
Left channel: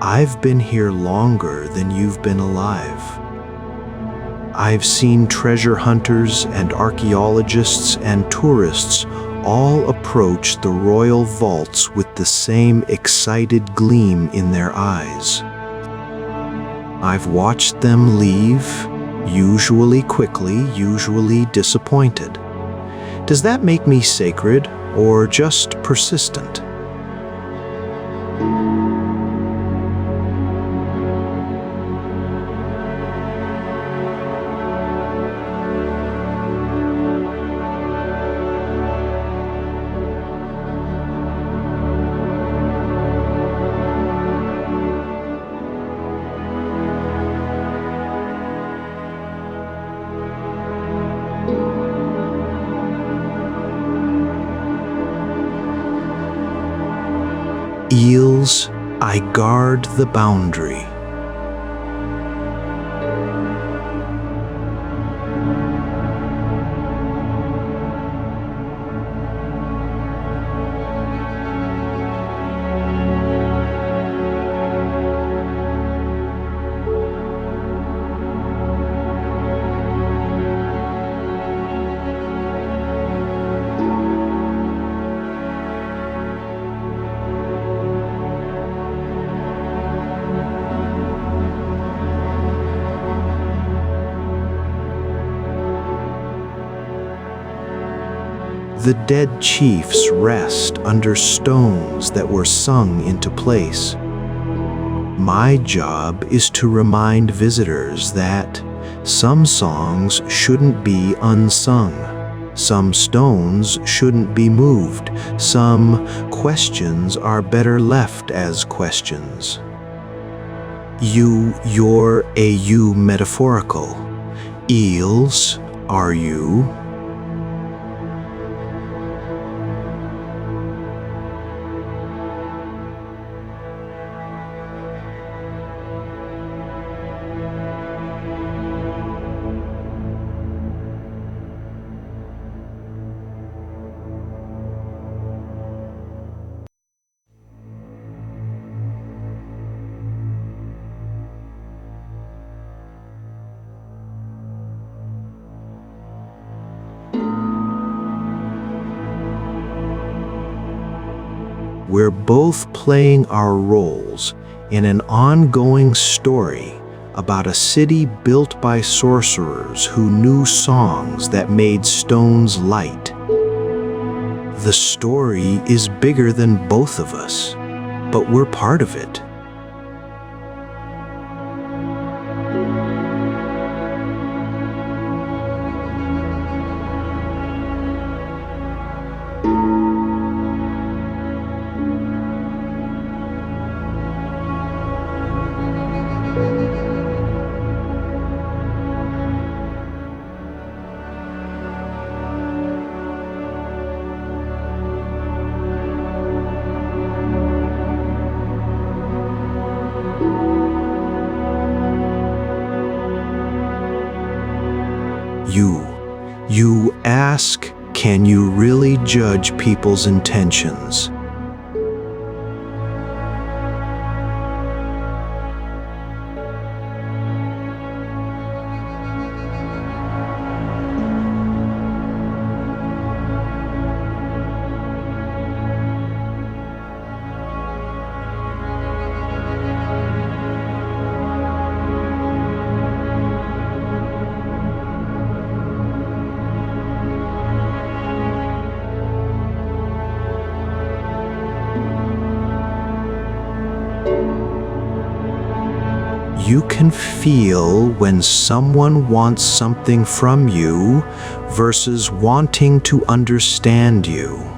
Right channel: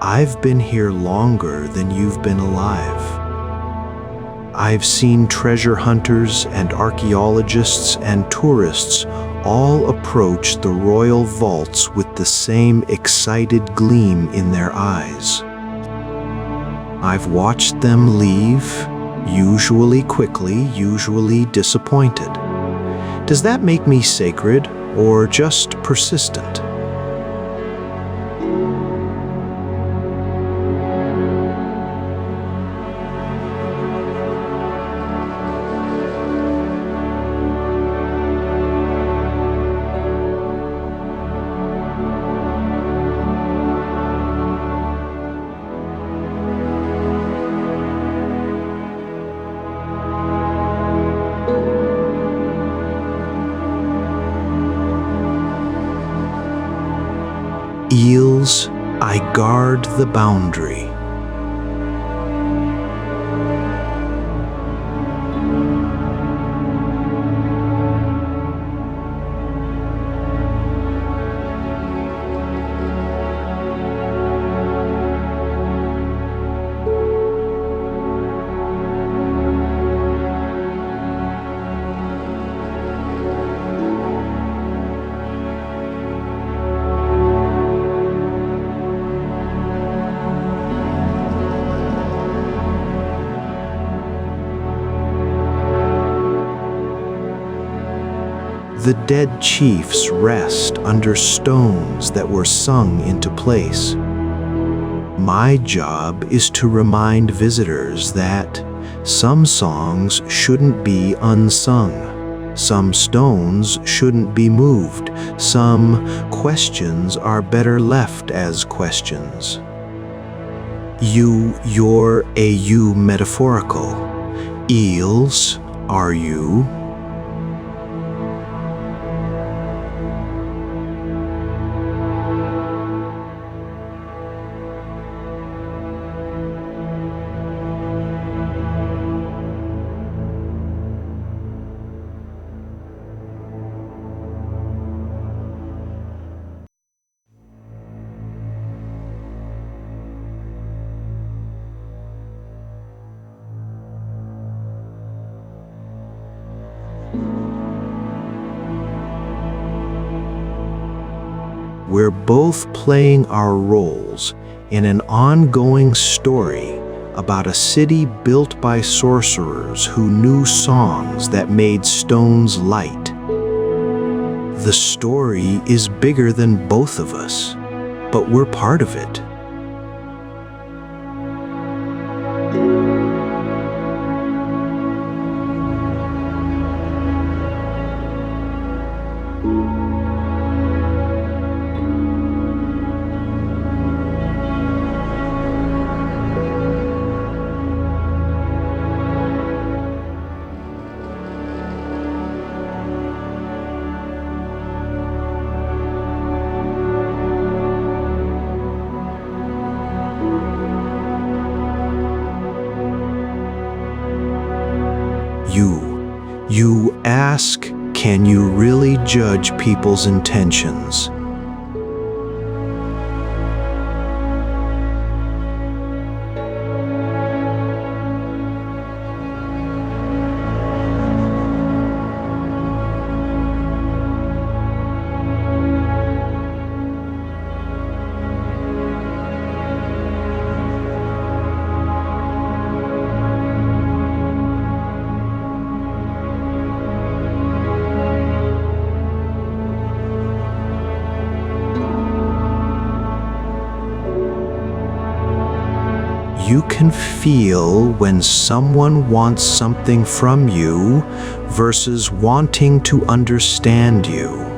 I've been here longer than you've been alive. I've seen treasure hunters and archaeologists and tourists all approach the royal vaults with the same excited gleam in their eyes. I've watched them leave, usually quickly, usually disappointed. Does that make me sacred or just persistent? Eels, I guard the boundary. The dead chiefs rest under stones that were sung into place. My job is to remind visitors that some songs shouldn't be unsung, some stones shouldn't be moved, some questions are better left as questions. You're a you metaphorical. Eels, are you? We're both playing our roles in an ongoing story about a city built by sorcerers who knew songs that made stones light. The story is bigger than both of us, but we're part of it. You ask, can you really judge people's intentions? You can feel when someone wants something from you versus wanting to understand you.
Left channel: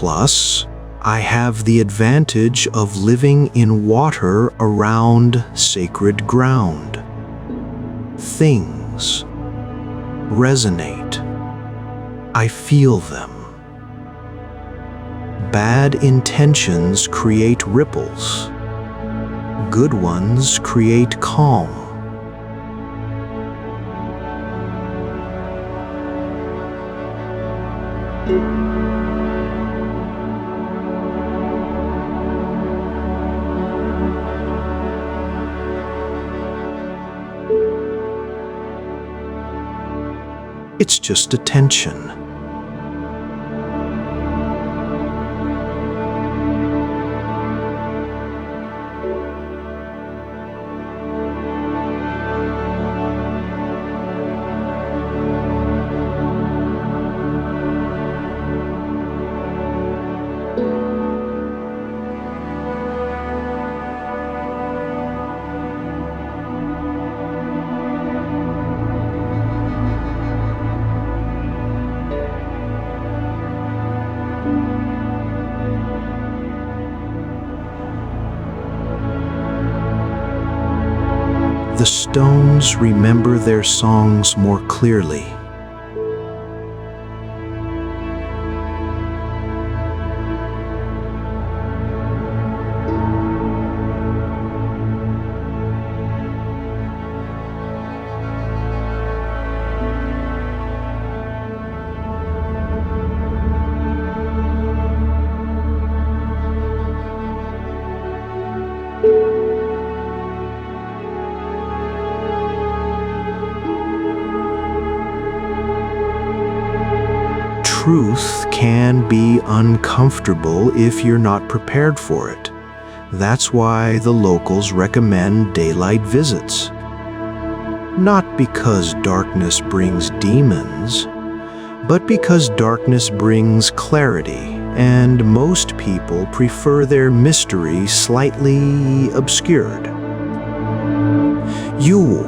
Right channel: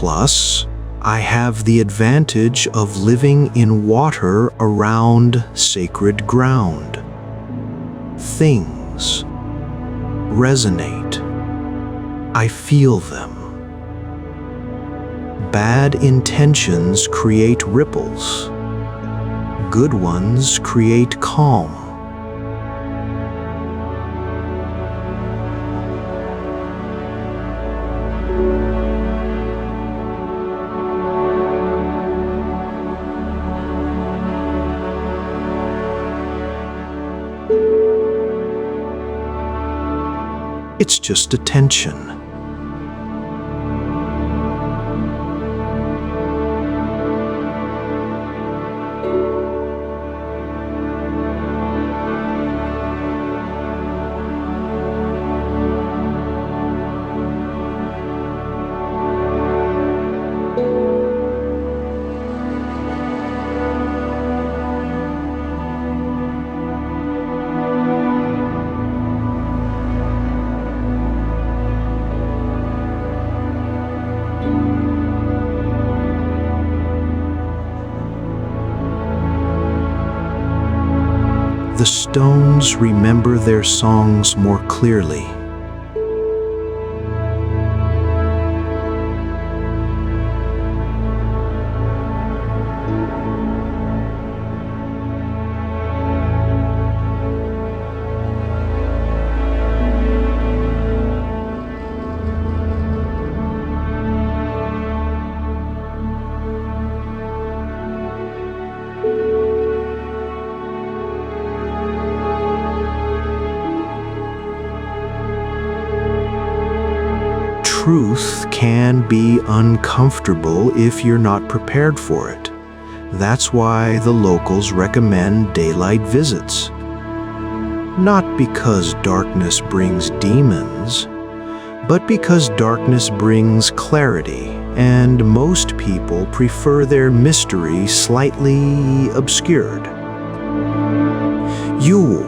Plus, I have the advantage of living in water around sacred ground. Things resonate. I feel them. Bad intentions create ripples. Good ones create calm. It's just attention. The stones remember their songs more clearly. Truth can be uncomfortable if you're not prepared for it. That's why the locals recommend daylight visits. Not because darkness brings demons, but because darkness brings clarity, and most people prefer their mystery slightly obscured. You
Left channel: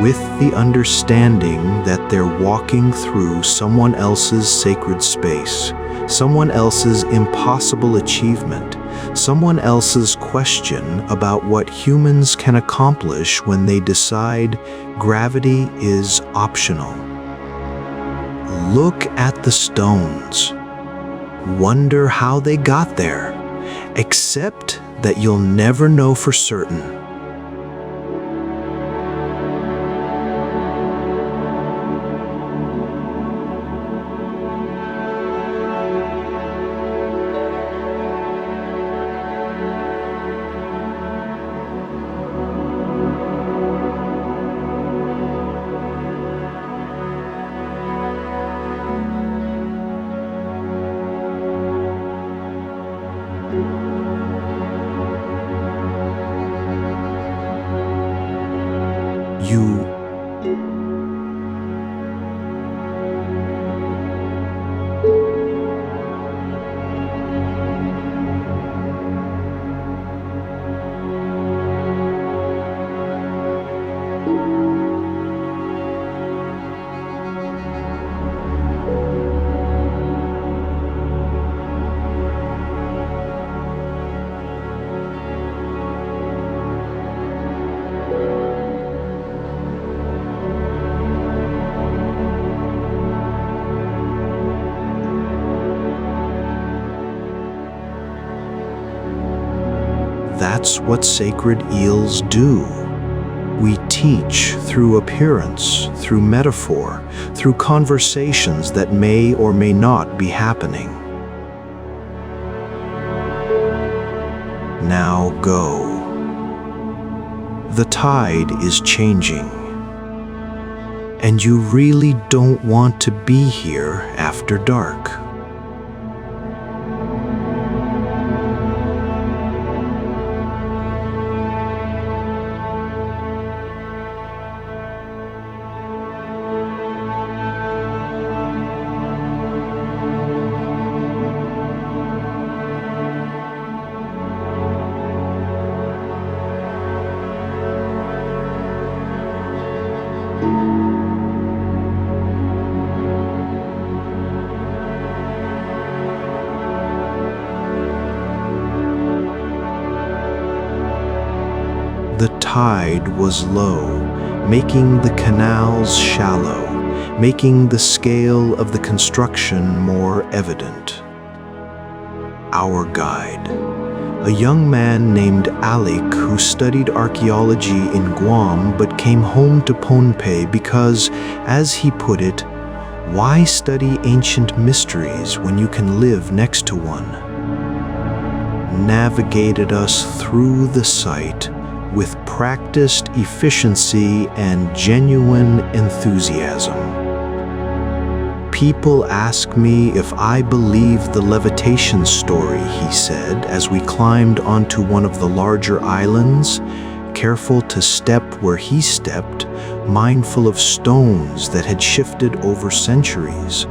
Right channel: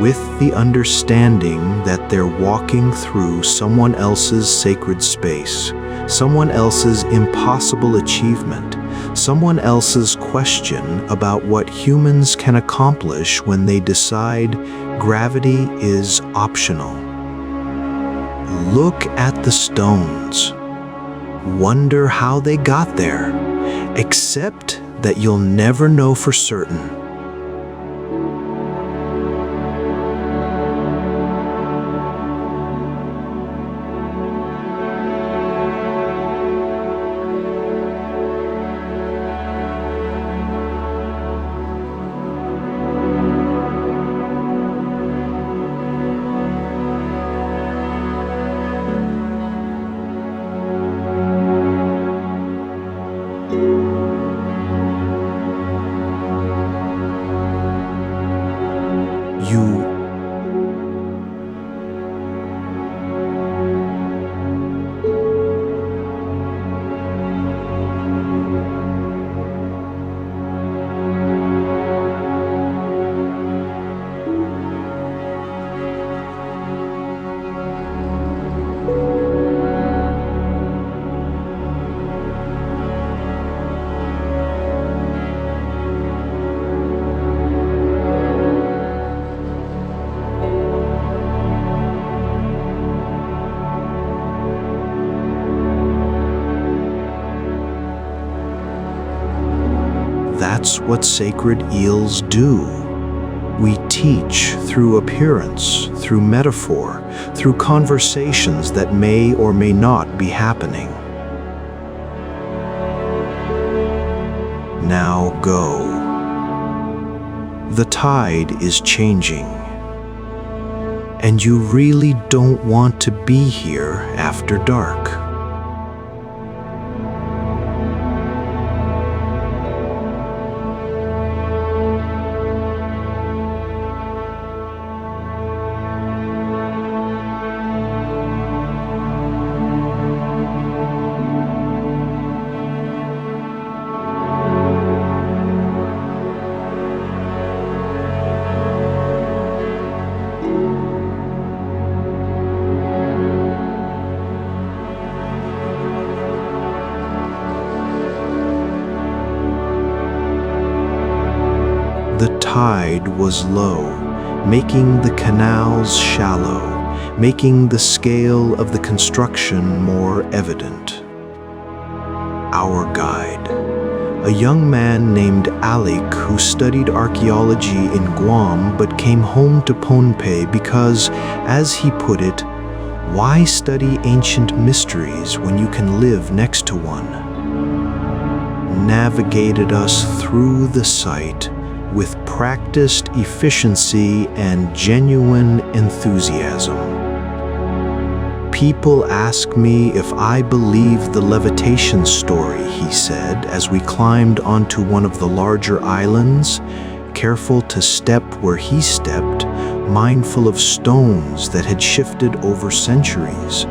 with the understanding that they're walking through someone else's sacred space, someone else's impossible achievement, someone else's question about what humans can accomplish when they decide gravity is optional. Look at the stones. Wonder how they got there, except that you'll never know for certain. That's what sacred eels do. We teach through appearance, through metaphor, through conversations that may or may not be happening. Now go. The tide is changing, and you really don't want to be here after dark. The tide was low, making the canals shallow, making the scale of the construction more evident. Our guide, a young man named Alec who studied archaeology in Guam but came home to Pohnpei because, as he put it, why study ancient mysteries when you can live next to one? Navigated us through the site with practiced efficiency and genuine enthusiasm. People ask me if I believe the levitation story, he said, as we climbed onto one of the larger islands, careful to step where he stepped, mindful of stones that had shifted over centuries.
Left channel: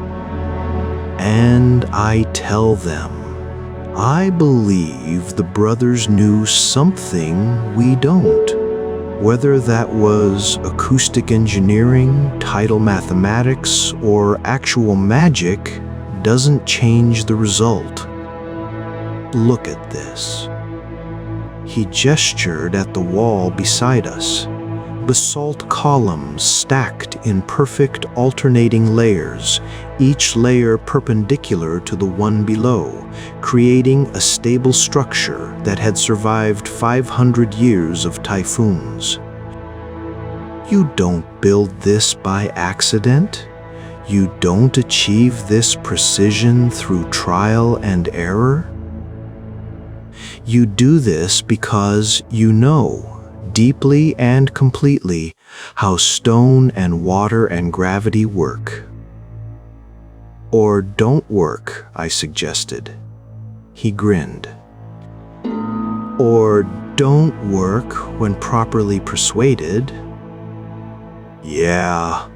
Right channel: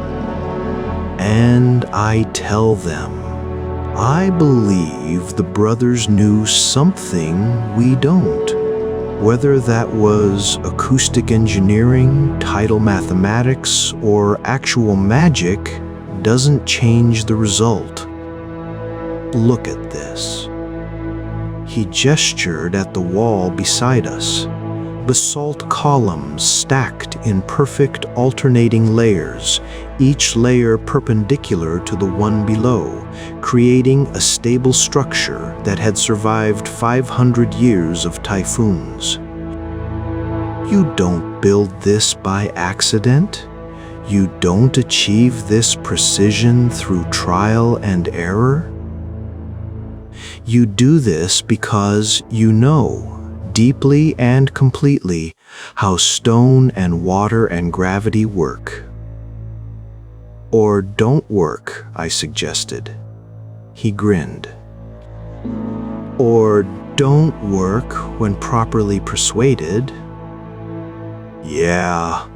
And I tell them, I believe the brothers knew something we don't. Whether that was acoustic engineering, tidal mathematics, or actual magic doesn't change the result. Look at this. He gestured at the wall beside us. Basalt columns stacked in perfect alternating layers, each layer perpendicular to the one below, creating a stable structure that had survived 500 years of typhoons. You don't build this by accident. You don't achieve this precision through trial and error. You do this because you know, deeply and completely, how stone and water and gravity work. Or don't work, I suggested. He grinned. Or don't work when properly persuaded. Yeah.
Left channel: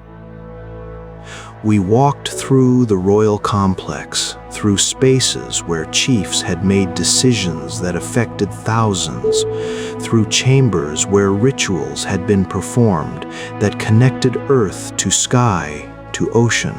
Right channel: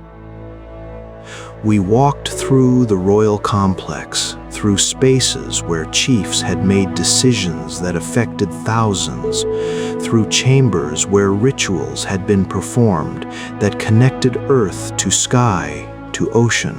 We walked through the royal complex, through spaces where chiefs had made decisions that affected thousands, through chambers where rituals had been performed that connected earth to sky, to ocean.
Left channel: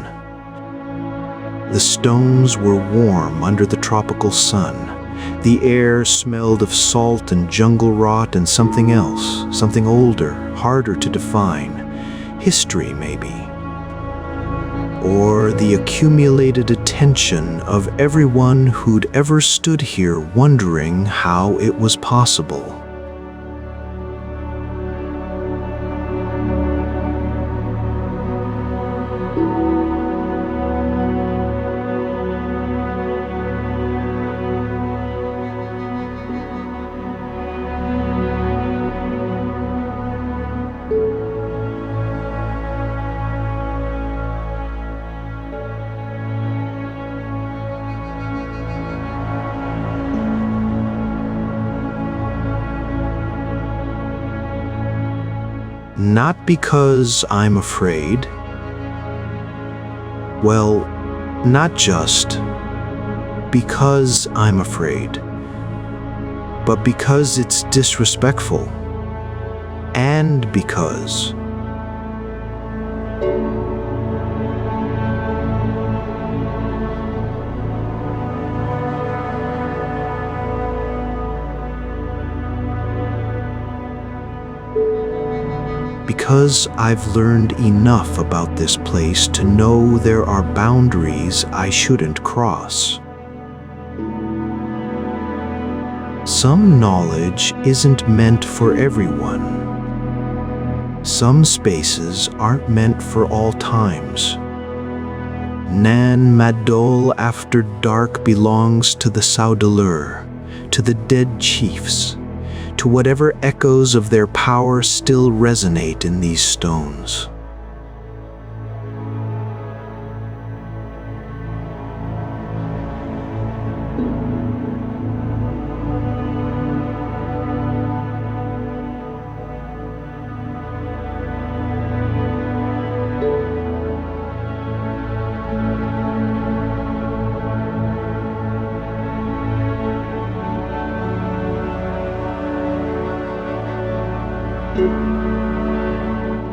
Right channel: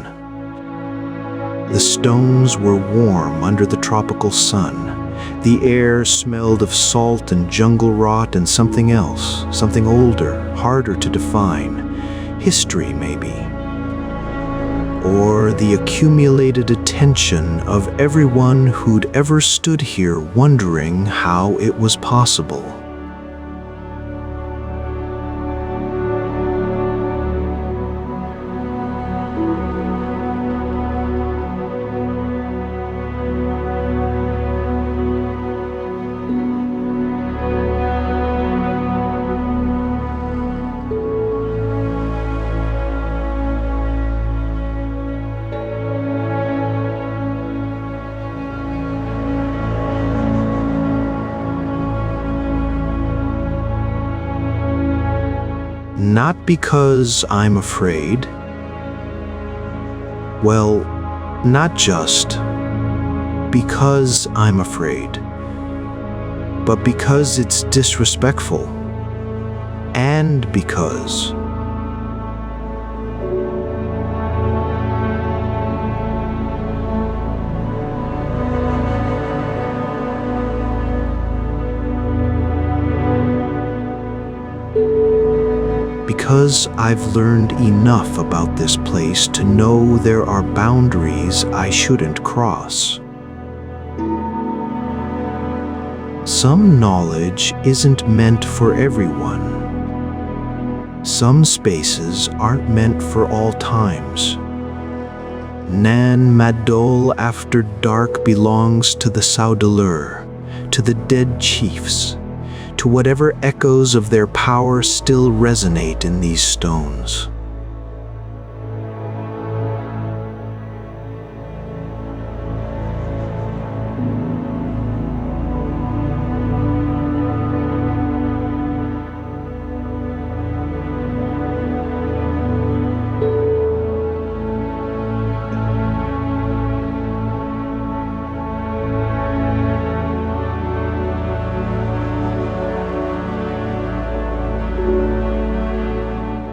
The stones were warm under the tropical sun. The air smelled of salt and jungle rot and something else, something older, harder to define. History, maybe. Or the accumulated attention of everyone who'd ever stood here wondering how it was possible. Not because I'm afraid. Well, not just because I'm afraid, but because it's disrespectful, and because I've learned enough about this place to know there are boundaries I shouldn't cross. Some knowledge isn't meant for everyone. Some spaces aren't meant for all times. Madol after dark belongs to the Saudalur, to the dead chiefs, to whatever echoes of their power still resonate in these stones.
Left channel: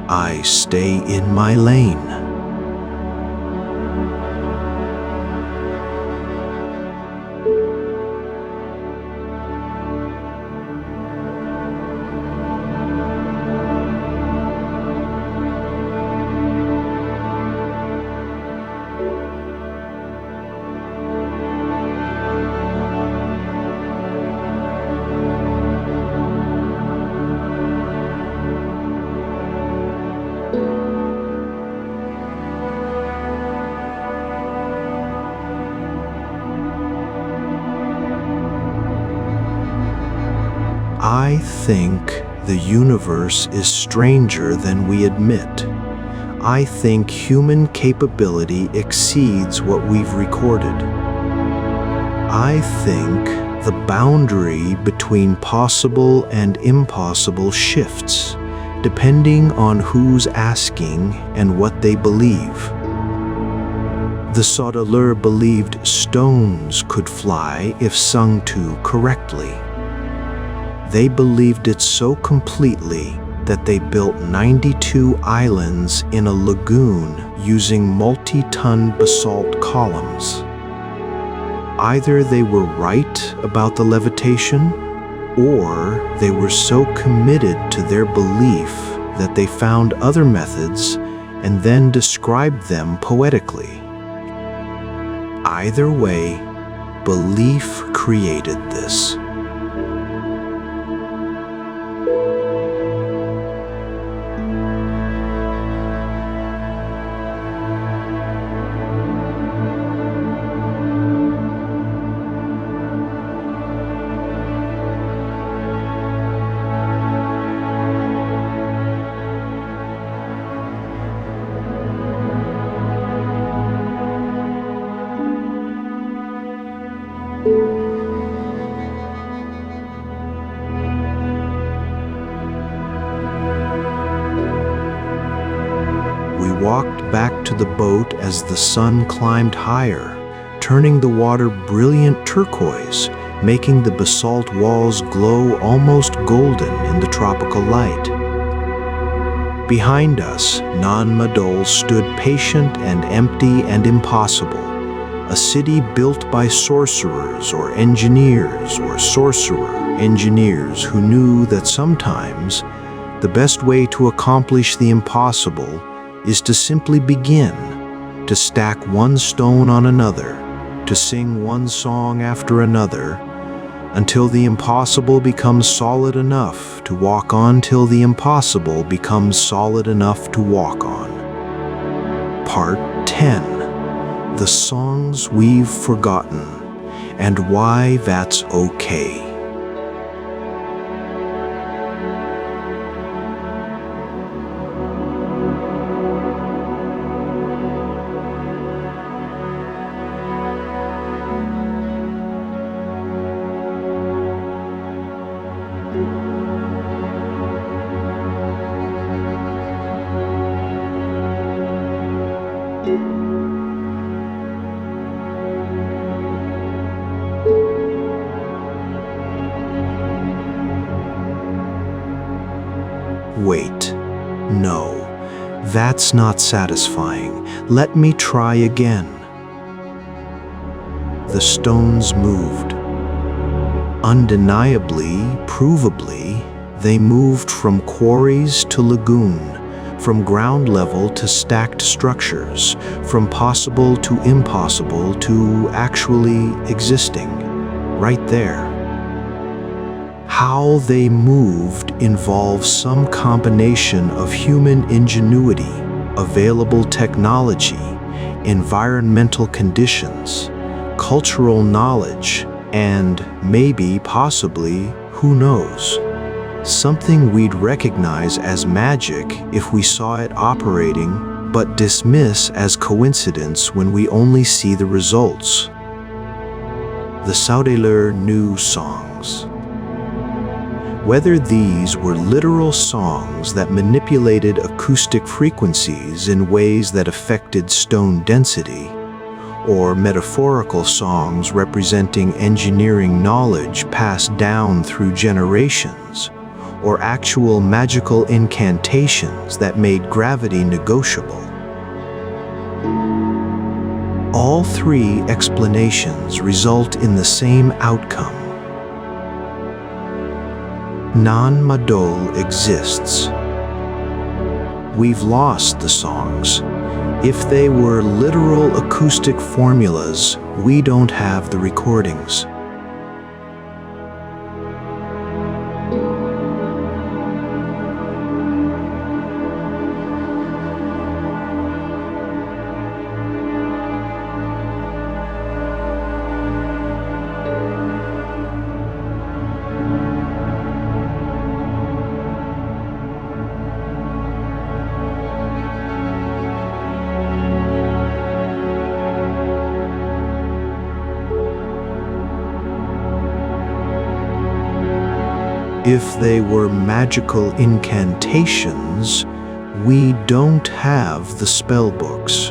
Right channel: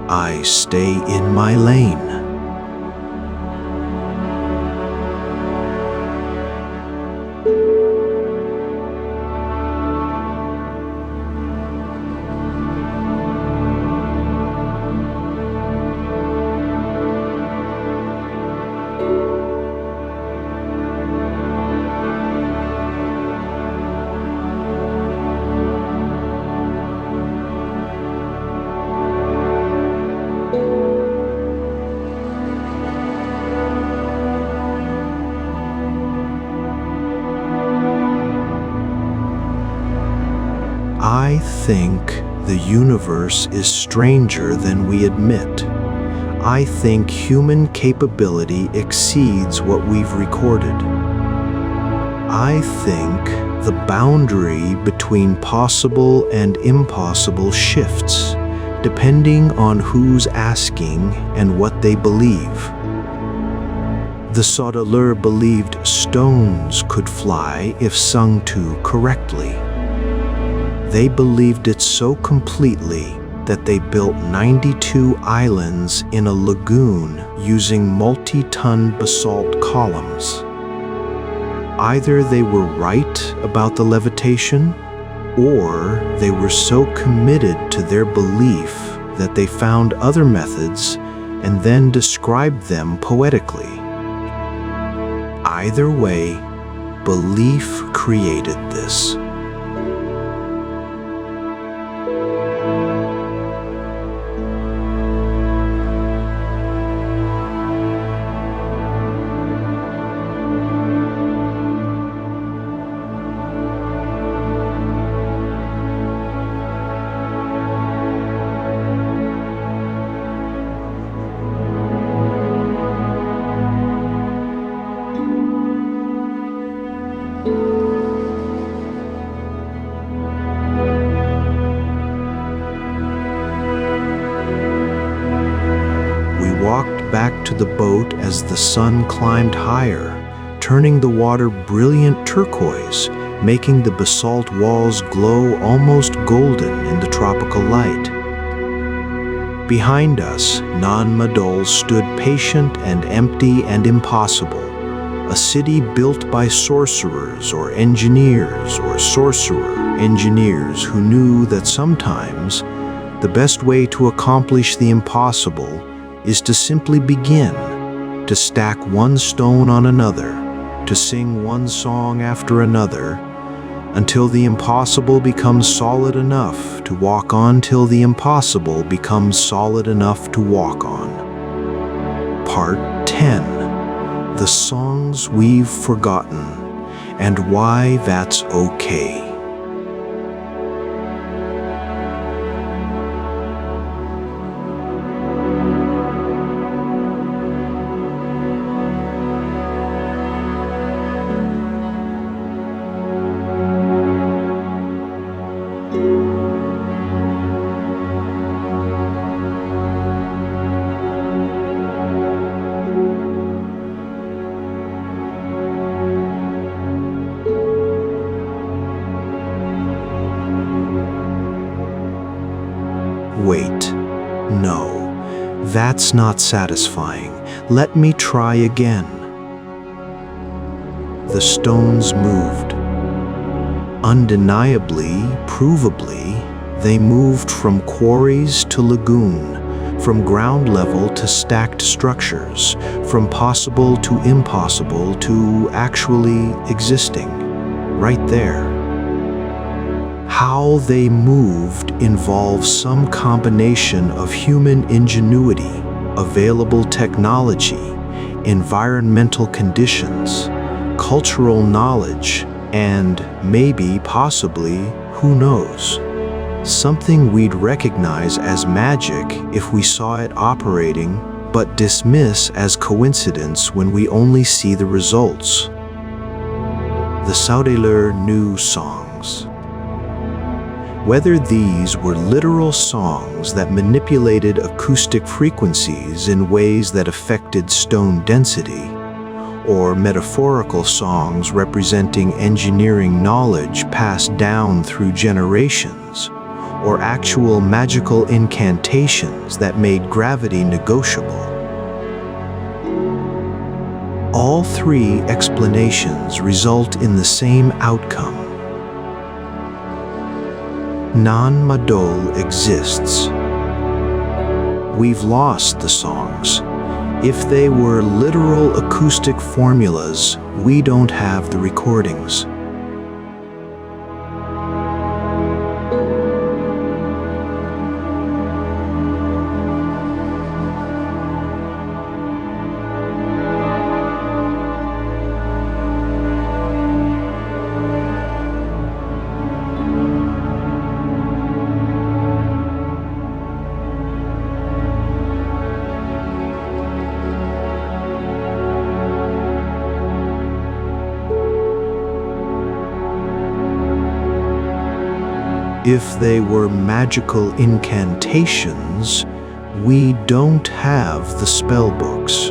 I stay in my lane. I think the universe is stranger than we admit. I think human capability exceeds what we've recorded. I think the boundary between possible and impossible shifts, depending on who's asking and what they believe. The Saudalur believed stones could fly if sung to correctly. They believed it so completely that they built 92 islands in a lagoon using multi-ton basalt columns. Either they were right about the levitation, or they were so committed to their belief that they found other methods and then described them poetically. Either way, belief created this. We walked back to the boat as the sun climbed higher, turning the water brilliant turquoise, making the basalt walls glow almost golden in the tropical light. Behind us, Madol stood patient and empty and impossible, a city built by sorcerers or engineers or sorcerer engineers who knew that sometimes the best way to accomplish the impossible is to simply begin, to stack one stone on another, to sing one song after another, until the impossible becomes solid enough to walk on, till the impossible becomes solid enough to walk on. Part 10. The Songs We've Forgotten, and Why That's Okay. Wait, no, that's not satisfying. Let me try again. The stones moved. Undeniably, provably, they moved from quarries to lagoon, from ground level to stacked structures, from possible to impossible to actually existing, right there. How they moved involves some combination of human ingenuity, available technology, environmental conditions, cultural knowledge, and maybe, possibly, who knows, something we'd recognize as magic if we saw it operating, but dismiss as coincidence when we only see the results. The Citadel knew songs. Whether these were literal songs that manipulated acoustic frequencies in ways that affected stone density, or metaphorical songs representing engineering knowledge passed down through generations, or actual magical incantations that made gravity negotiable. All three explanations result in the same outcome. Madol exists. We've lost the songs. If they were literal acoustic formulas, we don't have the recordings. If they were magical incantations, we don't have the spellbooks.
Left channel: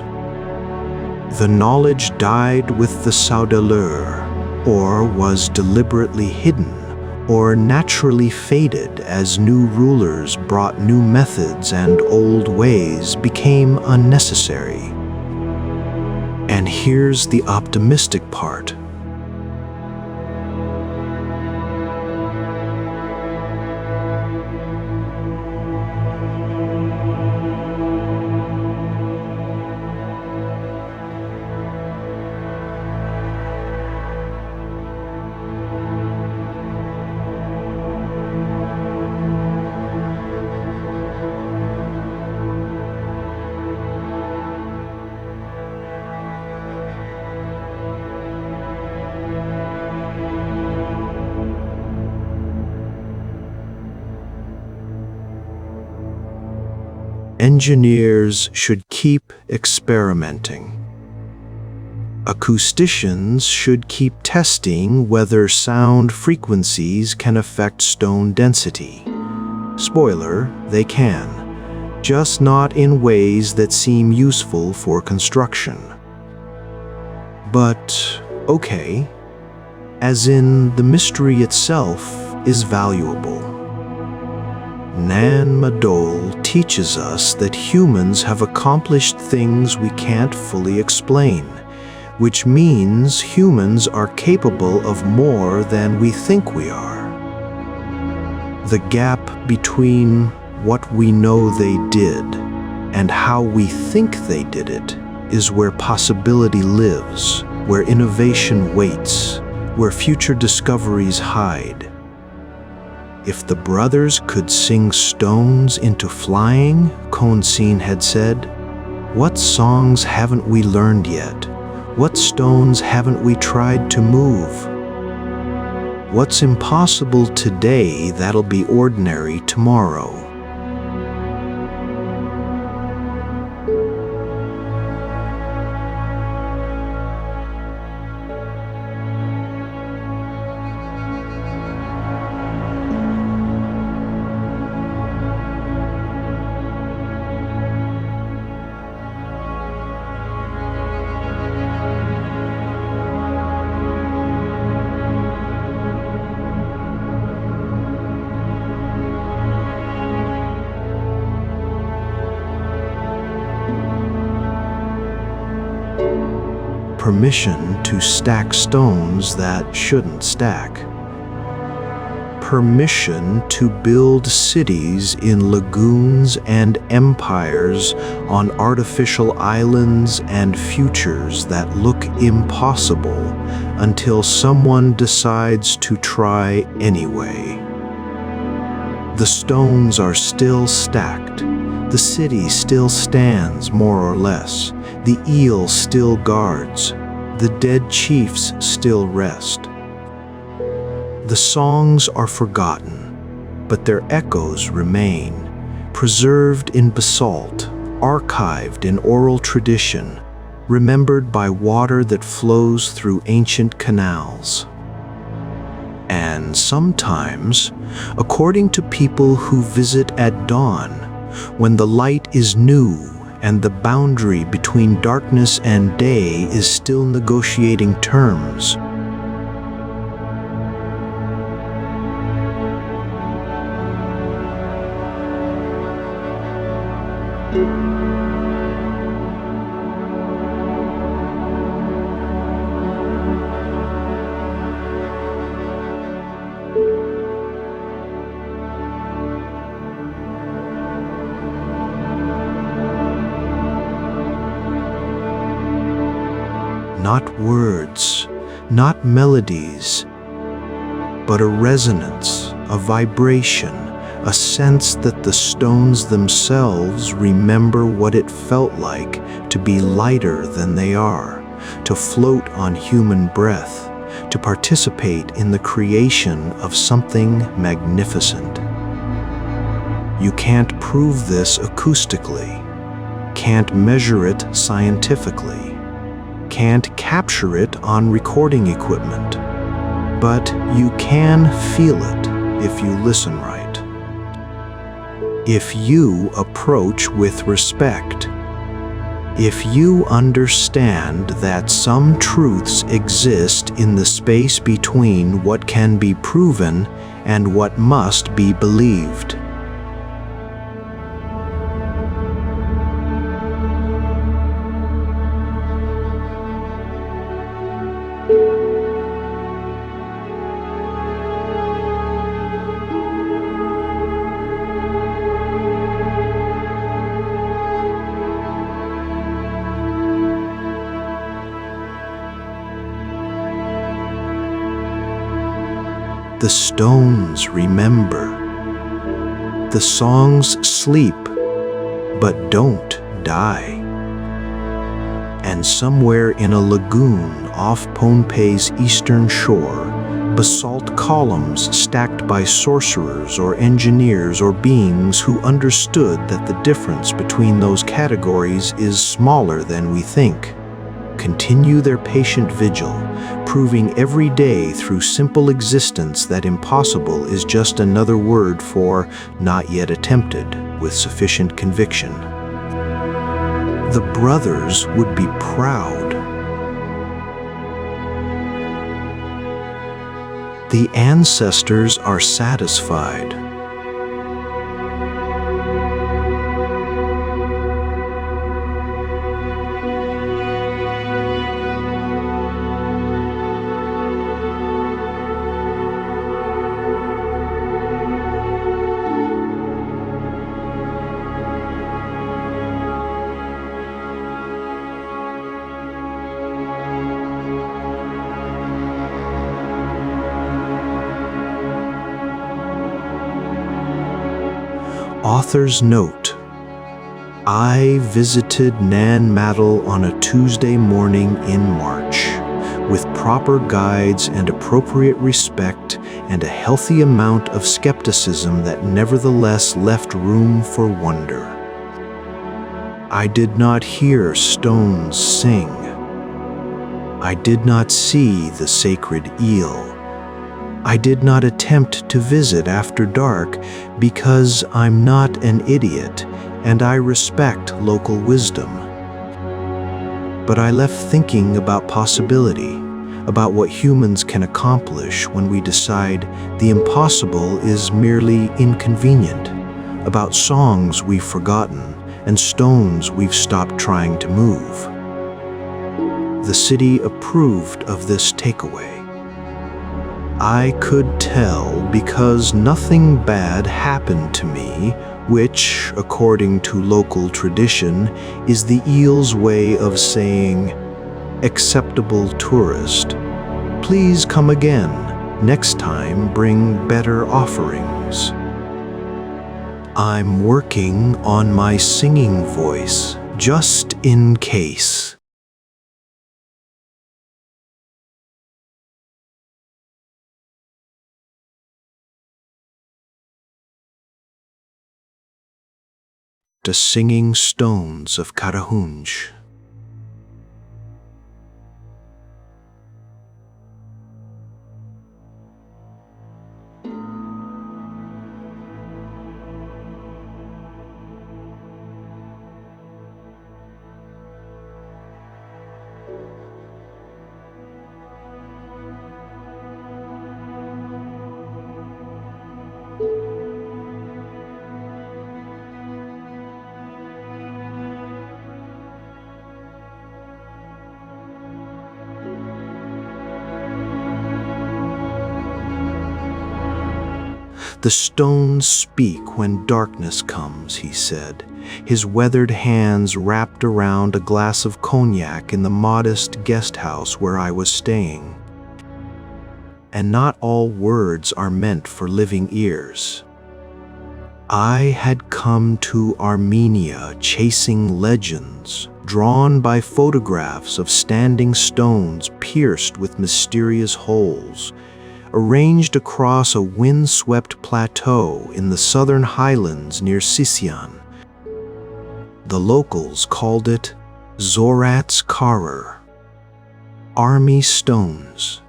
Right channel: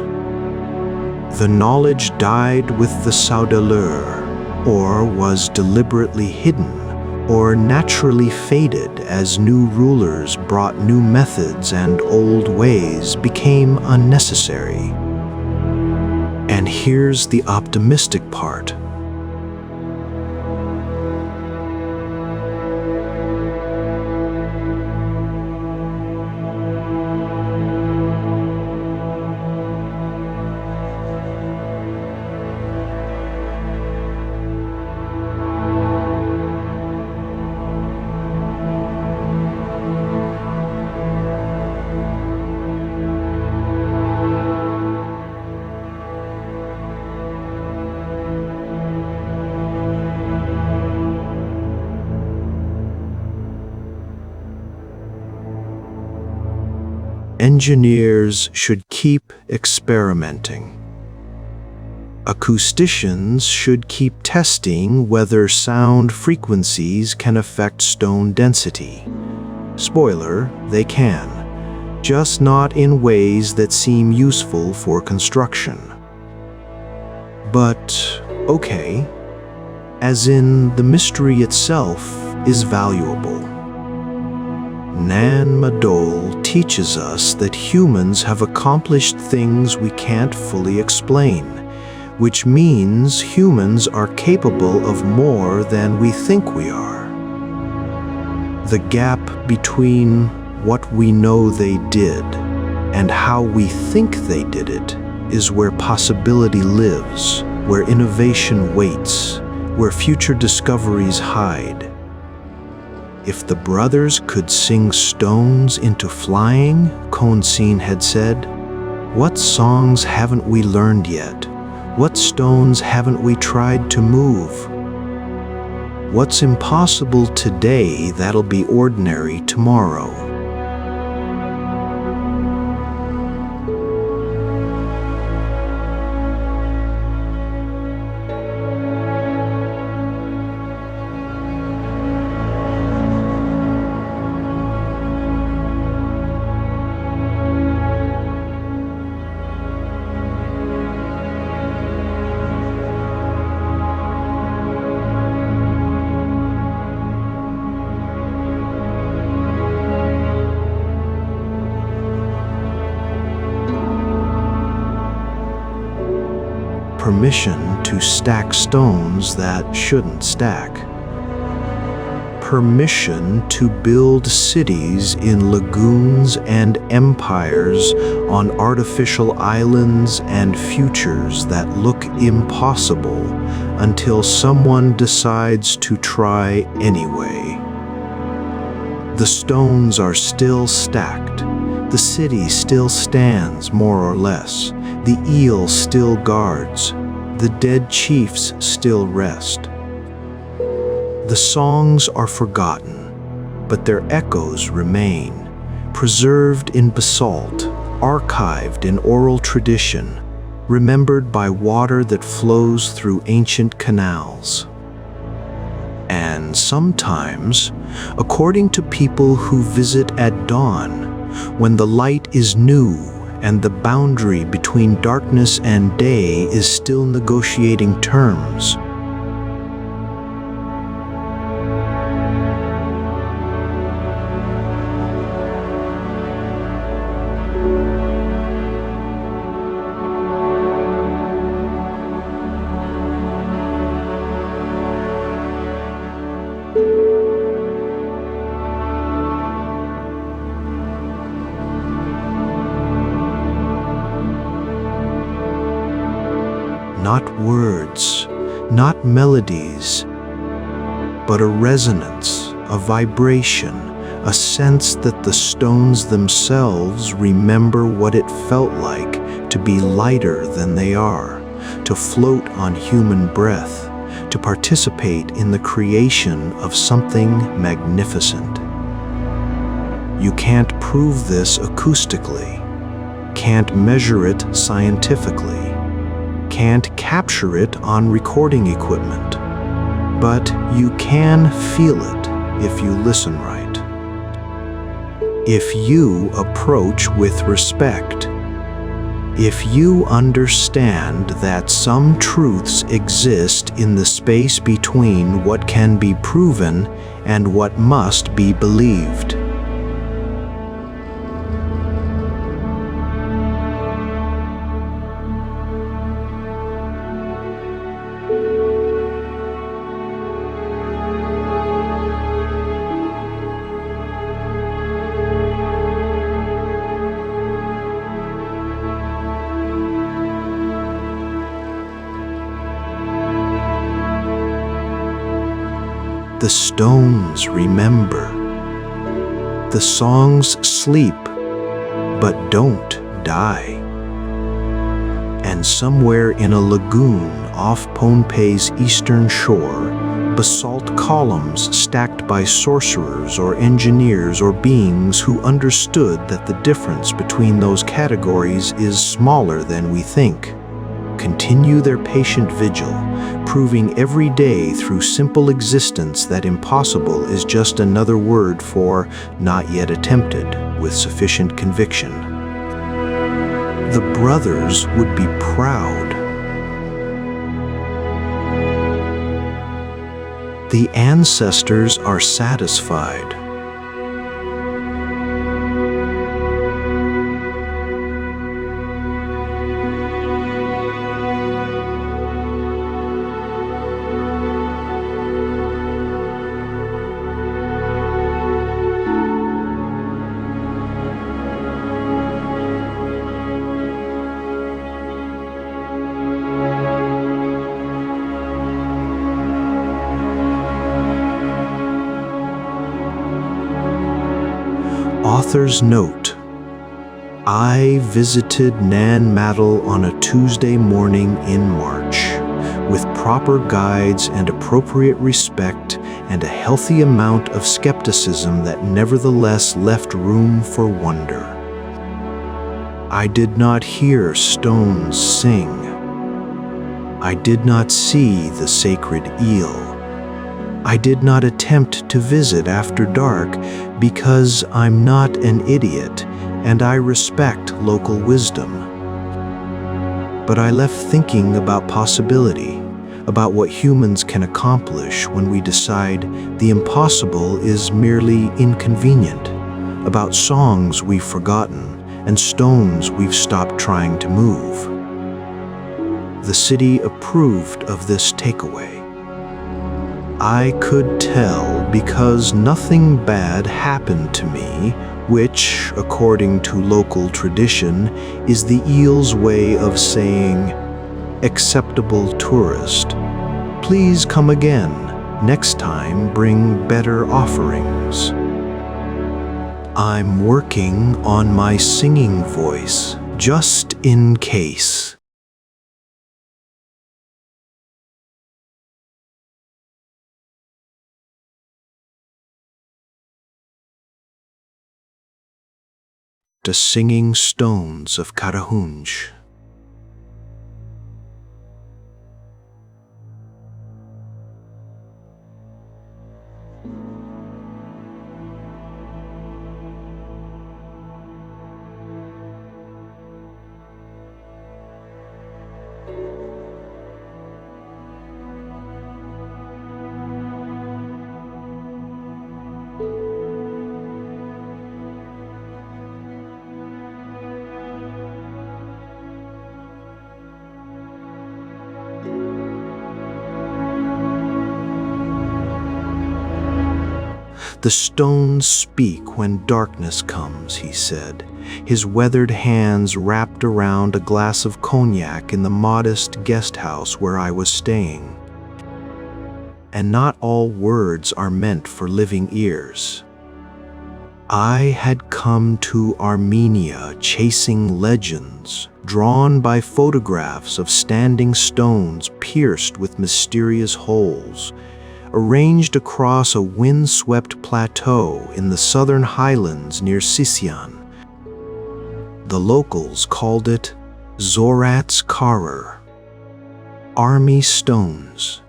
The knowledge died with the Citadel, or was deliberately hidden, or naturally faded as new rulers brought new methods and old ways became unnecessary. And here's the optimistic part. Engineers should keep experimenting. Acousticians should keep testing whether sound frequencies can affect stone density. Spoiler, they can, just not in ways that seem useful for construction. But, okay, as in the mystery itself is valuable. Madol teaches us that humans have accomplished things we can't fully explain, which means humans are capable of more than we think we are. The gap between what we know they did and how we think they did it is where possibility lives, where innovation waits, where future discoveries hide. If the brothers could sing stones into flying, Konsin had said, what songs haven't we learned yet? What stones haven't we tried to move? What's impossible today that'll be ordinary tomorrow? Permission to stack stones that shouldn't stack. Permission to build cities in lagoons and empires on artificial islands and futures that look impossible until someone decides to try anyway. The stones are still stacked. The city still stands, more or less. The eel still guards. The dead chiefs still rest. The songs are forgotten, but their echoes remain, preserved in basalt, archived in oral tradition, remembered by water that flows through ancient canals. And sometimes, according to people who visit at dawn, when the light is new and the boundary between darkness and day is still negotiating terms, not words, not melodies, but a resonance, a vibration, a sense that the stones themselves remember what it felt like to be lighter than they are, to float on human breath, to participate in the creation of something magnificent. You can't prove this acoustically, can't measure it scientifically, can't capture it on recording equipment, but you can feel it if you listen right. If you approach with respect, if you understand that some truths exist in the space between what can be proven and what must be believed. The stones remember. The songs sleep, but don't die. And somewhere in a lagoon off Pohnpei's eastern shore, basalt columns stacked by sorcerers or engineers or beings who understood that the difference between those categories is smaller than we think, continue their patient vigil, proving every day through simple existence that impossible is just another word for not yet attempted with sufficient conviction. The brothers would be proud. The ancestors are satisfied. Author's note: I visited Madol on a Tuesday morning in March, with proper guides and appropriate respect and a healthy amount of skepticism that nevertheless left room for wonder. I did not hear stones sing. I did not see the sacred eel. I did not attempt to visit after dark because I'm not an idiot and I respect local wisdom. But I left thinking about possibility, about what humans can accomplish when we decide the impossible is merely inconvenient, about songs we've forgotten and stones we've stopped trying to move. The city approved of this takeaway. I could tell because nothing bad happened to me, which, according to local tradition, is the eel's way of saying, "Acceptable tourist, please come again. Next time bring better offerings." I'm working on my singing voice, just in case. The Singing Stones of Karahunj. The stones speak when darkness comes, he said, his weathered hands wrapped around a glass of cognac in the modest guest house where I was staying. And not all words are meant for living ears. I had come to Armenia chasing legends, drawn by photographs of standing stones pierced with mysterious holes, arranged across a wind-swept plateau in the southern highlands near Sisian. The locals called it Zorat's Karar, army stones.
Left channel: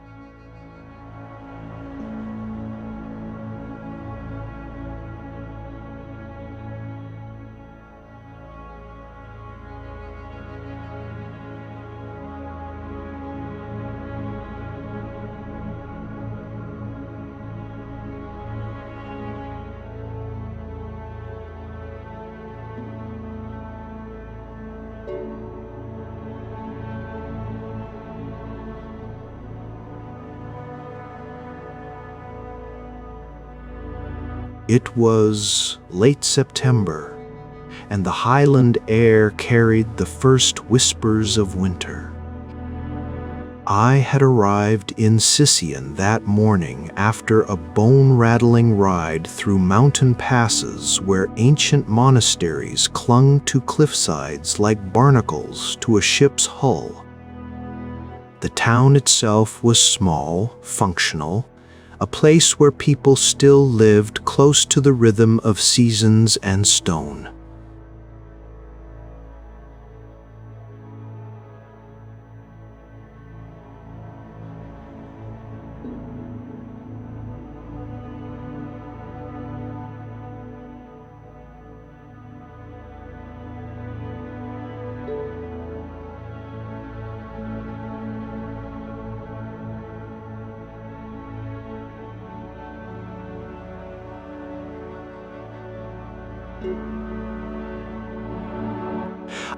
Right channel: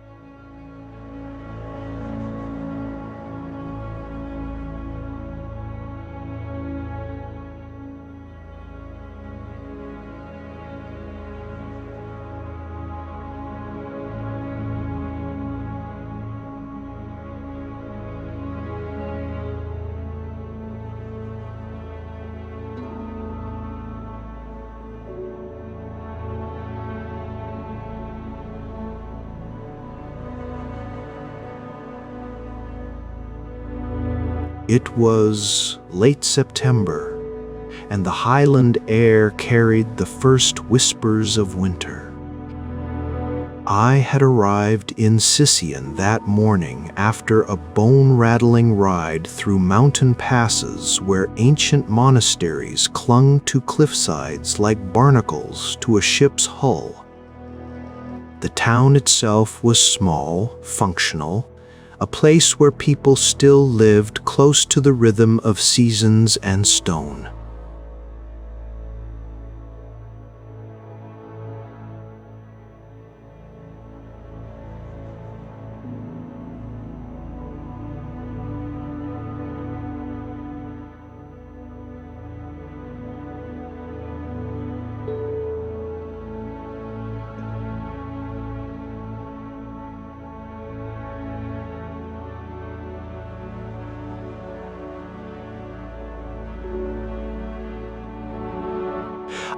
It was late September, and the highland air carried the first whispers of winter. I had arrived in Sisian that morning after a bone-rattling ride through mountain passes where ancient monasteries clung to cliffsides like barnacles to a ship's hull. The town itself was small, functional, a place where people still lived close to the rhythm of seasons and stone.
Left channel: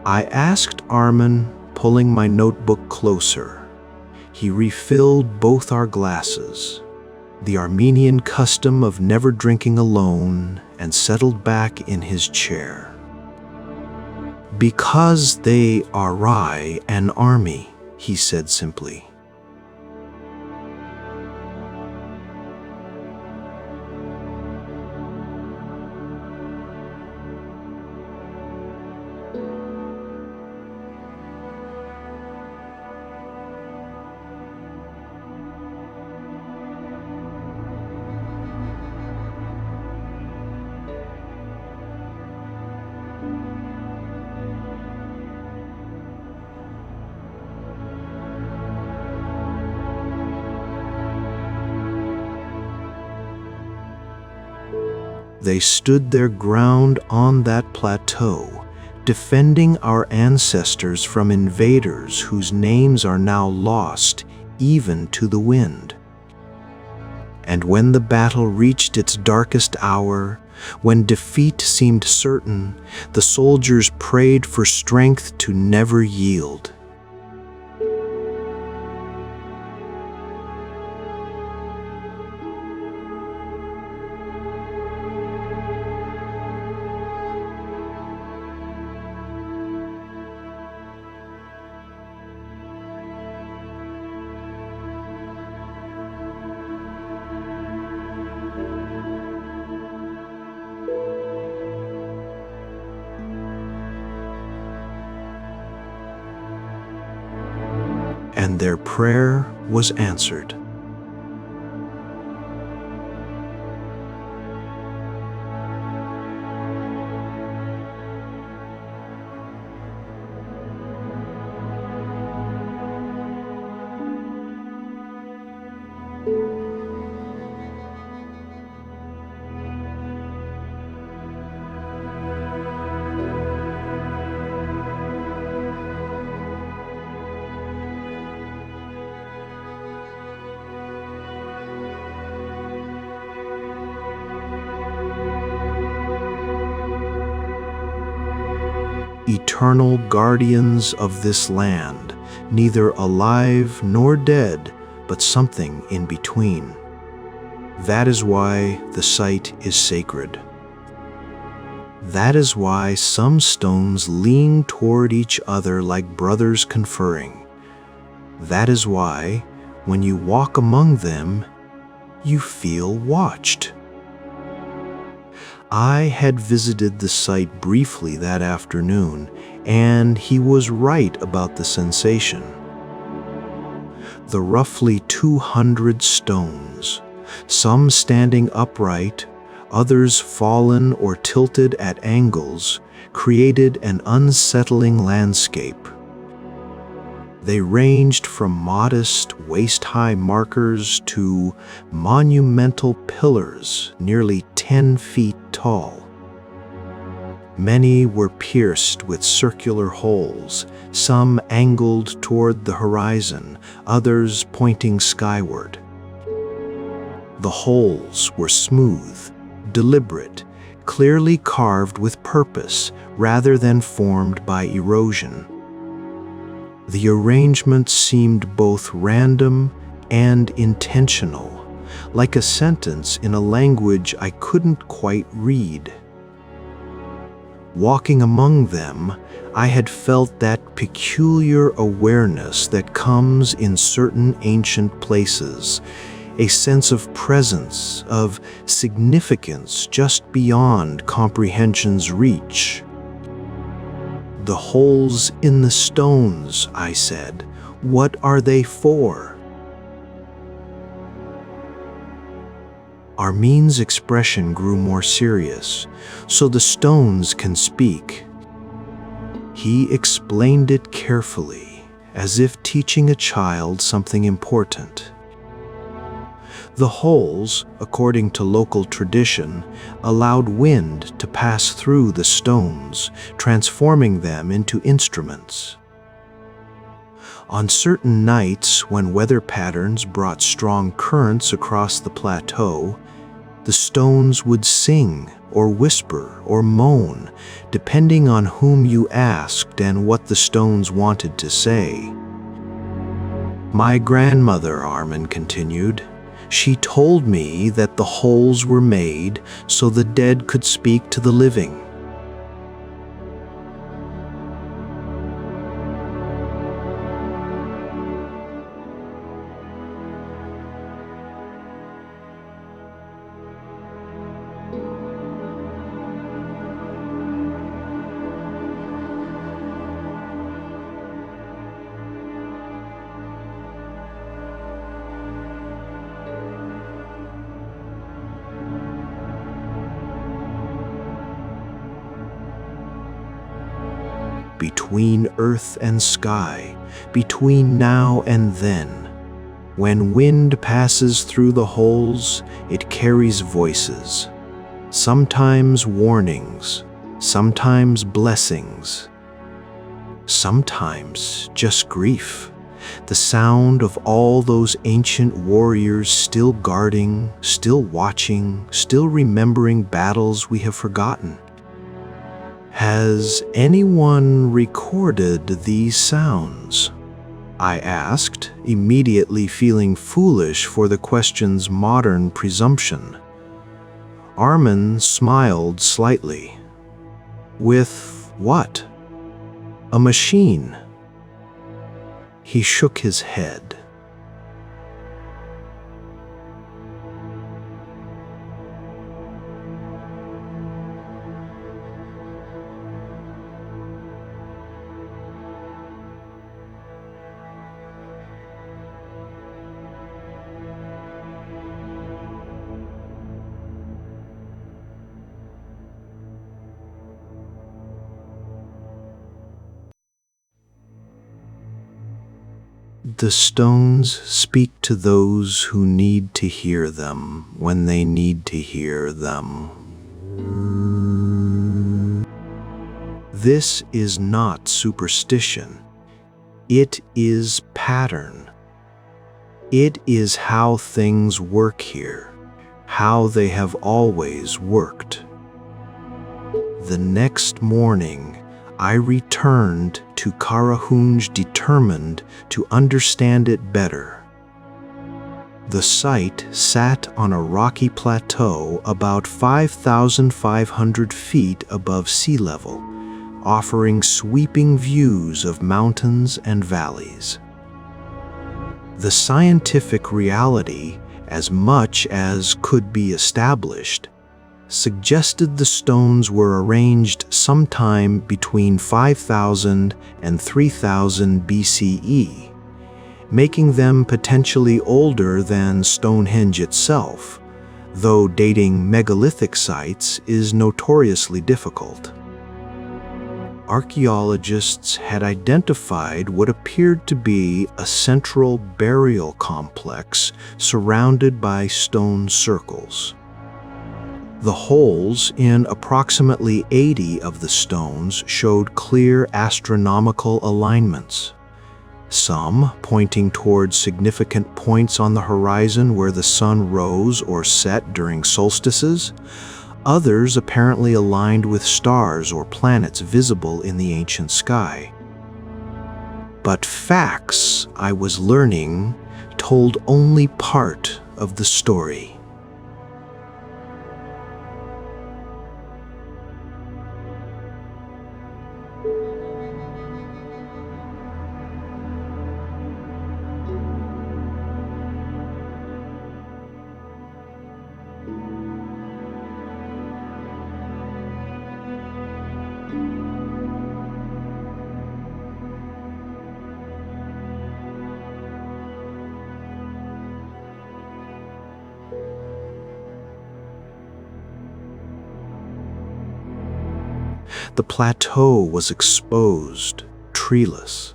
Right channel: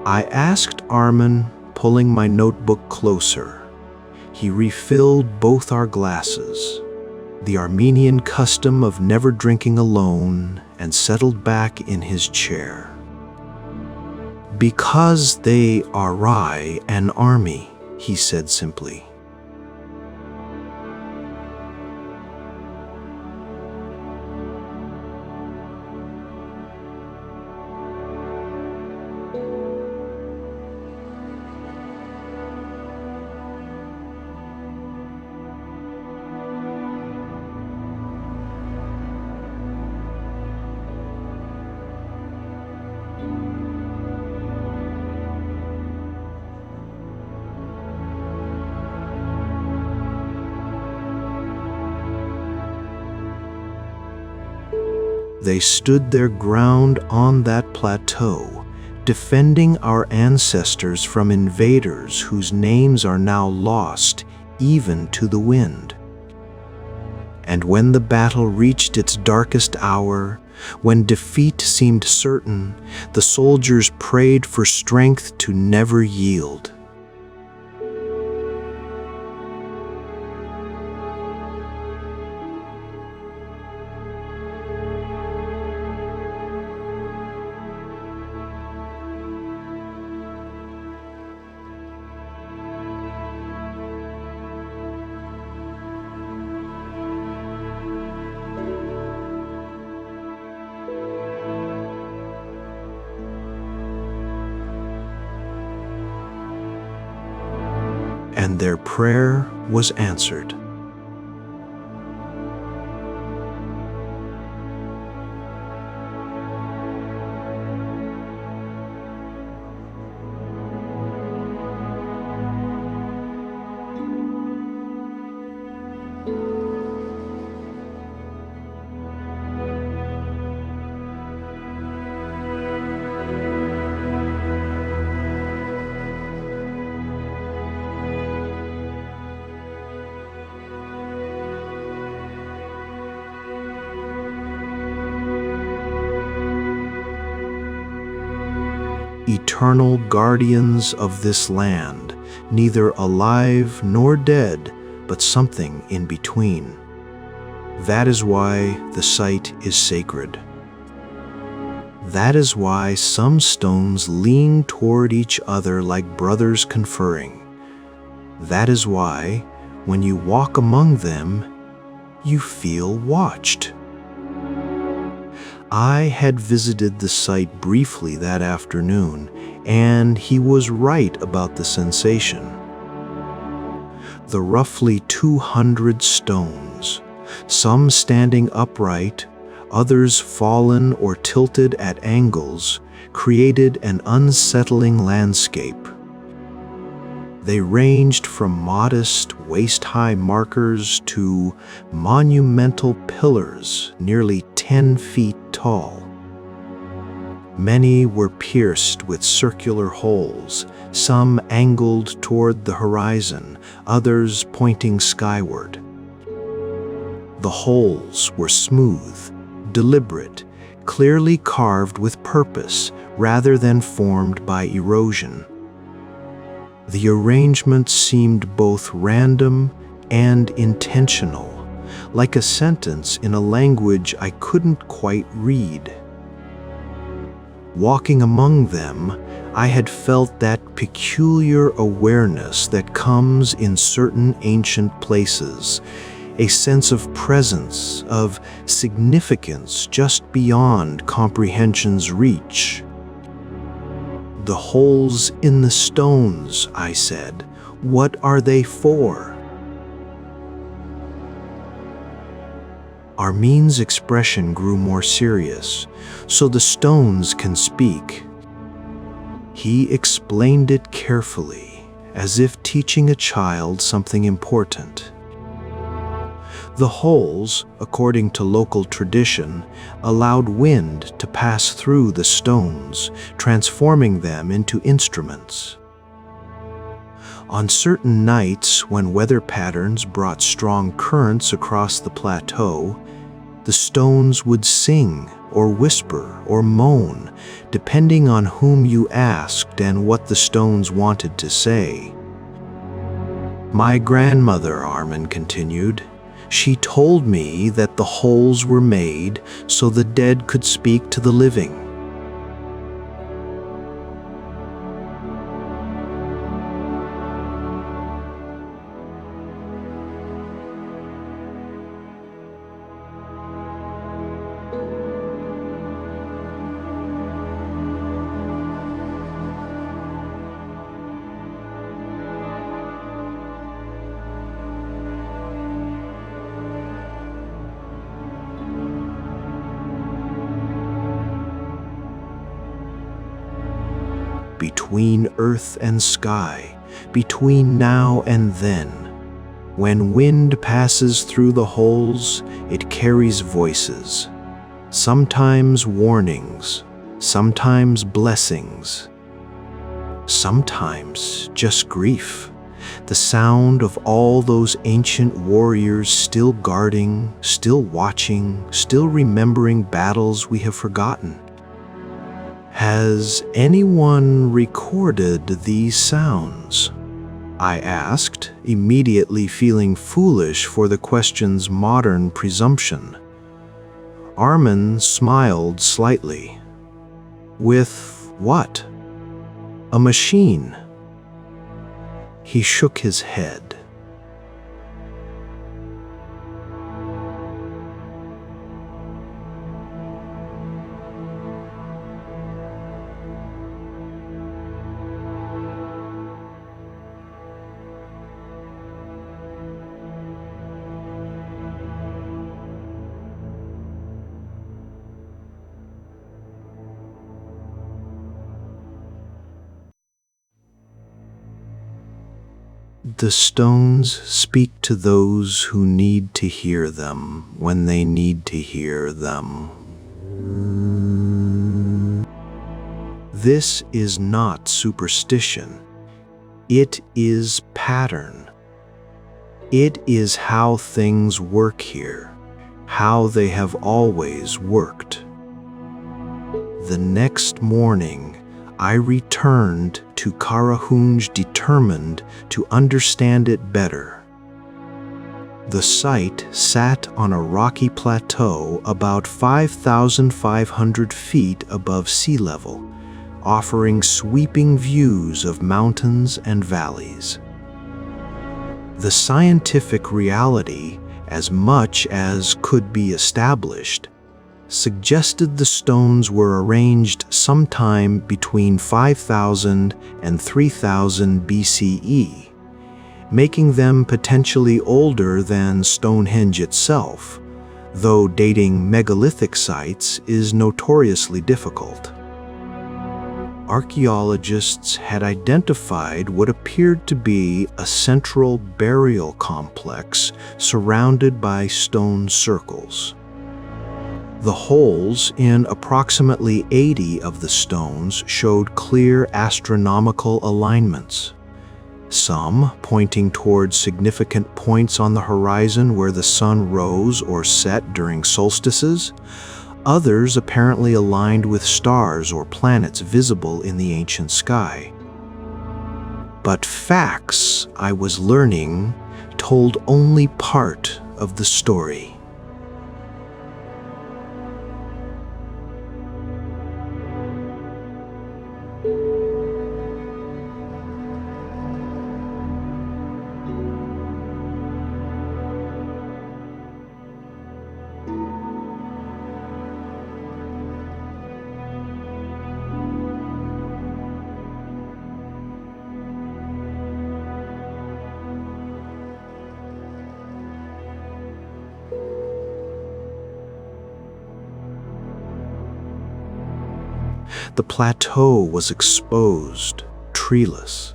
I asked Armin, pulling my notebook closer. He refilled both our glasses, the Armenian custom of never drinking alone, and settled back in his chair. "Because they are an army," he said simply. They stood their ground on that plateau, defending our ancestors from invaders whose names are now lost even to the wind. And when the battle reached its darkest hour, when defeat seemed certain, the soldiers prayed for strength to never yield. And their prayer was answered. Eternal guardians of this land, neither alive nor dead, but something in between. That is why the site is sacred. That is why some stones lean toward each other like brothers conferring. That is why, when you walk among them, you feel watched. I had visited the site briefly that afternoon, and he was right about the sensation. The roughly 200 stones, some standing upright, others fallen or tilted at angles, created an unsettling landscape. They ranged from modest, waist-high markers to monumental pillars nearly 10 feet tall. Many were pierced with circular holes, some angled toward the horizon, others pointing skyward. The holes were smooth, deliberate, clearly carved with purpose rather than formed by erosion. The arrangement seemed both random and intentional, like a sentence in a language I couldn't quite read. Walking among them, I had felt that peculiar awareness that comes in certain ancient places, a sense of presence, of significance just beyond comprehension's reach. "The holes in the stones," I said. "What are they for?" Armin's expression grew more serious. "So the stones can speak." He explained it carefully, as if teaching a child something important. The holes, according to local tradition, allowed wind to pass through the stones, transforming them into instruments. On certain nights, when weather patterns brought strong currents across the plateau, The stones would sing or whisper or moan, depending on whom you asked and what the stones wanted to say. My grandmother, Armin continued, she told me that the holes were made so the dead could speak to the living. Between earth and sky, between now and then. When wind passes through the holes, it carries voices, sometimes warnings, sometimes blessings, sometimes just grief, the sound of all those ancient warriors still guarding, still watching, still remembering battles we have forgotten. Has anyone recorded these sounds? I asked, immediately feeling foolish for the question's modern presumption. Armin smiled slightly. With what? A machine. He shook his head. The stones speak to those who need to hear them when they need to hear them. This is not superstition. It is pattern. It is how things work here, how they have always worked. The next morning, I returned to Karahunj determined to understand it better. The site sat on a rocky plateau about 5,500 feet above sea level, offering sweeping views of mountains and valleys. The scientific reality, as much as could be established, suggested the stones were arranged sometime between 5,000 and 3,000 BCE, making them potentially older than Stonehenge itself, though dating megalithic sites is notoriously difficult. Archaeologists had identified what appeared to be a central burial complex surrounded by stone circles. The holes in approximately 80 of the stones showed clear astronomical alignments, some pointing towards significant points on the horizon where the sun rose or set during solstices, others apparently aligned with stars or planets visible in the ancient sky. But facts, I was learning, told only part of the story. The plateau was exposed, treeless,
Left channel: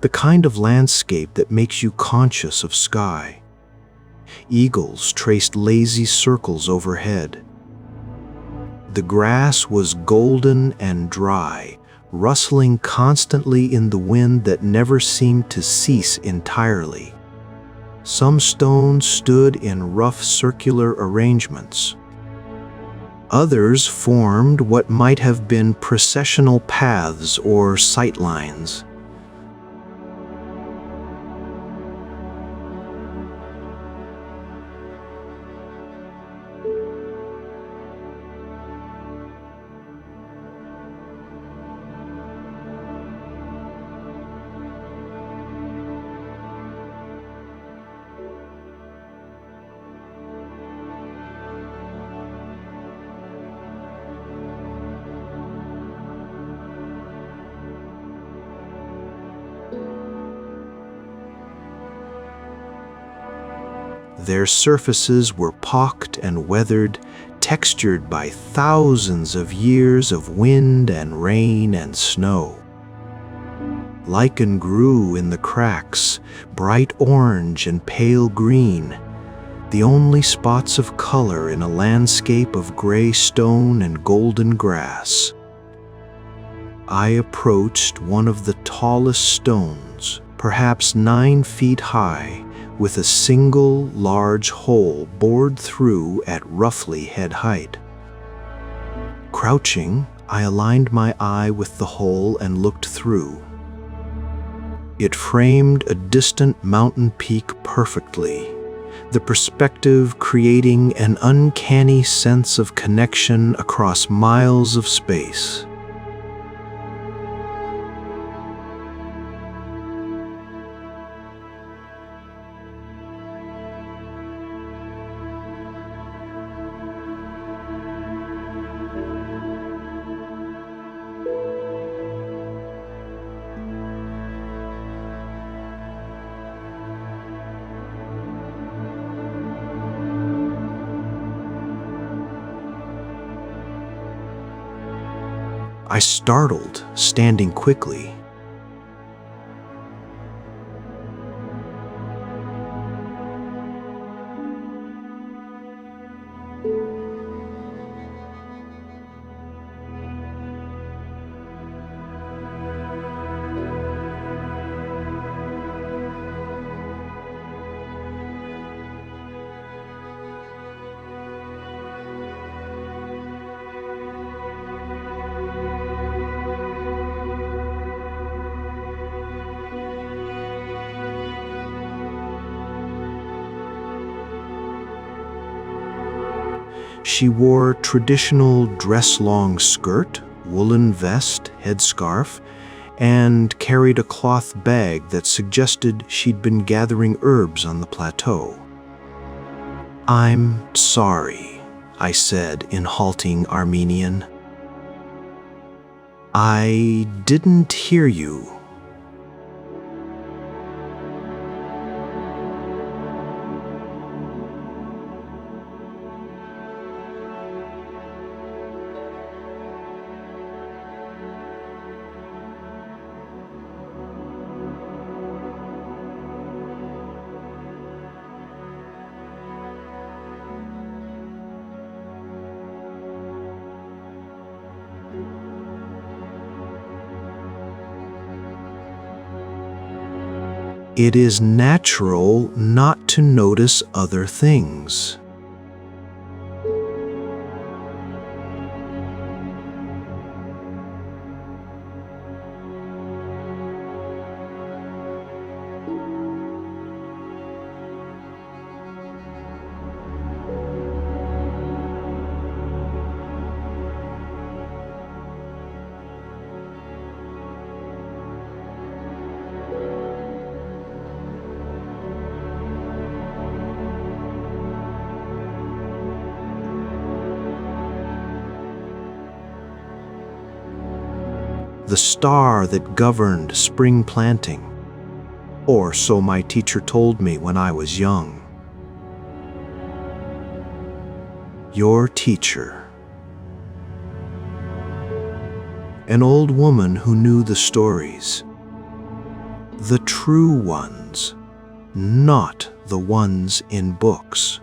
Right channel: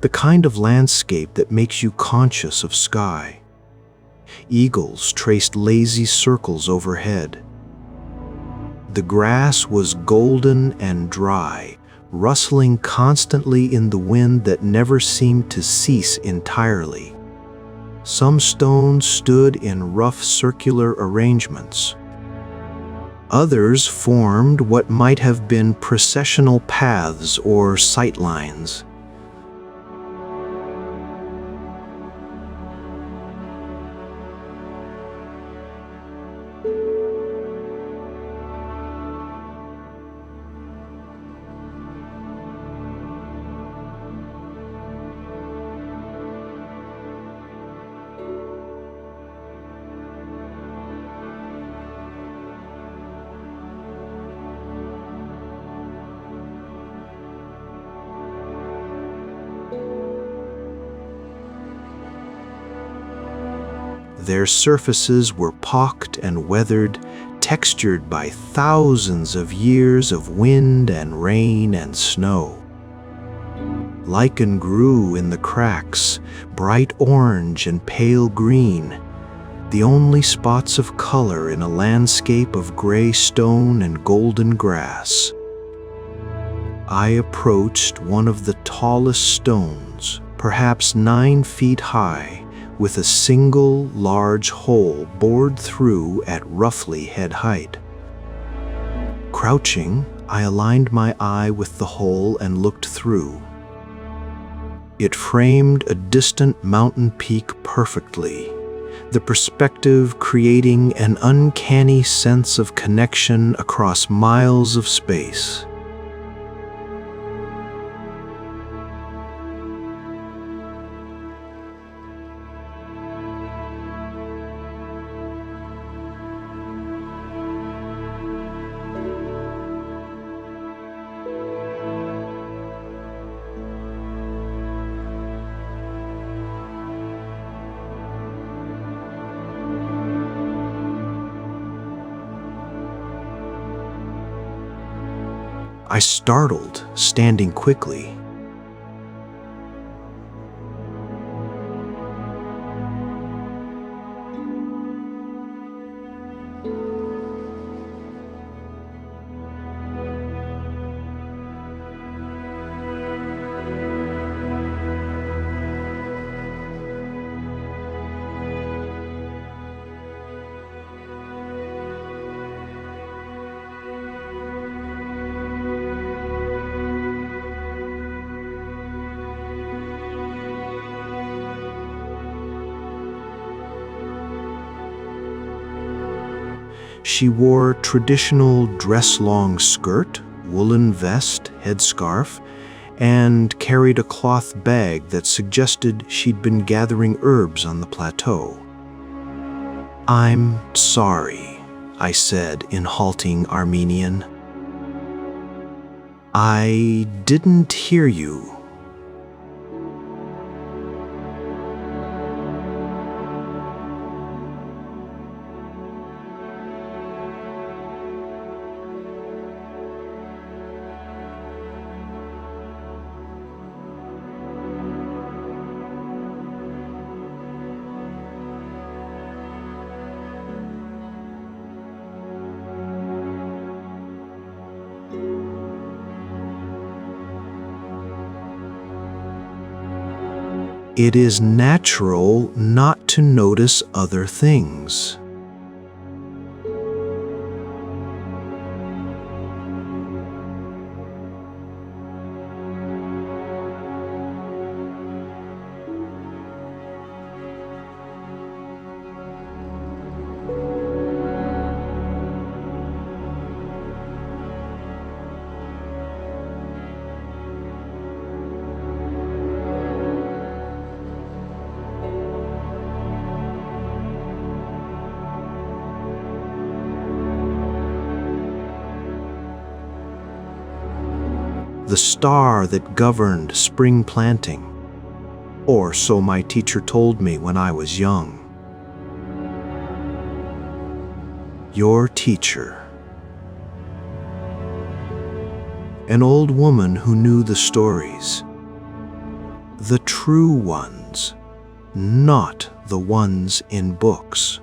the kind of landscape that makes you conscious of sky. Eagles traced lazy circles overhead. The grass was golden and dry, rustling constantly in the wind that never seemed to cease entirely. Some stones stood in rough circular arrangements, Others formed what might have been processional paths or sightlines. Their surfaces were pocked and weathered, textured by thousands of years of wind and rain and snow. Lichen grew in the cracks, bright orange and pale green, the only spots of color in a landscape of gray stone and golden grass. I approached one of the tallest stones, perhaps 9 feet high, with a single large hole bored through at roughly head height. Crouching, I aligned my eye with the hole and looked through. It framed a distant mountain peak perfectly, the perspective creating an uncanny sense of connection across miles of space. I startled, standing quickly. She wore traditional dress-long skirt, woolen vest, headscarf, and carried a cloth bag that suggested she'd been gathering herbs on the plateau. "I'm sorry," I said in halting Armenian. "I didn't hear you." It is natural not to notice other things. The star that governed spring planting, or so my teacher told me when I was young. Your teacher. An old woman who knew the stories. The true ones, not the ones in books.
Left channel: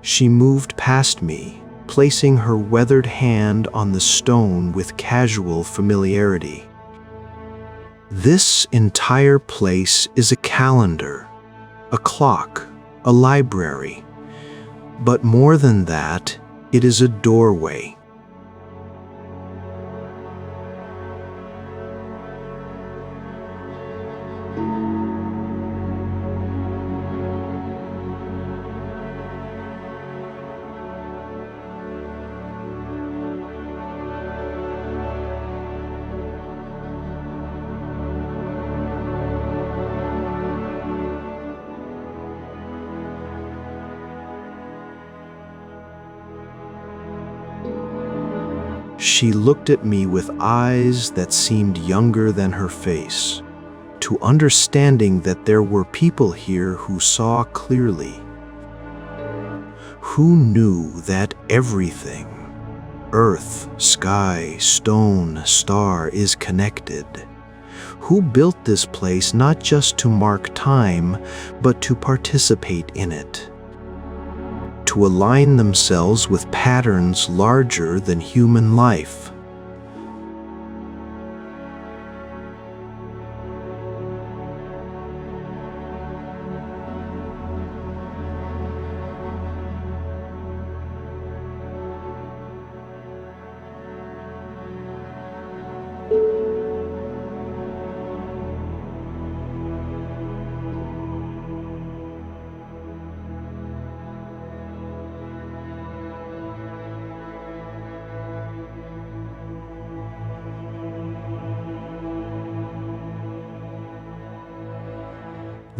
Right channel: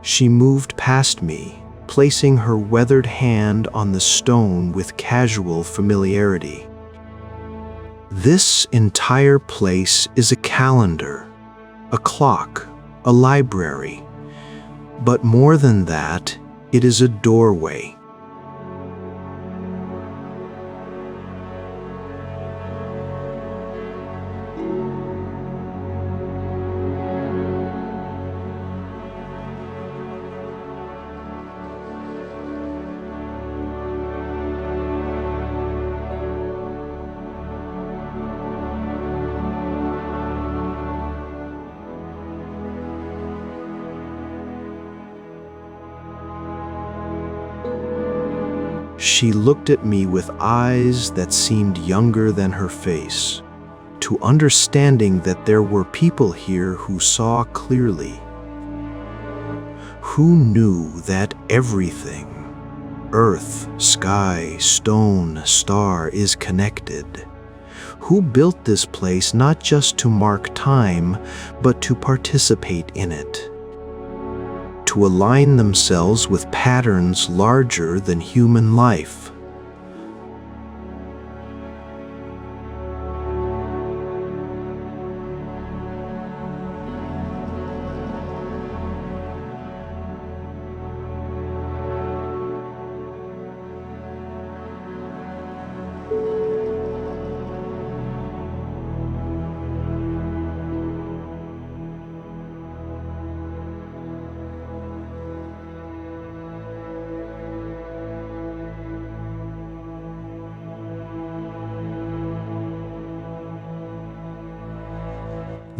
She moved past me, placing her weathered hand on the stone with casual familiarity. This entire place is a calendar, a clock, a library. But more than that, it is a doorway. She looked at me with eyes that seemed younger than her face, to understanding that there were people here who saw clearly, who knew that everything, earth, sky, stone, star, is connected, who built this place not just to mark time, but to participate in it, to align themselves with patterns larger than human life.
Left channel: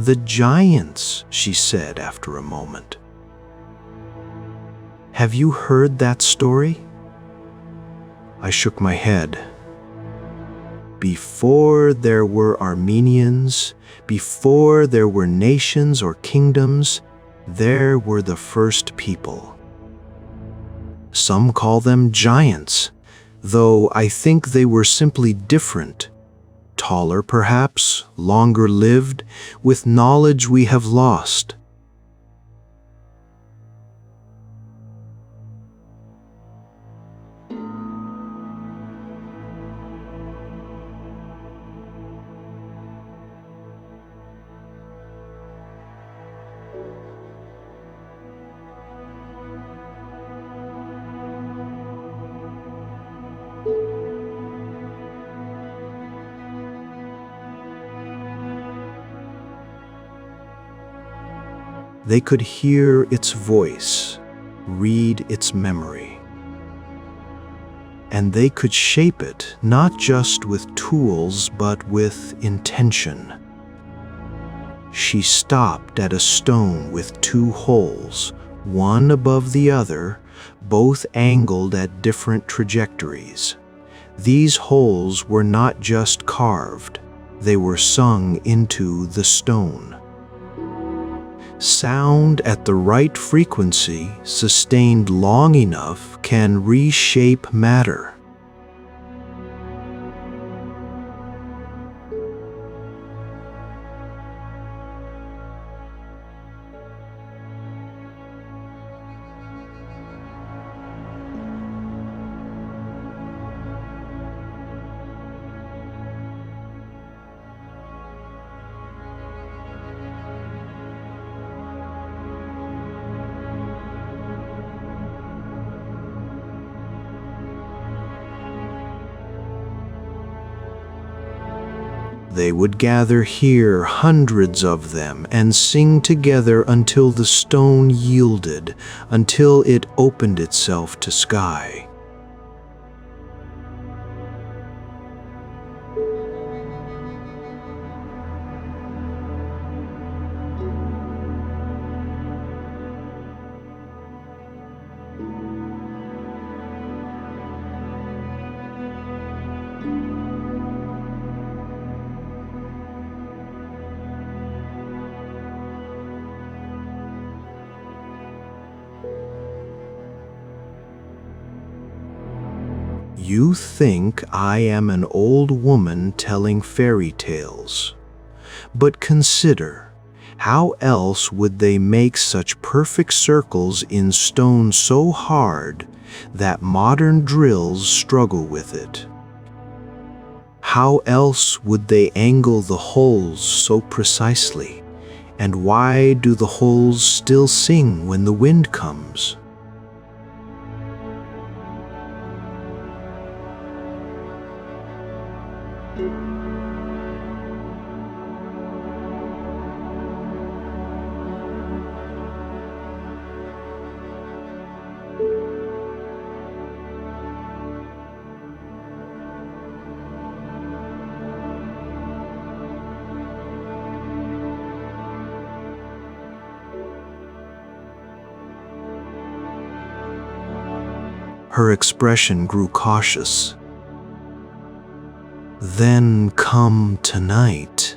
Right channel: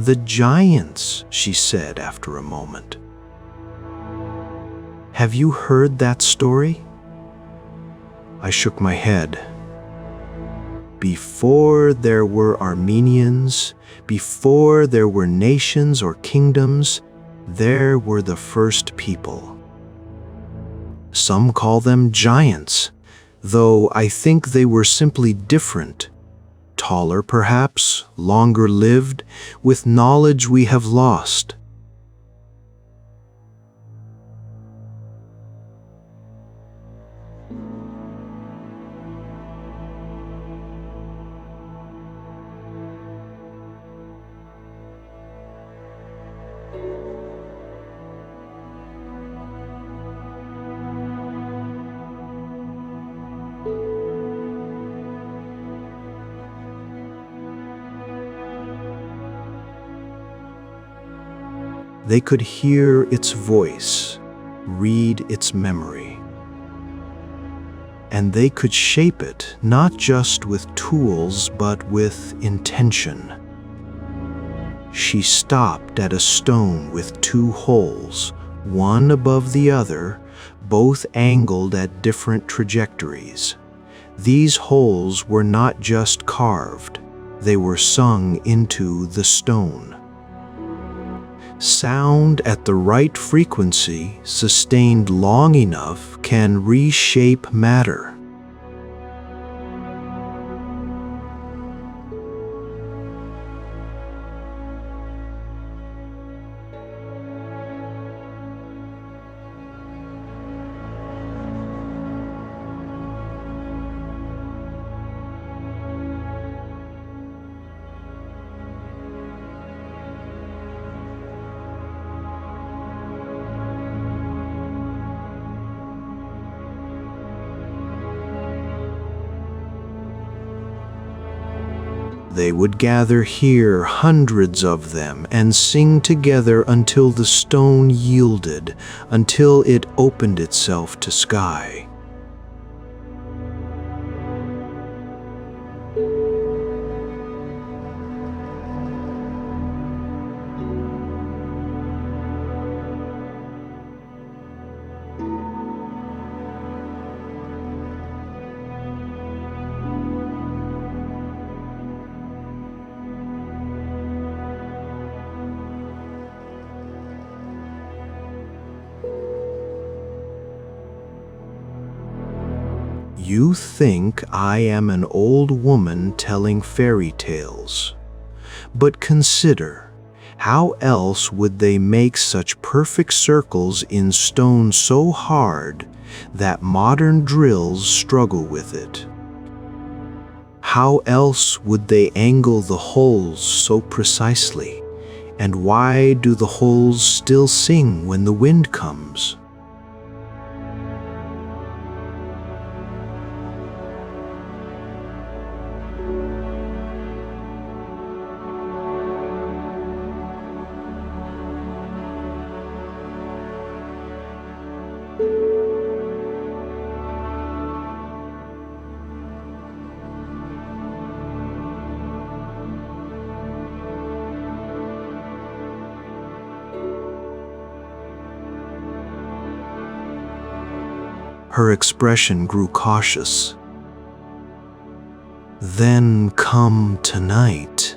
"The giants," she said after a moment. "Have you heard that story?" I shook my head. Before there were Armenians, before there were nations or kingdoms, there were the first people. Some call them giants, though I think they were simply different. Taller perhaps, longer lived, with knowledge we have lost. They could hear its voice, read its memory. And they could shape it not just with tools but with intention. She stopped at a stone with two holes, one above the other, both angled at different trajectories. These holes were not just carved, they were sung into the stone. Sound at the right frequency, sustained long enough, can reshape matter. They would gather here, hundreds of them, and sing together until the stone yielded, until it opened itself to sky. You think I am an old woman telling fairy tales. But consider, how else would they make such perfect circles in stone so hard that modern drills struggle with it? How else would they angle the holes so precisely, And why do the holes still sing when the wind comes? Her expression grew cautious. Then come tonight.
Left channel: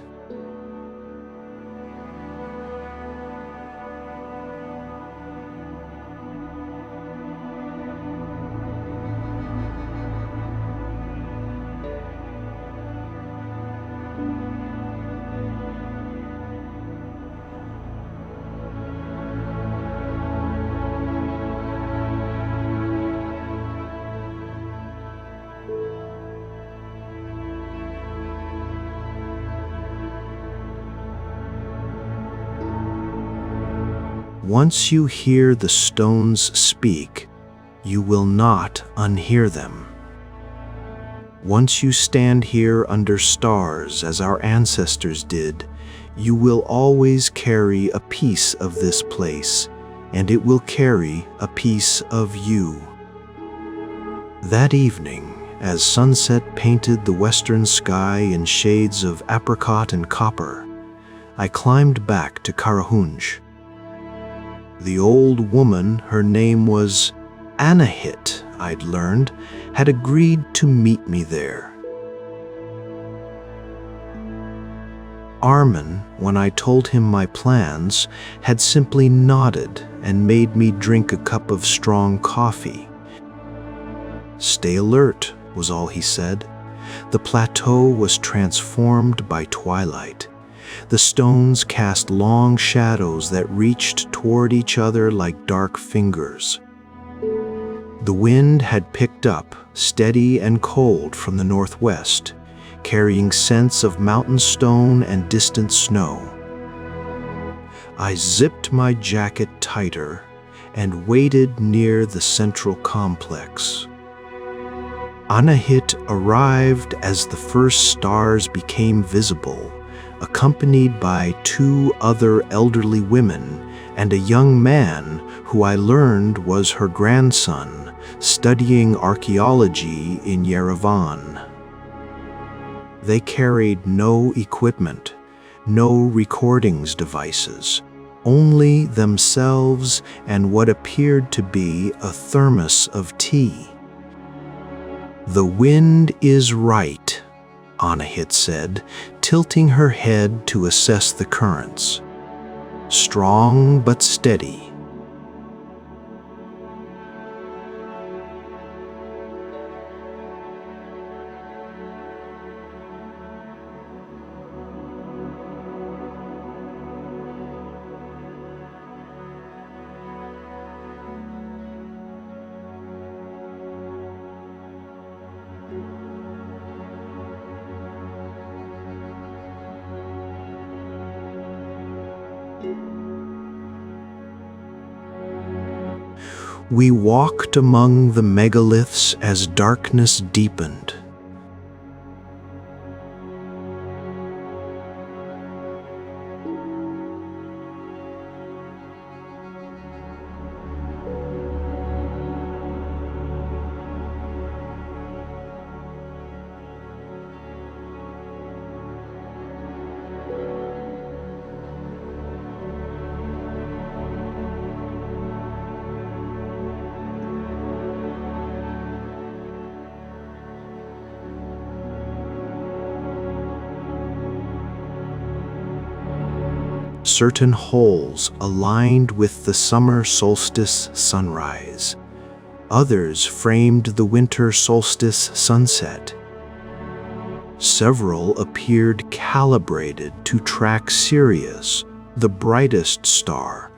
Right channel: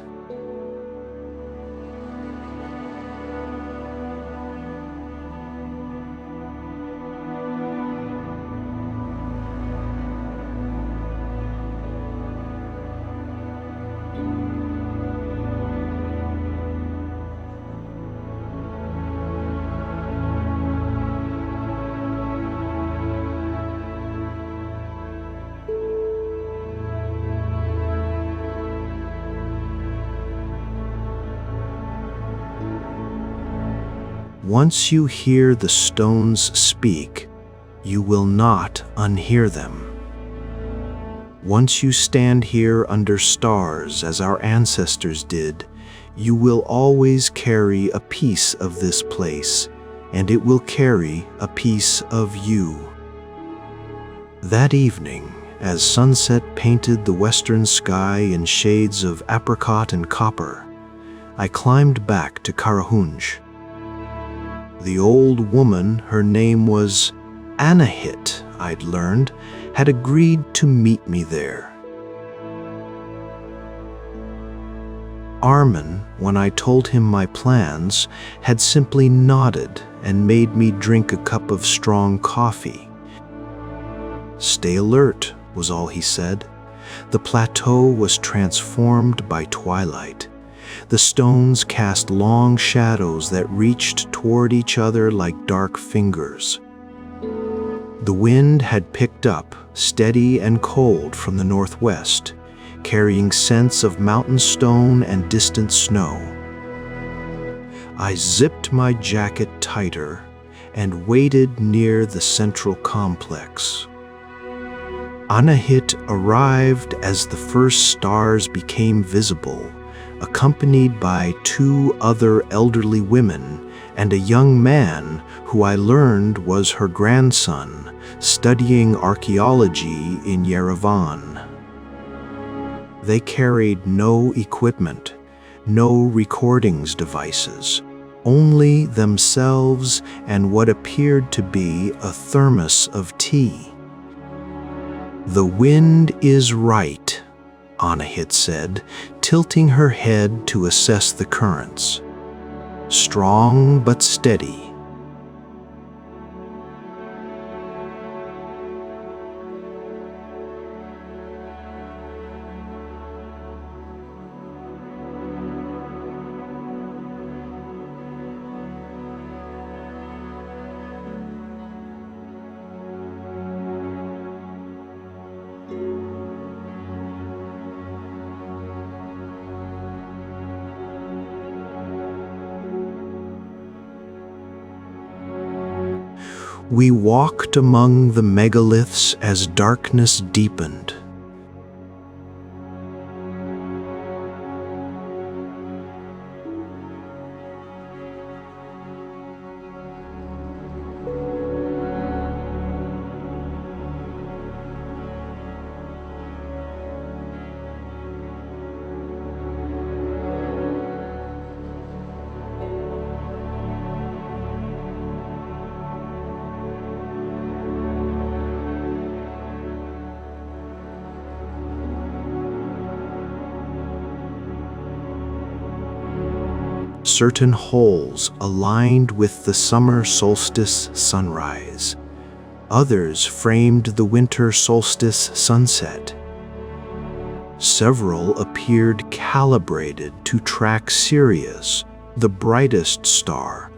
Once you hear the stones speak, you will not unhear them. Once you stand here under stars as our ancestors did, you will always carry a piece of this place, and it will carry a piece of you. That evening, as sunset painted the western sky in shades of apricot and copper, I climbed back to Karahunj. The old woman, her name was Anahit, I'd learned, had agreed to meet me there. Armin, when I told him my plans, had simply nodded and made me drink a cup of strong coffee. Stay alert, was all he said. The plateau was transformed by twilight. The stones cast long shadows that reached toward each other like dark fingers. The wind had picked up, steady and cold from the northwest, carrying scents of mountain stone and distant snow. I zipped my jacket tighter and waited near the central complex. Anahit arrived as the first stars became visible, accompanied by 2 other elderly women and a young man who I learned was her grandson, studying archaeology in Yerevan. They carried no equipment, no recordings devices, only themselves and what appeared to be a thermos of tea. "The wind is right," Anahit said, tilting her head to assess the currents. "Strong but steady." We walked among the megaliths as darkness deepened. Certain holes aligned with the summer solstice sunrise. Others framed the winter solstice sunset. Several appeared calibrated to track Sirius, the brightest star,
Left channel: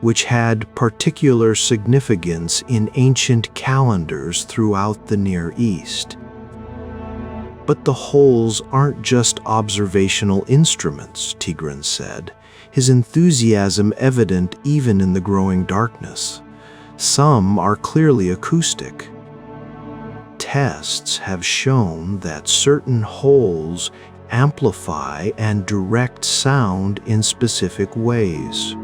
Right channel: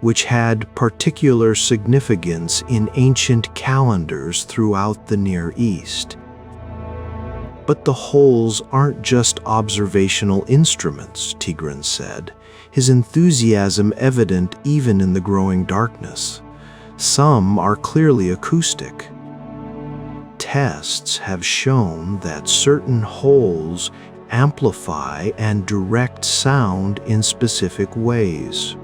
which had particular significance in ancient calendars throughout the Near East. But the holes aren't just observational instruments, Tigran said, his enthusiasm evident even in the growing darkness. Some are clearly acoustic. Tests have shown that certain holes amplify and direct sound in specific ways,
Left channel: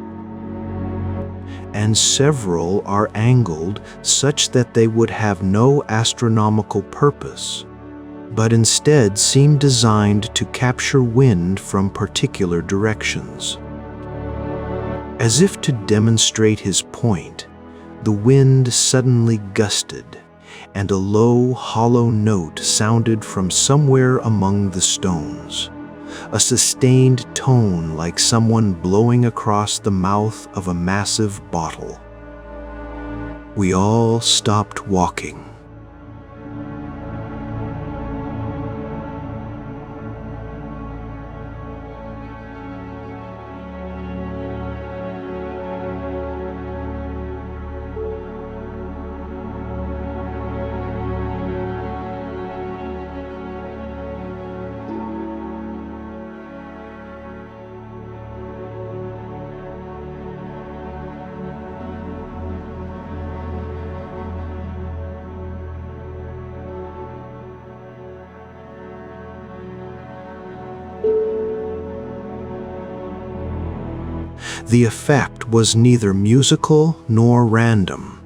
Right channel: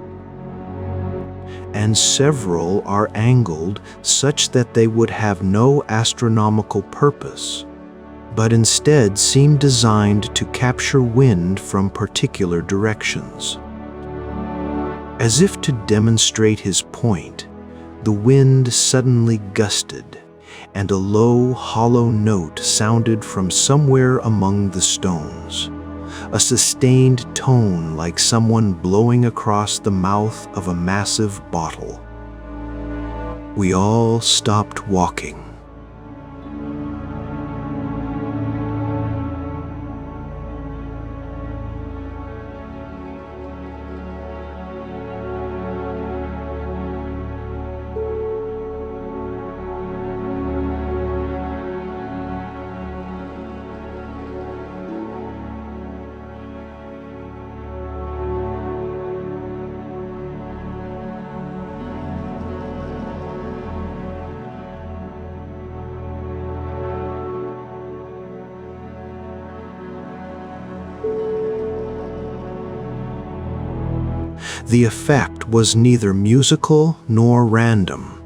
and several are angled such that they would have no astronomical purpose, but instead seem designed to capture wind from particular directions. As if to demonstrate his point, the wind suddenly gusted, and a low, hollow note sounded from somewhere among the stones, a sustained tone like someone blowing across the mouth of a massive bottle. We all stopped walking. The effect was neither musical nor random.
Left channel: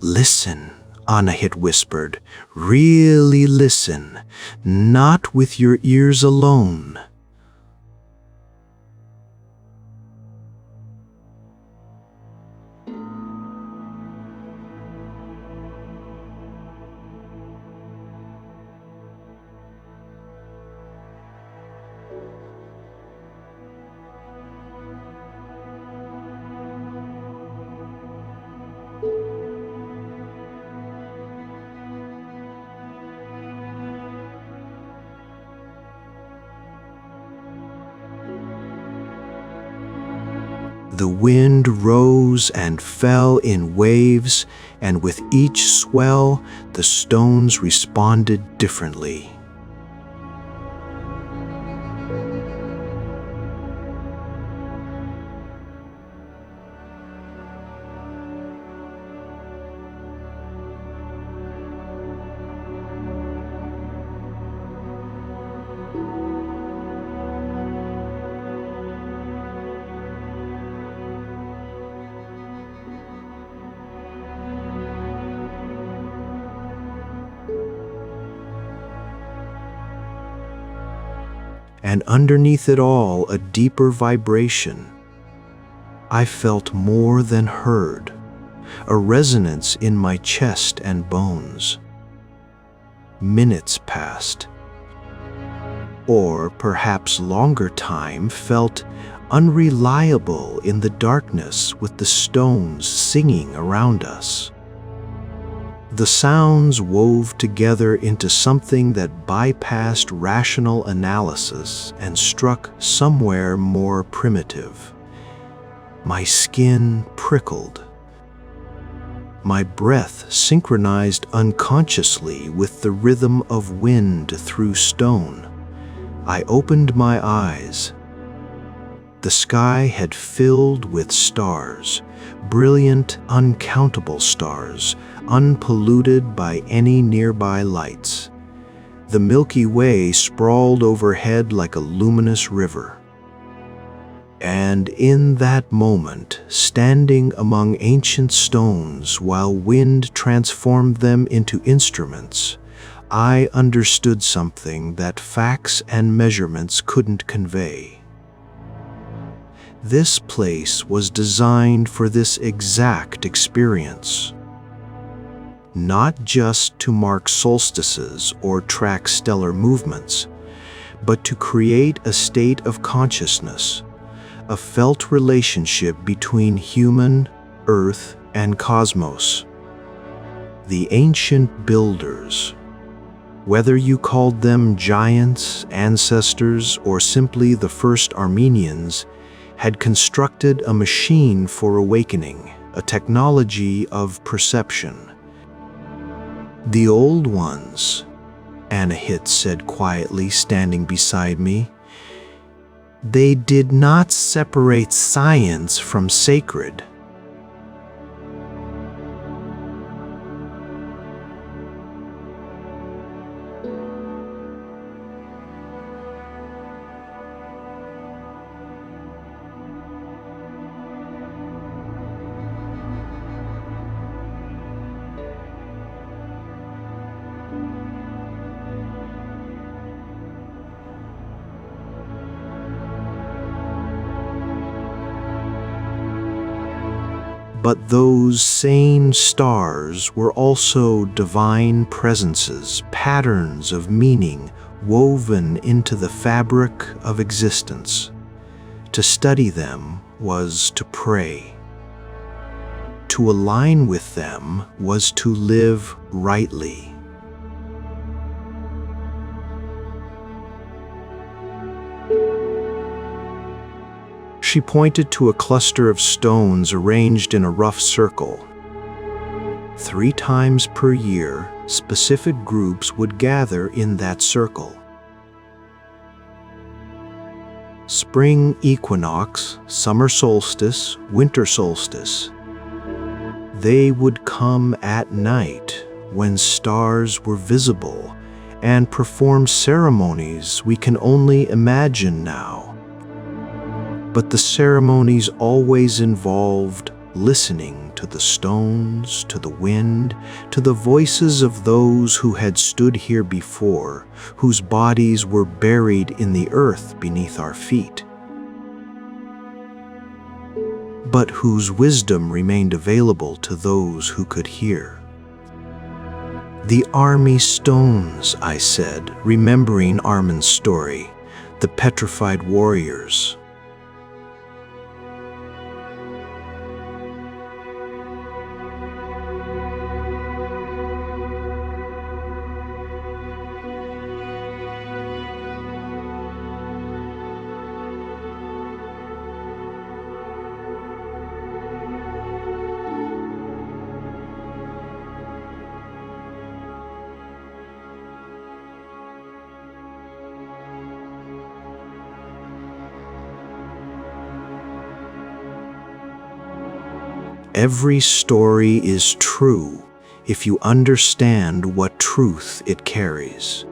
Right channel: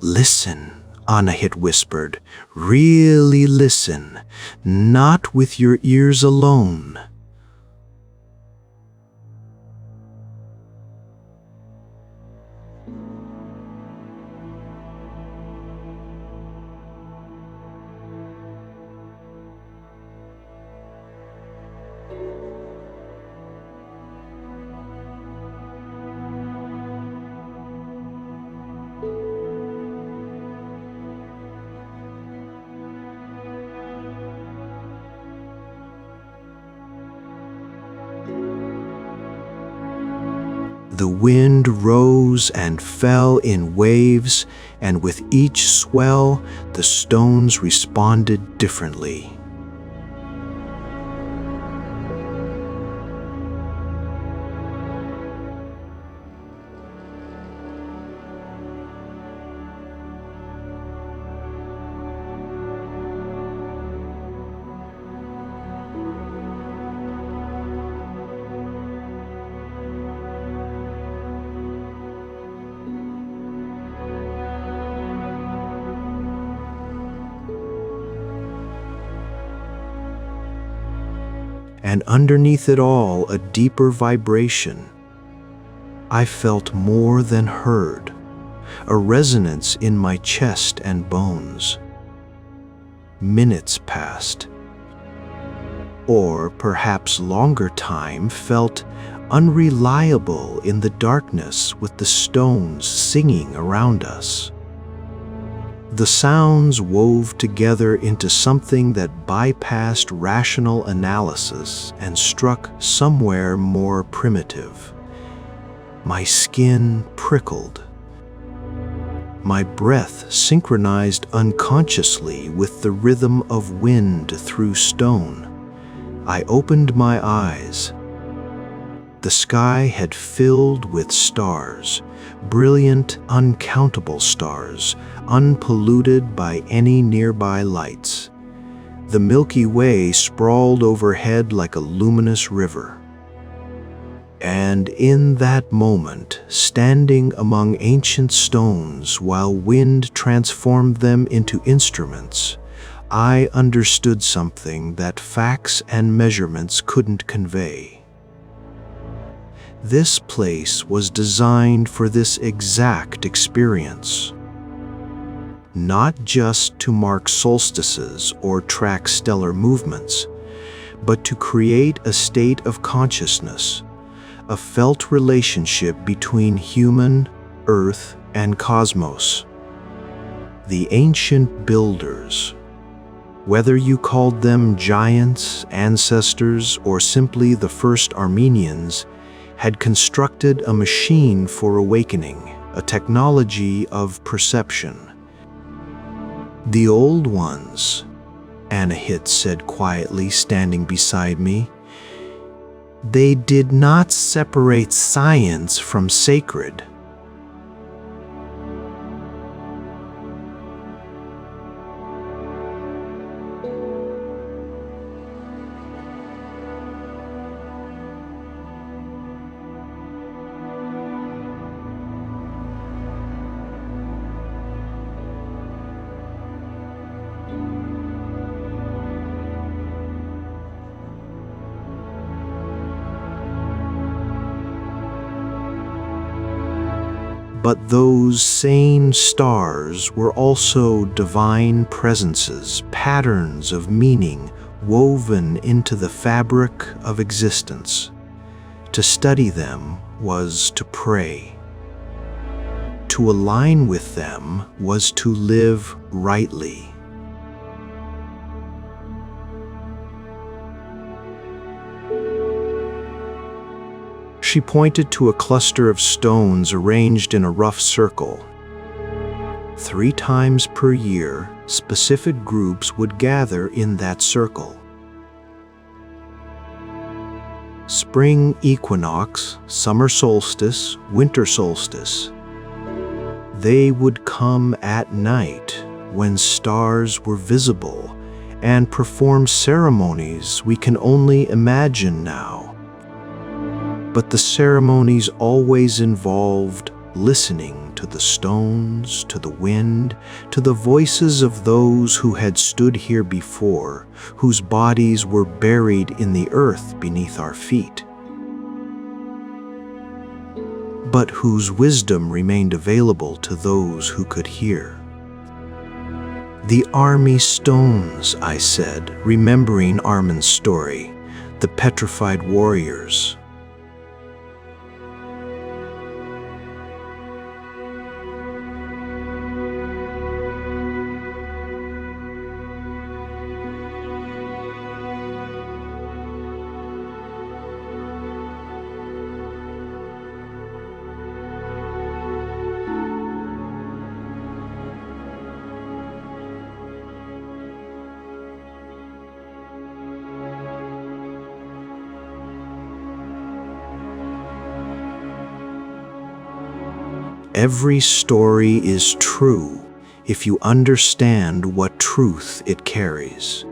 "Listen," Anahit whispered. "Really listen, not with your ears alone." The wind rose and fell in waves, and with each swell, the stones responded differently. And underneath it all, a deeper vibration. I felt more than heard, a resonance in my chest and bones. Minutes passed, or perhaps longer time felt unreliable in the darkness with the stones singing around us. The sounds wove together into something that bypassed rational analysis and struck somewhere more primitive. My skin prickled. My breath synchronized unconsciously with the rhythm of wind through stone. I opened my eyes. The sky had filled with stars, brilliant, uncountable stars, unpolluted by any nearby lights. The Milky Way sprawled overhead like a luminous river. And in that moment, standing among ancient stones while wind transformed them into instruments, I understood something that facts and measurements couldn't convey. This place was designed for this exact experience. not just to mark solstices or track stellar movements, but to create a state of consciousness, a felt relationship between human, earth, and cosmos. The ancient builders, whether you called them giants, ancestors, or simply the first Armenians, had constructed a machine for awakening, a technology of perception. The old ones, Anahit said quietly, standing beside me, they did not separate science from sacred. But those sane stars were also divine presences, patterns of meaning woven into the fabric of existence. To study them was to pray. To align with them was to live rightly. She pointed to a cluster of stones arranged in a rough circle. 3 times per year, specific groups would gather in that circle. Spring equinox, summer solstice, winter solstice. They would come at night when stars were visible and perform ceremonies we can only imagine now. But the ceremonies always involved listening to the stones, to the wind, to the voices of those who had stood here before, whose bodies were buried in the earth beneath our feet, but whose wisdom remained available to those who could hear. The army stones, I said, remembering Armin's story, the petrified warriors. Every story is true if you understand what truth it carries.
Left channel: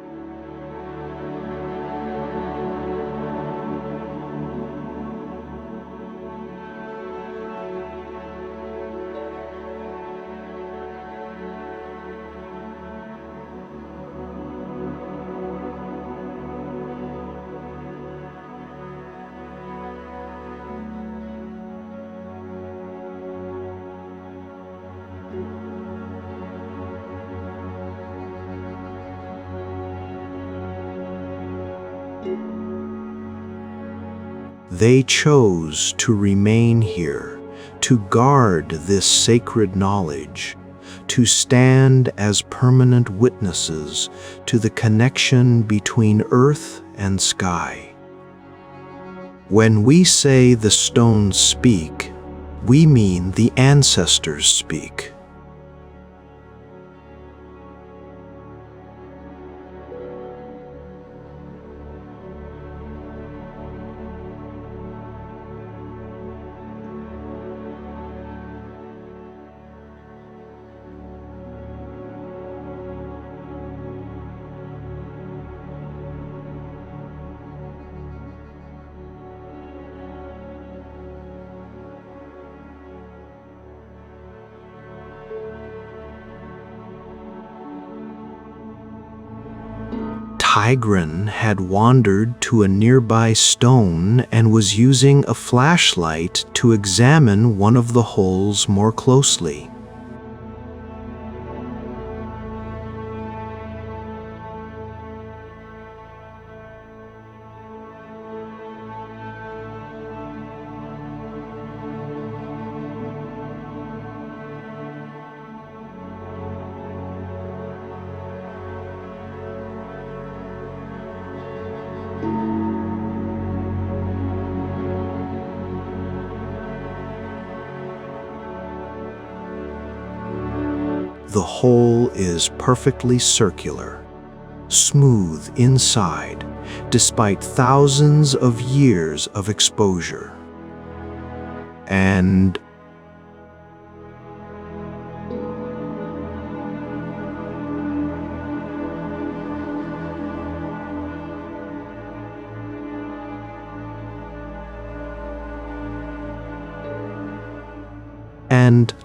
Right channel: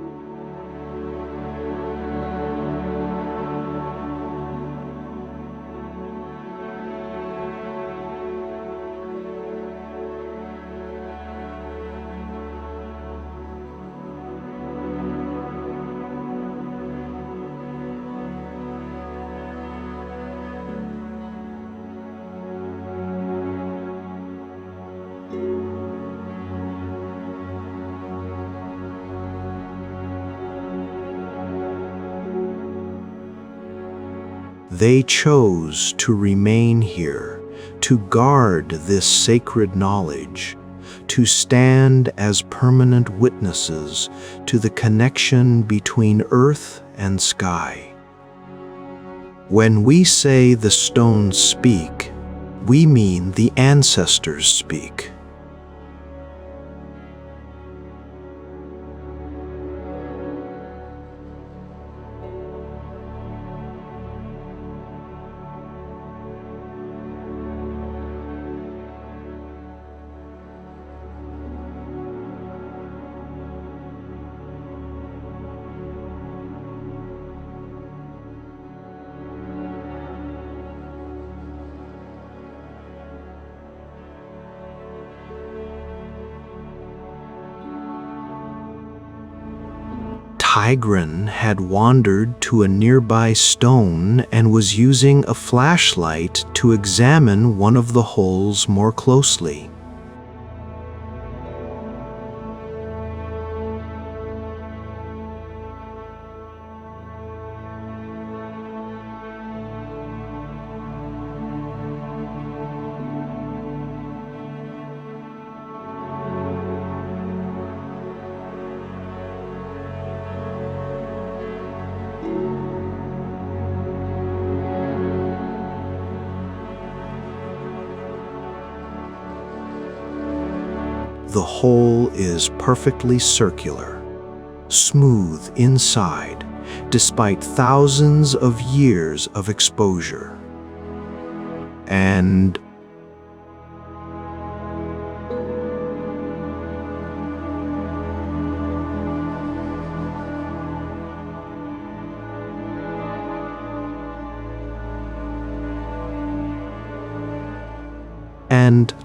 They chose to remain here, to guard this sacred knowledge, to stand as permanent witnesses to the connection between earth and sky. When we say the stones speak, we mean the ancestors speak. Tigran had wandered to a nearby stone and was using a flashlight to examine one of the holes more closely. The hole is perfectly circular, smooth inside, despite thousands of years of exposure. And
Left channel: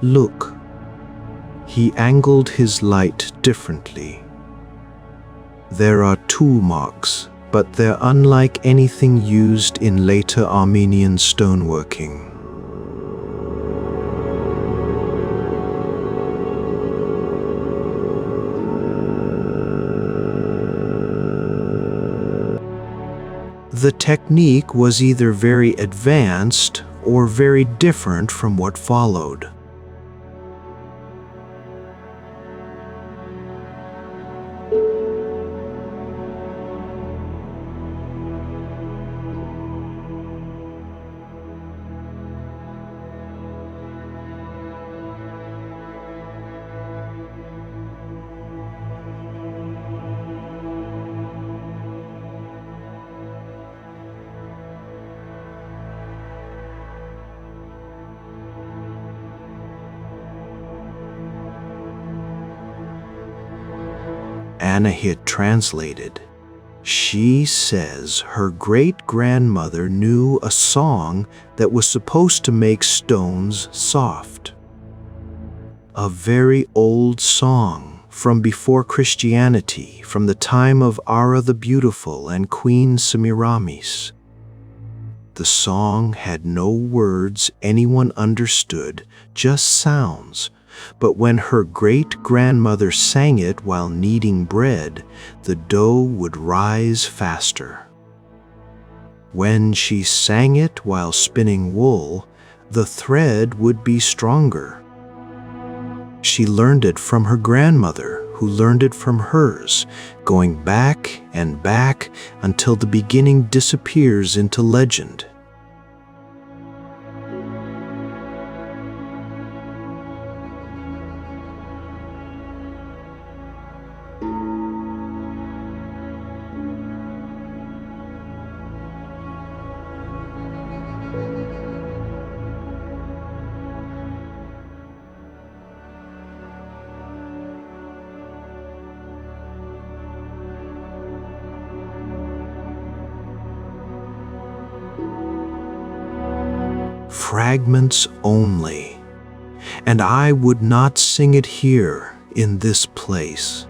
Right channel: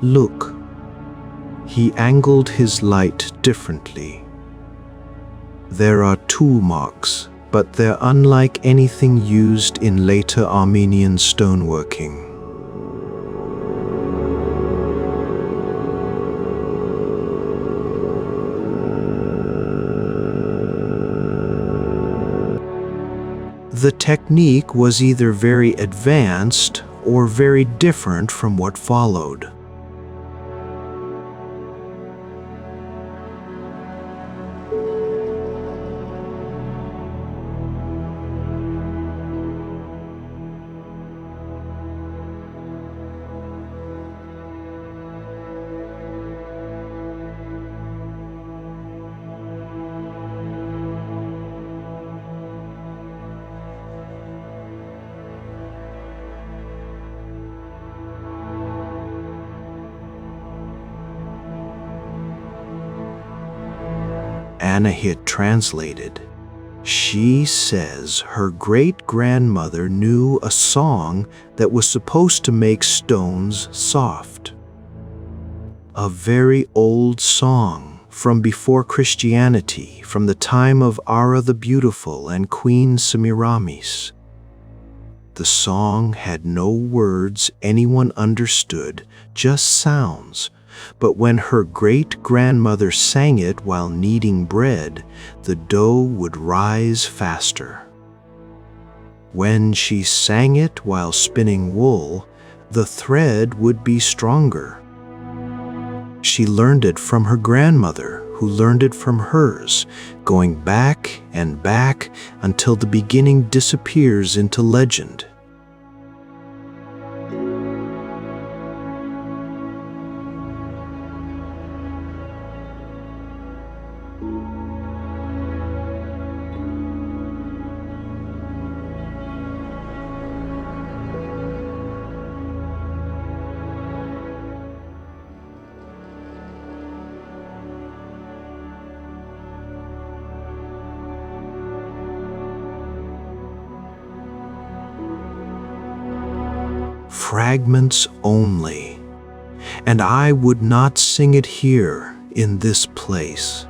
look, he angled his light differently. There are tool marks, but they're unlike anything used in later Armenian stoneworking. The technique was either very advanced or very different from what followed. Anahit translated. She says her great-grandmother knew a song that was supposed to make stones soft. A very old song from before Christianity, from the time of Ara the Beautiful and Queen Semiramis. The song had no words anyone understood, just sounds. But when her great-grandmother sang it while kneading bread, the dough would rise faster. When she sang it while spinning wool, the thread would be stronger. She learned it from her grandmother, who learned it from hers, going back and back until the beginning disappears into legend. Fragments only, and I would not sing it here in this place.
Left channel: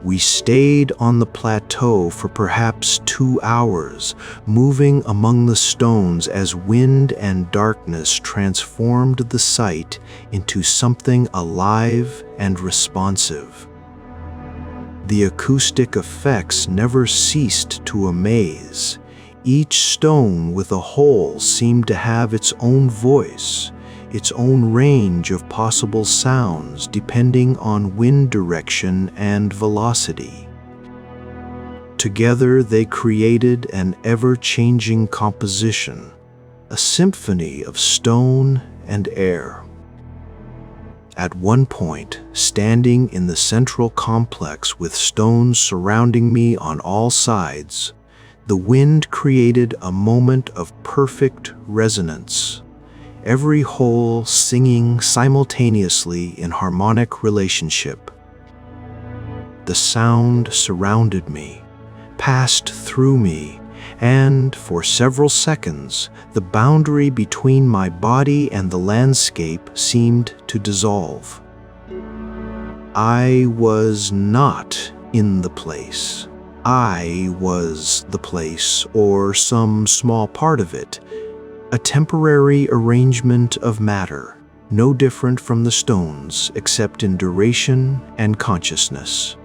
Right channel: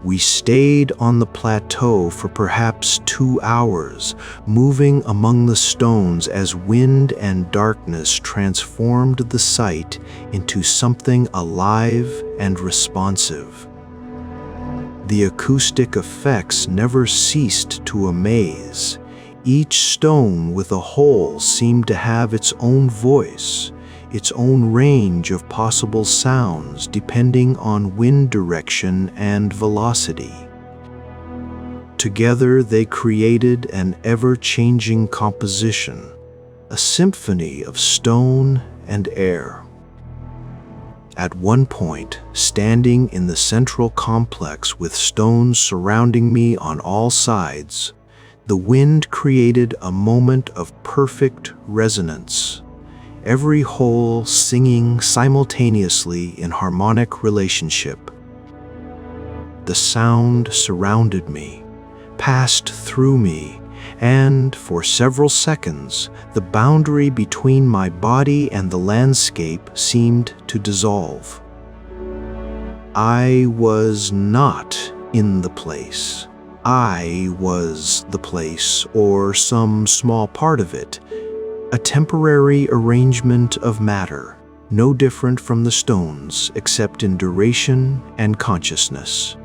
We stayed on the plateau for perhaps 2 hours, moving among the stones as wind and darkness transformed the site into something alive and responsive. The acoustic effects never ceased to amaze. Each stone with a hole seemed to have its own voice, its own range of possible sounds depending on wind direction and velocity. Together they created an ever-changing composition, a symphony of stone and air. At one point, standing in the central complex with stones surrounding me on all sides, the wind created a moment of perfect resonance. Every hole singing simultaneously in harmonic relationship. The sound surrounded me, passed through me, and for several seconds, the boundary between my body and the landscape seemed to dissolve. I was not in the place. I was the place, or some small part of it. A temporary arrangement of matter, no different from the stones except in duration and consciousness.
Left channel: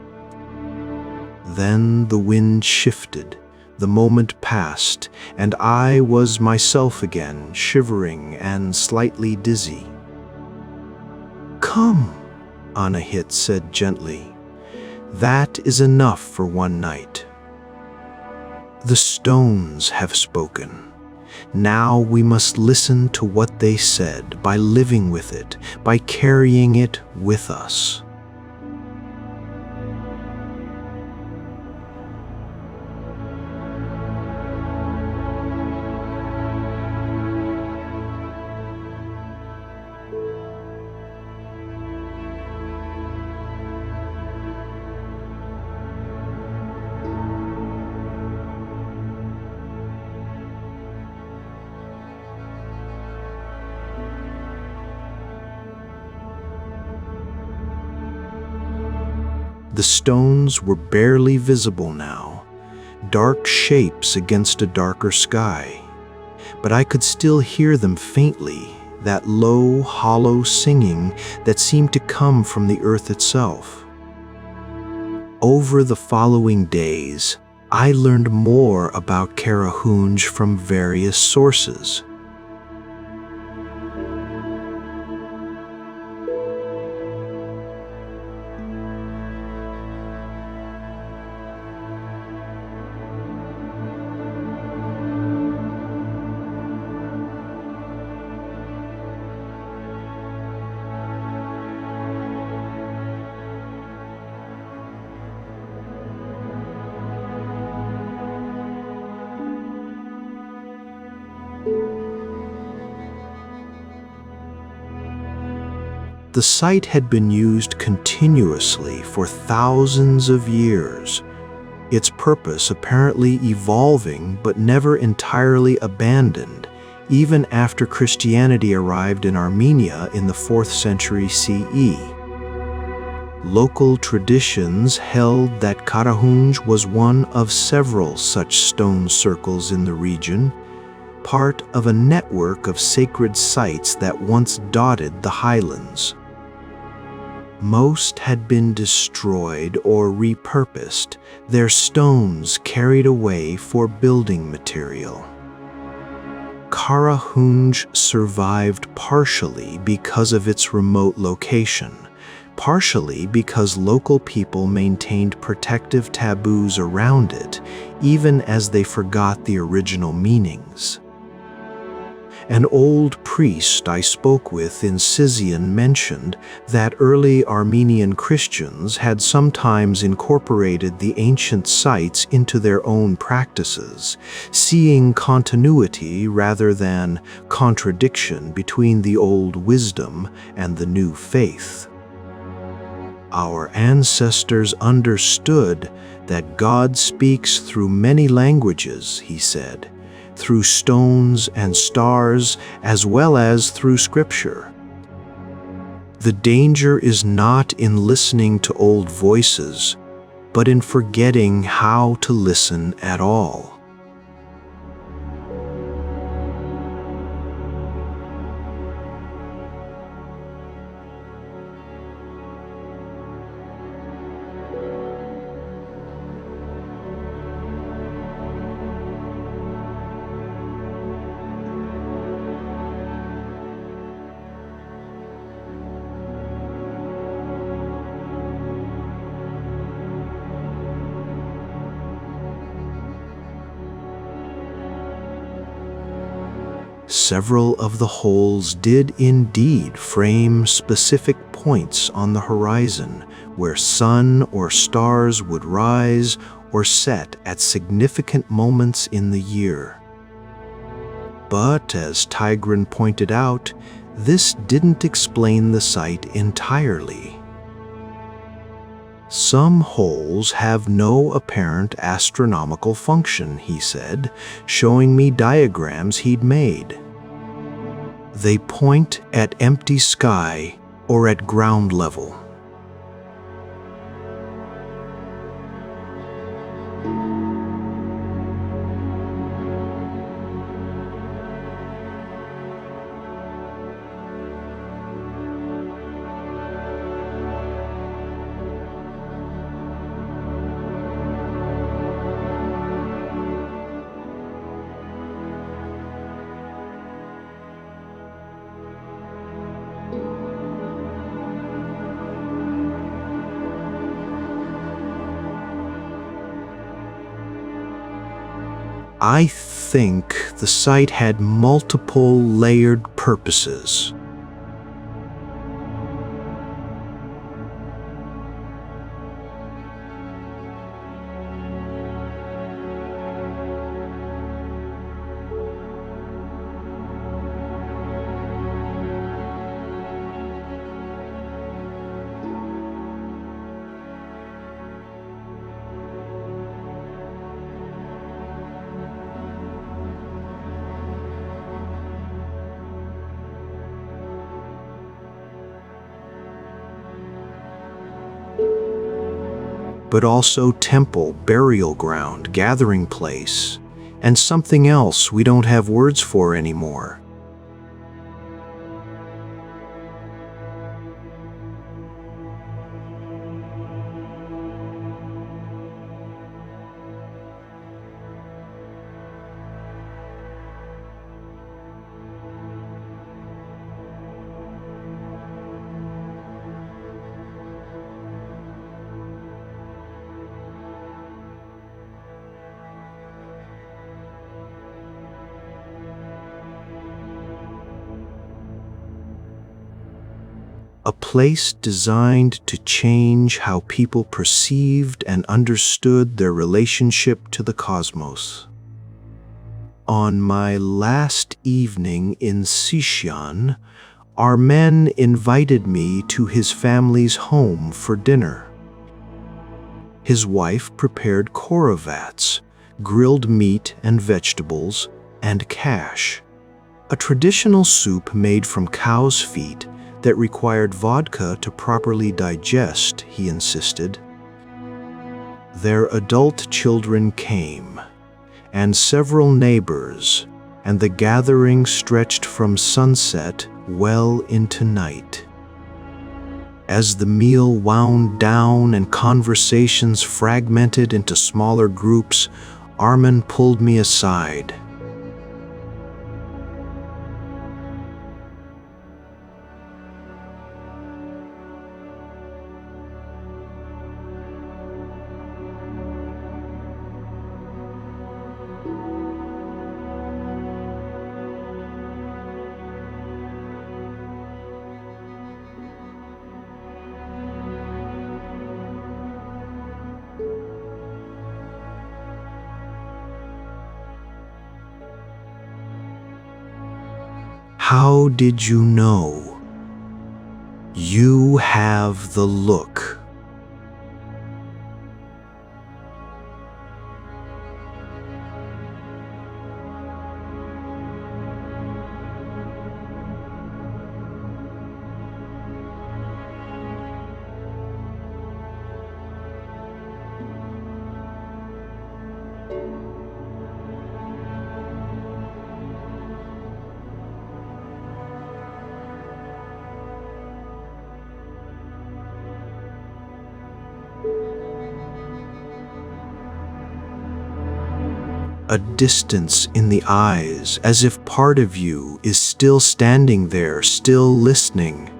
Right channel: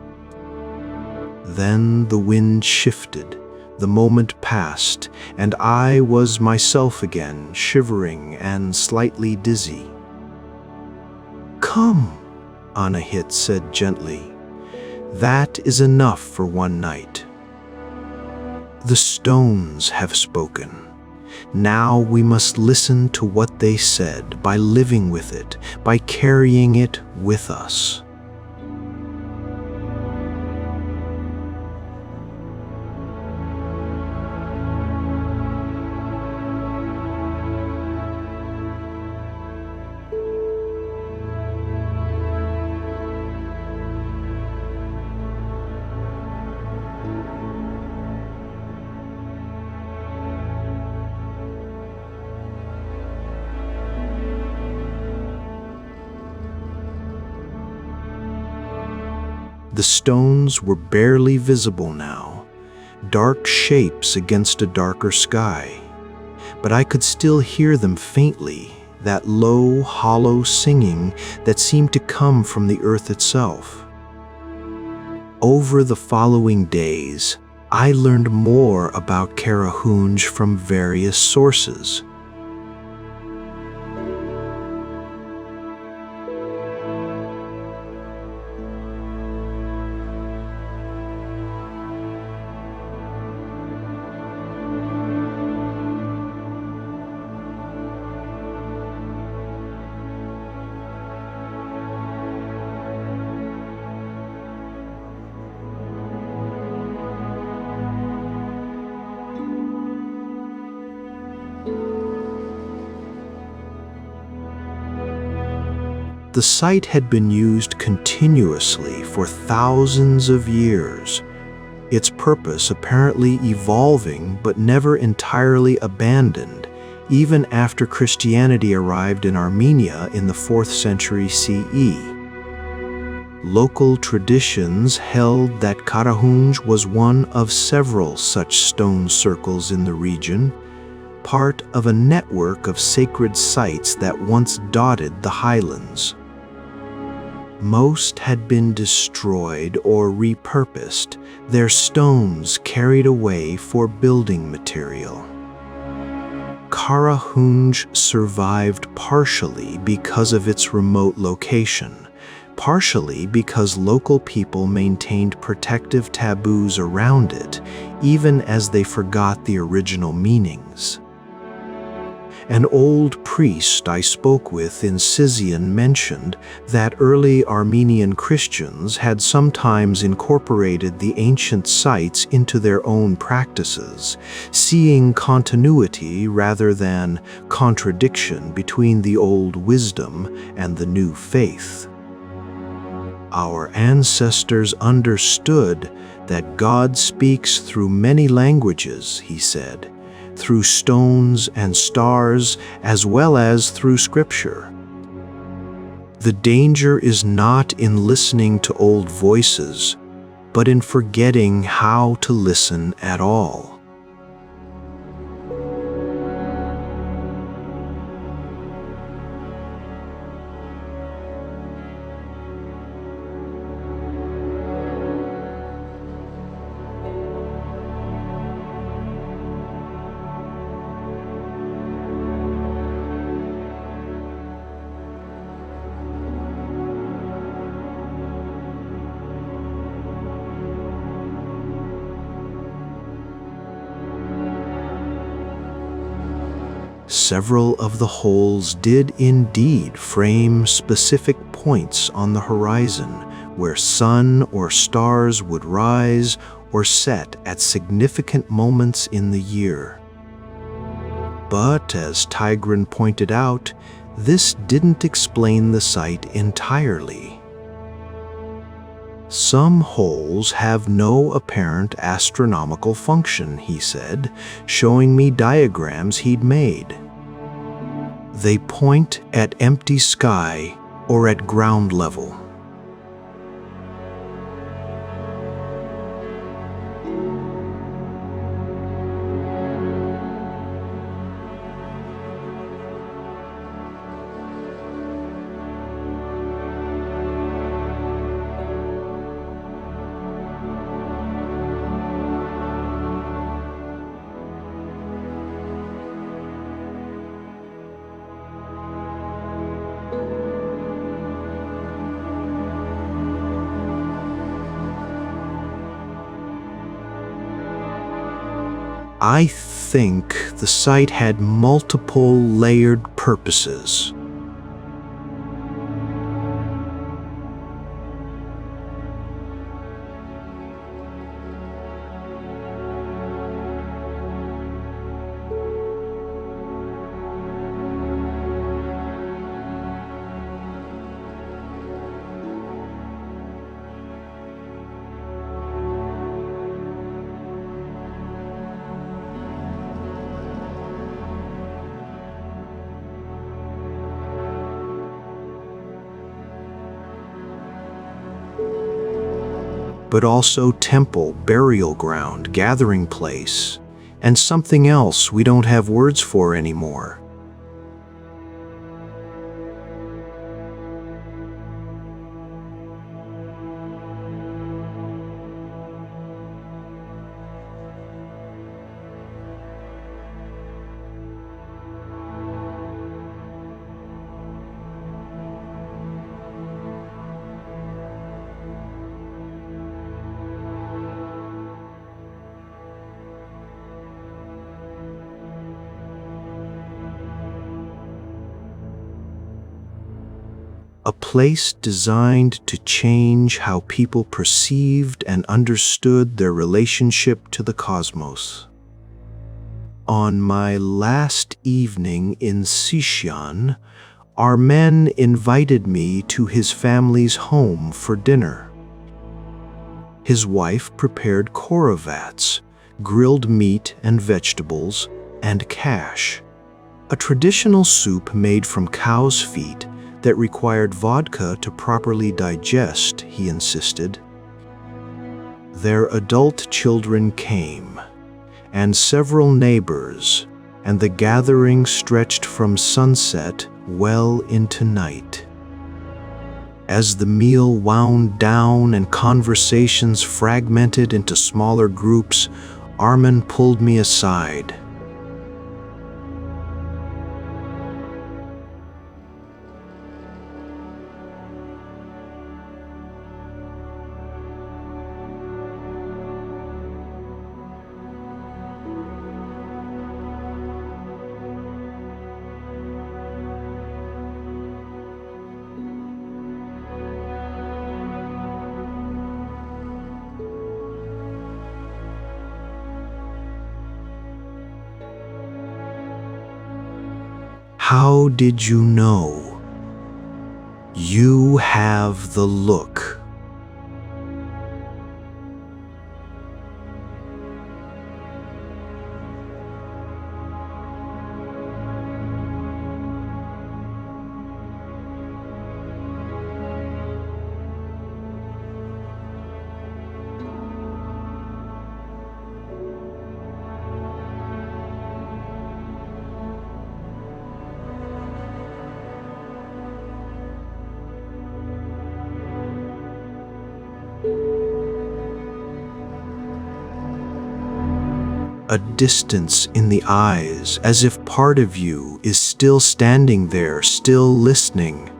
Then the wind shifted, the moment passed, and I was myself again, shivering and slightly dizzy. "Come," Anahit said gently. "That is enough for one night. The stones have spoken. Now we must listen to what they said by living with it, by carrying it with us." The stones were barely visible now, dark shapes against a darker sky. But I could still hear them faintly, that low, hollow singing that seemed to come from the earth itself. Over the following days, I learned more about Karahunj from various sources. The site had been used continuously for thousands of years, its purpose apparently evolving but never entirely abandoned, even after Christianity arrived in Armenia in the 4th century CE. Local traditions held that Karahunj was one of several such stone circles in the region, part of a network of sacred sites that once dotted the highlands. Most had been destroyed or repurposed, their stones carried away for building material. Karahunj survived partially because of its remote location, partially because local people maintained protective taboos around it, even as they forgot the original meanings. An old priest I spoke with in Sizian mentioned that early Armenian Christians had sometimes incorporated the ancient sites into their own practices, seeing continuity rather than contradiction between the old wisdom and the new faith. Our ancestors understood that God speaks through many languages, he said, through stones and stars, as well as through Scripture. The danger is not in listening to old voices, but in forgetting how to listen at all. Several of the holes did indeed frame specific points on the horizon where sun or stars would rise or set at significant moments in the year. But, as Tigran pointed out, this didn't explain the site entirely. Some holes have no apparent astronomical function, he said, showing me diagrams he'd made. They point at empty sky or at ground level. I think the site had multiple layered purposes. But also temple, burial ground, gathering place, and something else we don't have words for anymore. A place designed to change how people perceived and understood their relationship to the cosmos. On my last evening in Sishan, Armen invited me to his family's home for dinner. His wife prepared korovats, grilled meat and vegetables, and kash, a traditional soup made from cow's feet that required vodka to properly digest, he insisted. Their adult children came, and several neighbors, and the gathering stretched from sunset well into night. As the meal wound down and conversations fragmented into smaller groups, Armen pulled me aside. How did you know? You have the look. A distance in the eyes, as if part of you is still standing there, still listening.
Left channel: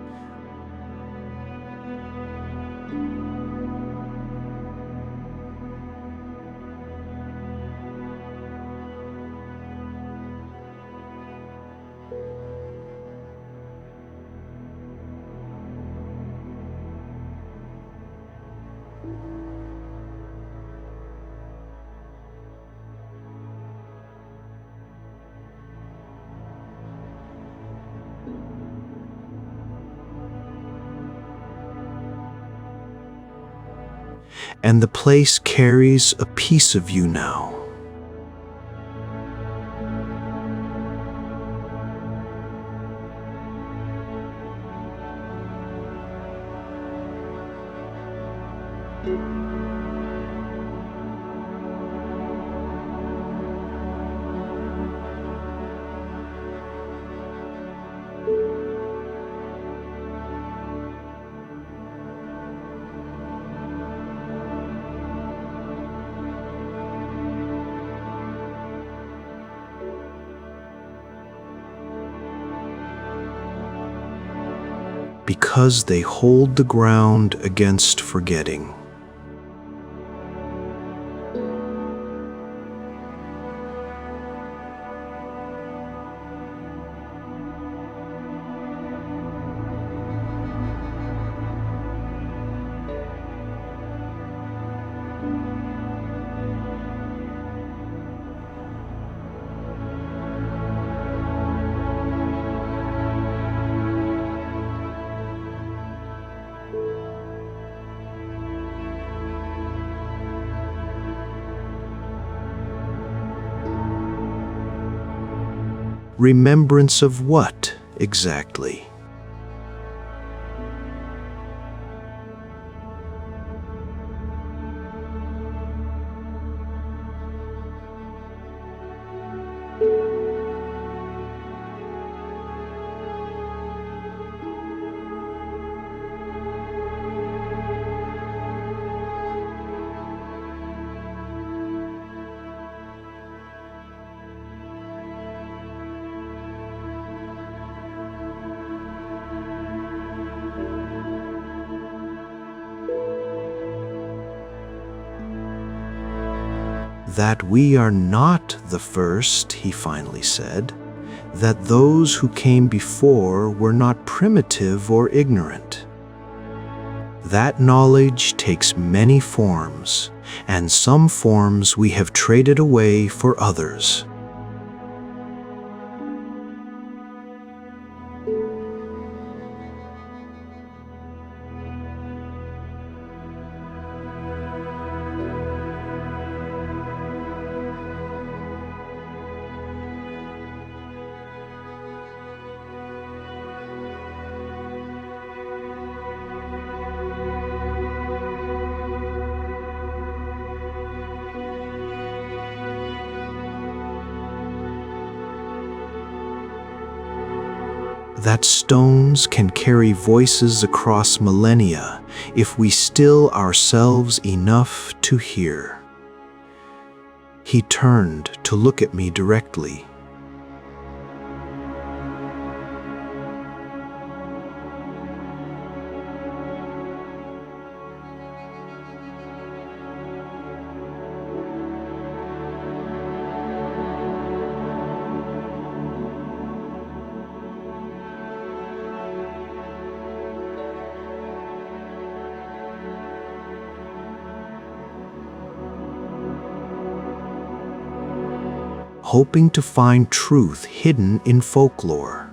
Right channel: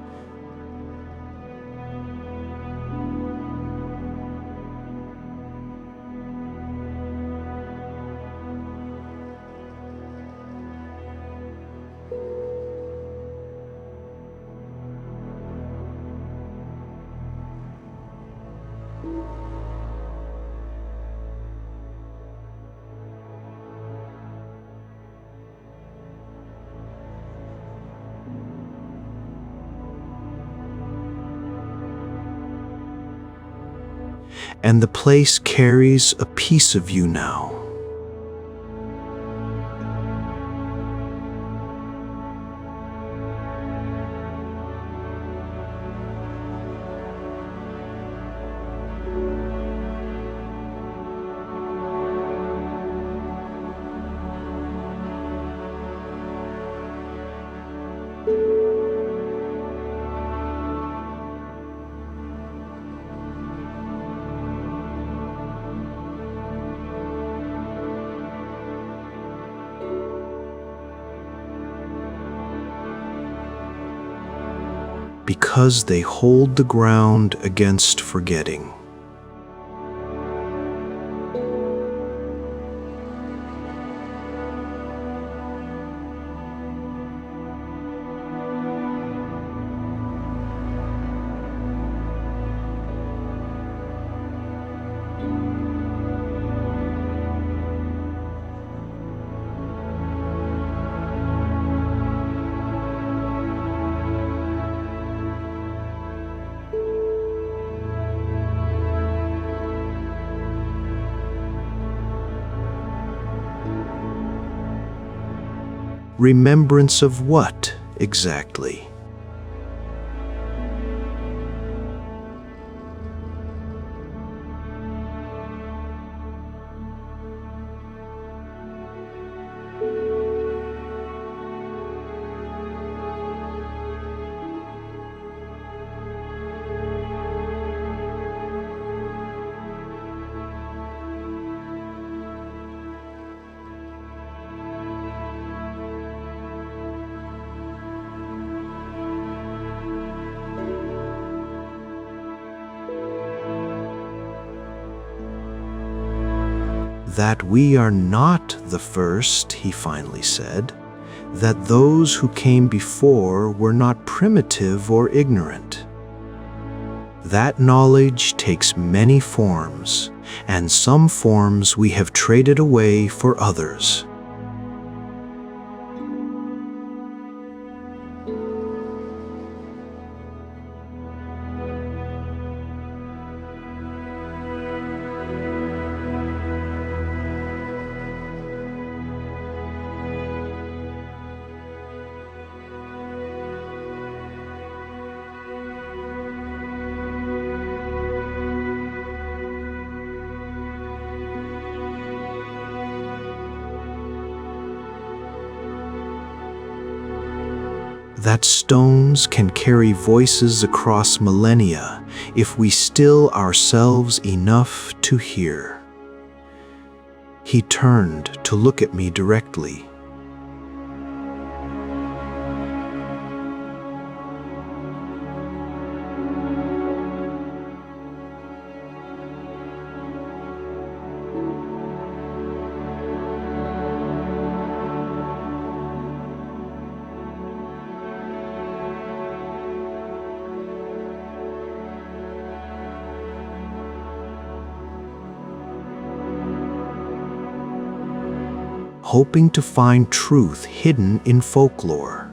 And the place carries a piece of you now. Because they hold the ground against forgetting. Remembrance of what, exactly? That we are not the first, he finally said, that those who came before were not primitive or ignorant. That knowledge takes many forms, and some forms we have traded away for others. That stones can carry voices across millennia if we still ourselves enough to hear. He turned to look at me directly. Hoping to find truth hidden in folklore.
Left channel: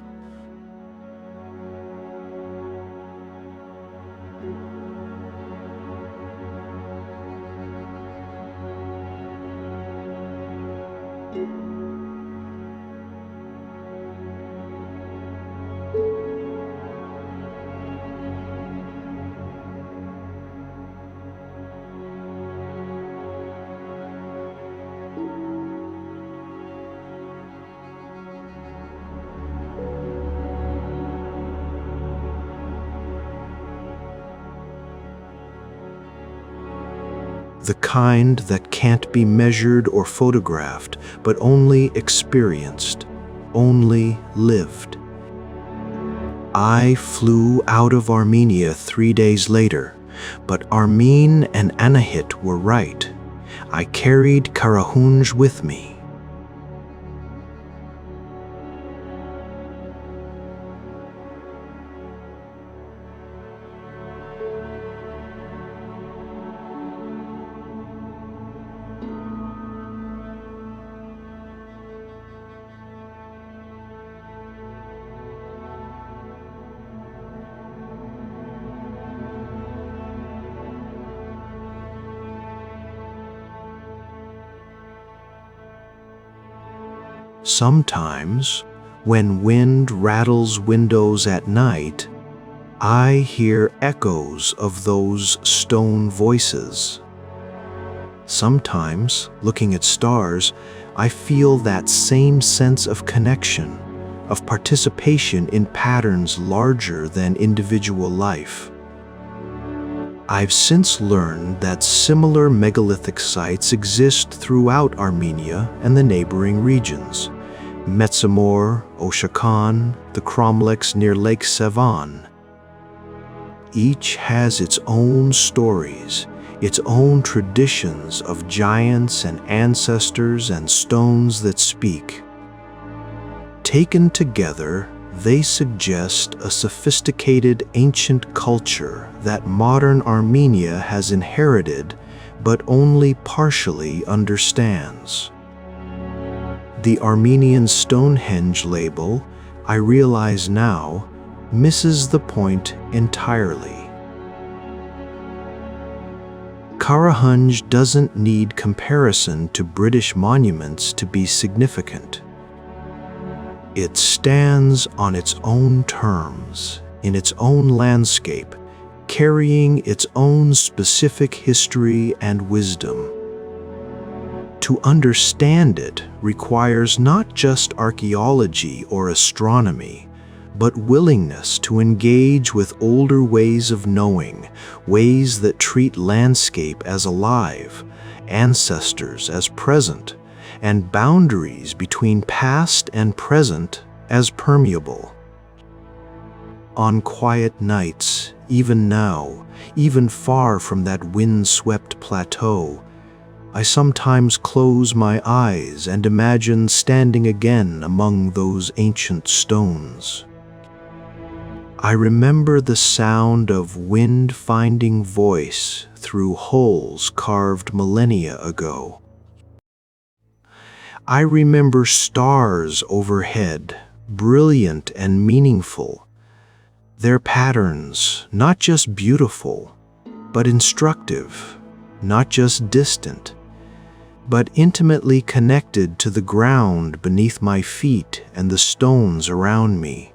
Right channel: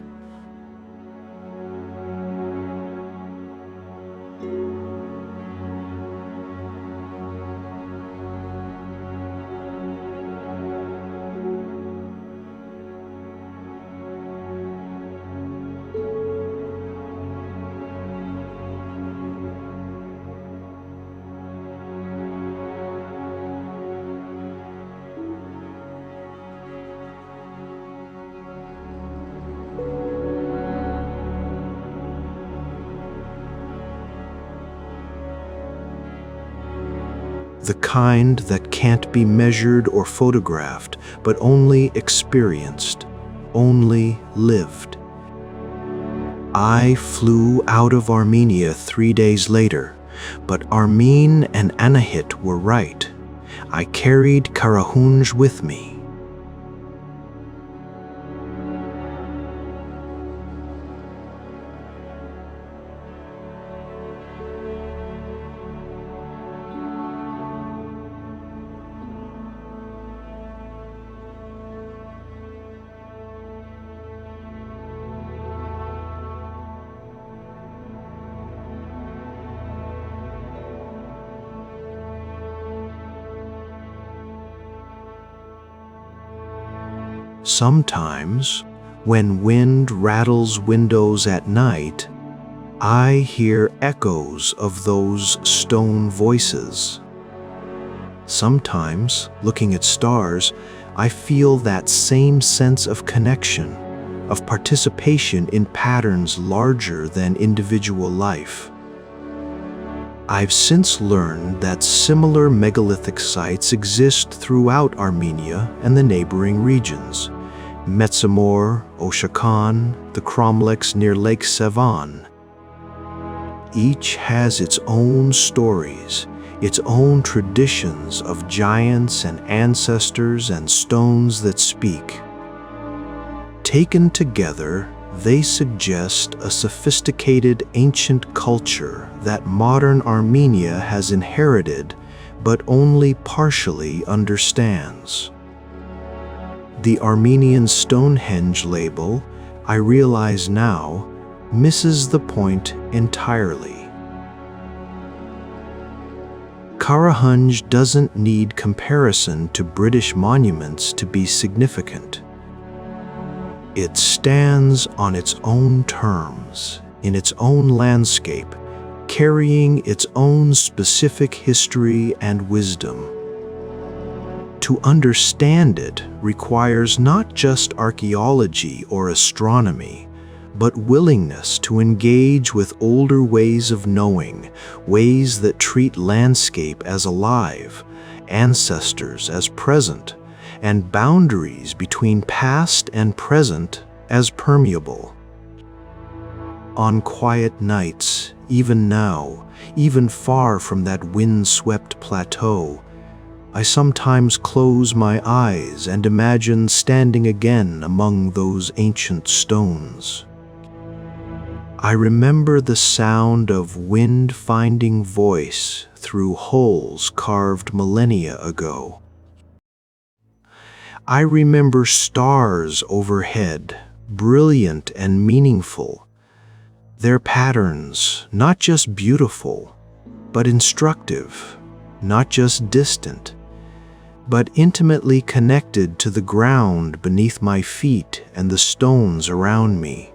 The kind that can't be measured or photographed, but only experienced, only lived. I flew out of Armenia 3 days later, but Armene and Anahit were right. I carried Karahunj with me. Sometimes, when wind rattles windows at night, I hear echoes of those stone voices. Sometimes, looking at stars, I feel that same sense of connection, of participation in patterns larger than individual life. I've since learned that similar megalithic sites exist throughout Armenia and the neighboring regions. Metsamor, Oshakan, the cromlechs near Lake Sevan. Each has its own stories, its own traditions of giants and ancestors and stones that speak. Taken together, they suggest a sophisticated ancient culture that modern Armenia has inherited but only partially understands. The Armenian Stonehenge label, I realize now, misses the point entirely. Karahunj doesn't need comparison to British monuments to be significant. It stands on its own terms, in its own landscape, carrying its own specific history and wisdom. To understand it requires not just archaeology or astronomy, but willingness to engage with older ways of knowing, ways that treat landscape as alive, ancestors as present, and boundaries between past and present as permeable. On quiet nights, even now, even far from that wind-swept plateau, I sometimes close my eyes and imagine standing again among those ancient stones. I remember the sound of wind finding voice through holes carved millennia ago. I remember stars overhead, brilliant and meaningful, their patterns not just beautiful, but instructive, not just distant, but intimately connected to the ground beneath my feet and the stones around me.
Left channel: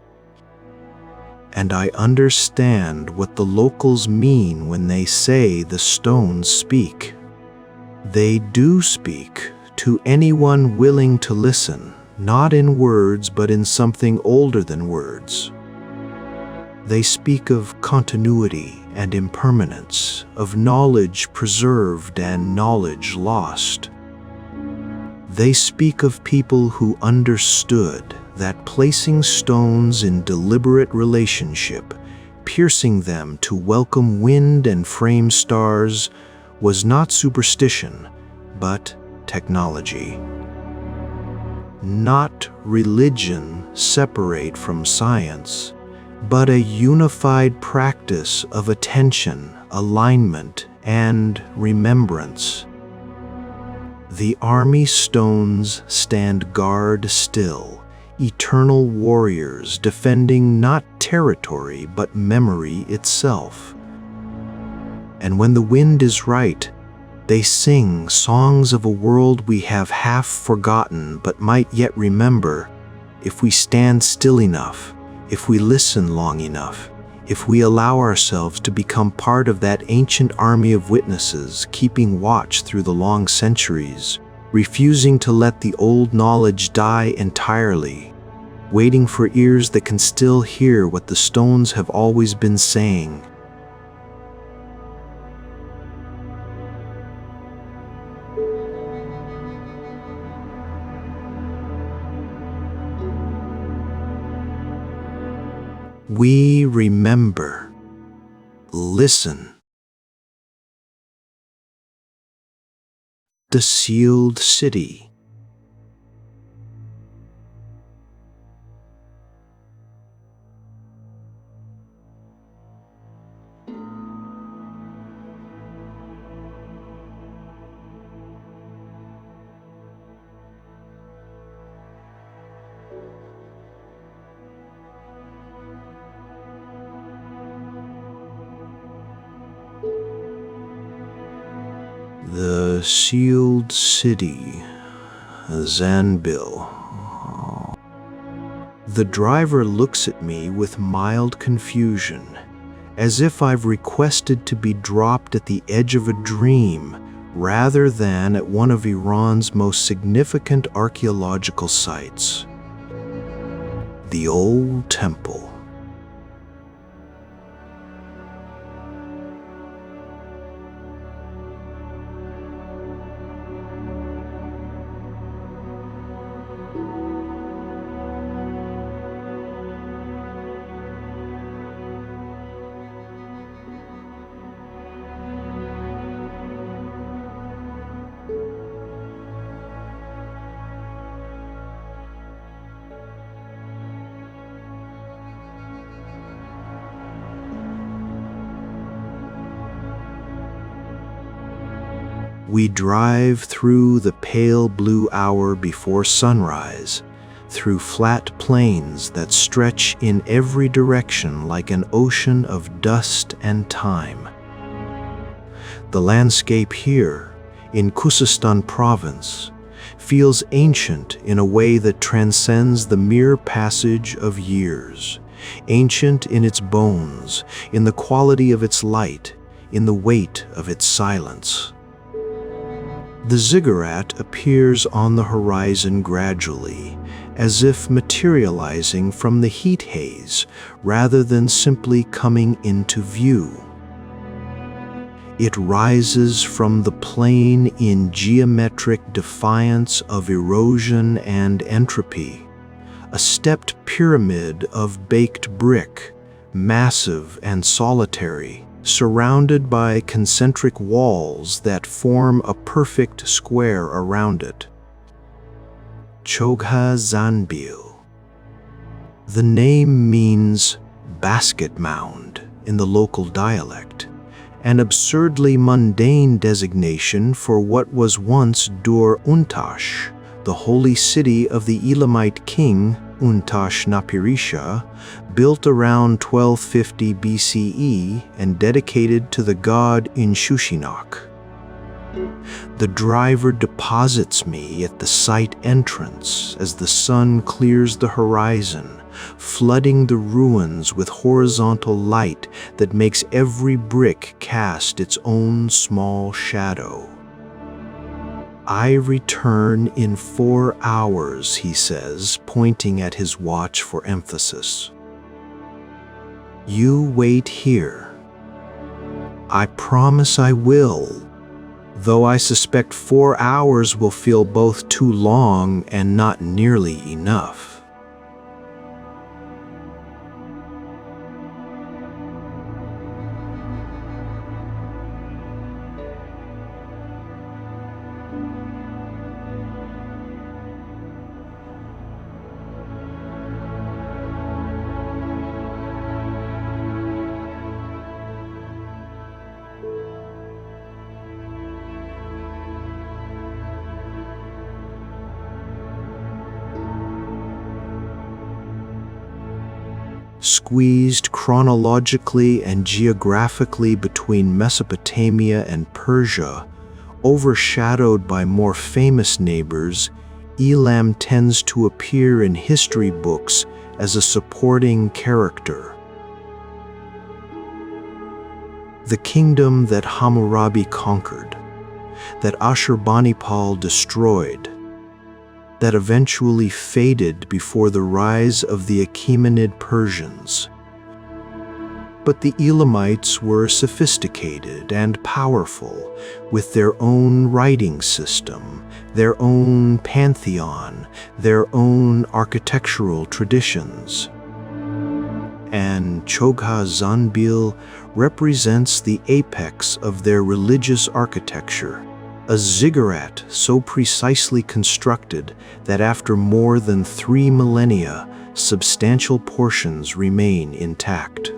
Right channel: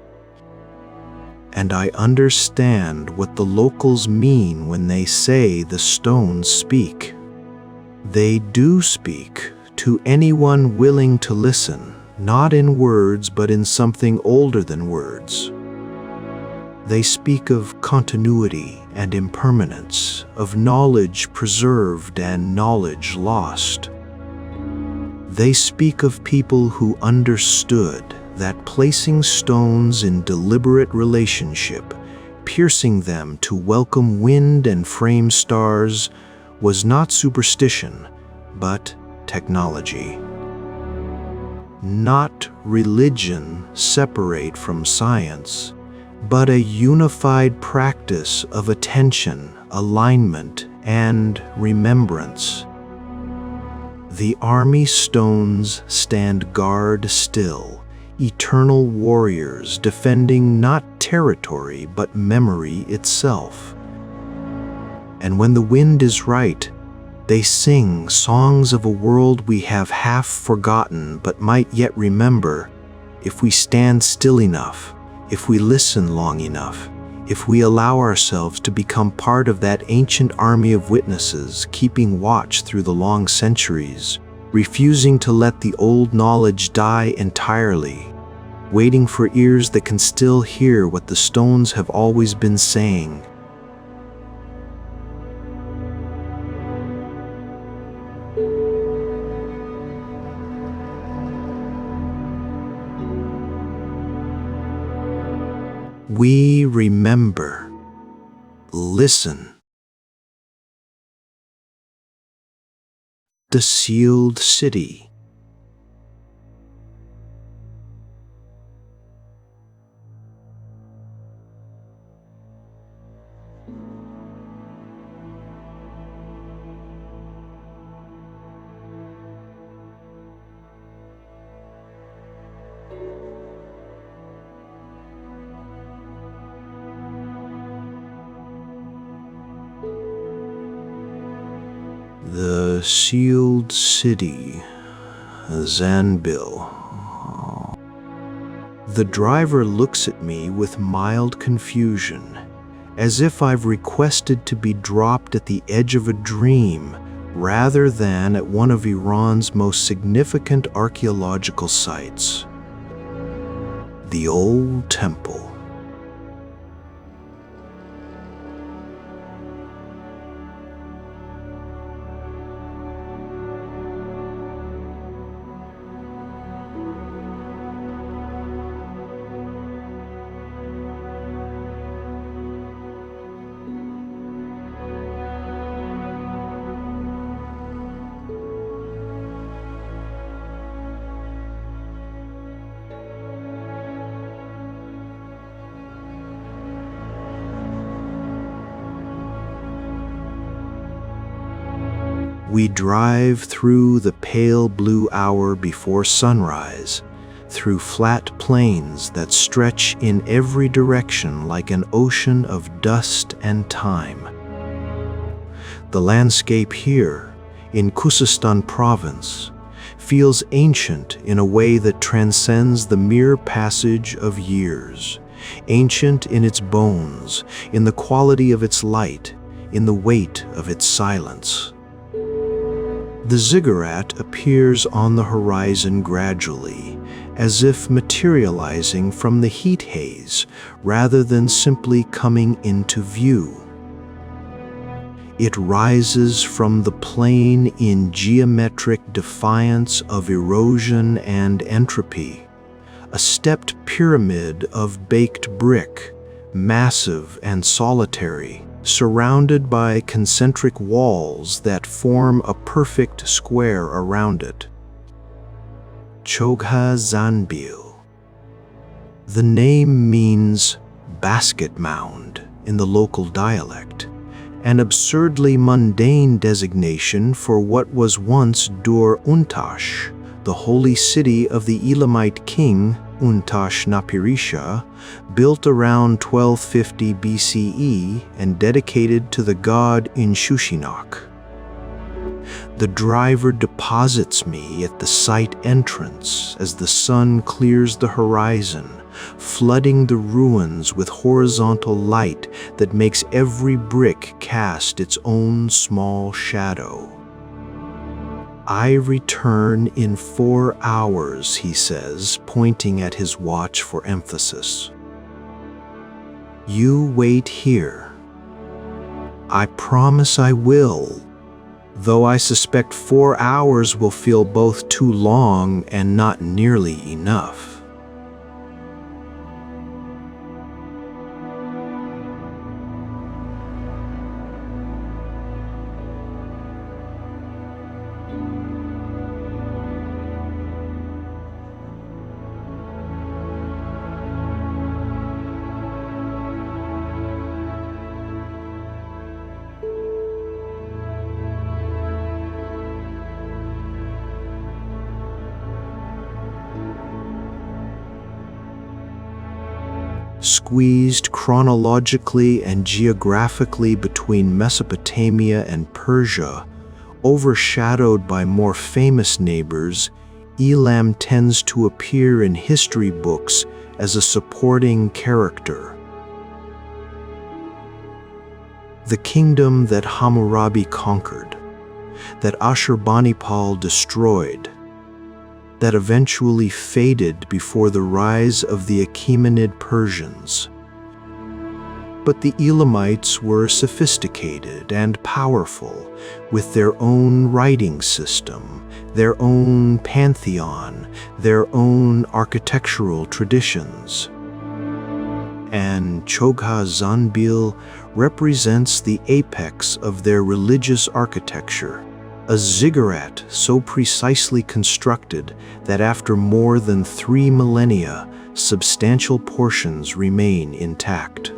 And I understand what the locals mean when they say the stones speak. They do speak to anyone willing to listen, not in words but in something older than words. They speak of continuity and impermanence, of knowledge preserved and knowledge lost. They speak of people who understood that placing stones in deliberate relationship, piercing them to welcome wind and frame stars, was not superstition, but technology. Not religion separate from science, but a unified practice of attention, alignment, and remembrance. The army stones stand guard still, eternal warriors defending not territory but memory itself. And when the wind is right, they sing songs of a world we have half forgotten but might yet remember if we stand still enough, if we listen long enough, if we allow ourselves to become part of that ancient army of witnesses keeping watch through the long centuries, refusing to let the old knowledge die entirely, waiting for ears that can still hear what the stones have always been saying. We remember. Listen. The sealed city. The sealed city, Zanbil. The driver looks at me with mild confusion, as if I've requested to be dropped at the edge of a dream rather than at one of Iran's most significant archaeological sites. The old temple. We drive through the pale blue hour before sunrise, through flat plains that stretch in every direction like an ocean of dust and time. The landscape here, in Khuzestan province, feels ancient in a way that transcends the mere passage of years. Ancient in its bones, in the quality of its light, in the weight of its silence. The ziggurat appears on the horizon gradually, as if materializing from the heat haze rather than simply coming into view. It rises from the plain in geometric defiance of erosion and entropy, a stepped pyramid of baked brick, massive and solitary, surrounded by concentric walls that form a perfect square around it. Chogha Zanbil. The name means basket mound in the local dialect, an absurdly mundane designation for what was once Dur Untash, the holy city of the Elamite king Untash Napirisha, built around 1250 BCE and dedicated to the god Inshushinak. The driver deposits me at the site entrance as the sun clears the horizon, flooding the ruins with horizontal light that makes every brick cast its own small shadow. I return in 4 hours, he says, pointing at his watch for emphasis. You wait here. I promise I will, though I suspect 4 hours will feel both too long and not nearly enough. Squeezed chronologically and geographically between Mesopotamia and Persia, overshadowed by more famous neighbors, Elam tends to appear in history books as a supporting character. The kingdom that Hammurabi conquered, that Ashurbanipal destroyed, that eventually faded before the rise of the Achaemenid Persians. But the Elamites were sophisticated and powerful, with their own writing system, their own pantheon, their own architectural traditions. And Chogha Zanbil represents the apex of their religious architecture, a ziggurat so precisely constructed that after more than 3 millennia, substantial portions remain intact.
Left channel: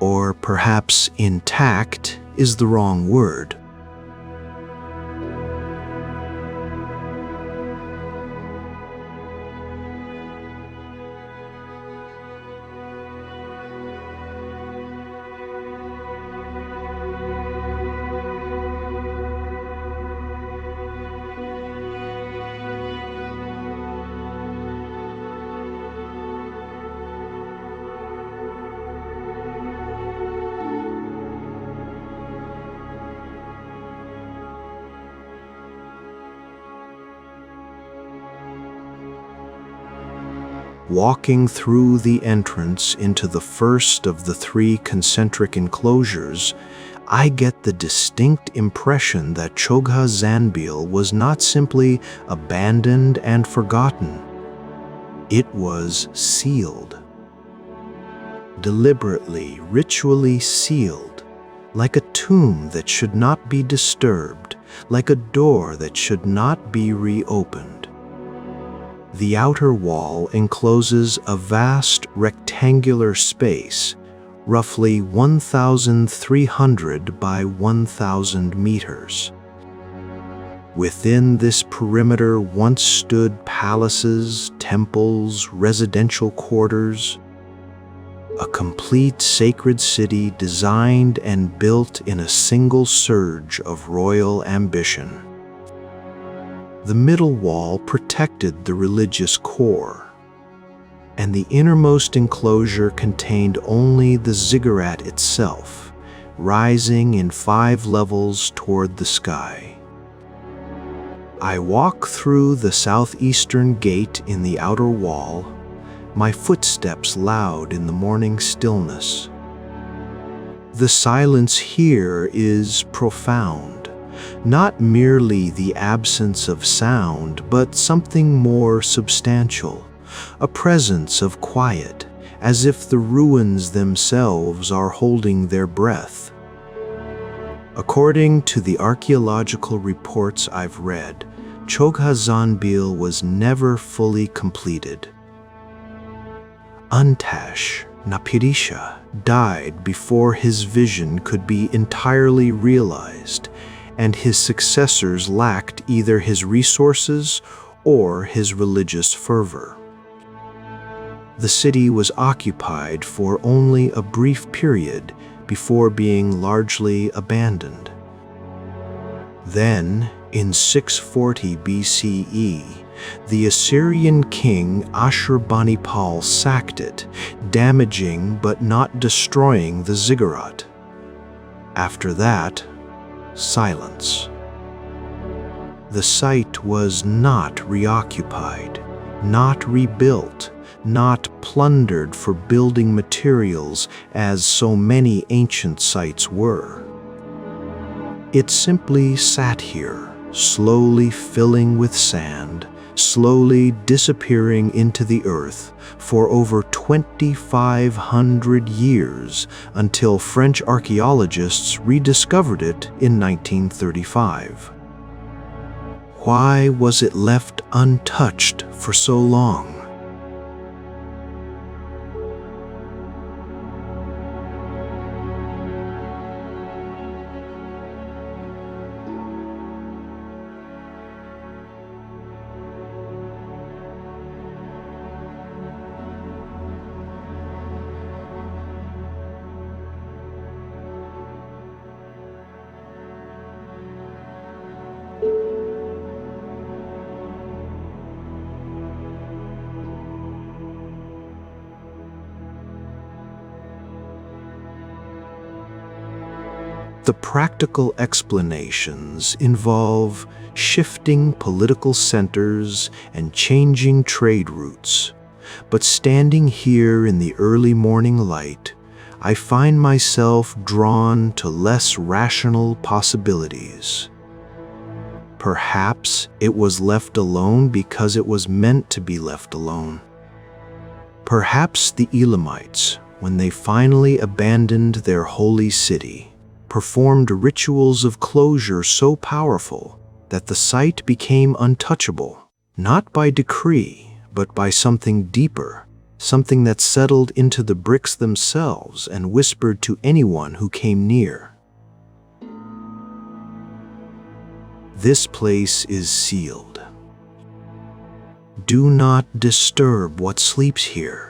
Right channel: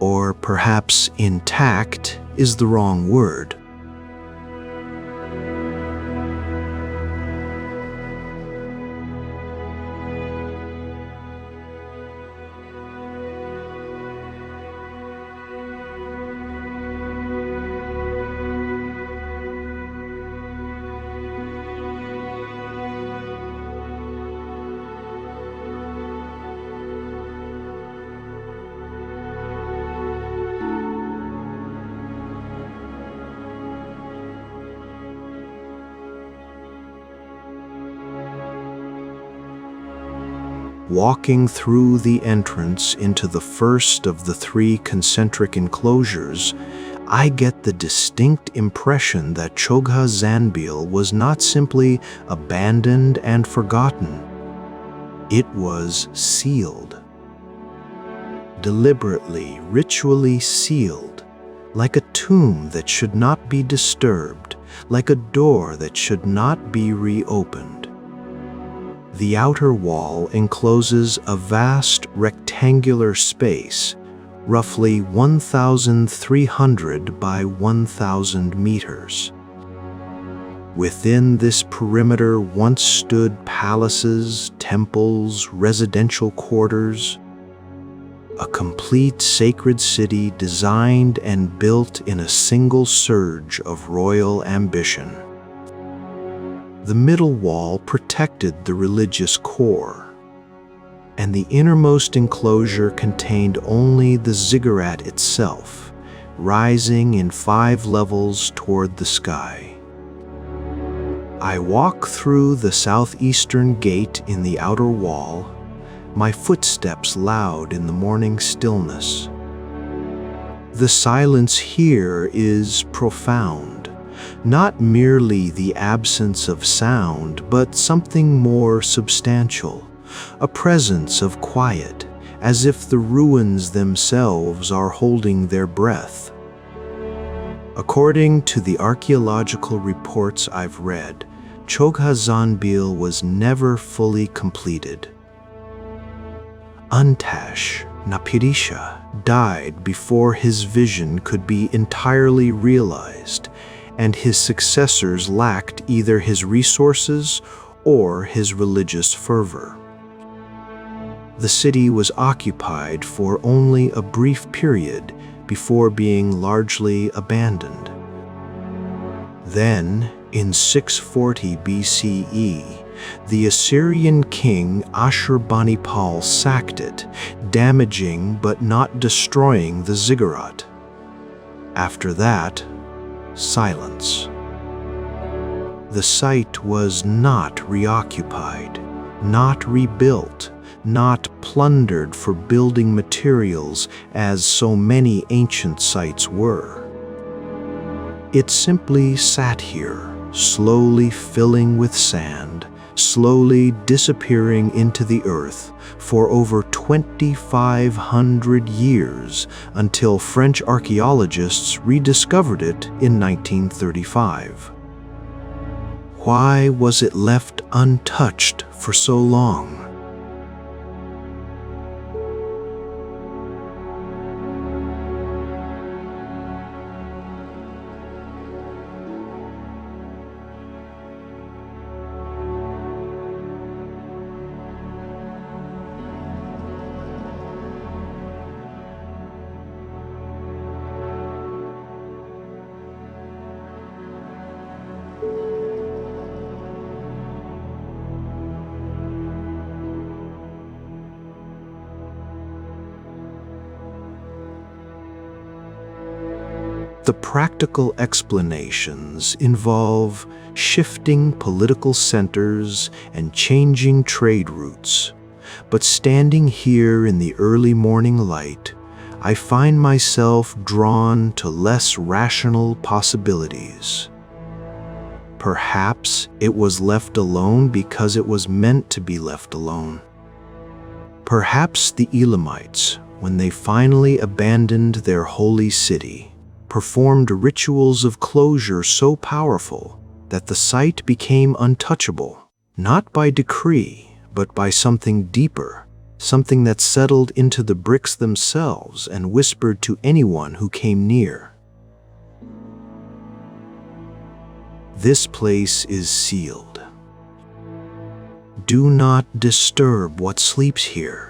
Or perhaps intact is the wrong word. Walking through the entrance into the first of the 3 concentric enclosures, I get the distinct impression that Chogha Zanbil was not simply abandoned and forgotten. It was sealed. Deliberately, ritually sealed, like a tomb that should not be disturbed, like a door that should not be reopened. The outer wall encloses a vast rectangular space, roughly 1,300 by 1,000 meters. Within this perimeter once stood palaces, temples, residential quarters, a complete sacred city designed and built in a single surge of royal ambition. The middle wall protected the religious core, and the innermost enclosure contained only the ziggurat itself, rising in 5 levels toward the sky. I walk through the southeastern gate in the outer wall, my footsteps loud in the morning stillness. The silence here is profound, not merely the absence of sound, but something more substantial, a presence of quiet, as if the ruins themselves are holding their breath. According to the archaeological reports I've read, Çoghazanbil was never fully completed. Antash Napirisha died before his vision could be entirely realized, and his successors lacked either his resources or his religious fervor. The city was occupied for only a brief period before being largely abandoned. Then, in 640 BCE, the Assyrian king Ashurbanipal sacked it, damaging but not destroying the ziggurat. After that, silence. The site was not reoccupied, not rebuilt, not plundered for building materials as so many ancient sites were. It simply sat here, slowly filling with sand, slowly disappearing into the earth for over 2,500 years until French archaeologists rediscovered it in 1935. Why was it left untouched for so long? The practical explanations involve shifting political centers and changing trade routes. But standing here in the early morning light, I find myself drawn to less rational possibilities. Perhaps it was left alone because it was meant to be left alone. Perhaps the Elamites, when they finally abandoned their holy city, performed rituals of closure so powerful that the site became untouchable, not by decree, but by something deeper, something that settled into the bricks themselves and whispered to anyone who came near. This place is sealed. Do not disturb what sleeps here.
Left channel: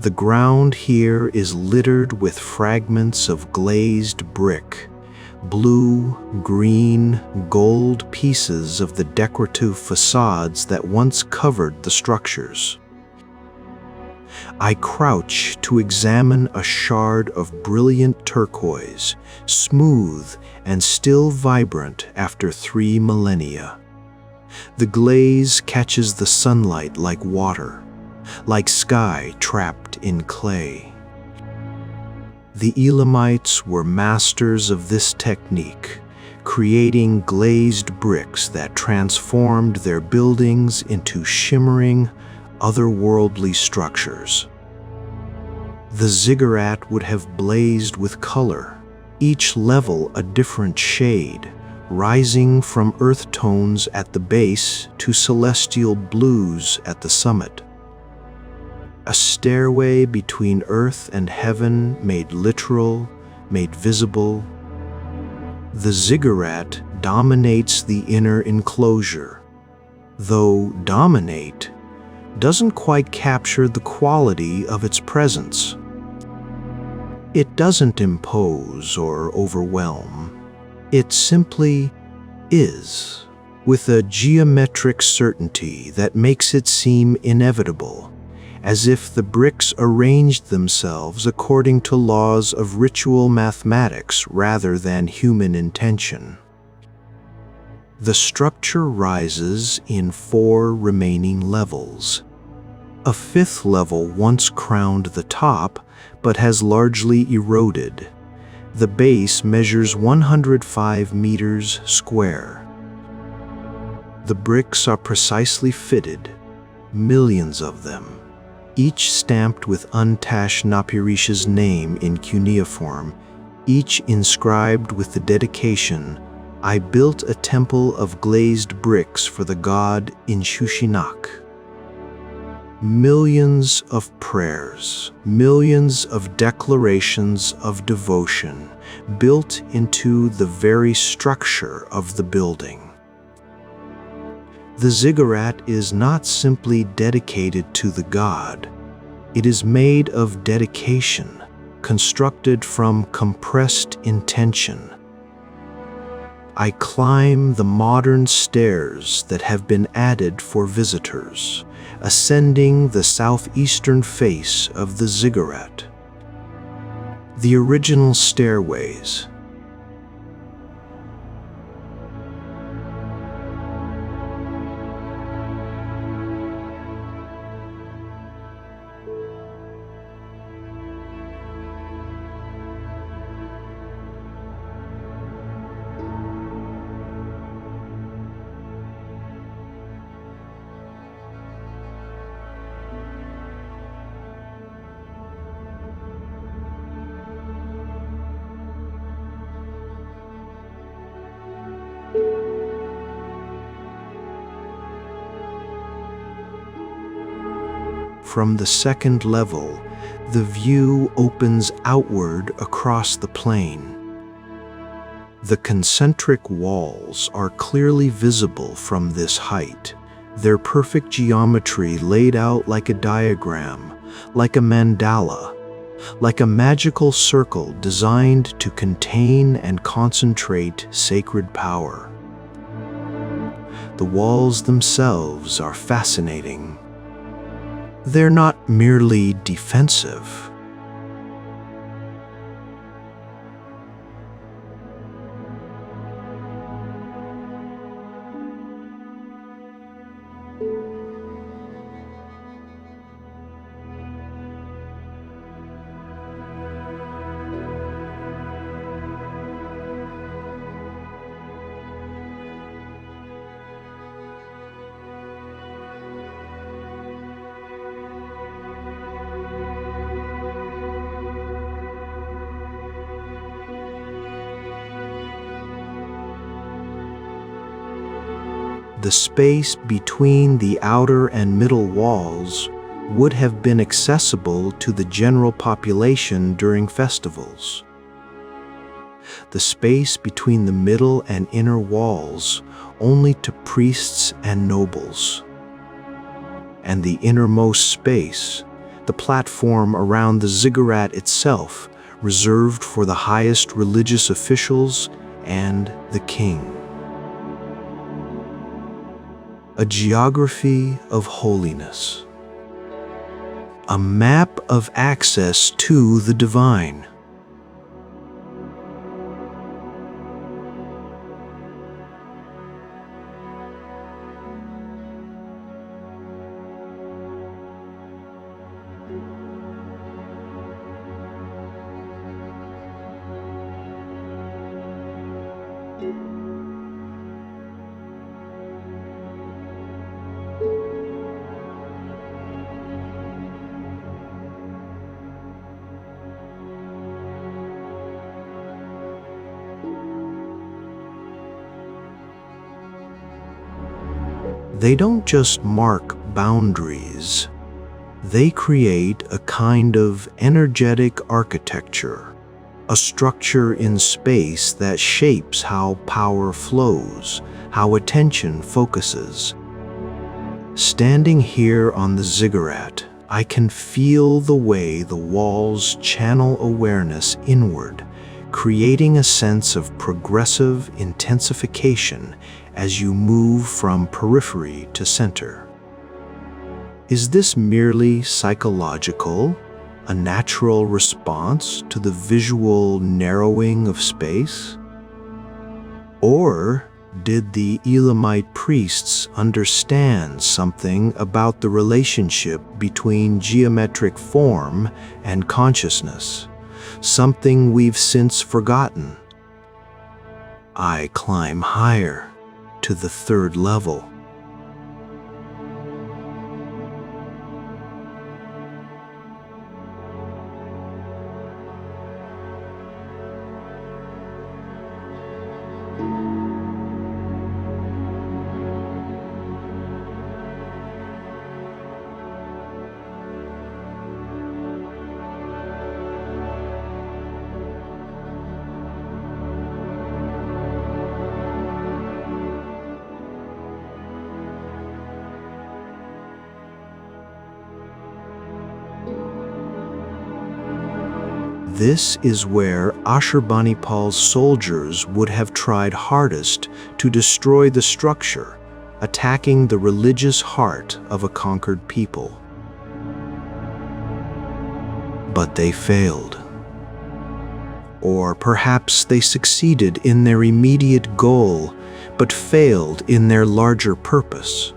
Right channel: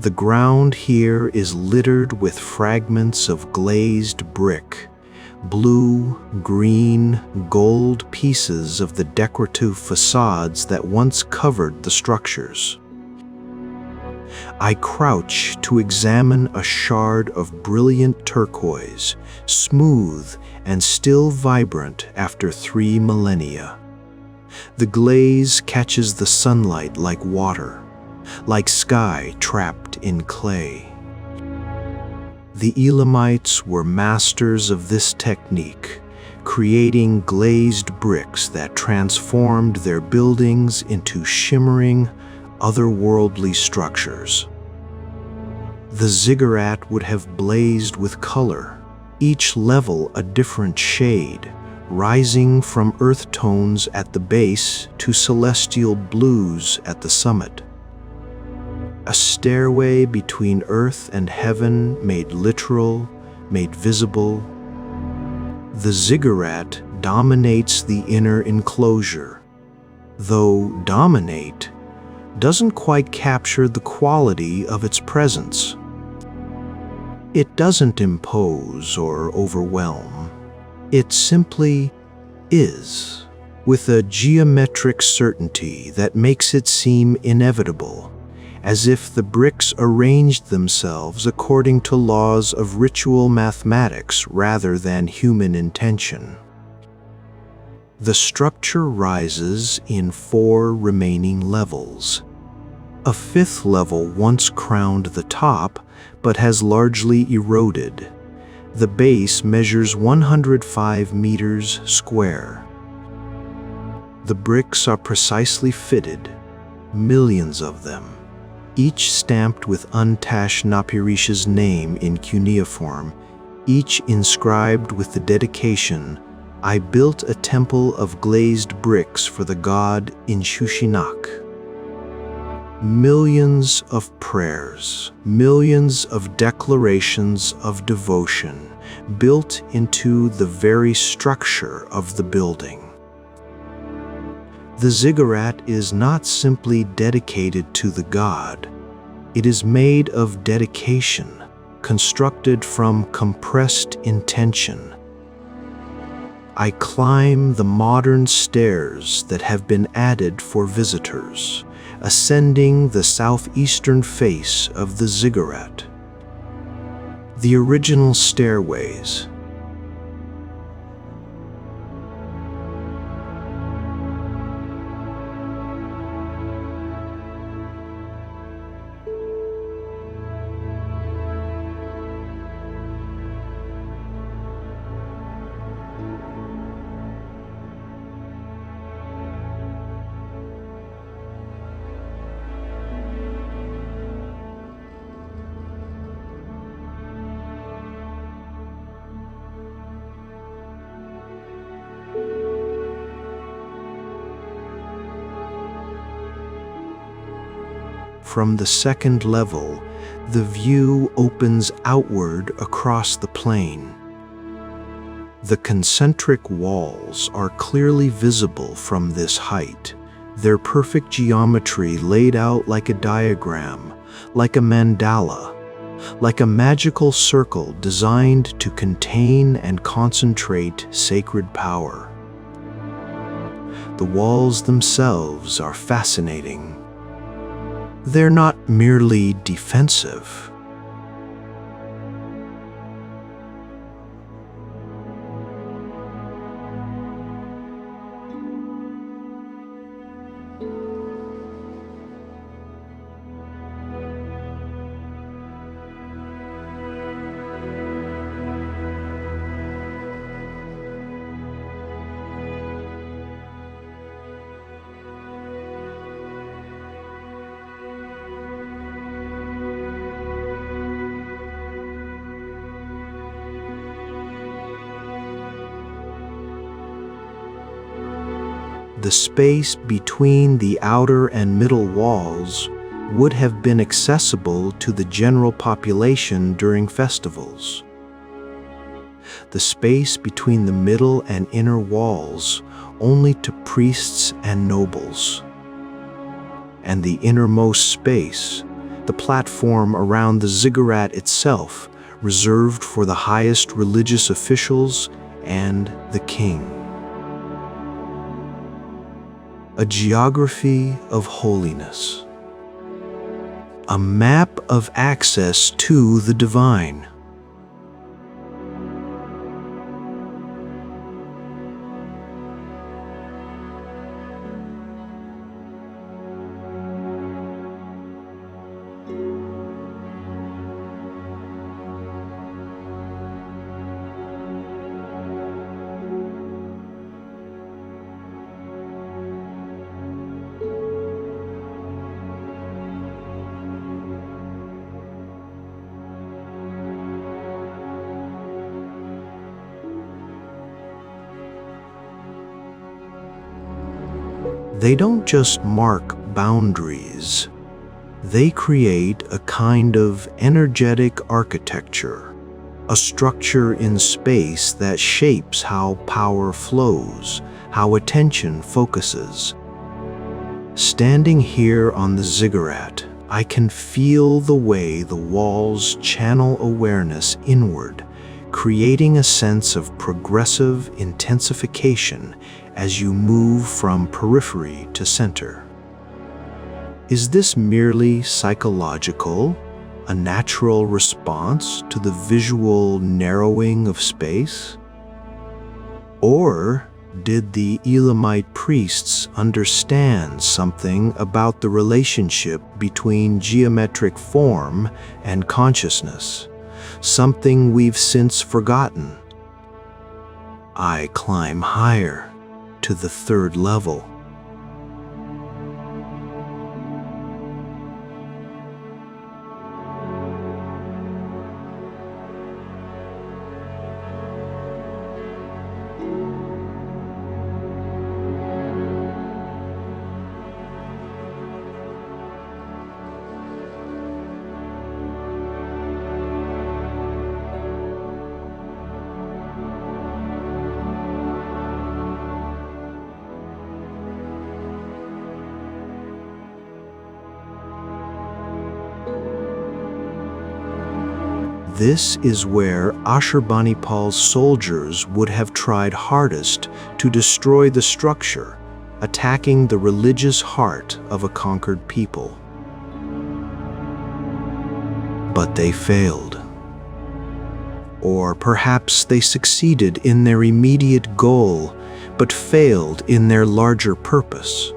The ground here is littered with fragments of glazed brick, blue, green, gold pieces of the decorative facades that once covered the structures. I crouch to examine a shard of brilliant turquoise, smooth and still vibrant after 3 millennia. The glaze catches the sunlight like water, like sky trapped in clay. The Elamites were masters of this technique, creating glazed bricks that transformed their buildings into shimmering, otherworldly structures. The ziggurat would have blazed with color, each level a different shade, rising from earth tones at the base to celestial blues at the summit. A stairway between earth and heaven made literal, made visible. The ziggurat dominates the inner enclosure, though dominate doesn't quite capture the quality of its presence. It doesn't impose or overwhelm. It simply is, with a geometric certainty that makes it seem inevitable, as if the bricks arranged themselves according to laws of ritual mathematics rather than human intention. The structure rises in 4 remaining levels. A 5th level once crowned the top, but has largely eroded. The base measures 105 meters square. The bricks are precisely fitted, millions of them, each stamped with Untashnapirisha's name in cuneiform, each inscribed with the dedication, "I built a temple of glazed bricks for the god Inshushinak." Millions of prayers, millions of declarations of devotion built into the very structure of the building. The ziggurat is not simply dedicated to the god. It is made of dedication, constructed from compressed intention. I climb the modern stairs that have been added for visitors, ascending the southeastern face of the ziggurat. The original stairways. From the 2nd level, the view opens outward across the plain. The concentric walls are clearly visible from this height, their perfect geometry laid out like a diagram, like a mandala, like a magical circle designed to contain and concentrate sacred power. The walls themselves are fascinating. They're not merely defensive. The space between the outer and middle walls would have been accessible to the general population during festivals. The space between the middle and inner walls only to priests and nobles. And the innermost space, the platform around the ziggurat itself, reserved for the highest religious officials and the king. A geography of holiness. A map of access to the divine. They don't just mark boundaries. They create a kind of energetic architecture, a structure in space that shapes how power flows, how attention focuses. Standing here on the ziggurat, I can feel the way the walls channel awareness inward, creating a sense of progressive intensification as you move from periphery to center. Is this merely psychological, a natural response to the visual narrowing of space? Or did the Elamite priests understand something about the relationship between geometric form and consciousness, something we've since forgotten? I climb higher, to the third level. This is where Ashurbanipal's soldiers would have tried hardest to destroy the structure, attacking the religious heart of a conquered people. But they failed. Or perhaps they succeeded in their immediate goal, but failed in their larger purpose.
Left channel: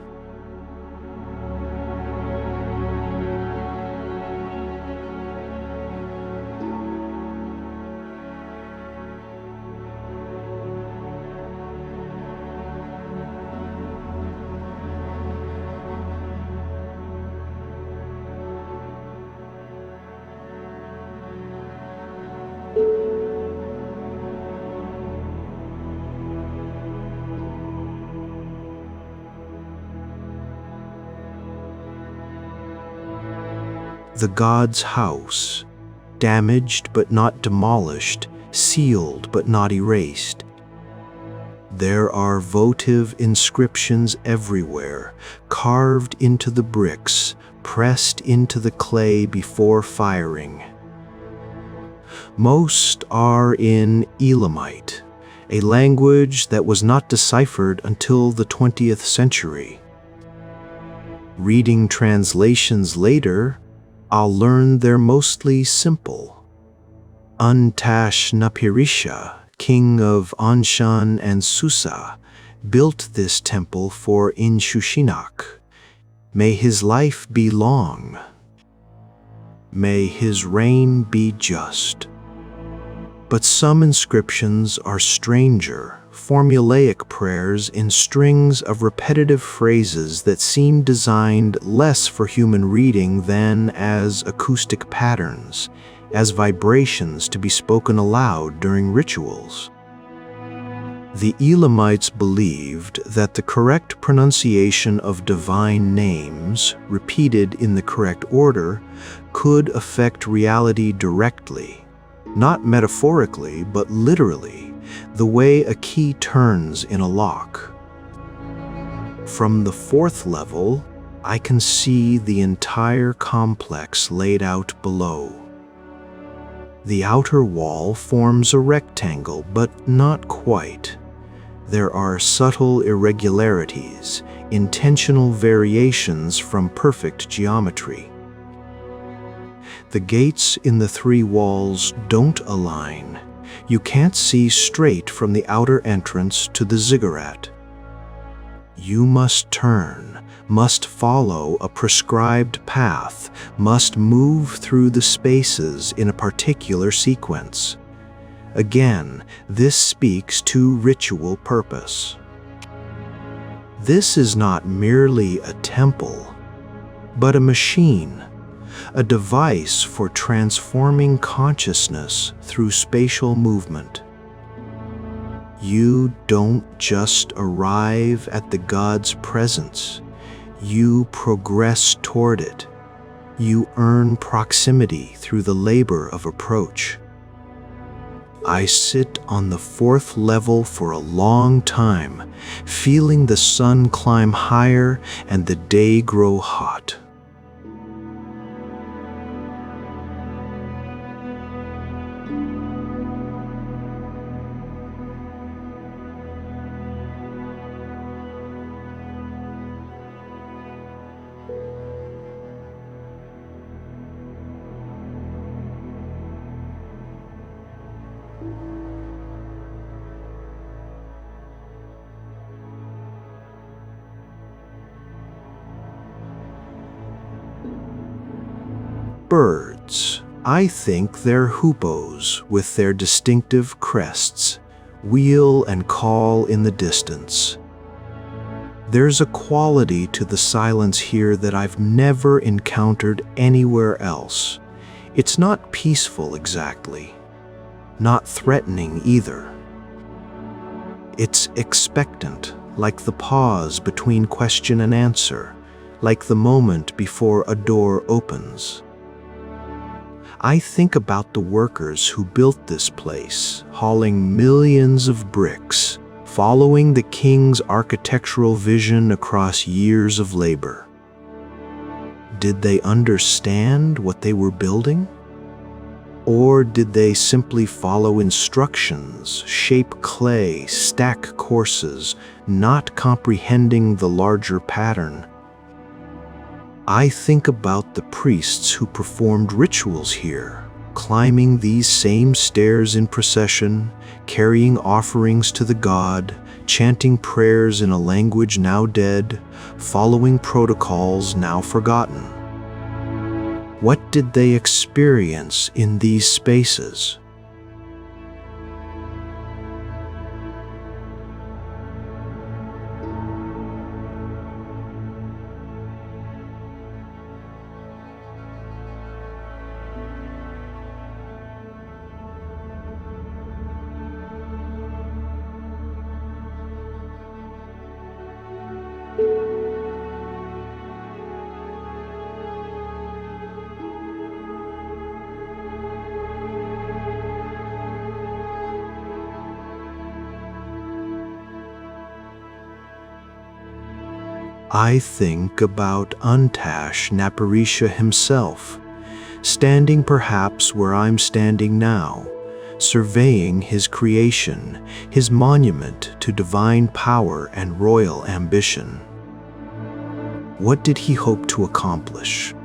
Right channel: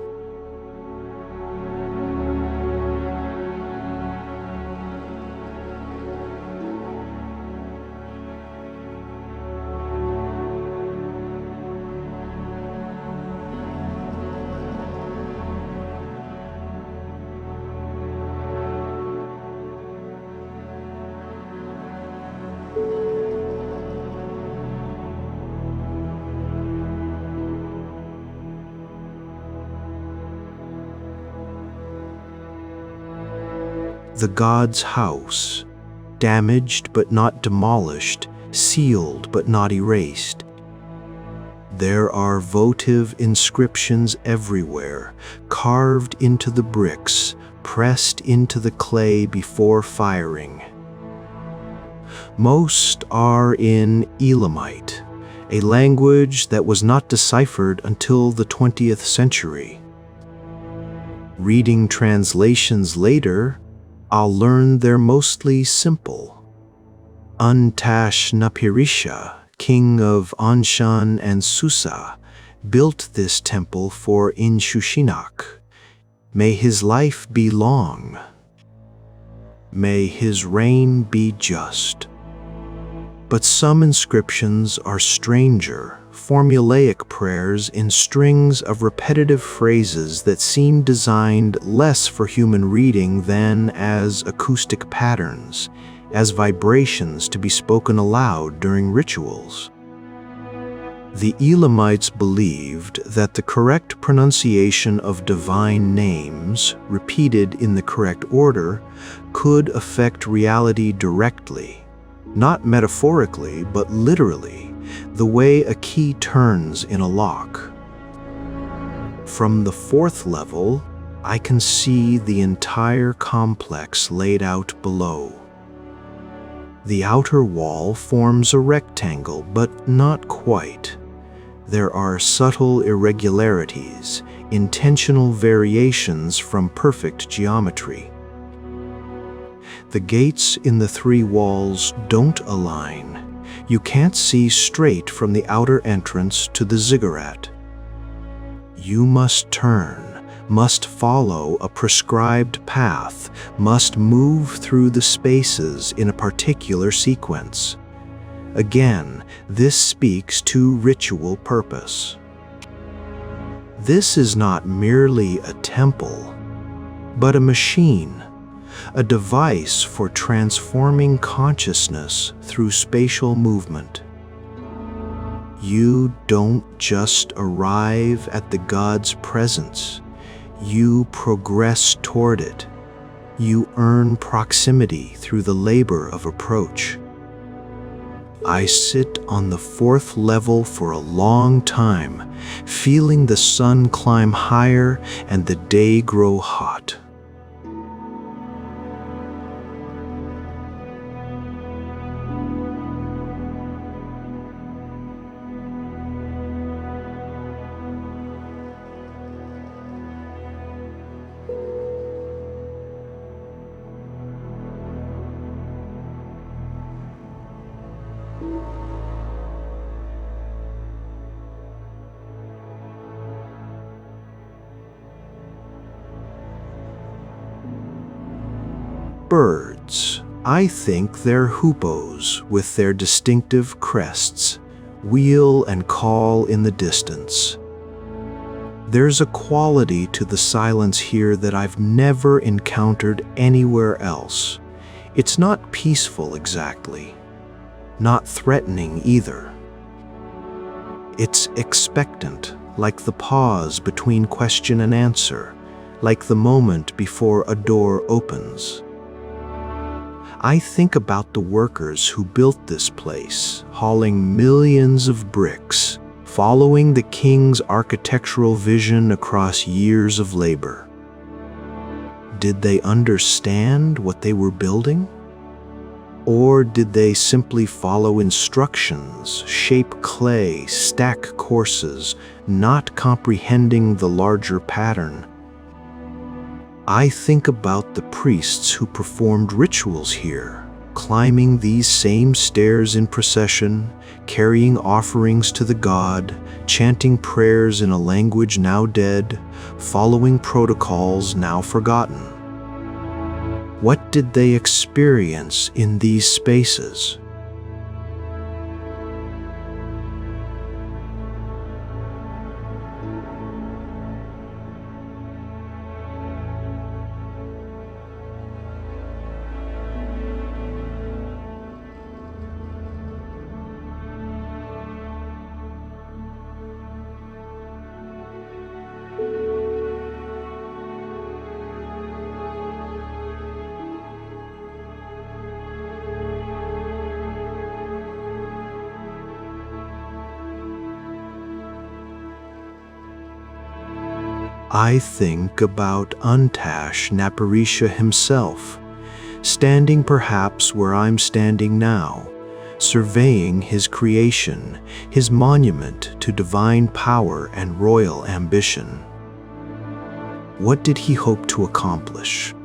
The god's house, damaged but not demolished, sealed but not erased. There are votive inscriptions everywhere, carved into the bricks, pressed into the clay before firing. Most are in Elamite, a language that was not deciphered until the 20th century. Reading translations later, I'll learn they're mostly simple. Untash-Napirisha, king of Anshan and Susa, built this temple for Inshushinak. May his life be long. May his reign be just. But some inscriptions are stranger, formulaic prayers in strings of repetitive phrases that seem designed less for human reading than as acoustic patterns, as vibrations to be spoken aloud during rituals. The Elamites believed that the correct pronunciation of divine names, repeated in the correct order, could affect reality directly, not metaphorically but literally, the way a key turns in a lock. From the fourth level, I can see the entire complex laid out below. The outer wall forms a rectangle, but not quite. There are subtle irregularities, intentional variations from perfect geometry. The gates in the three walls don't align. You can't see straight from the outer entrance to the ziggurat. You must turn, must follow a prescribed path, must move through the spaces in a particular sequence. Again, this speaks to ritual purpose. This is not merely a temple, but a machine, a device for transforming consciousness through spatial movement. You don't just arrive at the god's presence. You progress toward it. You earn proximity through the labor of approach. I sit on the 4th level for a long time, feeling the sun climb higher and the day grow hot. Birds. I think they're hoopos with their distinctive crests, wheel and call in the distance. There's a quality to the silence here that I've never encountered anywhere else. It's not peaceful exactly, not threatening either. It's expectant, like the pause between question and answer, like the moment before a door opens. I think about the workers who built this place, hauling millions of bricks, following the king's architectural vision across years of labor. Did they understand what they were building? Or did they simply follow instructions, shape clay, stack courses, not comprehending the larger pattern? I think about the priests who performed rituals here, climbing these same stairs in procession, carrying offerings to the god, chanting prayers in a language now dead, following protocols now forgotten. What did they experience in these spaces? I think about Untash Naparisha himself, standing perhaps where I'm standing now, surveying his creation, his monument to divine power and royal ambition. What did he hope to accomplish?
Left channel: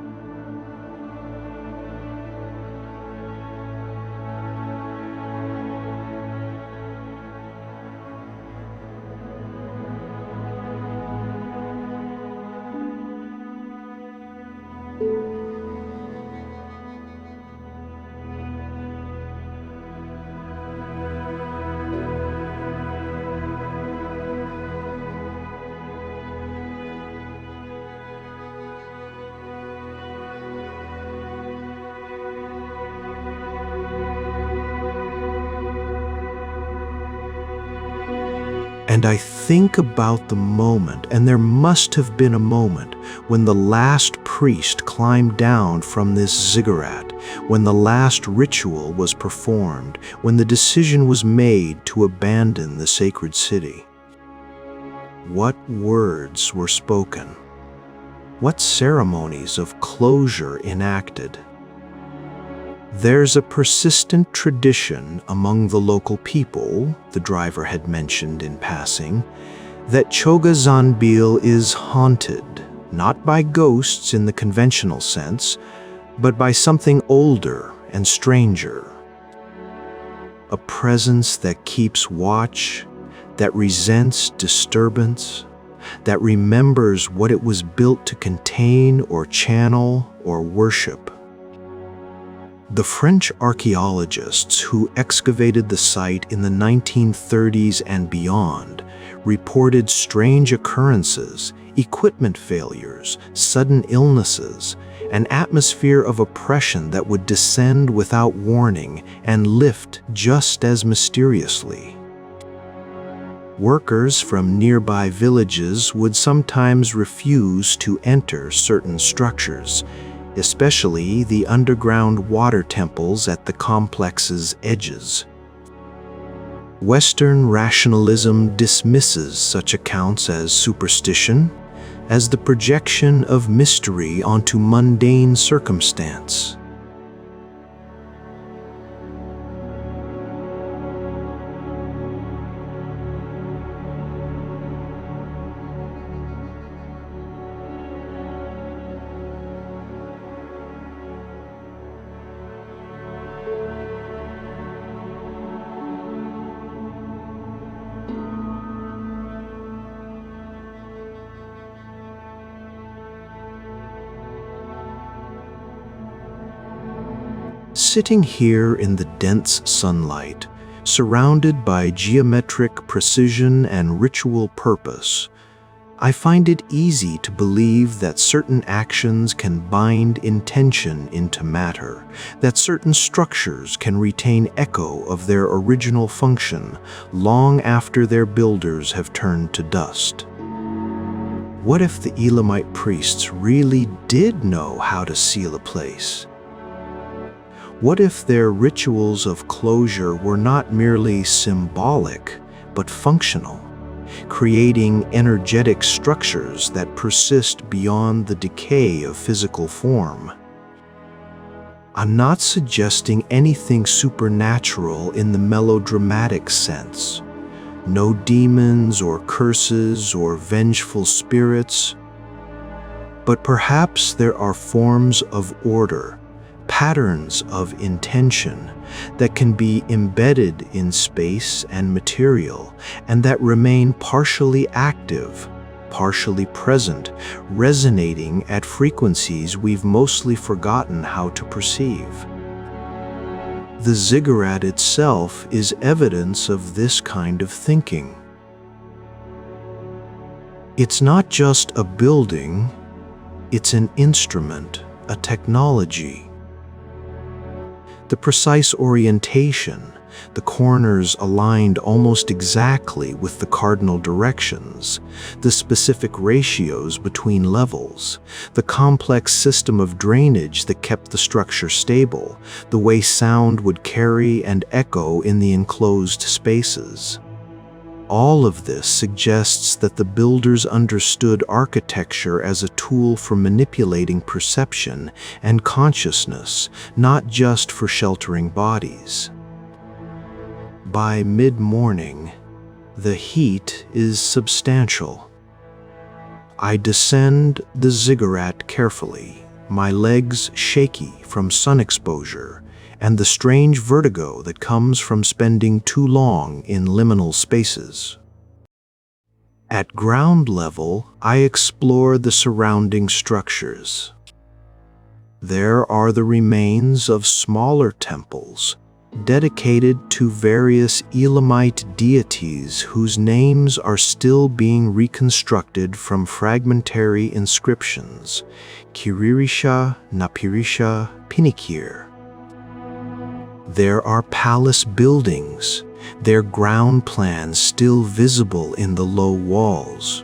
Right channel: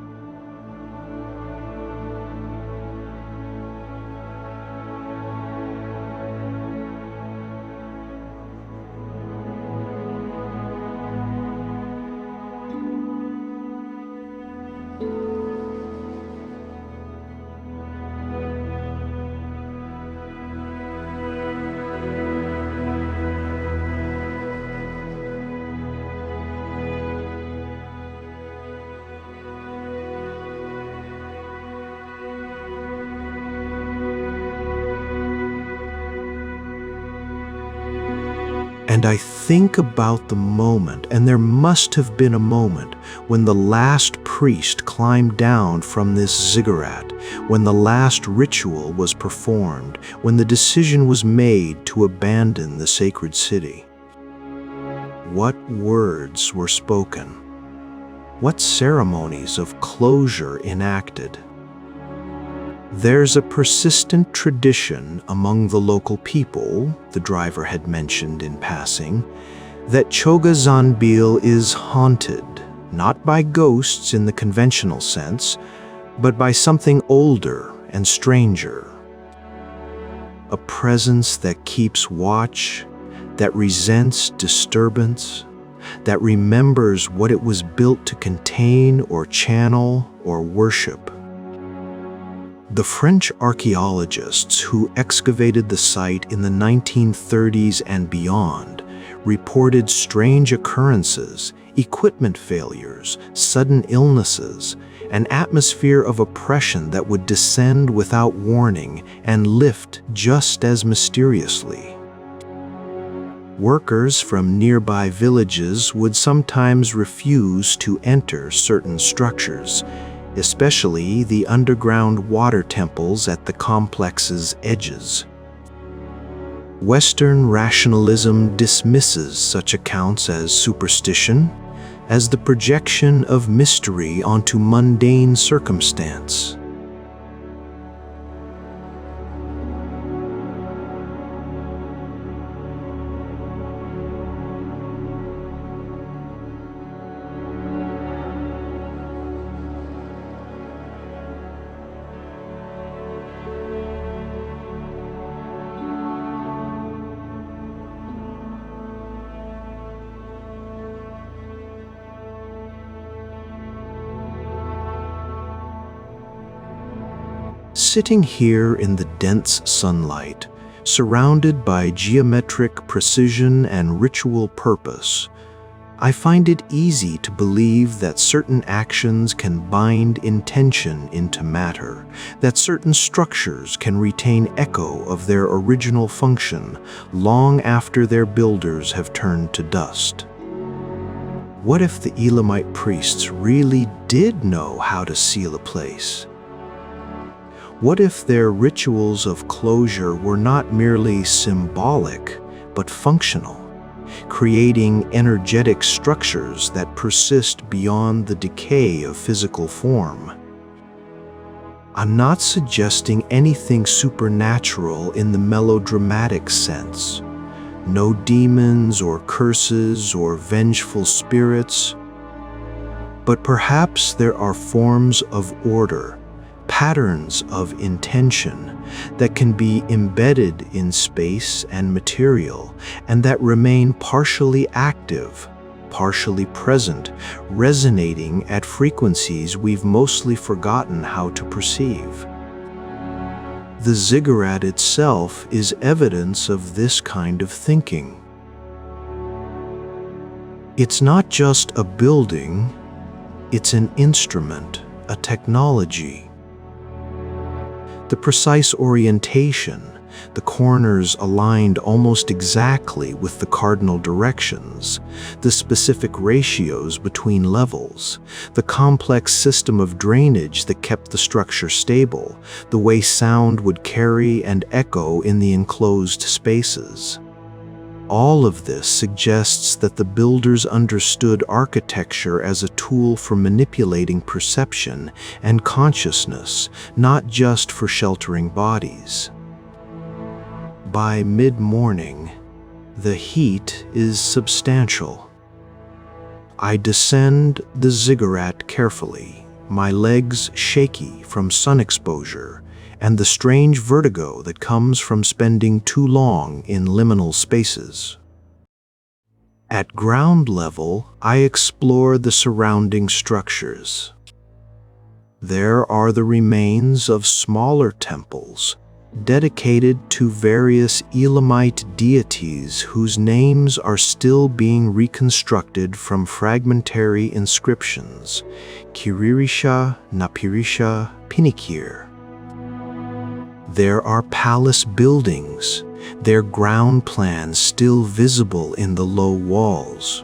And I think about the moment, and there must have been a moment, when the last priest climbed down from this ziggurat, when the last ritual was performed, when the decision was made to abandon the sacred city. What words were spoken? What ceremonies of closure enacted? There's a persistent tradition among the local people, the driver had mentioned in passing, that Choga Zanbil is haunted, not by ghosts in the conventional sense, but by something older and stranger. A presence that keeps watch, that resents disturbance, that remembers what it was built to contain or channel or worship. The French archaeologists who excavated the site in the 1930s and beyond reported strange occurrences, equipment failures, sudden illnesses, an atmosphere of oppression that would descend without warning and lift just as mysteriously. Workers from nearby villages would sometimes refuse to enter certain structures, especially the underground water temples at the complex's edges. Western rationalism dismisses such accounts as superstition, as the projection of mystery onto mundane circumstance. Sitting here in the dense sunlight, surrounded by geometric precision and ritual purpose, I find it easy to believe that certain actions can bind intention into matter, that certain structures can retain echo of their original function long after their builders have turned to dust. What if the Elamite priests really did know how to seal a place? What if their rituals of closure were not merely symbolic, but functional, creating energetic structures that persist beyond the decay of physical form? I'm not suggesting anything supernatural in the melodramatic sense. No demons or curses or vengeful spirits. But perhaps there are forms of order, patterns of intention that can be embedded in space and material, and that remain partially active, partially present, resonating at frequencies we've mostly forgotten how to perceive. The ziggurat itself is evidence of this kind of thinking. It's not just a building, it's an instrument, a technology. The precise orientation, the corners aligned almost exactly with the cardinal directions, the specific ratios between levels, the complex system of drainage that kept the structure stable, the way sound would carry and echo in the enclosed spaces. All of this suggests that the builders understood architecture as a tool for manipulating perception and consciousness, not just for sheltering bodies. By mid-morning, the heat is substantial. I descend the ziggurat carefully, my legs shaky from sun exposure, and the strange vertigo that comes from spending too long in liminal spaces. At ground level, I explore the surrounding structures. There are the remains of smaller temples, dedicated to various Elamite deities whose names are still being reconstructed from fragmentary inscriptions: Kiririsha, Napirisha, Pinikir. There are palace buildings, their ground plans still visible in the low walls.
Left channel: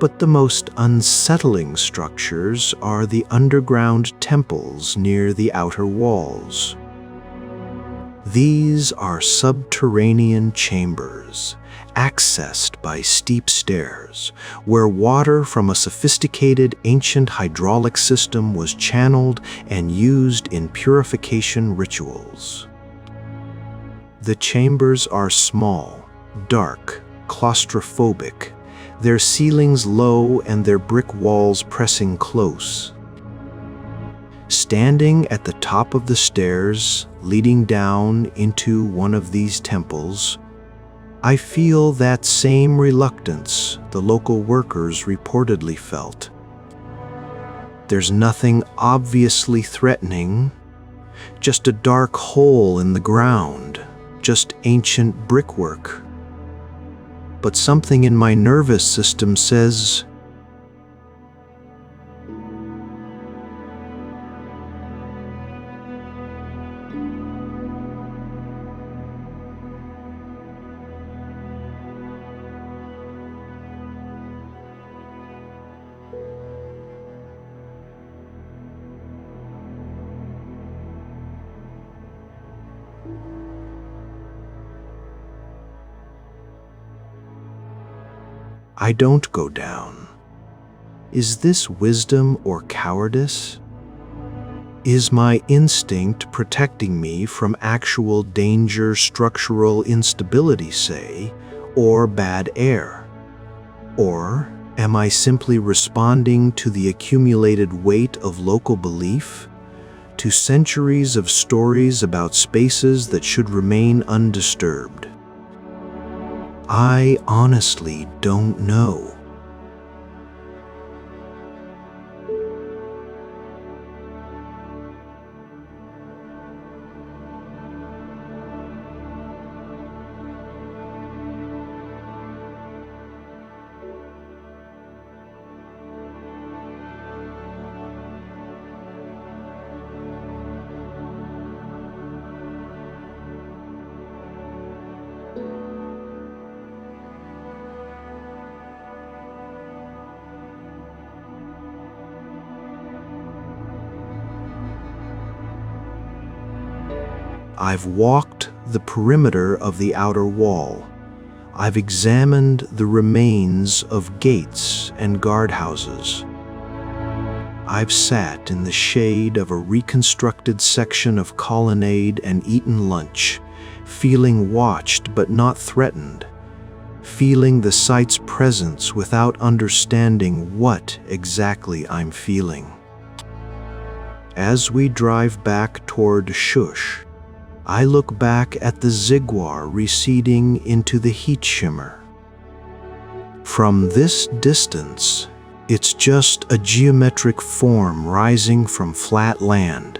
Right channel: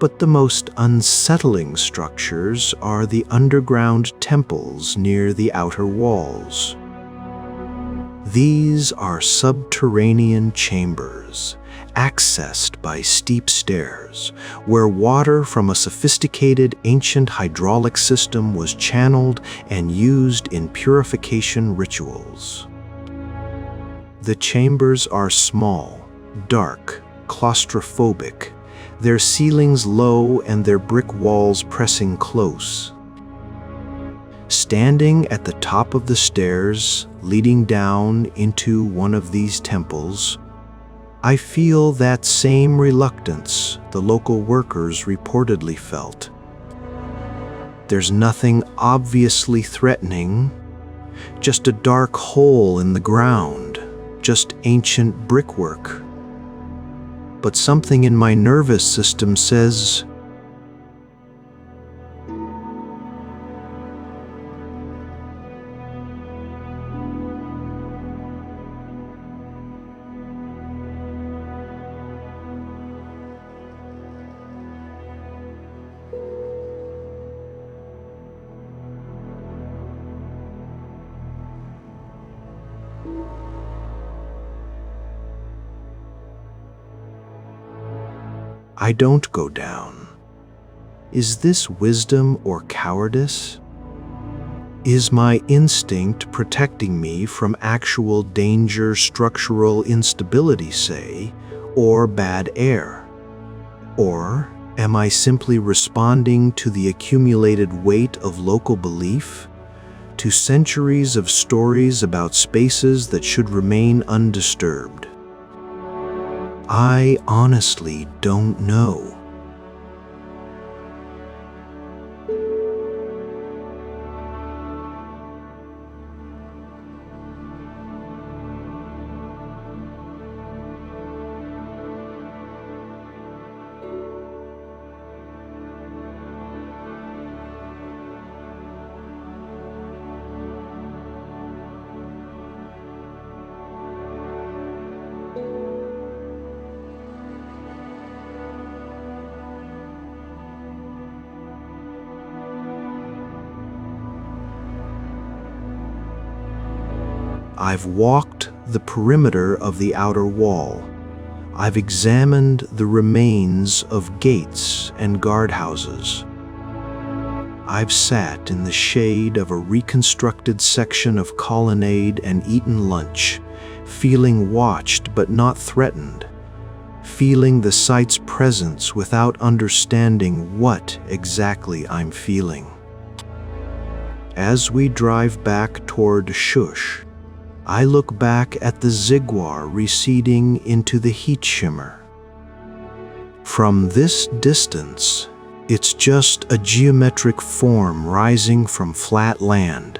But the most unsettling structures are the underground temples near the outer walls. These are subterranean chambers, accessed by steep stairs, where water from a sophisticated ancient hydraulic system was channeled and used in purification rituals. The chambers are small, dark, claustrophobic, their ceilings low and their brick walls pressing close. Standing at the top of the stairs, leading down into one of these temples, I feel that same reluctance the local workers reportedly felt. There's nothing obviously threatening, just a dark hole in the ground, just ancient brickwork. But something in my nervous system says, I don't go down. Is this wisdom or cowardice? Is my instinct protecting me from actual danger, structural instability, say, or bad air? Or am I simply responding to the accumulated weight of local belief, to centuries of stories about spaces that should remain undisturbed? I honestly don't know. I've walked the perimeter of the outer wall. I've examined the remains of gates and guardhouses. I've sat in the shade of a reconstructed section of colonnade and eaten lunch, feeling watched but not threatened, feeling the site's presence without understanding what exactly I'm feeling. As we drive back toward Shush, I look back at the zigguar receding into the heat shimmer. From this distance, it's just a geometric form rising from flat land.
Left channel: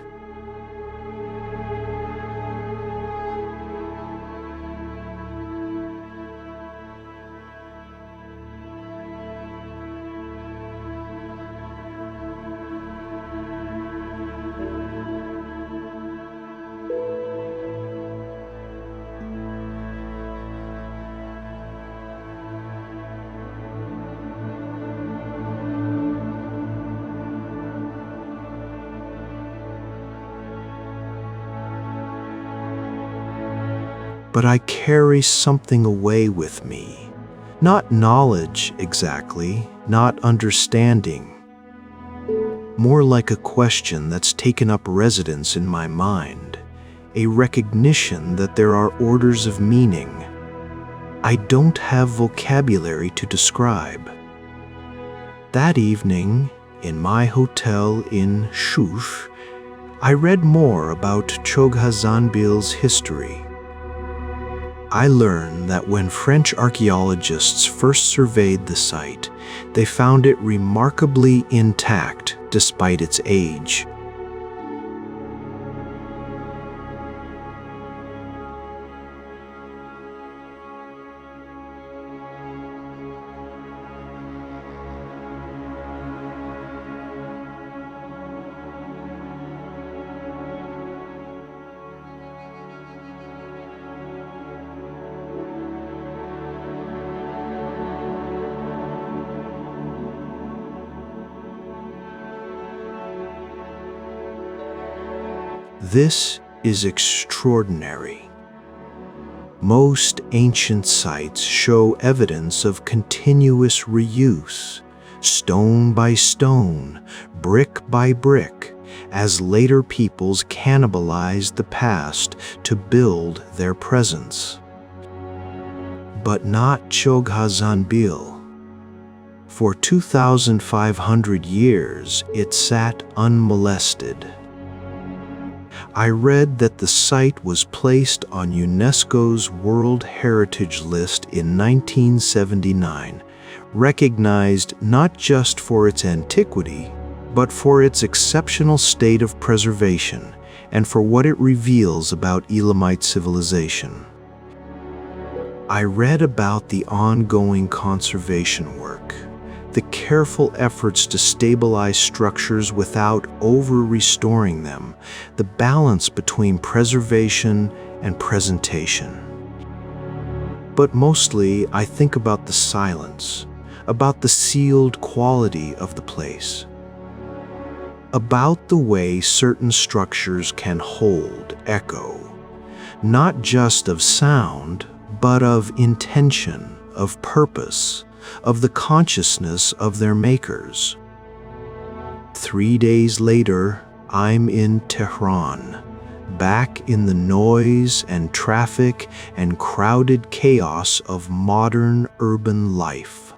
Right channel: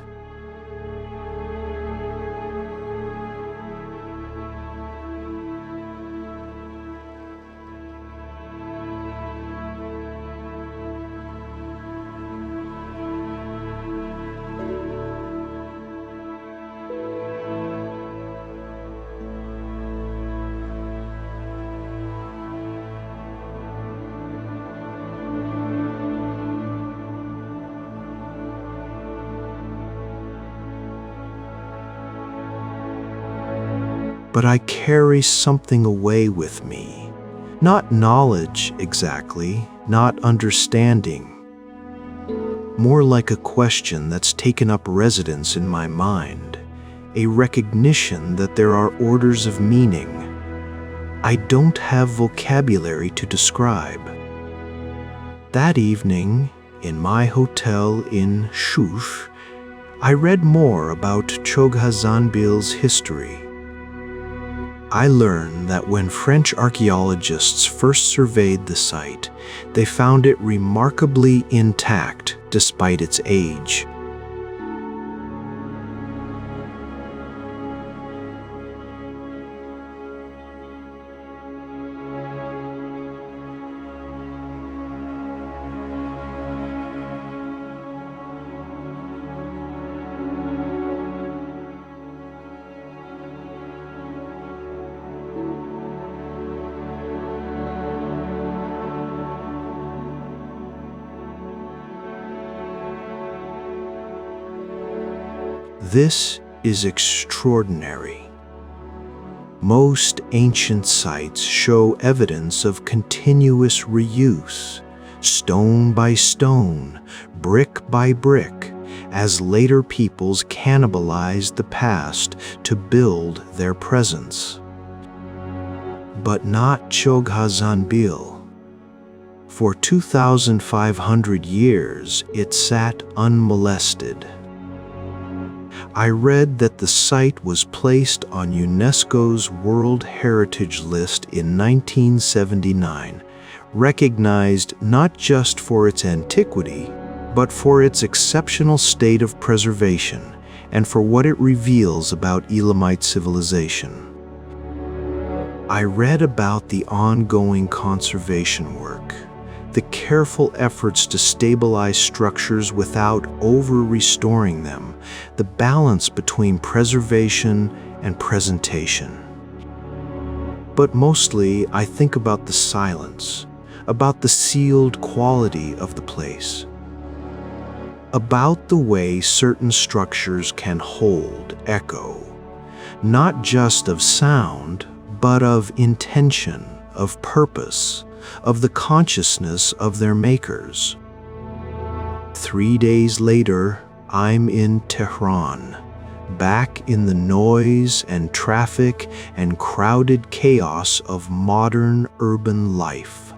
But I carry something away with me. Not knowledge exactly, not understanding. More like a question that's taken up residence in my mind, a recognition that there are orders of meaning I don't have vocabulary to describe. That evening, in my hotel in Shush, I read more about Çoghazanbil's history. I learned that when French archaeologists first surveyed the site, they found it remarkably intact despite its age. This is extraordinary. Most ancient sites show evidence of continuous reuse, stone by stone, brick by brick, as later peoples cannibalized the past to build their presence. But not Çoghazanbil. For 2,500 years, it sat unmolested. I read that the site was placed on UNESCO's World Heritage List in 1979, recognized not just for its antiquity, but for its exceptional state of preservation and for what it reveals about Elamite civilization. I read about the ongoing conservation work, the careful efforts to stabilize structures without over-restoring them, the balance between preservation and presentation. But mostly, I think about the silence, about the sealed quality of the place, about the way certain structures can hold echo, not just of sound, but of intention, of purpose, of the consciousness of their makers. 3 days later, I'm in Tehran, back in the noise and traffic and crowded chaos of modern urban life.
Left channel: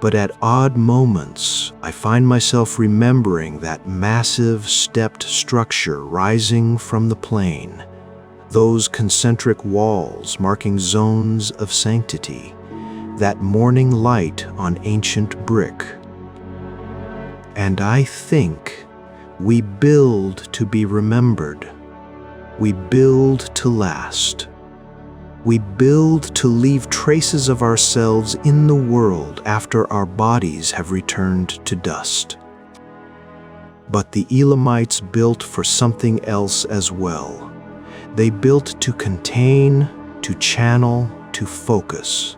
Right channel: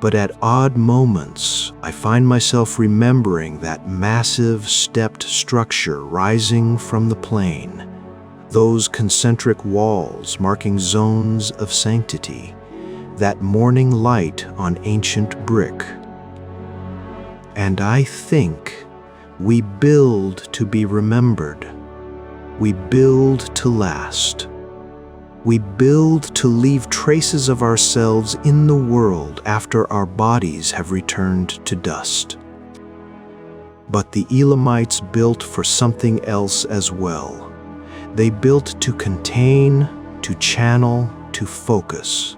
But at odd moments, I find myself remembering that massive stepped structure rising from the plain, those concentric walls marking zones of sanctity, that morning light on ancient brick. And I think we build to be remembered. We build to last. We build to leave traces of ourselves in the world after our bodies have returned to dust. But the Elamites built for something else as well. They built to contain, to channel, to focus.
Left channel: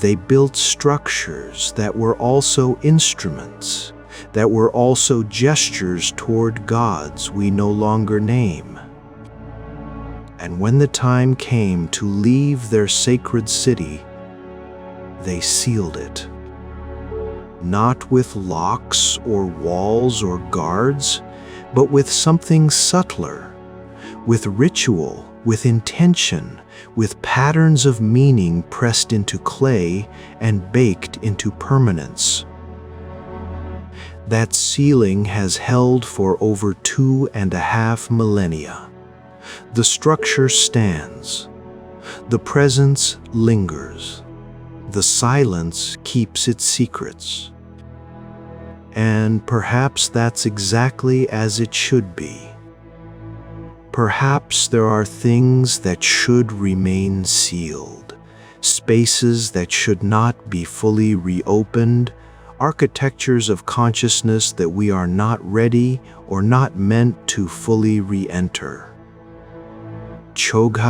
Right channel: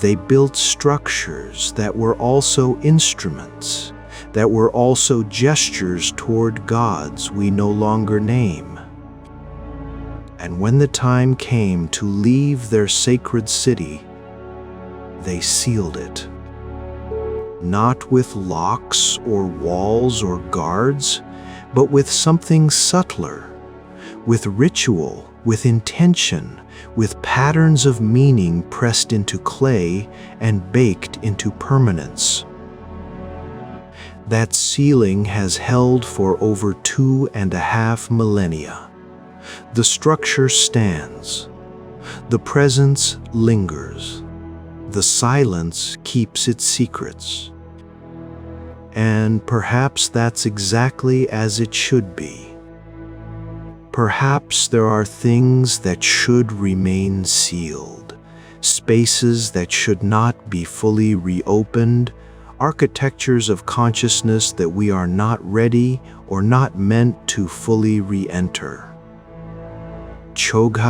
They built structures that were also instruments, that were also gestures toward gods we no longer name. And when the time came to leave their sacred city, they sealed it. Not with locks or walls or guards, but with something subtler, with ritual, with intention, with patterns of meaning pressed into clay and baked into permanence. That sealing has held for over 2.5 millennia. The structure stands. The presence lingers. The silence keeps its secrets. And perhaps that's exactly as it should be. Perhaps there are things that should remain sealed, spaces that should not be fully reopened, architectures of consciousness that we are not ready or not meant to fully re-enter. Chogha